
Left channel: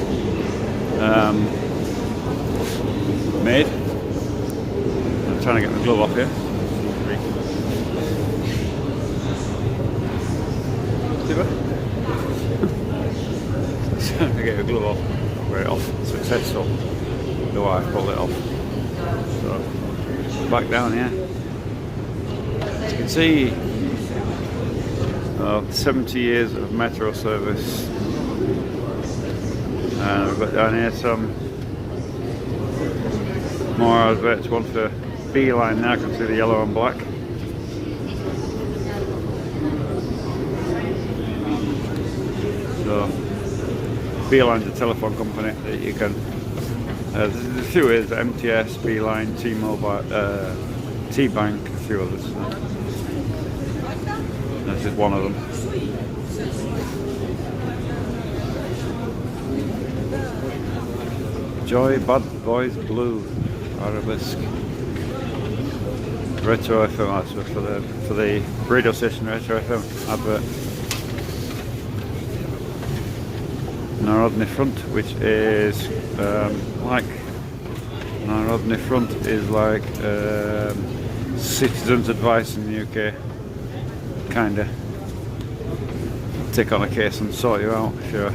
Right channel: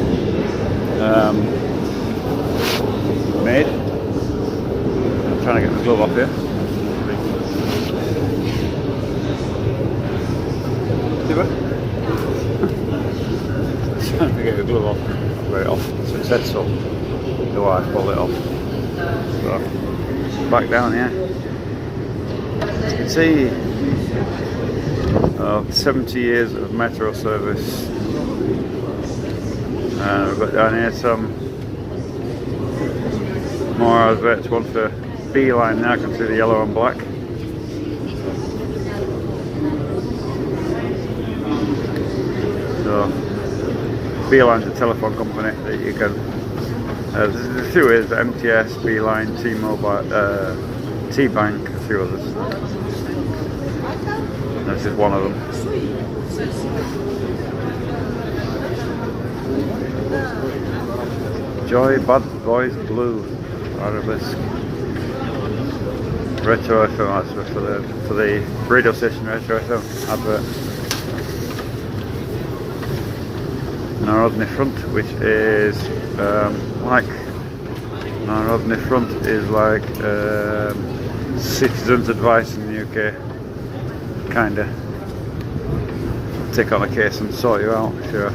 Made. I'm trying to get the glove off here. Trying to get the glove off. Not very off. Successful. The wife pulled it off. So back down here. You can see 70 years of metro service. We've got down here some more adverts. One for B line now. You can see the yellow and black. So B line's a telephone company that you can. There's a few ways: MTS, B line, T-Mobile, T-Bank, a few others. This is one of them. Joy Bad Boys Blue Arabesque Retro FM for the radio station Retro FM advert. Narodny Front, which is like Narodny Front is like Citizens Advice in the UK. Kinda take on a case and sort you out if you're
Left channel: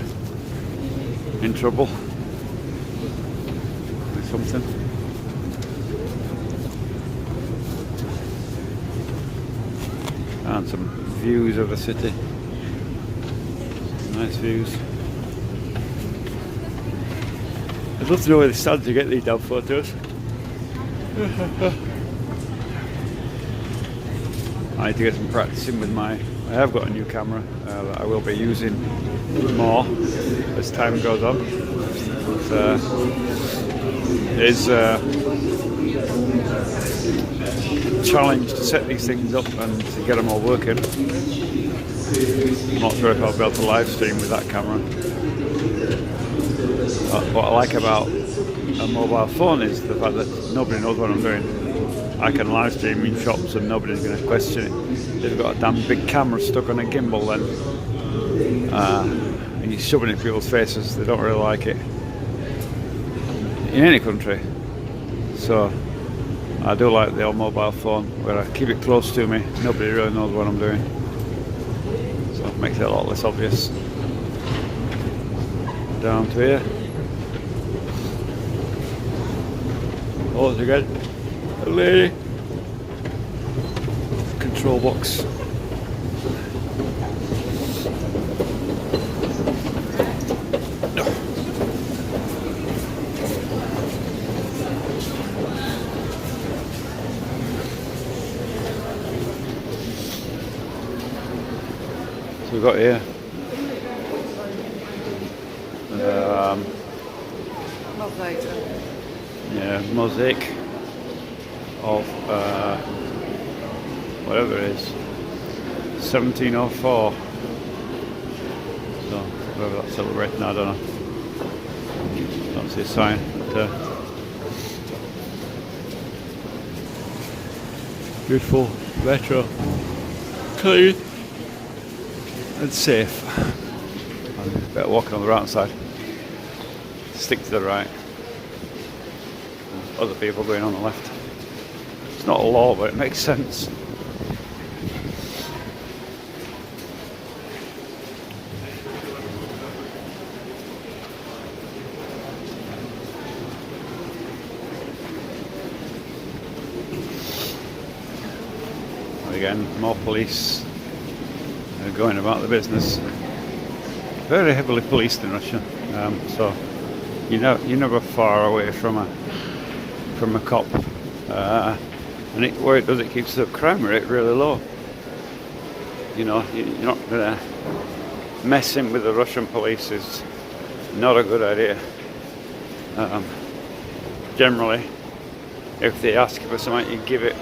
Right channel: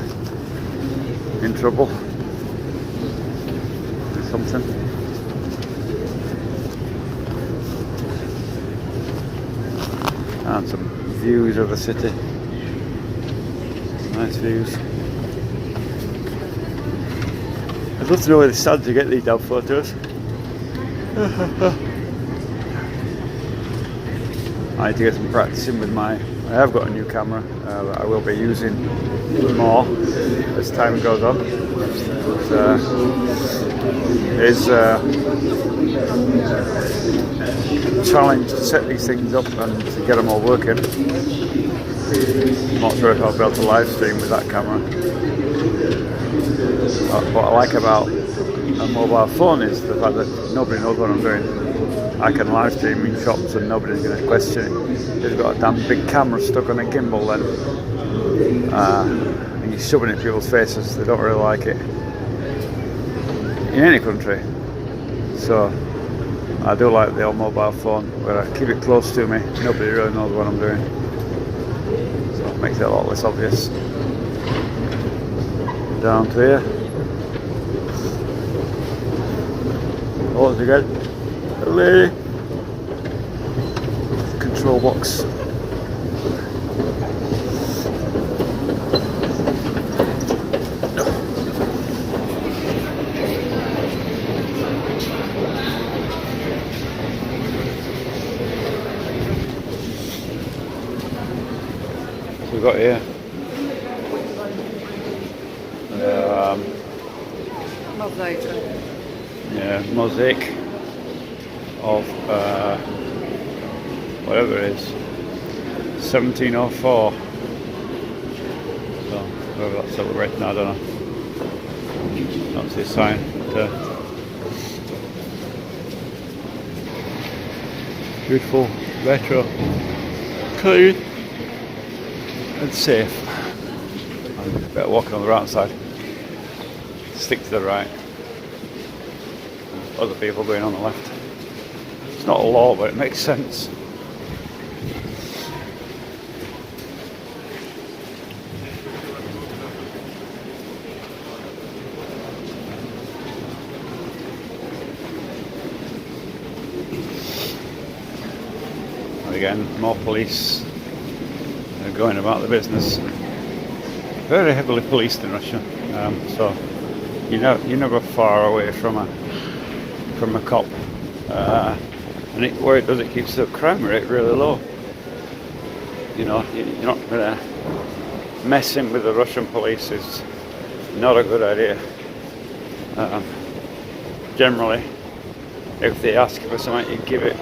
in trouble with something. And some views of the city. Nice views. I'd love to know where they stand to get these damn photos. I need to get some practicing with I have got a new camera that I will be using more as time goes on. It's a challenge to set these things up and to get them all working. I'm not sure if I'll be able to live stream with that camera. What I like about a mobile phone is the fact that nobody knows what I'm doing. I can live stream in shops and nobody's going to question it. They've got a damn big camera stuck on a gimbal then. And you're shoving it in people's faces, they don't really like it. In any country. So I do like the old mobile phone where I keep it close to me, nobody really knows what I'm doing. So it makes it a lot less obvious. Down to here. Oh, it's again. Hello. Control box. So we've got here mosaic of whatever it is, 1704. So, whether that's celebrating, I don't know. That's his sign. But, beautiful, retro, clean, and safe. And better walking on the right side. Stick to the right. And other people going on the left. It's not a law, but it makes sense. Again, more police are going about the business. Very heavily policed in Russia, so you're never far away from a cop, and where it does, it keeps the crime rate really low. You know, you're not messing with the Russian police is not a good idea. Generally, if they ask for something, you give it.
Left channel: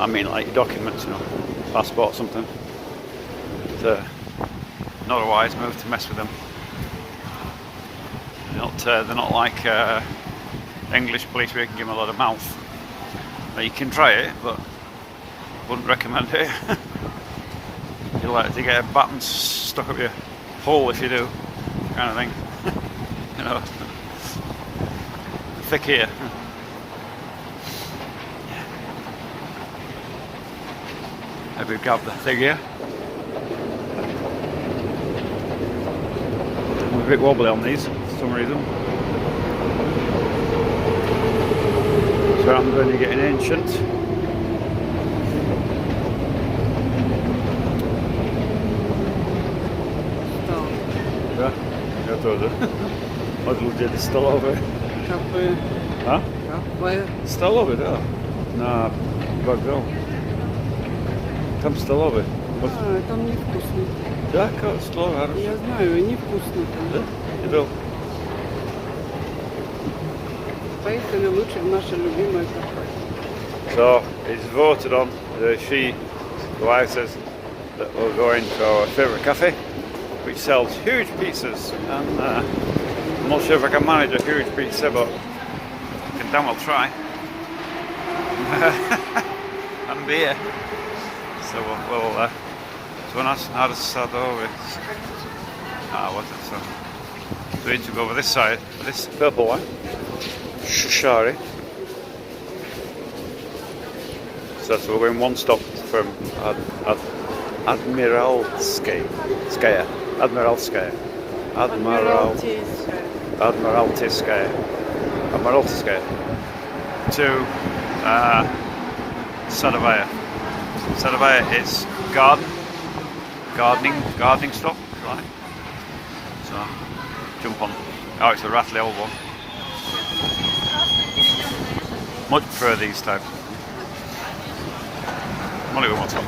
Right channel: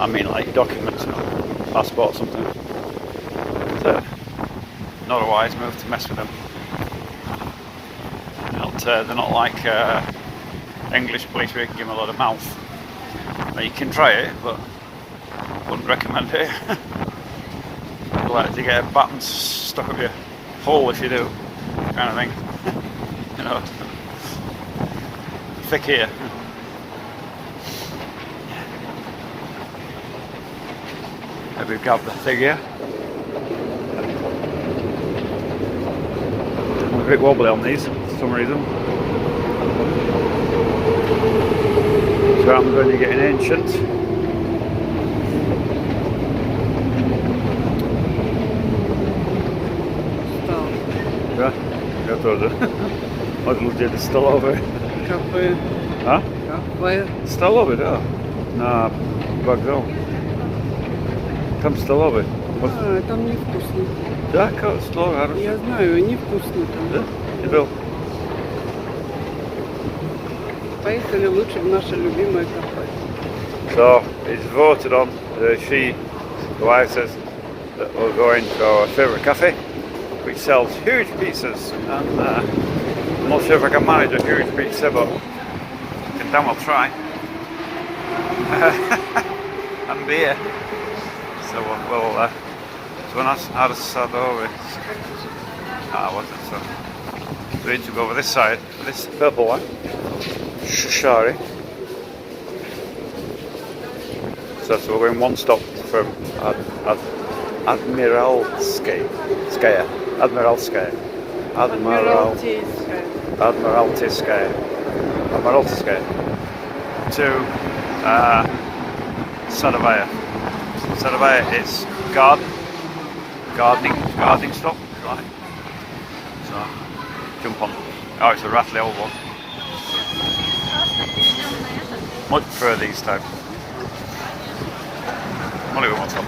I mean, like documents, passport, something. So, not a wise move to mess with them. They're not like English police where you can give them a lot of mouth. You can try it, but wouldn't recommend it. You're like to get a baton stuck up your hole if you do, kind of thing. You know, thick ear. Maybe grab the figure. I'm a bit wobbly on these for some reason. So what happens when you're getting ancient? Да? Я тоже. Вот где-то столовая. Кафе. А? Кафе. Столовая, да. На вокзал. Там столовая. Там невкусно. Да, столовая. Я знаю, невкусно там. Да? Был. Поехали лучше в наше любимое кафе. So, it's voted on. She, the wife, says that we're going to our favourite cafe, which sells huge pizzas. And I'm not sure if I can manage a huge pizza, but I can damn well try. And beer. So we'll so nas sadowy. What is it? We need to go over this side, this purple one. Shari. So we're going one stop from Admiralskaya to Sadovaya. Sadovaya is gardening stop. Right. So jump on. Oh, it's a rattly old one. Much prefer these types. What do we want some?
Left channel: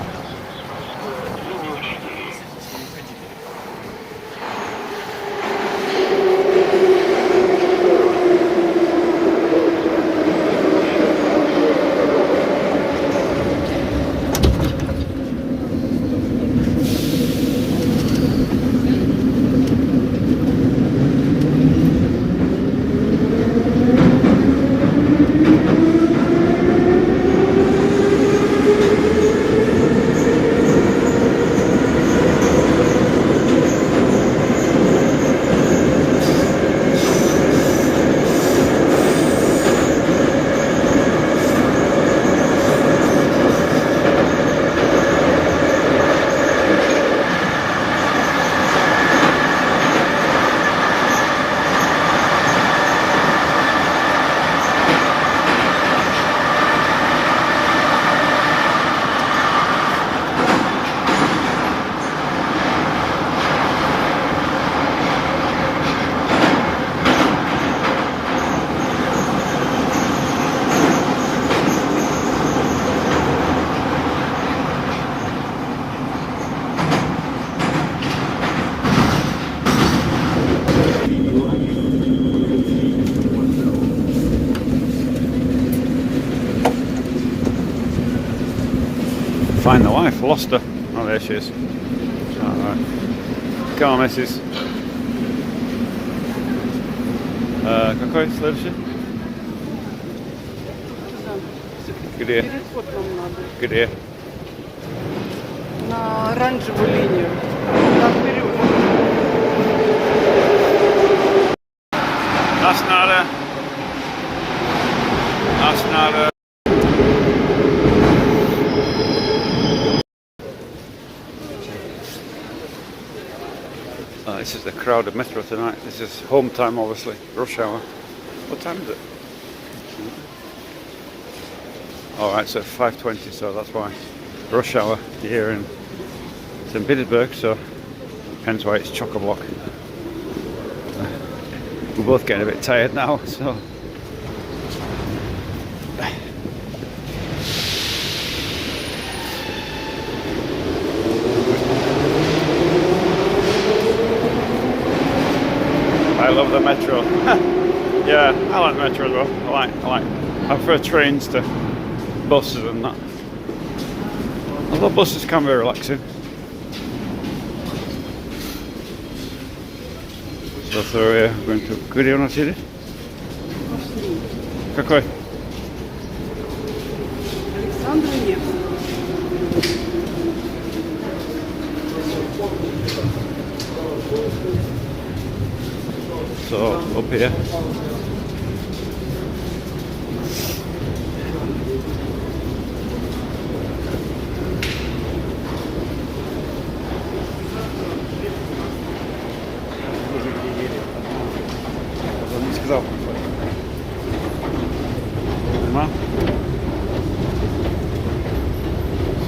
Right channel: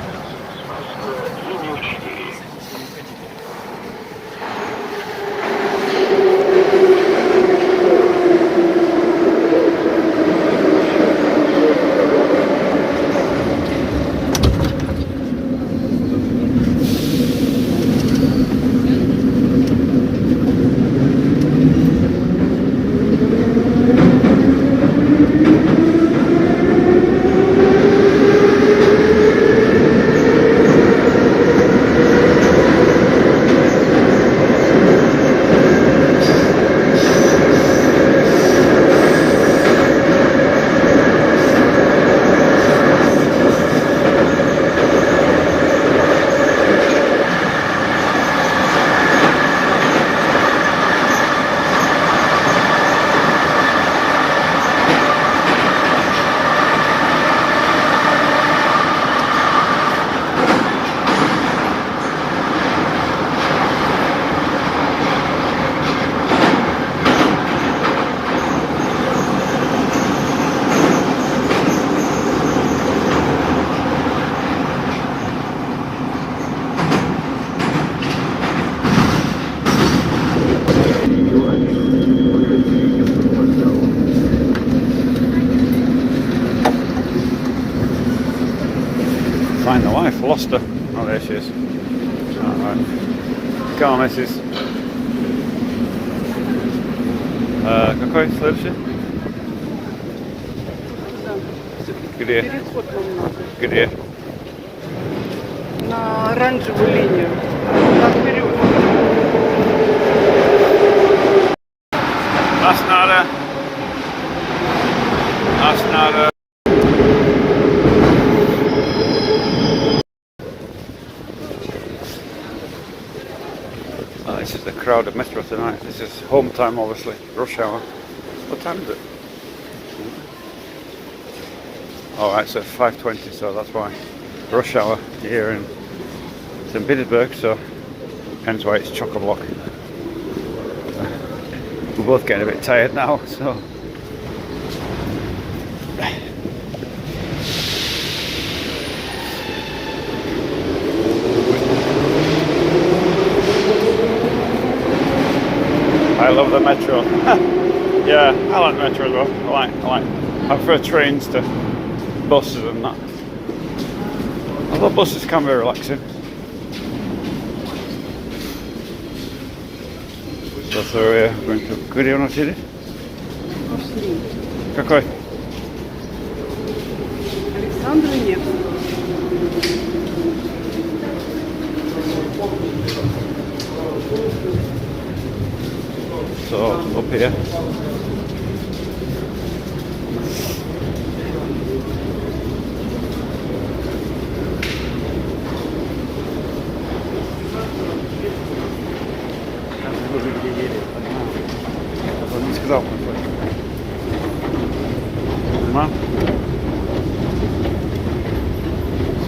Find the wife, lost her. she is. Alright. Come on, missus. Какой следующий? Где? Переход нам надо. Где? На оранжевую линию. Туда вперед. That's nada. That's nada. Oh, this is the crowded metro tonight. This is home time, obviously. Rush hour. What time is it? Alright, so 5:20, so that's why. Rush hour here in Saint Petersburg, so hence why it's chock-a-block. We're both getting a bit tired now, so I love the metro. Yeah, I like metro though. I prefer trains to buses and that. Although buses can be relaxing. So we're going to Куда у нас едет? Какой? Александра Невского. So up here.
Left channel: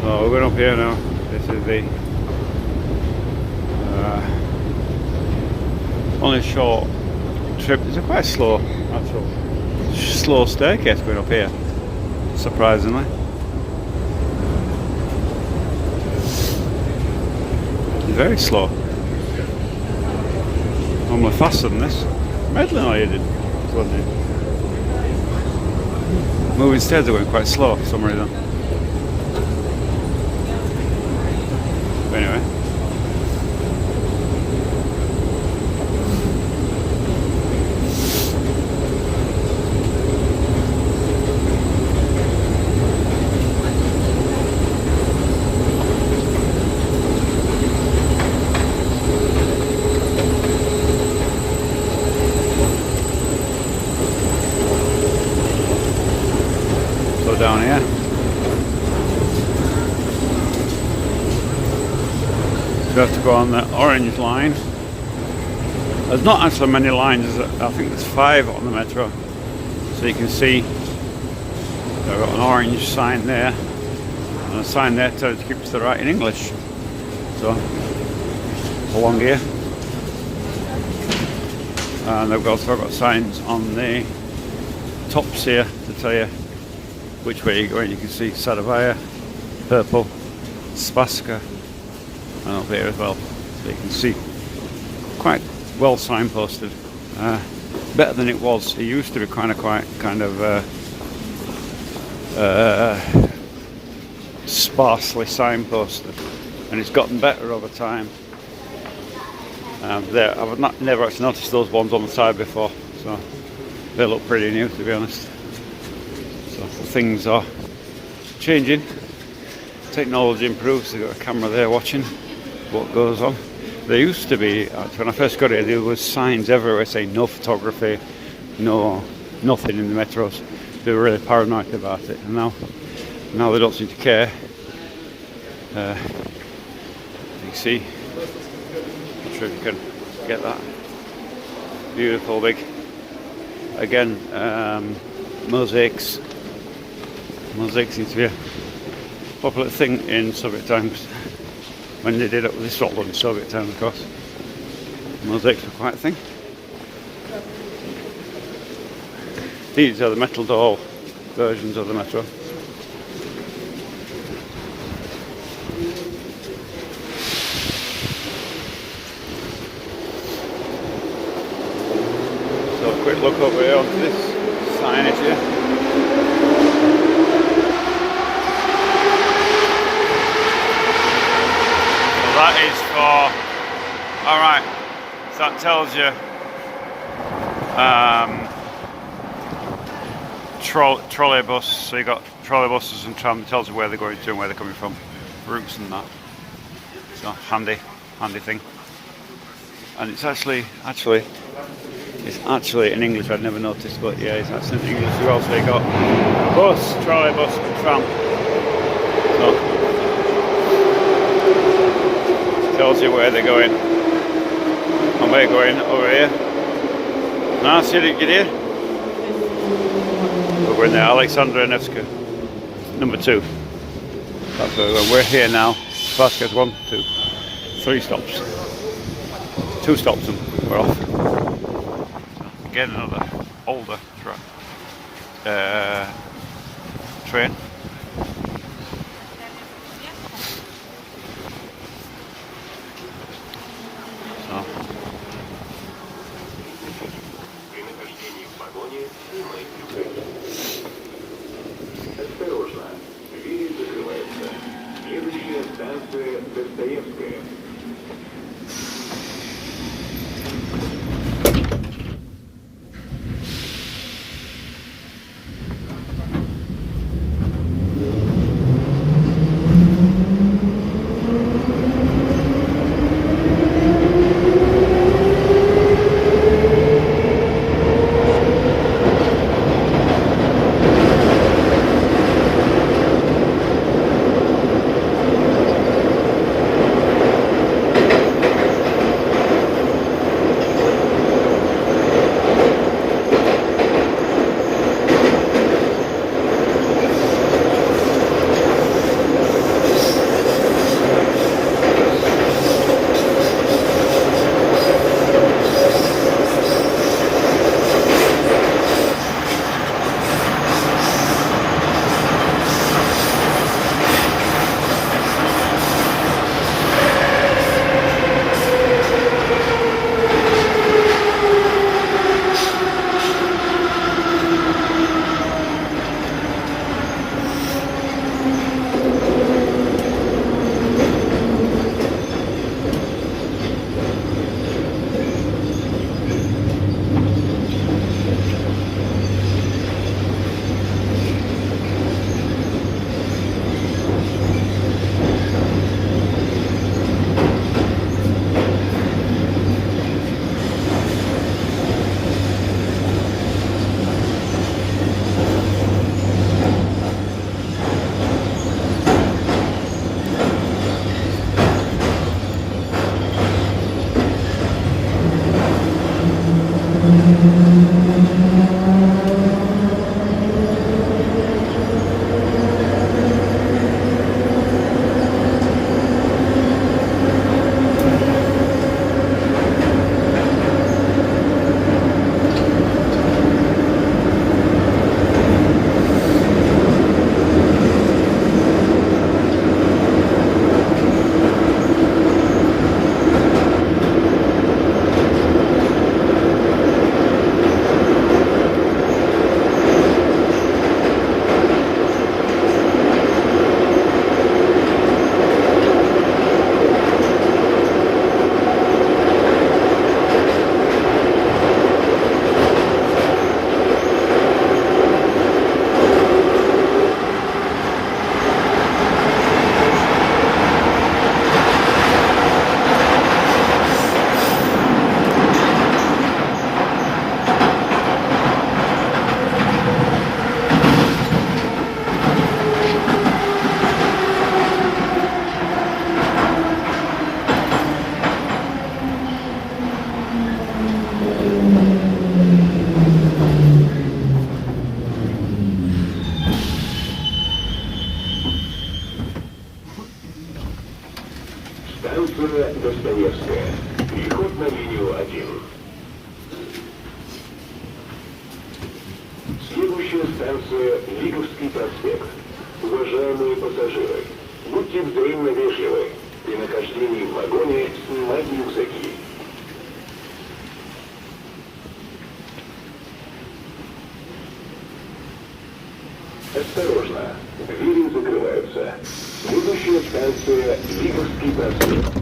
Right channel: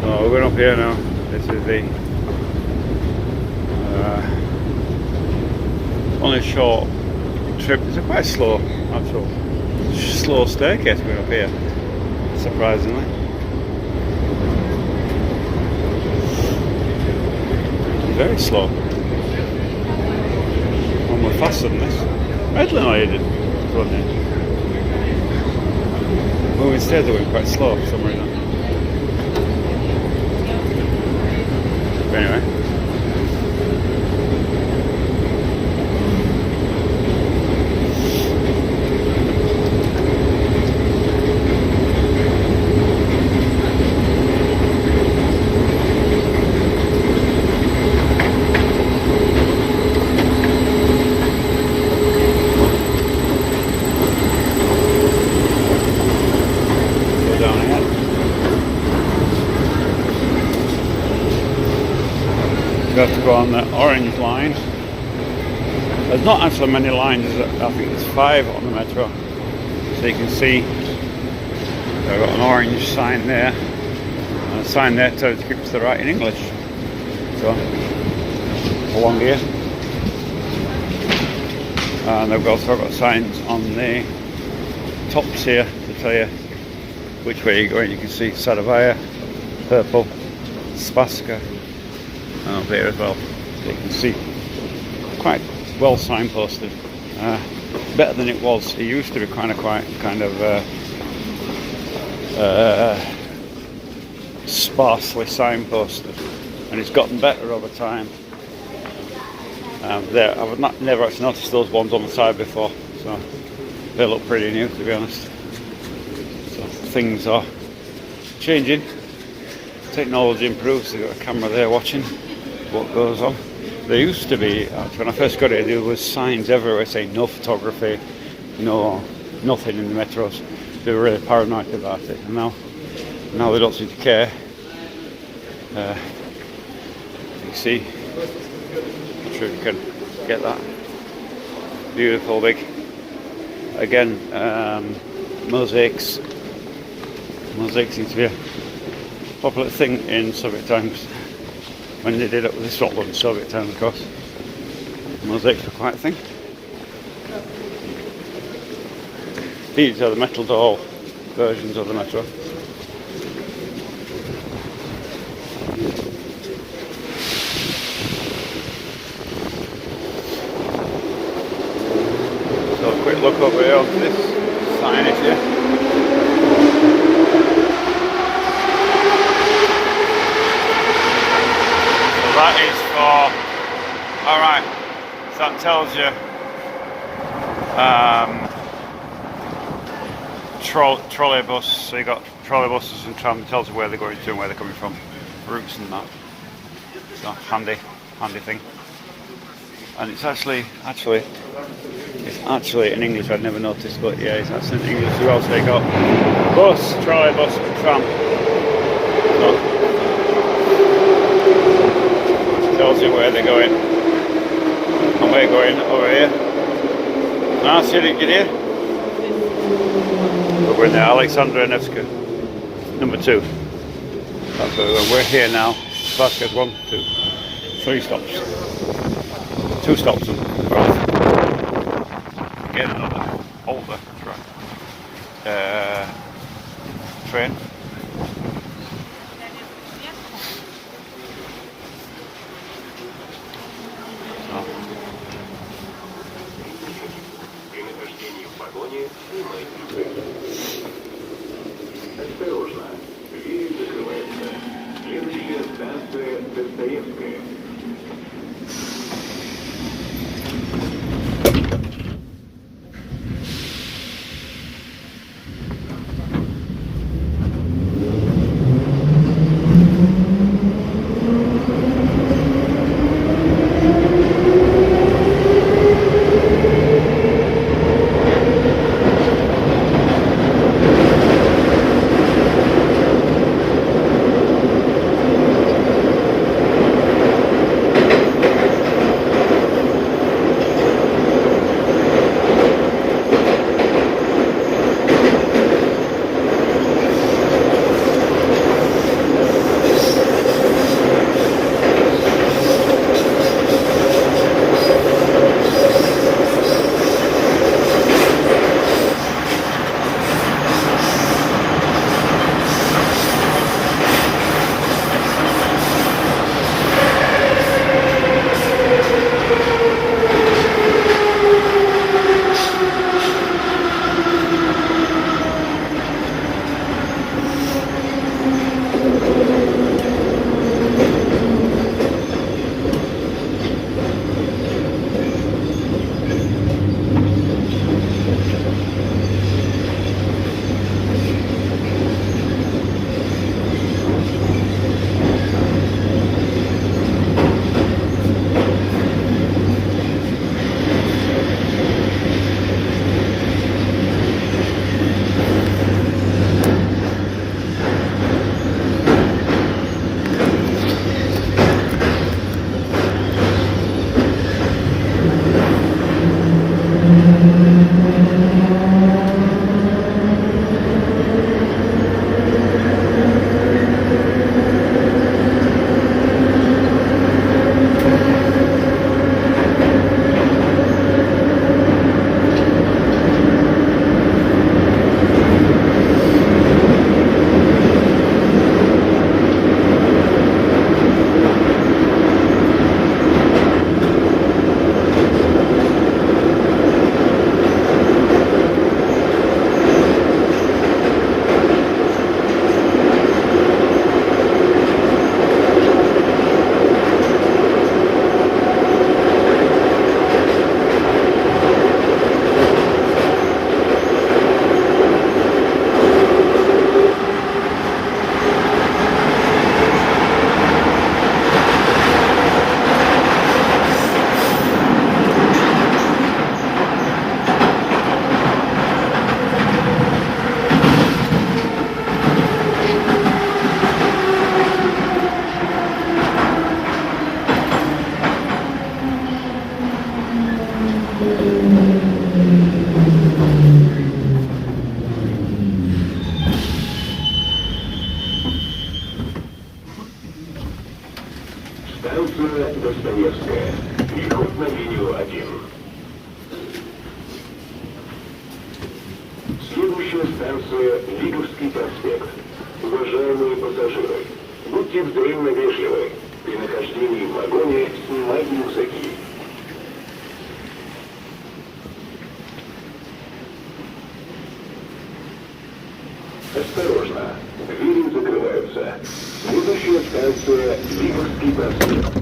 So we're going up here now. This is the only short trip. It's a quite slow, slow staircase going up here, surprisingly. Very slow. Normally faster than this. Medlin I did. Moving stairs are going quite slow for some reason. But anyway. Down here. You have to go on the orange line. There's not actually many lines, I think there's 5 on the metro. So you can see I've got an orange sign there, and a sign there tells you to keep to the right in English. So along here. And they've also got signs on the tops here to tell you which way you're going. You can see Saravaya, purple, Spaska, and up here as well. So you can see quite well signposted. Better than it was. It used to be kind of sparsely signposted, and it's gotten better over time. And I've never actually noticed those ones on the side before, so they look pretty new, to be honest. Things are changing. Technology improves. They've got a camera there watching what goes on. There used to be, when I first got here, there was signs everywhere saying no photography, nothing in the metros. They were really paranoid about it. And now they don't seem to care. You see, I'm sure you can get that. Beautiful big, again, mosaics. Mosaics used to be a popular thing in Soviet times, when they did it with Scotland, Soviet time of course. Mosaics were quite a thing. These are the metal door versions of the metro. So a quick look over here onto this signage here. that tells you trolleybus. So you got trolleybuses and tram. Tells you where they're going to and where they're coming from, routes and that. So handy thing. And it's actually in English. I'd never noticed, but yeah, it's actually in English. Who else they got? Bus, trolleybus, tram. So, tells you where they're going. And we're going over here. No, see it, get here. We're in the Alexandra Nevsky, number 2. That's where we're here now. Vasquez 1, 2, 3 stops. 2 stops and we're off. Again, another older train. Осторожно, двери закрываются. Следующая станция Достоевская. Станция Достоевская. Переход на линию 1. Следующая станция Лиговский проспект. Уважаемые пассажиры, будьте взаимно вежливы. При нахождении в вагоне снимайте рюкзаки. Осторожно, двери закрываются. Следующая станция Лиговский проспект.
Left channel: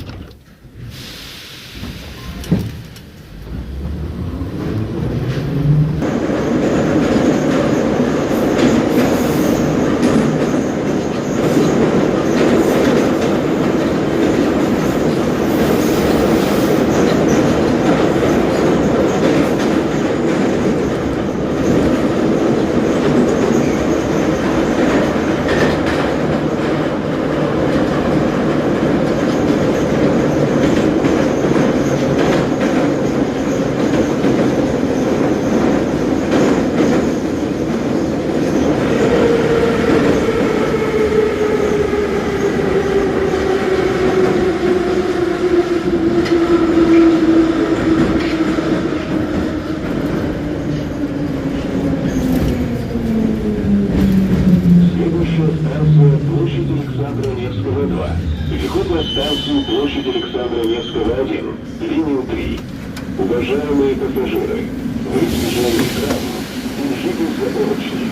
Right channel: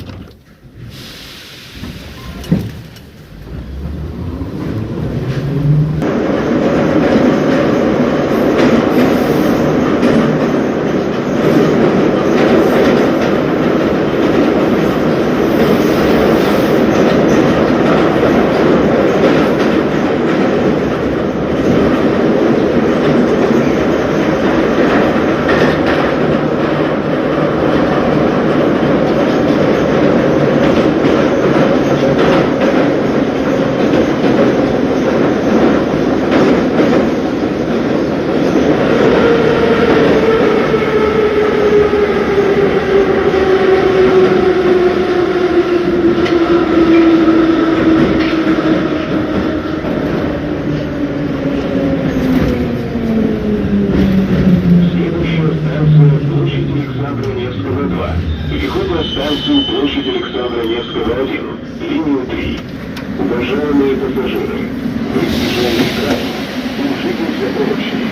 Уважаемые пассажиры, в избежание травм держитесь за поручни.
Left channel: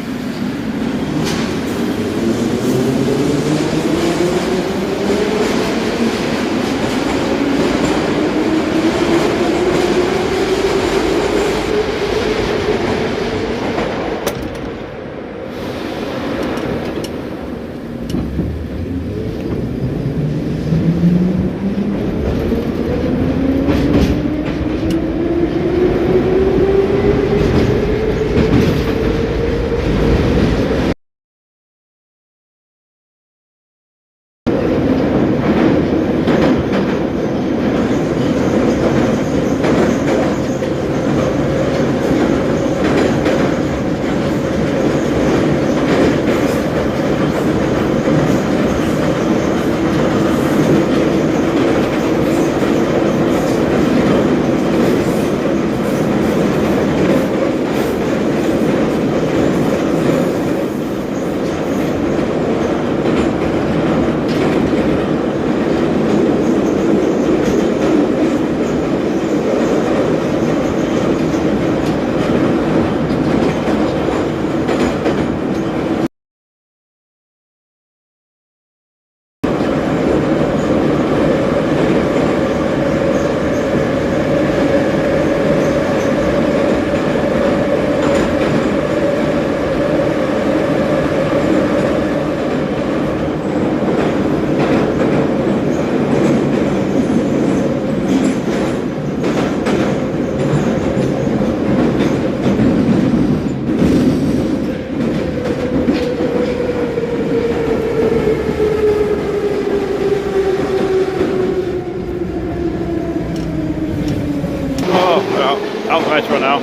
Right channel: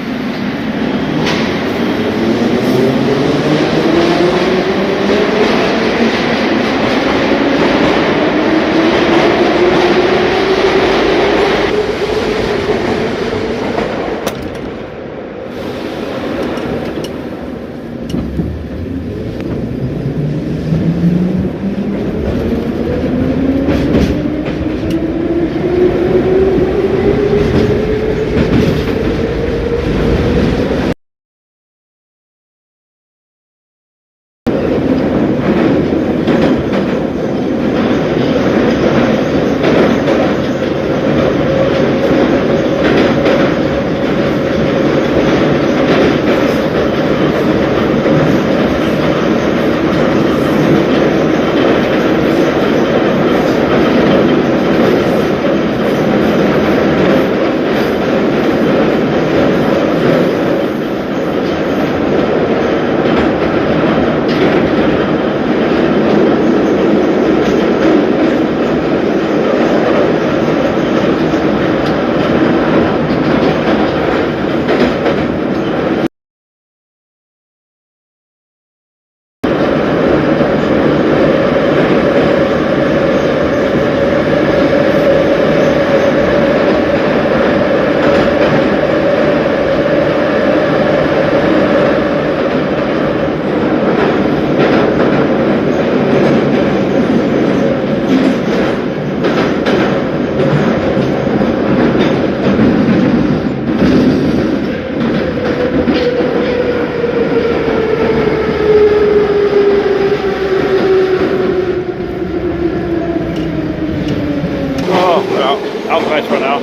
Nice one now.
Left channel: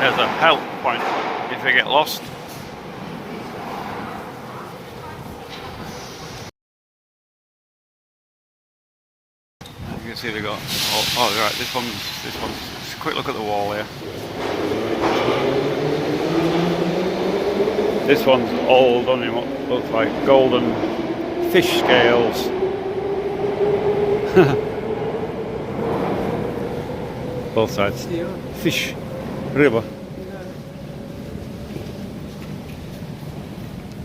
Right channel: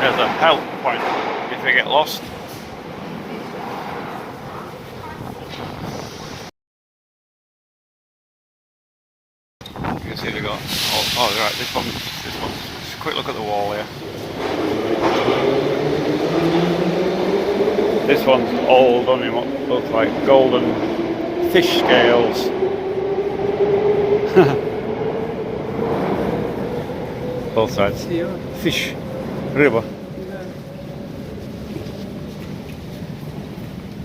There's a help point if we get lost. You can see they got, oh right, this one, just a quick look at the wall here. This one's all done in what looks like golden fish scales. Both sides. Fish. River.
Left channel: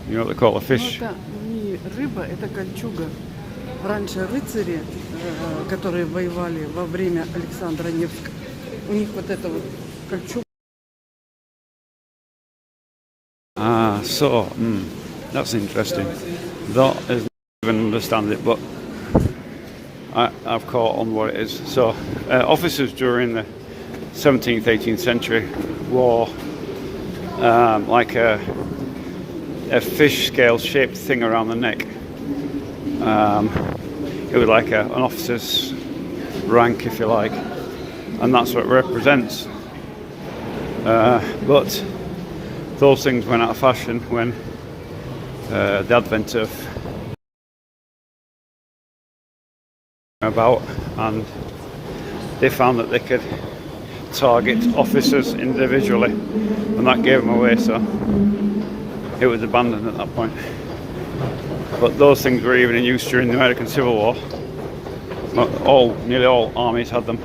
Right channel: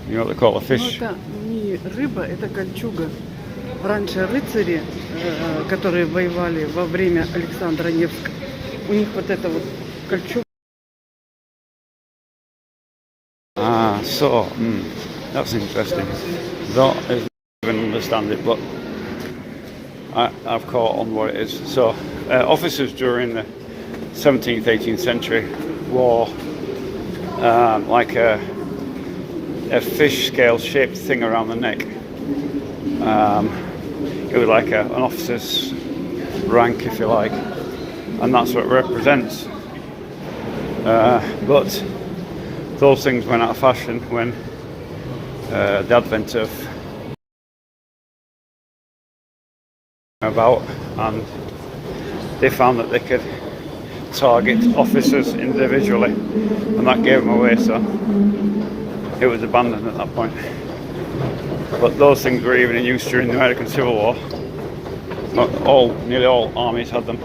You know what they call a fish? Ну, это не рыба, это кольчуга. Раньше рыцари, которые воевали во время Александра Невского, у них вот это вот кольчуга. Ah, so, that's interesting. Don't even understand it, but I've caught on what it is. So, officers during the 17th, 18th century wore like a fish scale shaped thing around the neck. It was like an officer's rank, if you like, and that's what it represents. But those things went out of fashion when the advent of about, and they found that they could target officers individually, and that gave them away, so it was abandoned at that point. But those things were even in use during the American Civil War. Nearly all armies had them.